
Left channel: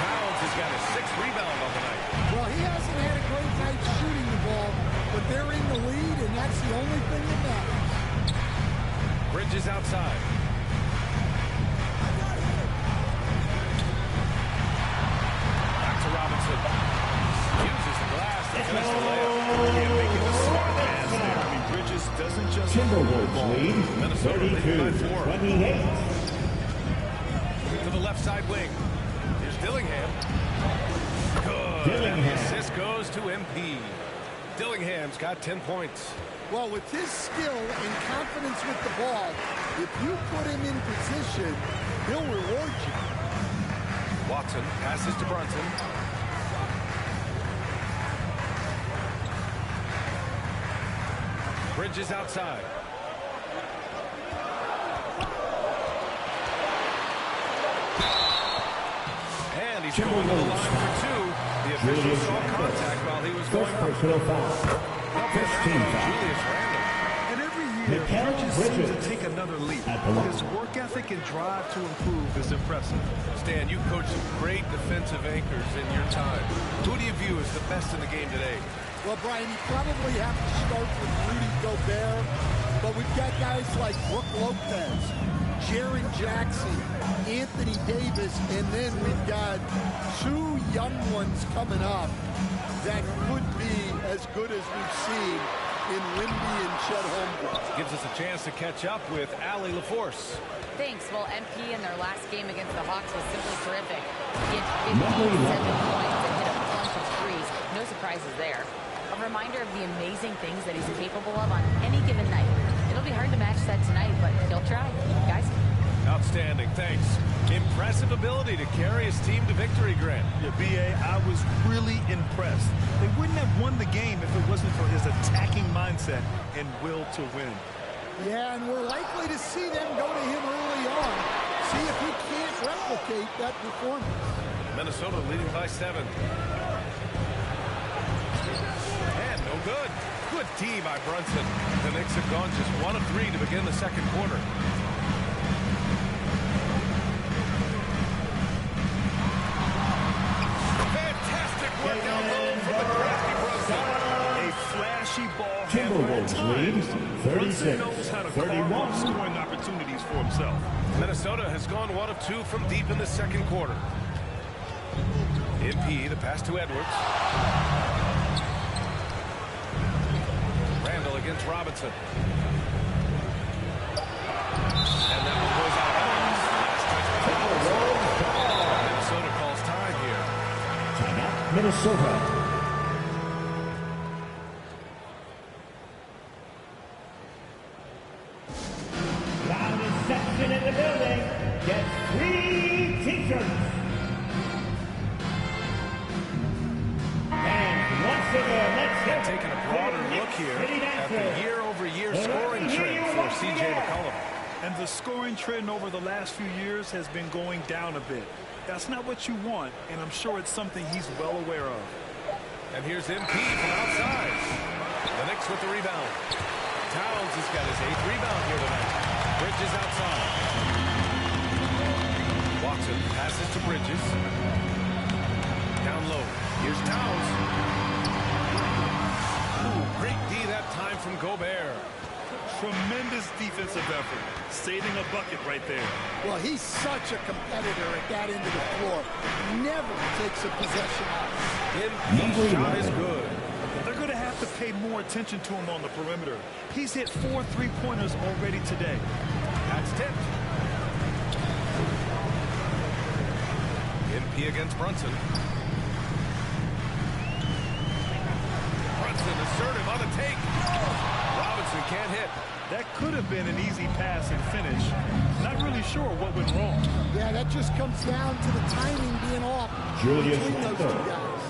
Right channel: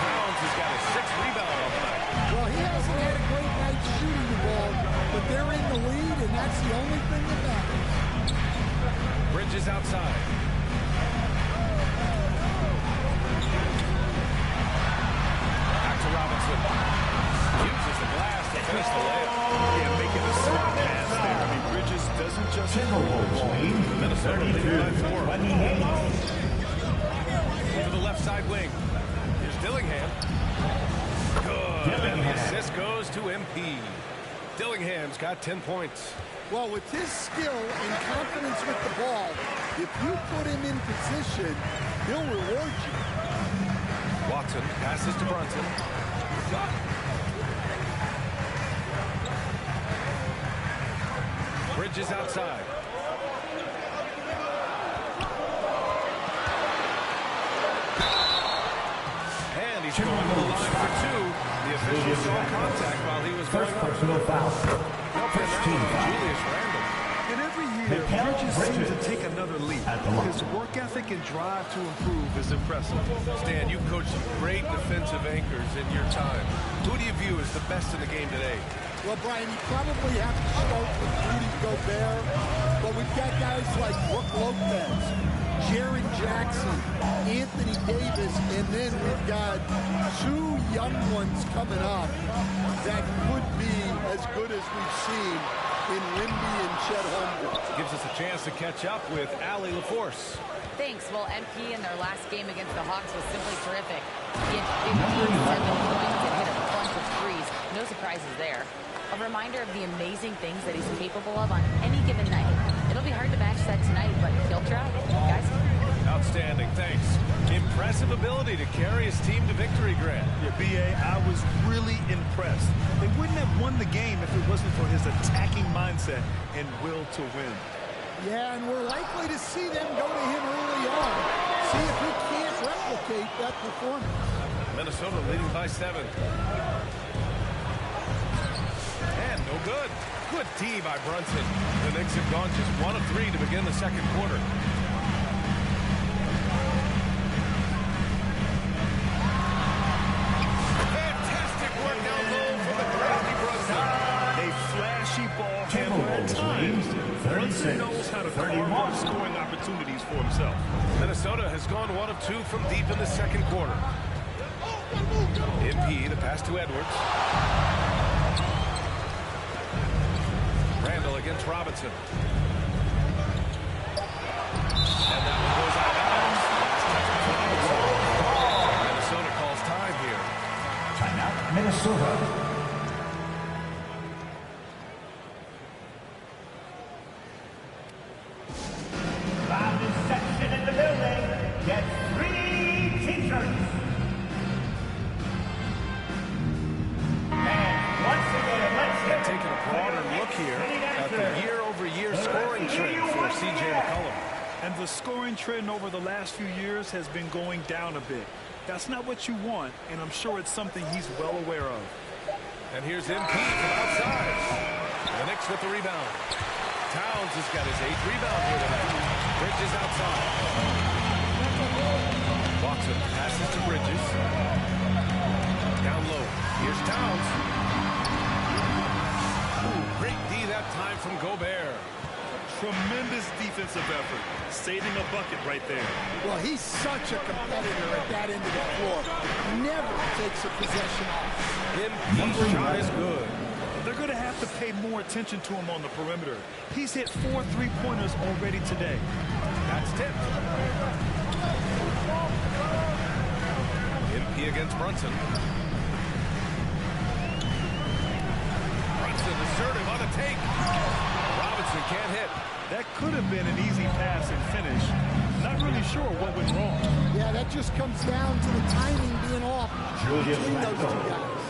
Towns has got his 6th rebound on the night. Well, he hasn't had a great night shooting the ball, but they're in the lead, and that's the only thing that matters. Bridges outside. Back to Robinson. Uses the glass to finish the layup. Yeah, making a smart pass there. I mean, Bridges doesn't just Timberwolves lead. Minnesota leading by 4. 28. To the left side wing. Here's Dillingham. Good. And the assist goes to MP. Dillingham's got 10 points. Well, with his skill and confidence with the ball, if you put him in position, he'll reward you. Watson passes to Brunson. Bridges outside. And he's going to the line for 2. The official saw contact while he was going up. Personal foul. Julius Randle. And every year, Bridges seems to take another leap. His work ethic and drive to improve is impressive. Stan, you coached some great defensive anchors in your time. Who do you view as the best in the game today? Well, Brian, you probably have to start with Rudy Gobert, but we've got guys like Brook Lopez, Jaren Jackson, Anthony Davis, and then we've got 2 young ones coming up that could be as good as we've seen in Wimby and Chet Holmgren. Gives us a chance to catch up with Allie LaForce. Thanks. Well, MP in their last game against the Hawks was simply terrific. He had 57 points and hit a bunch of threes. No surprises there. A reminder of the amazing things that he's capable of on any given night. It'll be hard to match that tonight, but he'll try. Guys? Outstanding, thanks. Impressive ability to carry his team to victory, Grant. Yeah, B.A., I was really impressed. They wouldn't have won the game if it wasn't for his attacking mindset and will to win. Yeah, and we're likely to see them go to him early on. See if he can't replicate that performance. Minnesota leading by 7. And no good. Good D by Brunson. The Knicks have gone just 1 of 3 to begin the second quarter. Fantastic work down low from the crafty Brunson. A flashy ball handler at times. Brunson knows how to carve up scoring opportunities for himself. Minnesota has gone 1 of 2 from deep in the second quarter. MP, the pass to Edwards. Randle against Robinson. And that one goes out of bounds. Last touch by Robinson. Minnesota calls time here. Timeout, Minnesota. Loudest section in the building gets 3 t-shirts. And once again, let's And taking a broader look here at the year-over-year scoring trend for C.J. McCollum. And the scoring trend over the last few years has been going down a bit. That's not what you want, and I'm sure it's something he's well aware of. And here's MP from outside. The Knicks with the rebound. Towns has got his 8th rebound here tonight. Bridges outside. Watson passes to Bridges. Down low. Here's Towns. Ooh, great D that time from Gobert. Tremendous defensive effort. Saving a bucket right there. Well, he's such a competitor at that end of the floor. Never takes a possession off. MP's shot is good. They're going to have to pay more attention to him on the perimeter. He's hit 4 3-pointers already today. That's tipped. MP against Brunson. Brunson assertive on the take. Robinson can't hit. That could have been an easy pass and finish. Not really sure what went wrong. Yeah, that just comes down to the timing being off between those 2 guys.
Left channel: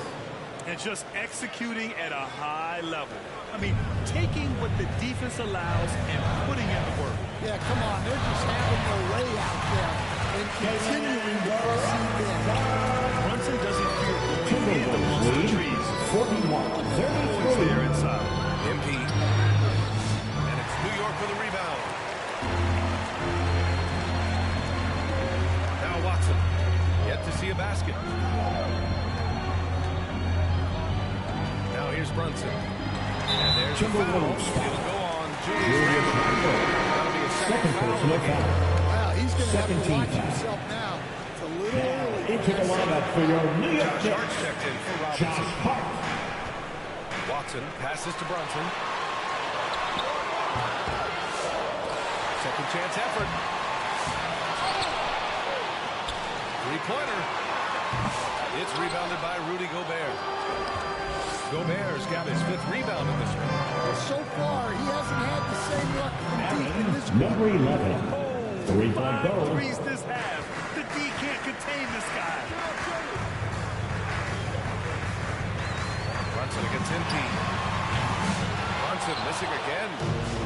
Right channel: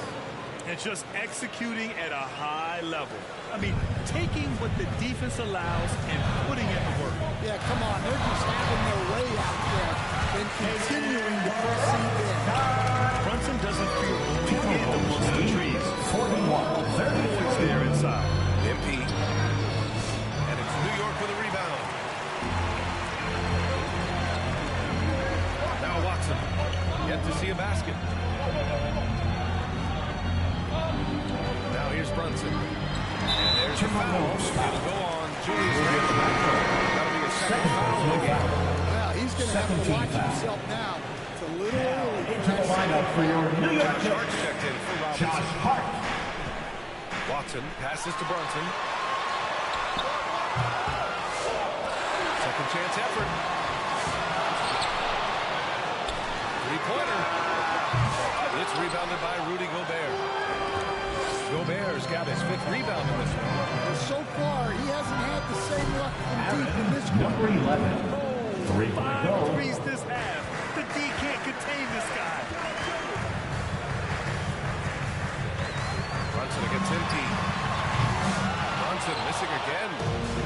And just executing at a high level. I mean, taking what the defense allows and putting in the work. Yeah, come on. They're just having their way out there. and continuing to press even. Brunson doesn't fear going in amongst the trees. 41. Boys there inside. MP. And it's New York with a rebound. Now Watson. Yet to see a basket. Now here's Brunson. And there's the foul. It'll go on Julius Randle. That'll be a second foul in the game. Well, he's going to have to watch himself now. It's a little early. Into the lineup for your New York Josh Hart's checked in for Robinson. Josh Hart. Watson passes to Brunson. Second chance effort. Three-pointer. It's rebounded by Rudy Gobert. Gobert's got his 5th rebound in this one. Well, so far, he hasn't had the same luck from deep in this one. Number 11. 3-point Five goal. threes this half. The D can't contain this guy. Brunson against MP. Brunson missing again.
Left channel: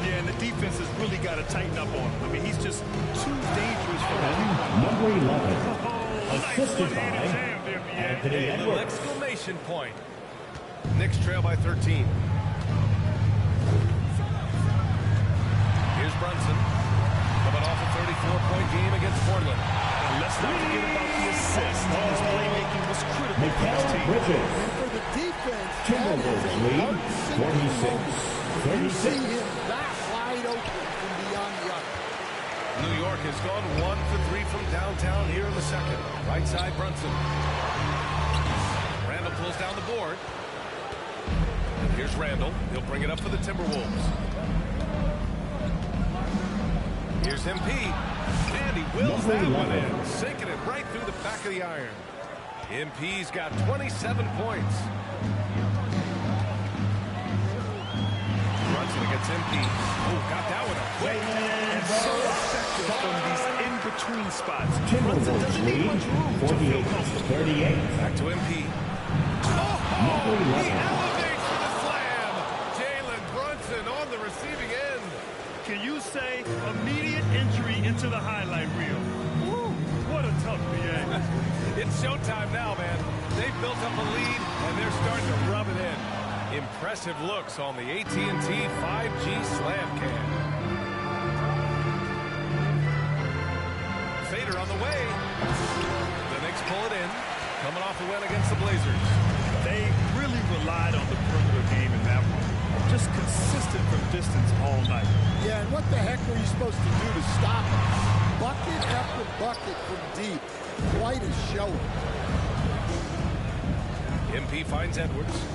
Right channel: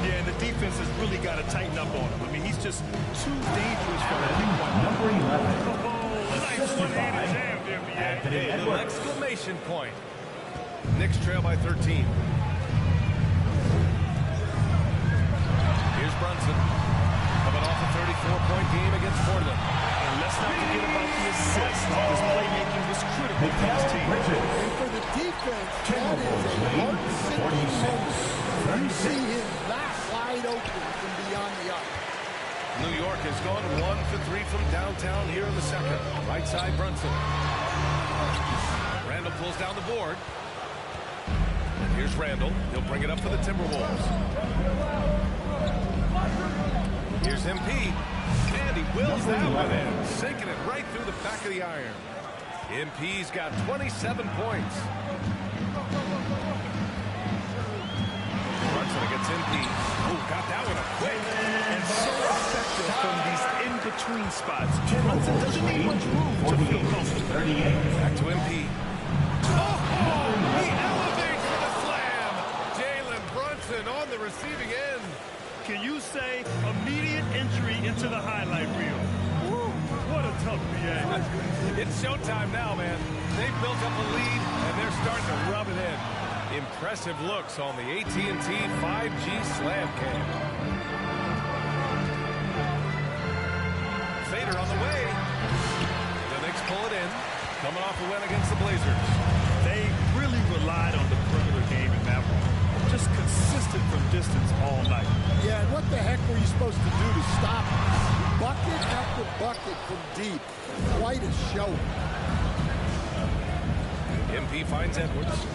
Yeah, and the defense has really got to tighten up on him. I mean, he's just too dangerous for that three-point line. Number 11. Oh, nice Assisted one-handed by jam there, Anthony A little Edwards. exclamation point. Knicks trail by 13. Here's Brunson. Coming off a 34-point game against Portland. And let's not forget about the assist. His playmaking was critical for this team. And for the defense, that is a heart-sinking moment. You see him that wide open from beyond the arc. New York has gone 1 for 3 from downtown here in the second. Right side, Brunson. Randle pulls down the board. And here's Randle. He'll bring it up for the Timberwolves. Here's MP. And he wills that one in. Sinking it right through the back of the iron. MP's got 27 points. Brunson against MP. Oh, got that one up quick. And so effective from these in-between spots. Brunson doesn't need much room to feel comfortable. 38. Back to MP. Oh, he elevates for the slam. Jalen Brunson on the receiving end. Can you say immediate entry into the highlight reel? Woo, what a tough BA. It's showtime now, man. They've built up a lead, and they're starting to rub it in. Impressive looks on the AT&T 5G Slam Cam. Fader on the way. The Knicks pull it in. Coming off a win against the Blazers. They really relied on the perimeter game in that one. Just consistent from distance all night. Yeah, and what the heck were you supposed to do to stop him? Bucket after bucket from deep. Quite a show. MP finds Edwards.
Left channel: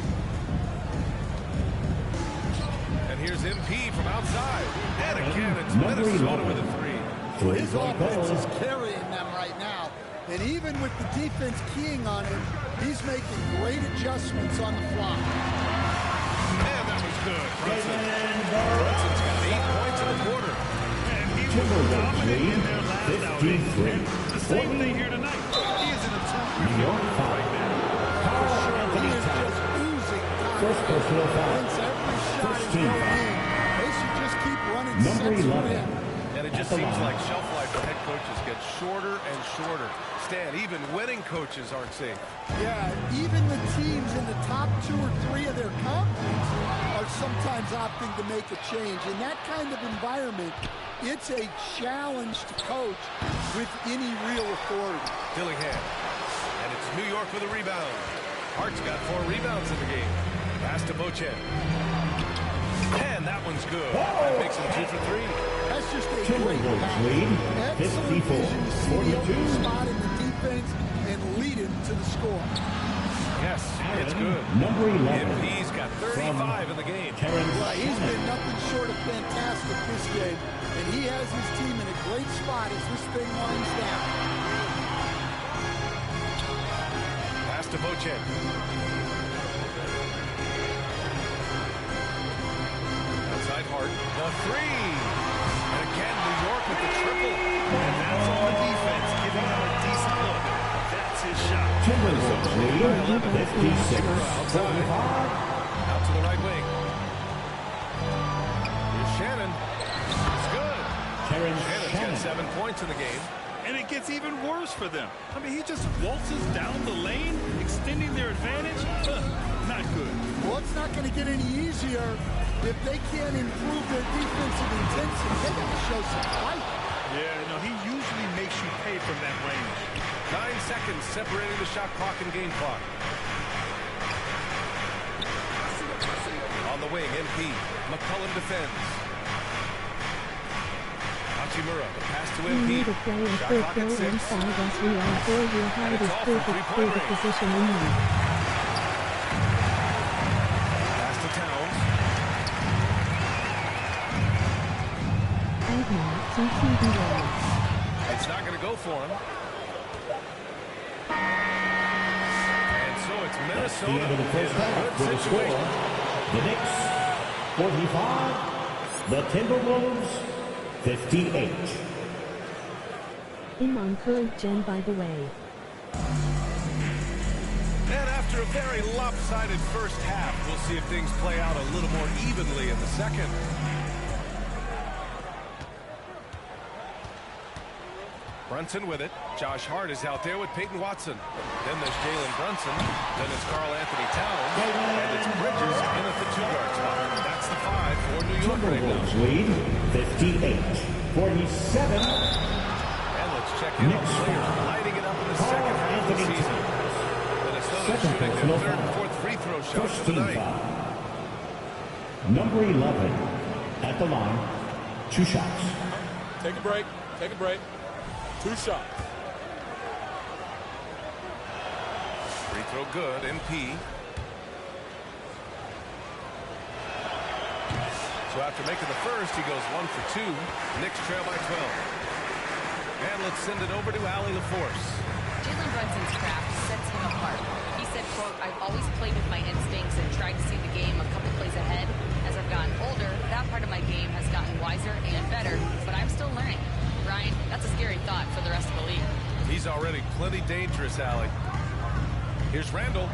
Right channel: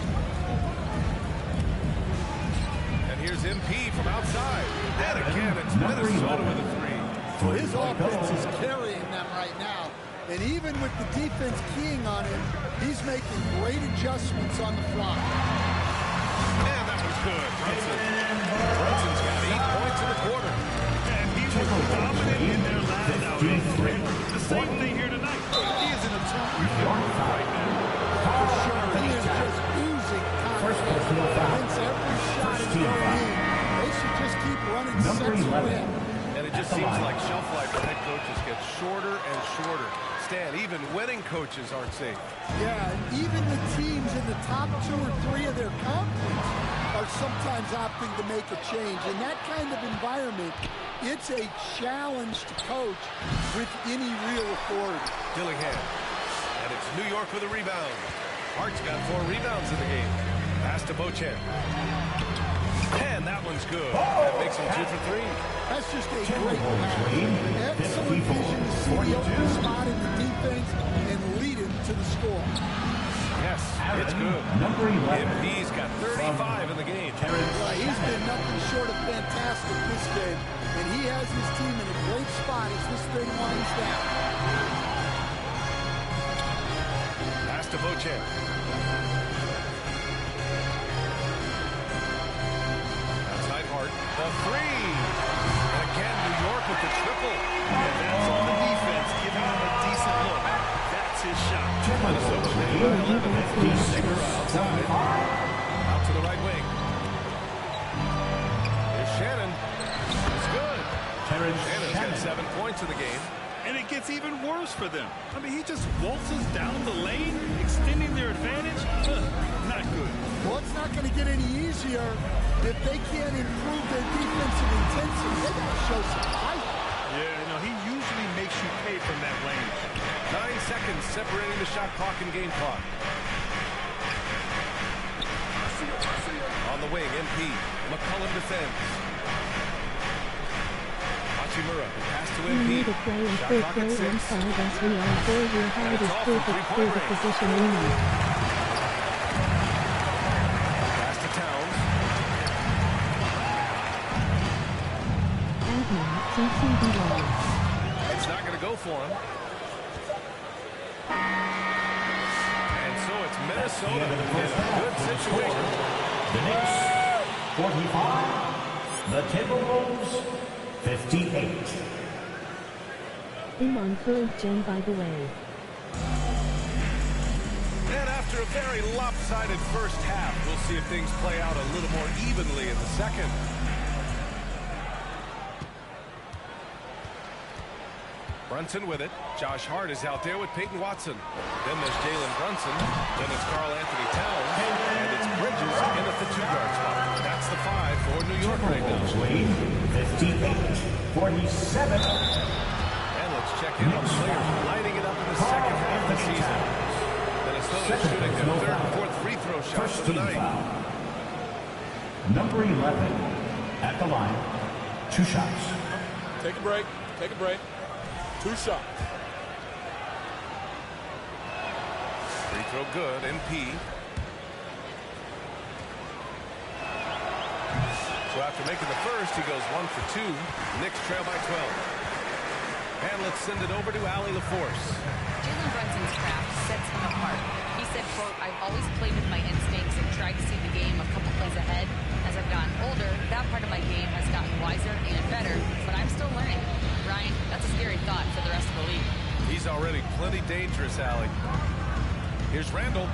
And here's MP from outside. And again, it's Minnesota with a 3. Well, his offense is carrying them right now. And even with the defense keying on him, he's making great adjustments on the fly. And that was good. Brunson's got 8 points in the quarter. And he was dominant in their last outing. And the same thing here tonight. He is in a terrific mood right now. For sure, he is just oozing confidence. Thinks every shot is going in. They should just keep running sets for him. And it just seems like shelf life for head coaches gets shorter and shorter. Stan, even winning coaches aren't safe. Yeah, even the teams in the top 2 or 3 of their conference are sometimes opting to make a change. In that kind of environment, it's a challenge to coach with any real authority. Dillingham. And it's New York with a rebound. Hart's got 4 rebounds in the game. Pass to Beauchamp. And that one's good. That makes him 2 for 3. That's just a great pass. Excellent vision to see the open spot in the defense and lead him to the score. Yes, it's good. Number 11. MP's got 35 in the game. Well, he's been nothing short of fantastic this game, and he has his team in a great spot as this thing winds down. Pass to Beauchamp. Outside Hart, the 3. And again, New York with the triple. And that's on the defense, giving him a decent look. That's his shot. Minnesota leading by 11. Shiver outside. Out to the right wing. Here's Shannon. It's good. Shannon's got 7 points in the game. And it gets even worse for them. I mean, he just waltzes down the lane, extending their advantage. Not good. Well, it's not going to get any easier if they can't improve their defensive intensity. They got to show some fight. Yeah, no, he usually makes you pay from that range. 9 seconds separating the shot clock and game clock. On the wing, MP. McCullum defends. Hachimura, the pass to MP. Shot clock at 6. And it's all from three-point range. Pass to Towns. It's not going to go for him. And so it's Minnesota in a good situation. The Knicks, 45. The Timberwolves, 58. MYCAREER, by the way. And after a very lopsided first half, we'll see if things play out a little more evenly in the second. Brunson with it. Josh Hart is out there with Peyton Watson. Then there's Jalen Brunson. Then it's Karl Anthony Towns. And it's Bridges in at the 2-guard spot. That's the 5 for New York right now. Lead 58-47. And let's check in on players lighting it up in the second half of the season. Minnesota shooting their third and fourth free throw shots of the night. Number 11 at the line. 2 shots. Take a break. Take a break. 2 shots. Free throw good. MP. So after making the first, he goes 1 for 2. Knicks trail by 12. And let's send it over to Allie LaForce. Jalen Brunson's craft sets him apart. He said, quote, I've always played with my instincts and tried to see the game a couple plays ahead. As I've gotten older, that part of my game has gotten wiser and better, but I'm still learning. Ryan, that's a scary thought for the rest of the league. He's already plenty dangerous, Allie. Here's Randall.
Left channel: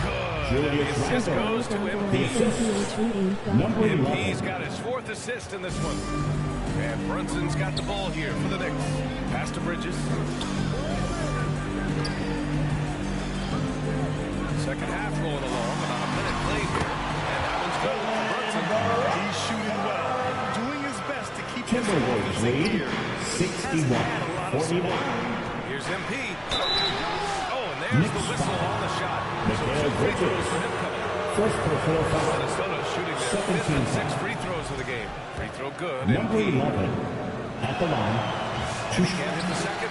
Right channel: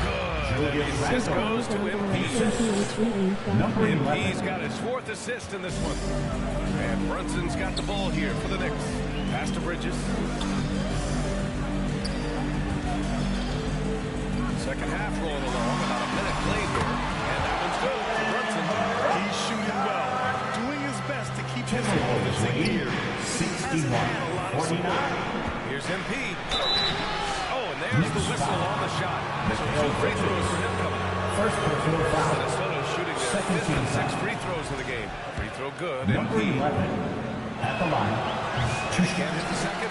Good. And the assist goes to MP. MP's got his 4th assist in this one. And Brunson's got the ball here for the Knicks. Pass to Bridges. Second half rolling along. About a minute played here. And that one's good for Brunson. He's shooting well. Doing his best to keep his offense in gear. But he hasn't had a lot of support. Here's MP. Oh, and there's the whistle on the shot. So 2 free throws for him coming up. First personal foul. Minnesota shooting their 5th and 6th free throws of the game. Free throw good. Number MP. 11 at the line. 2 shots. Can't hit the second.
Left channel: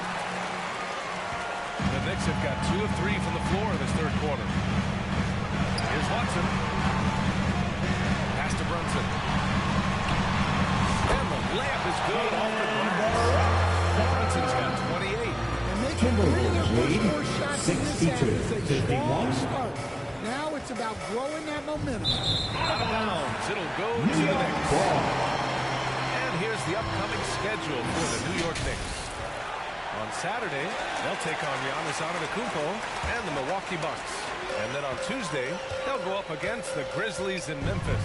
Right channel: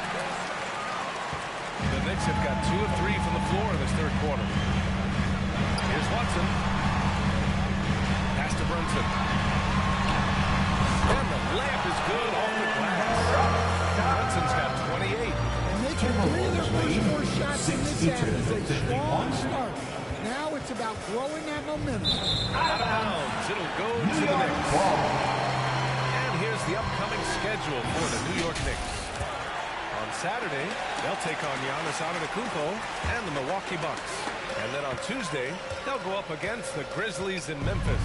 The Knicks have got 2 of 3 from the floor in this third quarter. Here's Watson. Pass to Brunson. And the layup is good off the glass. Brunson's got 28. And they can 3 of their first 4 shots in this half is a strong start. Now it's about growing that momentum. Out of bounds. It'll go to the Knicks. And here's the upcoming schedule for the New York Knicks. On Saturday, they'll take on Giannis Antetokounmpo and the Milwaukee Bucks. And then on Tuesday, they'll go up against the Grizzlies in Memphis.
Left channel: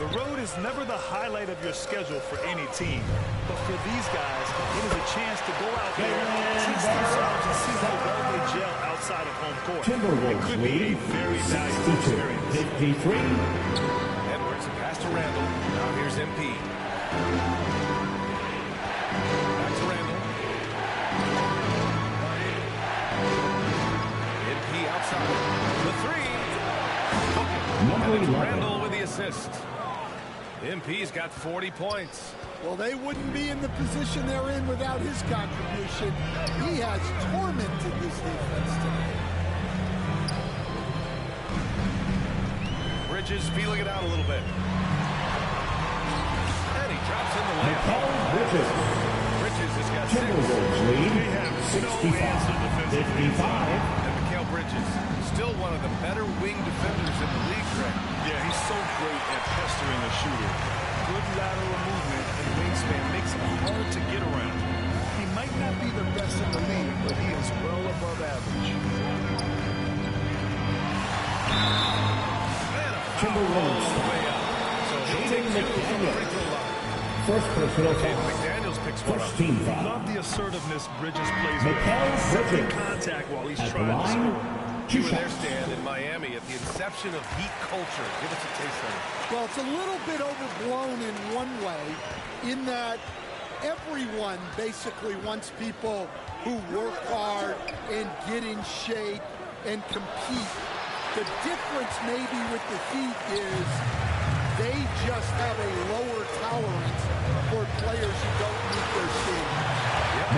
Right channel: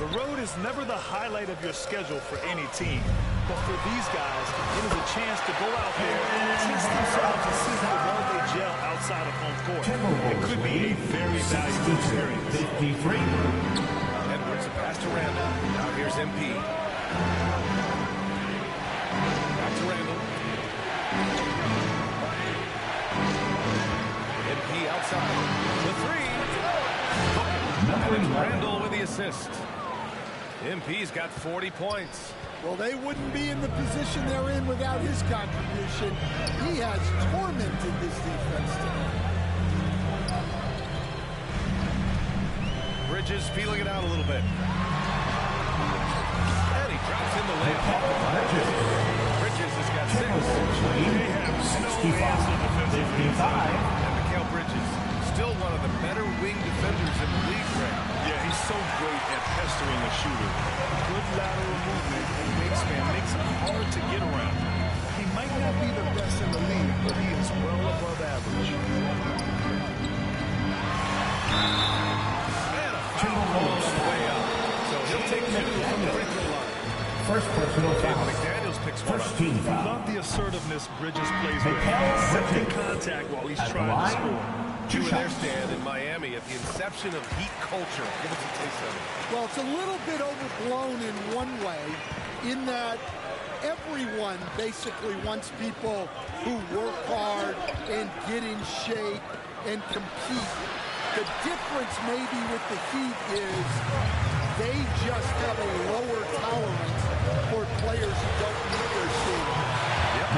The road is never the highlight of your schedule for any team. But for these guys, it is a chance to go out there, test themselves, and see how well they gel outside of home court. It could be a very valuable experience. 53. Edwards, a pass to Randall. Now here's MP. Back to Randall. MP outside. The 3. And it's Randall with the assist. MP's got 40 points. Well, they wouldn't be in the position they're in without his contribution. He has tormented this defense tonight. Bridges feeling it out a little bit. And he drops in the layup off the glass. Bridges has got 6. They have no answer defensively inside. And Mikal Bridges, still one of the better wing defenders in the league, Greg. Yeah, he's so great at pestering a shooter. Good lateral movement and wingspan makes him hard to get around. He might not be the best in the league, but he is well above average. And a foul called on the way up. So he'll take 2 from the free throw line. First personal foul. McDaniels picks one First up. team foul. Love the assertiveness Bridges plays with. Accepting contact while he's trying to score. You were there, Stan, in Miami at the inception of Heat culture. Give us a taste of it. Well, it's a little bit overblown in one way, in that everyone basically wants people who work hard and get in shape and compete. The difference maybe with the Heat is they just have a lower tolerance for players who don't meet their standards. Yep.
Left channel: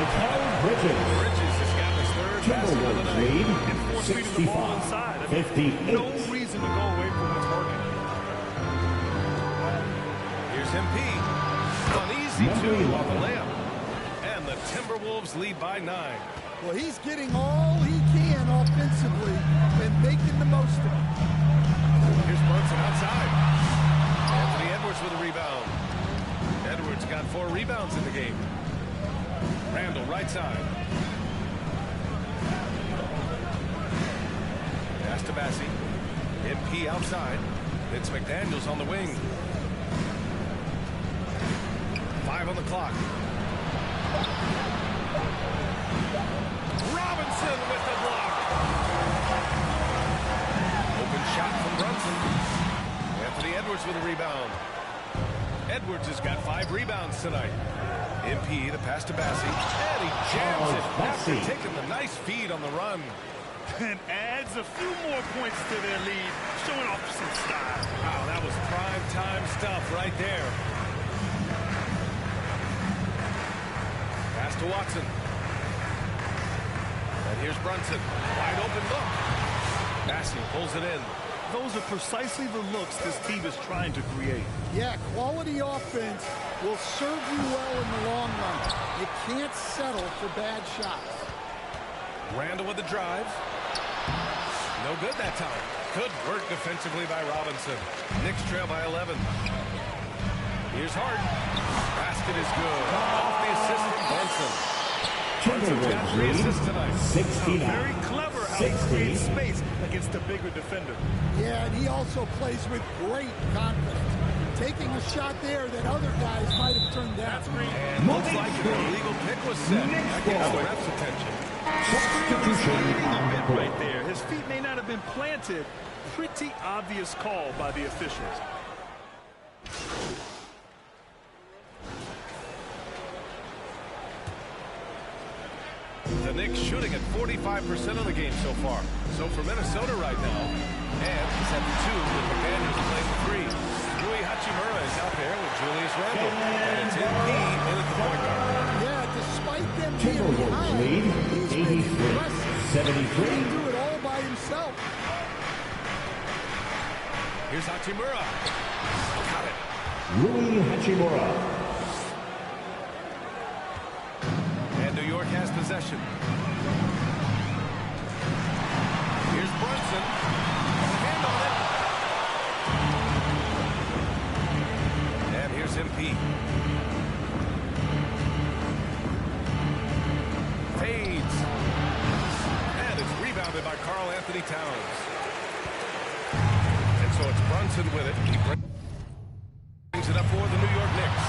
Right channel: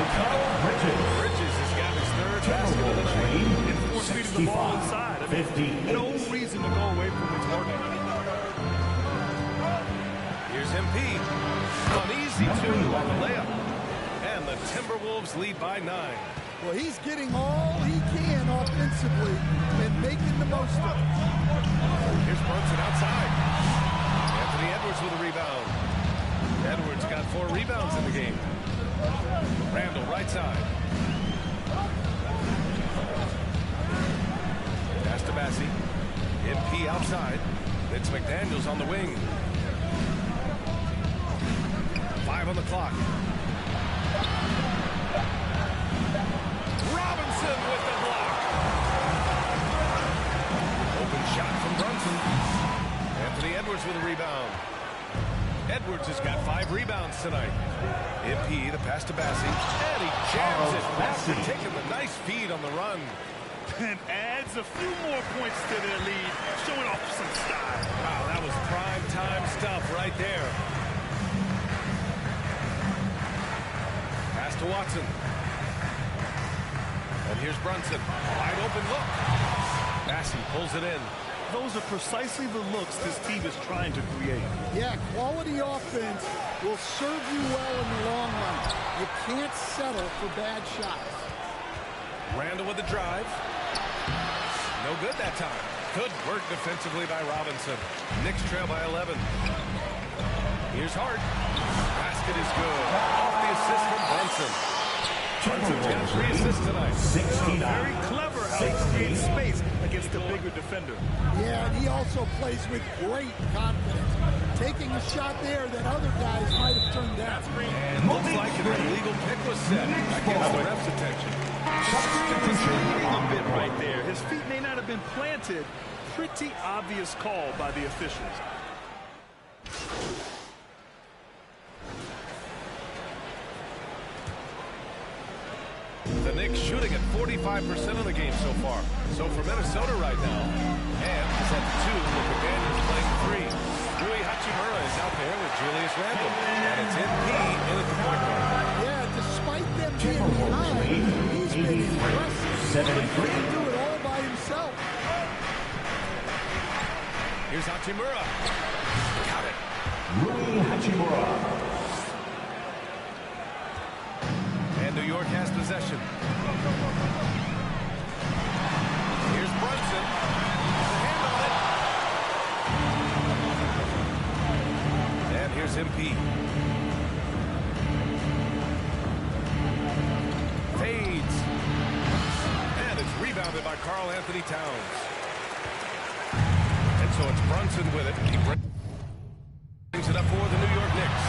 Bridges. Bridges has gotten his third basket of the night. And force feeding the ball inside. I mean, no reason to go away from what's working. Here's MP. An easy two on the layup. And the Timberwolves lead by 9. Well, he's getting all he can offensively and making the most of it. Here's Brunson outside. Anthony Edwards with a rebound. Edwards got 4 rebounds in the game. Randall right side. Pass to Bassie. MP outside. It's McDaniels on the wing. 5 on the clock. Robinson with the block. Open shot from Brunson. Anthony Edwards with a rebound. Edwards has got 5 rebounds tonight. MP, the pass to Bassie, and he jams it after taking the nice feed on the run. And adds a few more points to their lead, showing off some style. Wow, that was prime time stuff right there. Pass to Watson. And here's Brunson. Wide open look. Bassie pulls it in. Those are precisely the looks this team is trying to create. Yeah, quality offense will serve you well in the long run. You can't settle for bad shots. Randall with the drive. No good that time. Good work defensively by Robinson. Knicks trail by 11. Here's Hart. Basket is good. Off the assist from Brunson. Brunson's got 3 assists tonight. 69. Very clever how he creates space against the bigger defender. Yeah, and he also plays with great confidence. Taking a shot there that other guys might have turned down. And looks like an illegal pick was set. That gets the ref's attention. Misleading a bit right there. His feet may not have been planted. Pretty obvious call by the officials. The Knicks shooting at 45% of the game so far. So for Minnesota right now, and is at the 2 with McDaniels playing the 3. Rui Hachimura is out there with Julius Randle. And it's MP in at the point guard. Yeah, despite them being behind, he's been impressive. 73. He can do it all by himself. Here's Hachimura. Got it. Rui Hachimura. And New York has possession. Here's Brunson. Got a hand on it. And here's MP. Fades. And it's rebounded by Karl Anthony Towns. And so it's Brunson with it. He brings it up for the New York Knicks.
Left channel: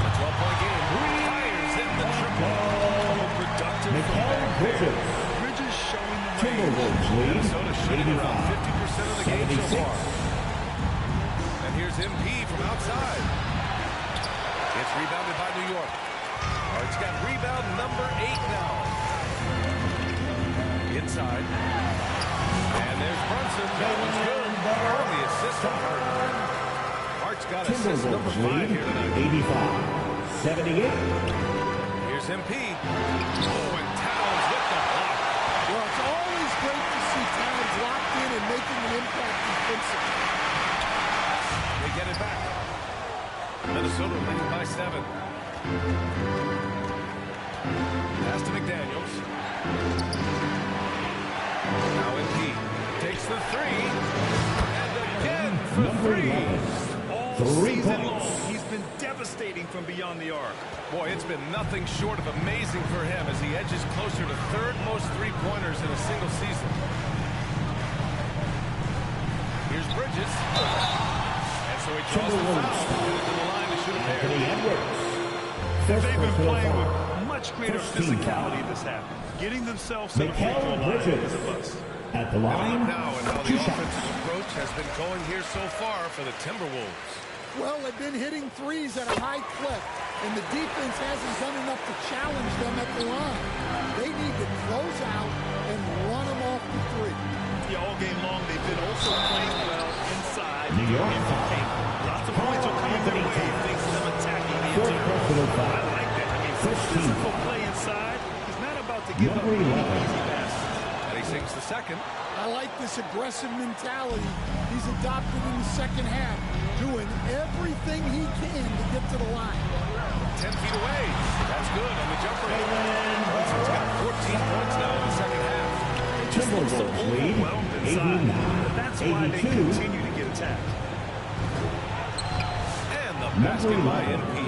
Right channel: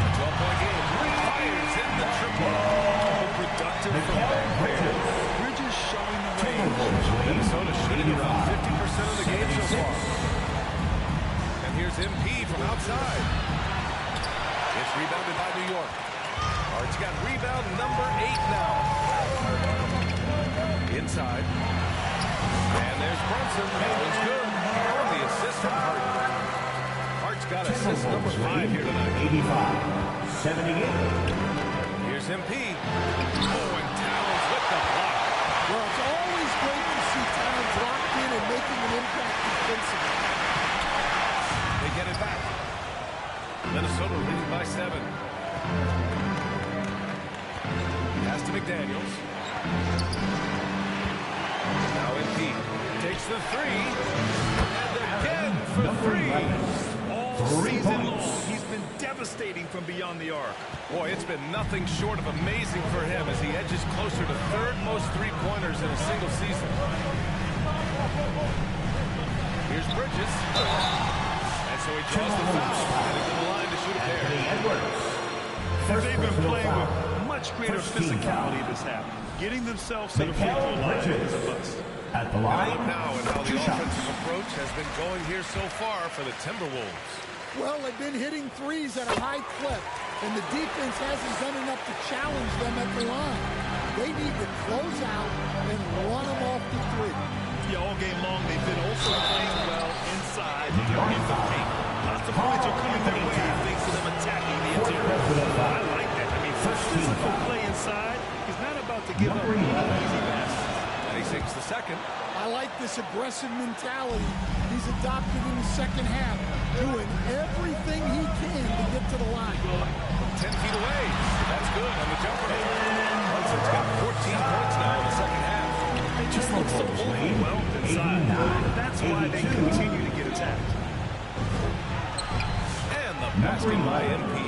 A 12-point game. Fires in the triple. Productive from back there. Bridges showing the range. Minnesota shooting around 50% of the game so far. And here's MP from outside. It's rebounded by New York. Hart's got rebound number 8 now. Inside. And there's Brunson. That one's good. On the assist from Hart. Hart's got assist number 5 here tonight. 85-78. Here's MP. Oh, and Towns with the block. Well, it's always great to see Towns locked in and making an impact defensively. They get it back. Minnesota leading by 7. Pass to McDaniels. Now MP takes the 3. And again for 3. All season long, he's been devastating from beyond the arc. Boy, it's been nothing short of amazing for him as he edges closer to 3rd most 3-pointers in a single season. Here's Bridges. And And so he draws the foul, headed to the line to shoot a pair. And they've been playing with much greater physicality this half. Getting themselves to the free throw line is a must. At the line, look now at how the offensive approach has been going here so far for the Timberwolves. Well, they've been hitting threes at a high clip, and the defense hasn't done enough to challenge them at the line. They need to close out and run them off the three. Yeah, all game long, they've been also playing well inside in the paint. Lots of points are coming their way thanks to them attacking the interior. I like that. I mean, some physical play inside. He's not about to give up any easy baskets. And he sinks the second. I like this aggressive mentality he's adopted in the second half, doing everything he can to get to the line. From 10 feet away. That's good on the jumper. Brunson's got 14 points now in the second half. They just look so overwhelmed inside. But that's why they continue to get attacked. And the basket by MP.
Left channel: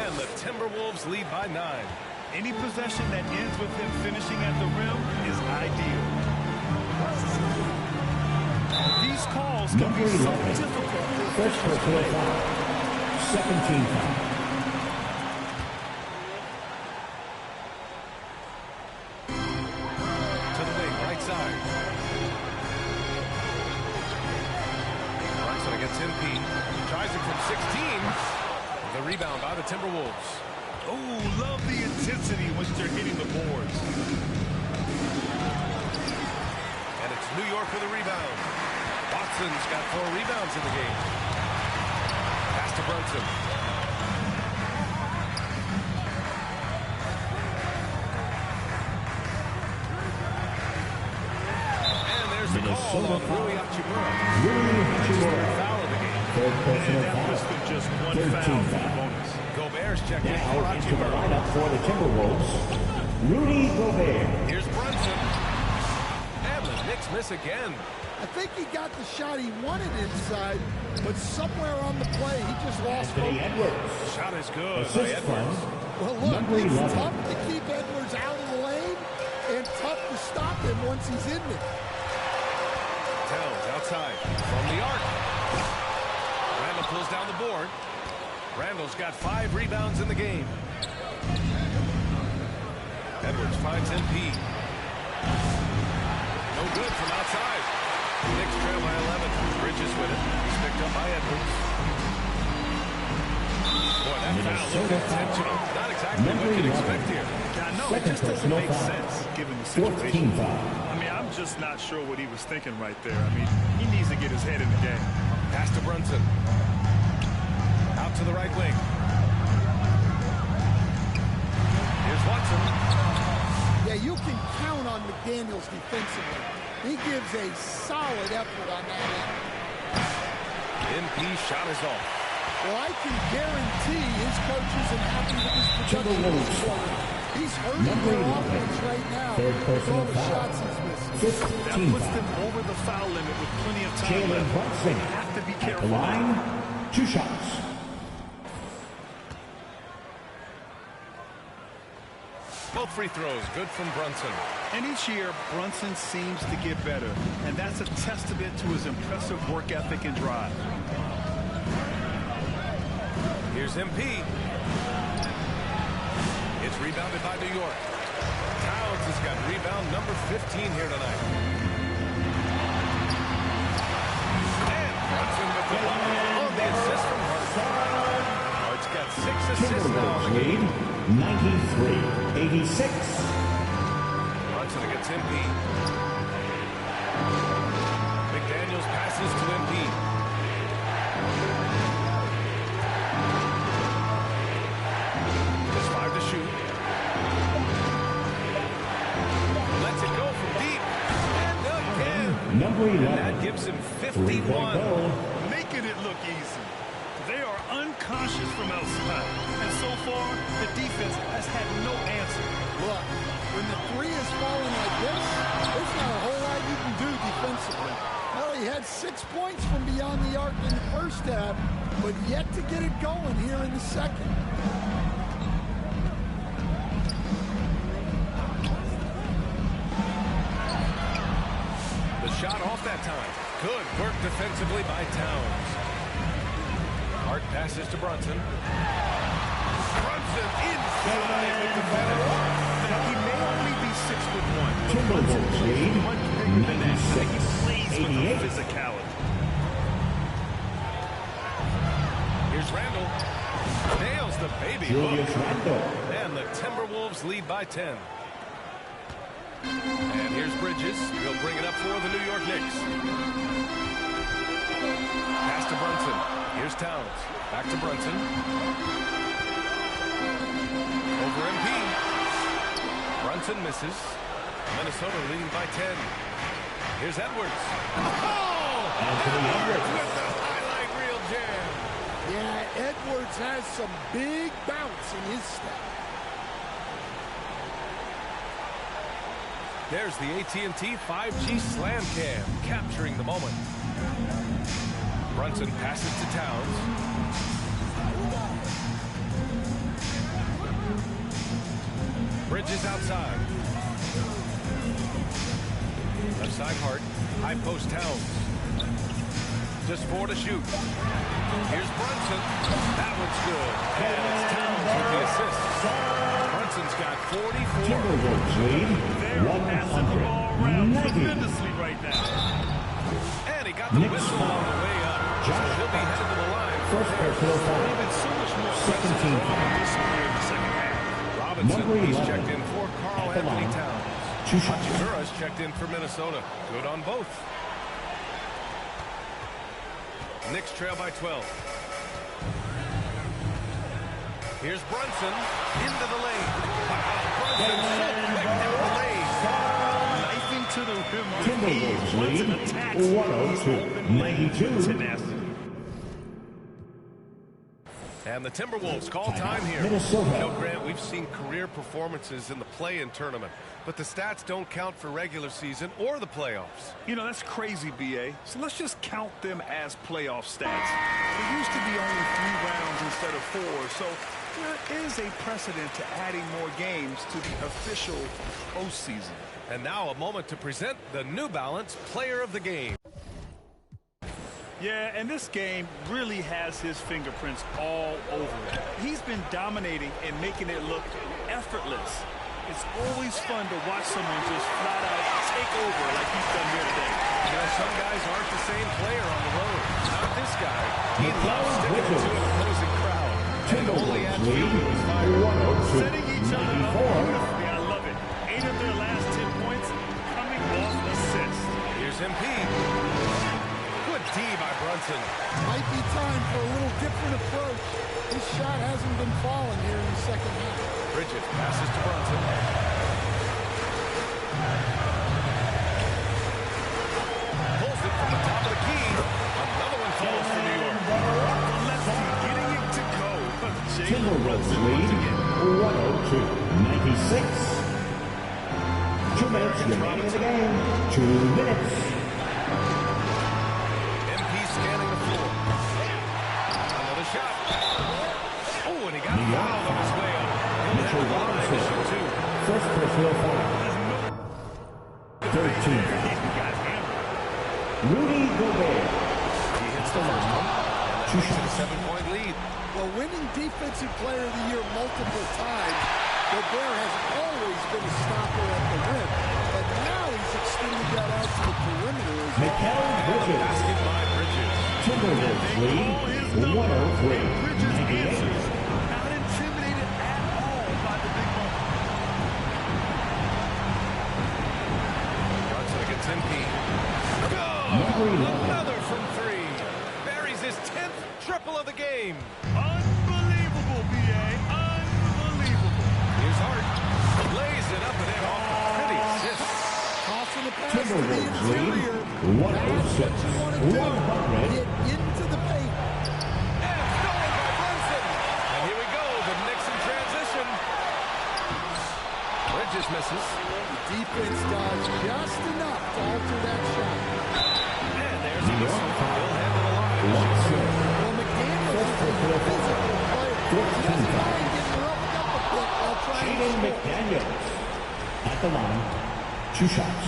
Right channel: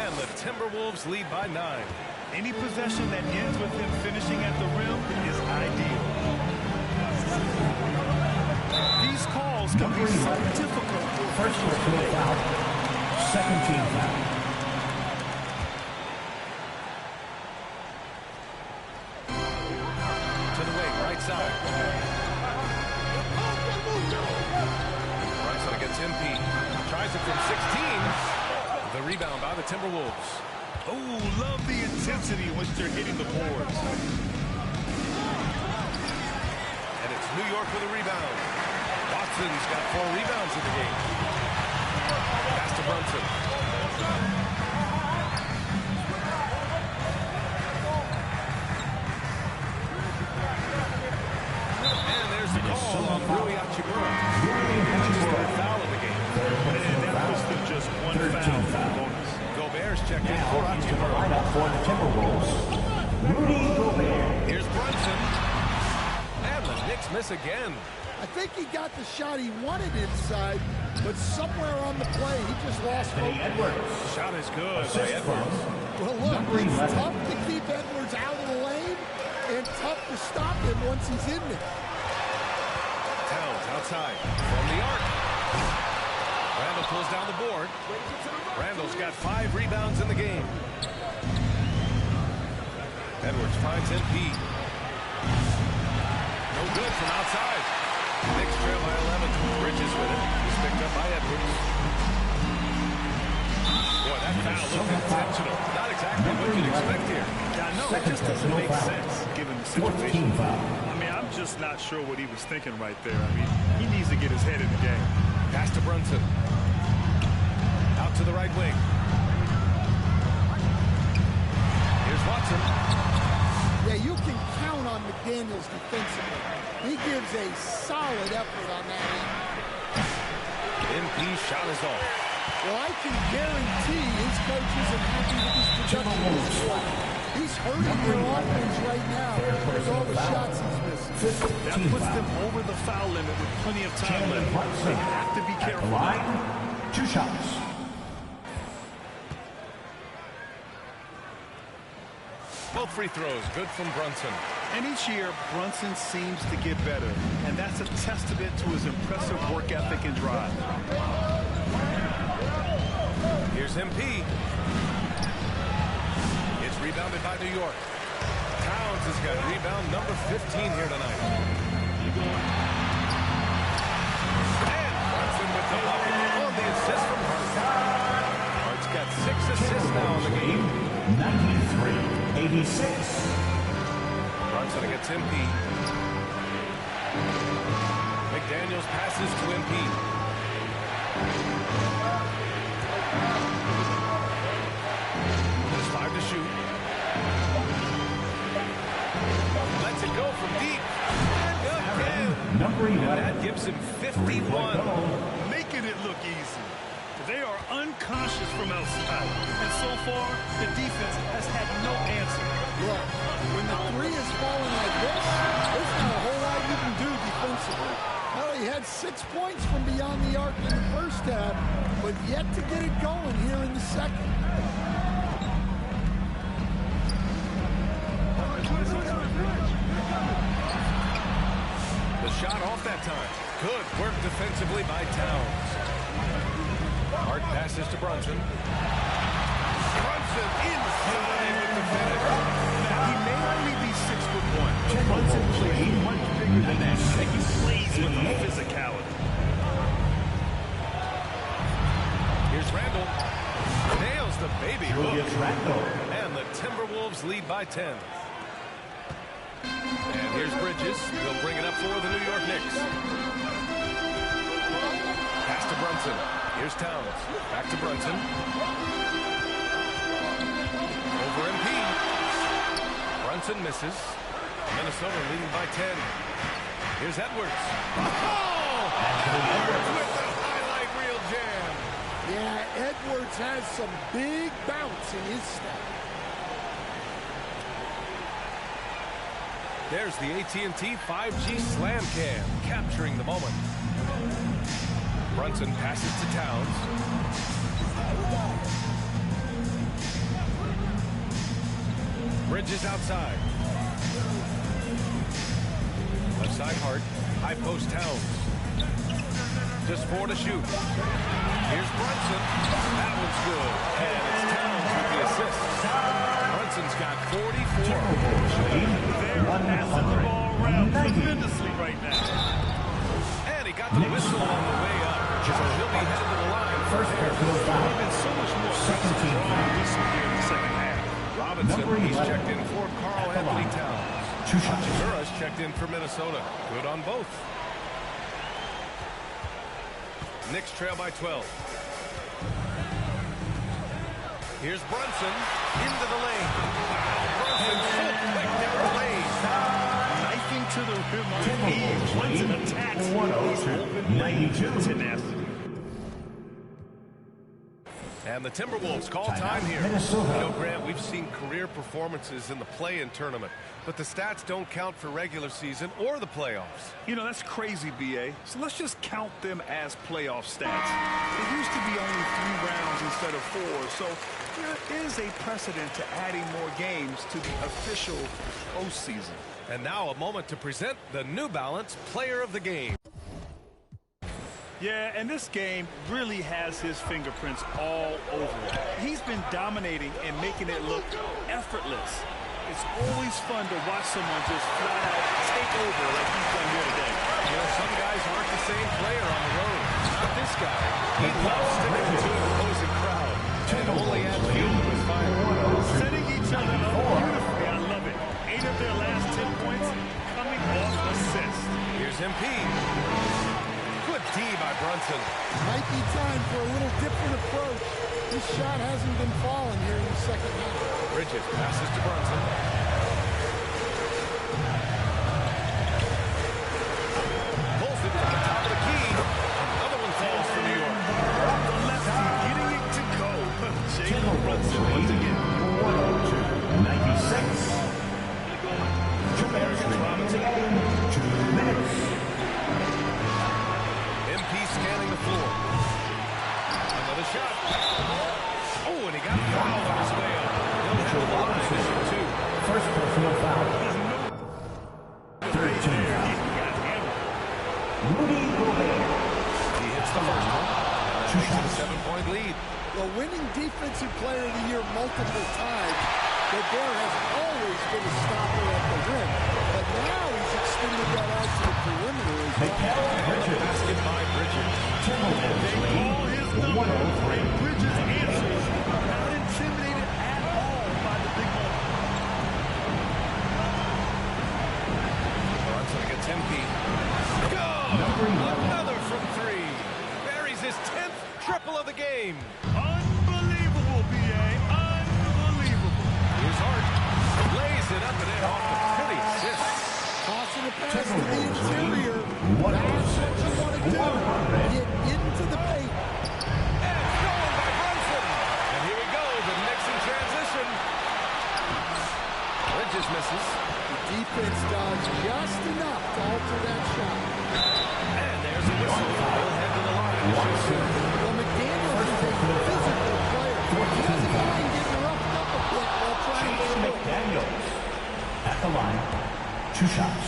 And the Timberwolves lead by 9. Any possession that ends with him finishing at the rim is ideal. These calls can be so difficult for officials to make. Second team foul. To the wing, right side. Brunson against MP. Tries it from 16. The rebound by the Timberwolves. Oh, love the intensity in which they're hitting the boards. And it's New York with a rebound. Watson's got 4 rebounds in the game. Pass to Brunson. And there's the call on Rui Hachimura. That's his 3rd foul of the game. And that puts them just 1 foul for the bonus. Gobert's checked in for Hachimura. Lineup for the Timberwolves, Rudy Gobert. Here's Brunson. And the Knicks miss again. I think he got the shot he wanted inside, but somewhere on the play, he just lost focus. Shot is good by Edwards. Well, look, it's tough to keep Edwards out of the lane and tough to stop him once he's in there. Towns outside from the arc. Randall pulls down the board. Randall's got 5 rebounds in the game. Edwards finds MP. No good from outside. Knicks trail by 11. Bridges with it. He's picked up by Edwards. Boy, that foul looked intentional. Not exactly what you'd expect here. I know, it just doesn't make sense given the situation. I mean, I'm just not sure what he was thinking right there. I mean, he needs to get his head in the game. Pass to Brunson. Out to the right wing. Here's Watson. Yeah, you can count on McDaniels defensively. He gives a solid effort on that end. MP shot is off. Well, I can guarantee his coach isn't happy with his production this quarter. He's hurting their offense right now with all the shots he's missing. That puts them over the foul limit with plenty of time left. They have to be careful. At the line, 2 shots. Both free throws good from Brunson. And each year, Brunson seems to get better. And that's a testament to his impressive work ethic and drive. Here's MP. It's rebounded by New York. Towns has got rebound number 15 here tonight. And Brunson with the bucket on the assist from Hart. Hart's got 6 assists now in the game. 93-86. Brunson against MP. McDaniels passes to MP. Just 5 to shoot. Lets it go from deep. And again. Number 11. And that gives him 51. Making it look easy. They are unconscious from outside. And so far, the defense has had no answer. Look, when the 3 is falling like this, there's not a whole lot you can do defensively. Well, he had 6 points from beyond the arc in the first half, but yet to get it going here in the second. The shot off that time. Good work defensively by Towns. Hart passes to Brunson. Brunson inside with the finish. Now, he may only be 6'1", but Brunson plays much bigger than that. He plays with a physicality. Here's Randall. Nails the baby hook. And the Timberwolves lead by 10. And here's Bridges. He'll bring it up for the New York Knicks. Pass to Brunson. Here's Towns. Back to Brunson. Over MP. Brunson misses. Minnesota leading by 10. Here's Edwards. Oh! Edwards with the highlight reel jam. Yeah, Edwards has some big bounce in his step. There's the AT&T 5G Slam Cam, capturing the moment. Brunson passes to Towns. Bridges outside. Left side Hart. High post Towns. Just 4 to shoot. Here's Brunson. That one's good. And it's Towns with the assist. Brunson's got 44. They're passing the ball around tremendously right now. And he got the whistle on the way up. So he'll be headed to the line for Harris. They've been so much more aggressive drawing the whistle here in the second half. Robinson, he's checked in for Karl Anthony Towns. Hachimura's checked in for Minnesota. Good on both. Knicks trail by 12. Here's Brunson into the lane. Wow, Brunson so quick down the lane. Knifing to the rim with ease. Brunson attacks. He's open lane with tenacity. And the Timberwolves call time here. Minnesota. You know, Grant, we've seen career performances in the play-in tournament, but the stats don't count for regular season or the playoffs. You know, that's crazy, B.A. So let's just count them as playoff stats. It used to be only 3 rounds instead of 4, so there is a precedent to adding more games to the official postseason. And now a moment to present the New Balance Player of the Game. Yeah, and this game really has his fingerprints all over it. He's been dominating and making it look effortless. It's always fun to watch someone just flat out take over like he's done here today. You know, some guys aren't the same player on the road. Not this guy. He loves sticking it to an opposing crowd and only adds fuel to his fire. Setting each other up beautifully. I love it. 8 of their last 10 points coming off assists. Here's MP. Good D by Brunson. Might be time for a little different approach. His shot hasn't been falling here in the second half. Bridges passes to Brunson. Pulls it from the top of the key. Another one falls for New York. The lefty getting it to go. Jalen Brunson once again. 102-96. 2 minutes remaining in the game. 2 minutes. MP scanning the floor. Another shot. Oh, and he got fouled on his way up. He'll head to the line to shoot 2. First personal foul. 13. He got hammered. Rudy Gobert. He hits the first one, and that makes it a 7-point lead. Well, winning Defensive Player of the Year multiple times, Gobert has always been a stopper at the rim, but now he's extended that out to the perimeter as well. And the basket by Bridges. They call his number. Bridges answers, not intimidated at all by the big moment. Brunson against MP. Good! Another from 3. Buries his 10th triple of the game. Unbelievable, B.A. Unbelievable. Here's Hart. Lays it up and in off the pretty assist. Tossing the pass to the interior. That's what you want to do. Get into the paint. And stolen by Brunson. And here we go. The Knicks in transition. Bridges misses. The defense does just enough to alter that shot. And there's a whistle. He'll head to the line to shoot 2. Well, McDaniels is a physical player. He doesn't mind getting roughed up a bit while trying to score. McDaniels at the line. 2 shots.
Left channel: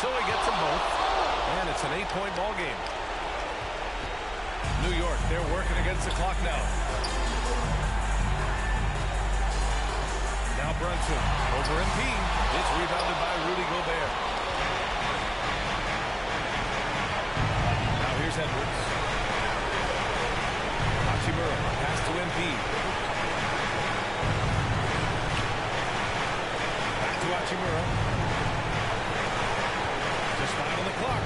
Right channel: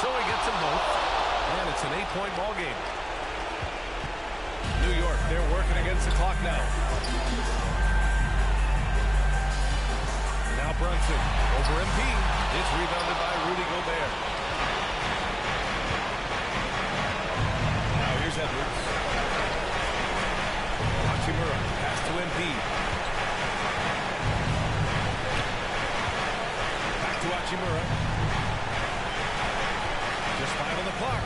So he gets them both. And it's an 8-point ball game. New York, they're working against the clock now. Now Brunson over MP. It's rebounded by Rudy Gobert. Now here's Edwards. Hachimura, pass to MP. Back to Hachimura. Just 5 on the clock.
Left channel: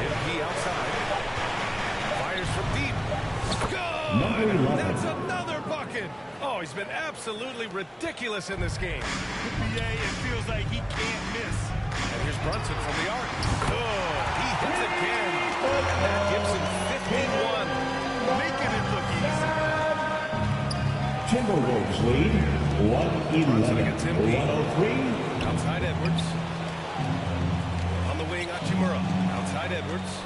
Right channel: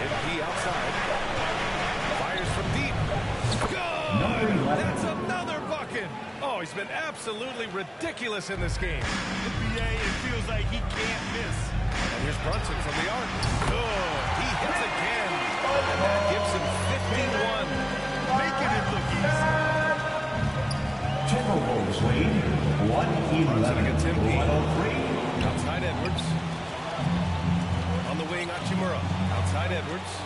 MP outside. Fires from deep. Good! That's another bucket! Oh, he's been absolutely ridiculous in this game. NBA, it feels like he can't miss. And here's Brunson from the arc. Good. He hits again. And that gives him 51. Making it look easy. Timberwolves lead 111. 103. Outside Edwards. On the wing, Hachimura. Outside Edwards.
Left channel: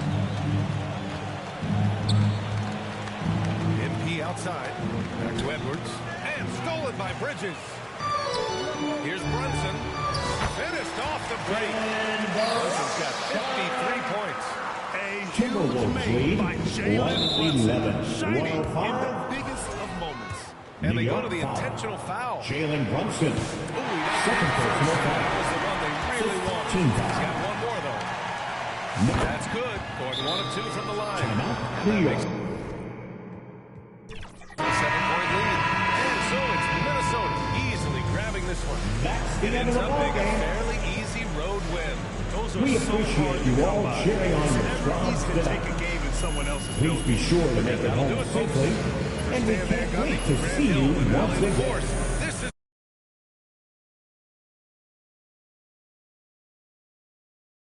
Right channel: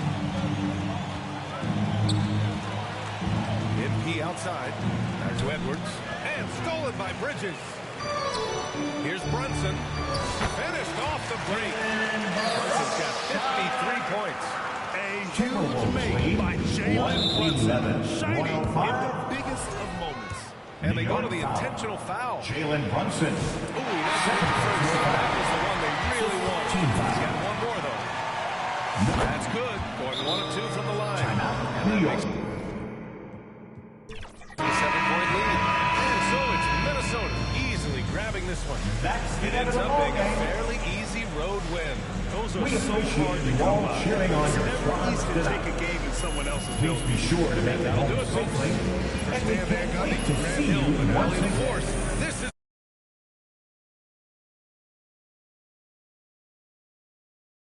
MP outside. Back to Edwards. And stolen by Bridges. Here's Brunson. Finished off the break. Brunson's got 53 points. A huge make by Jalen Brunson. Shining in the biggest of moments. And they go to the intentional foul. Jalen Brunson. Ooh, he doesn't get the first. That was the one they really wanted. He's got one more, though. That's good. Going 1 of 2 from the line. And that makes a 7-point lead. And so it's Minnesota easily grabbing this one. It ends up being a fairly easy road win. Those are so hard to come by. It's never easy to take a game in someone else's building. Please be sure to make it home safely. For Stan Van Gundy, Grant Hill, and Allie LaForce. This is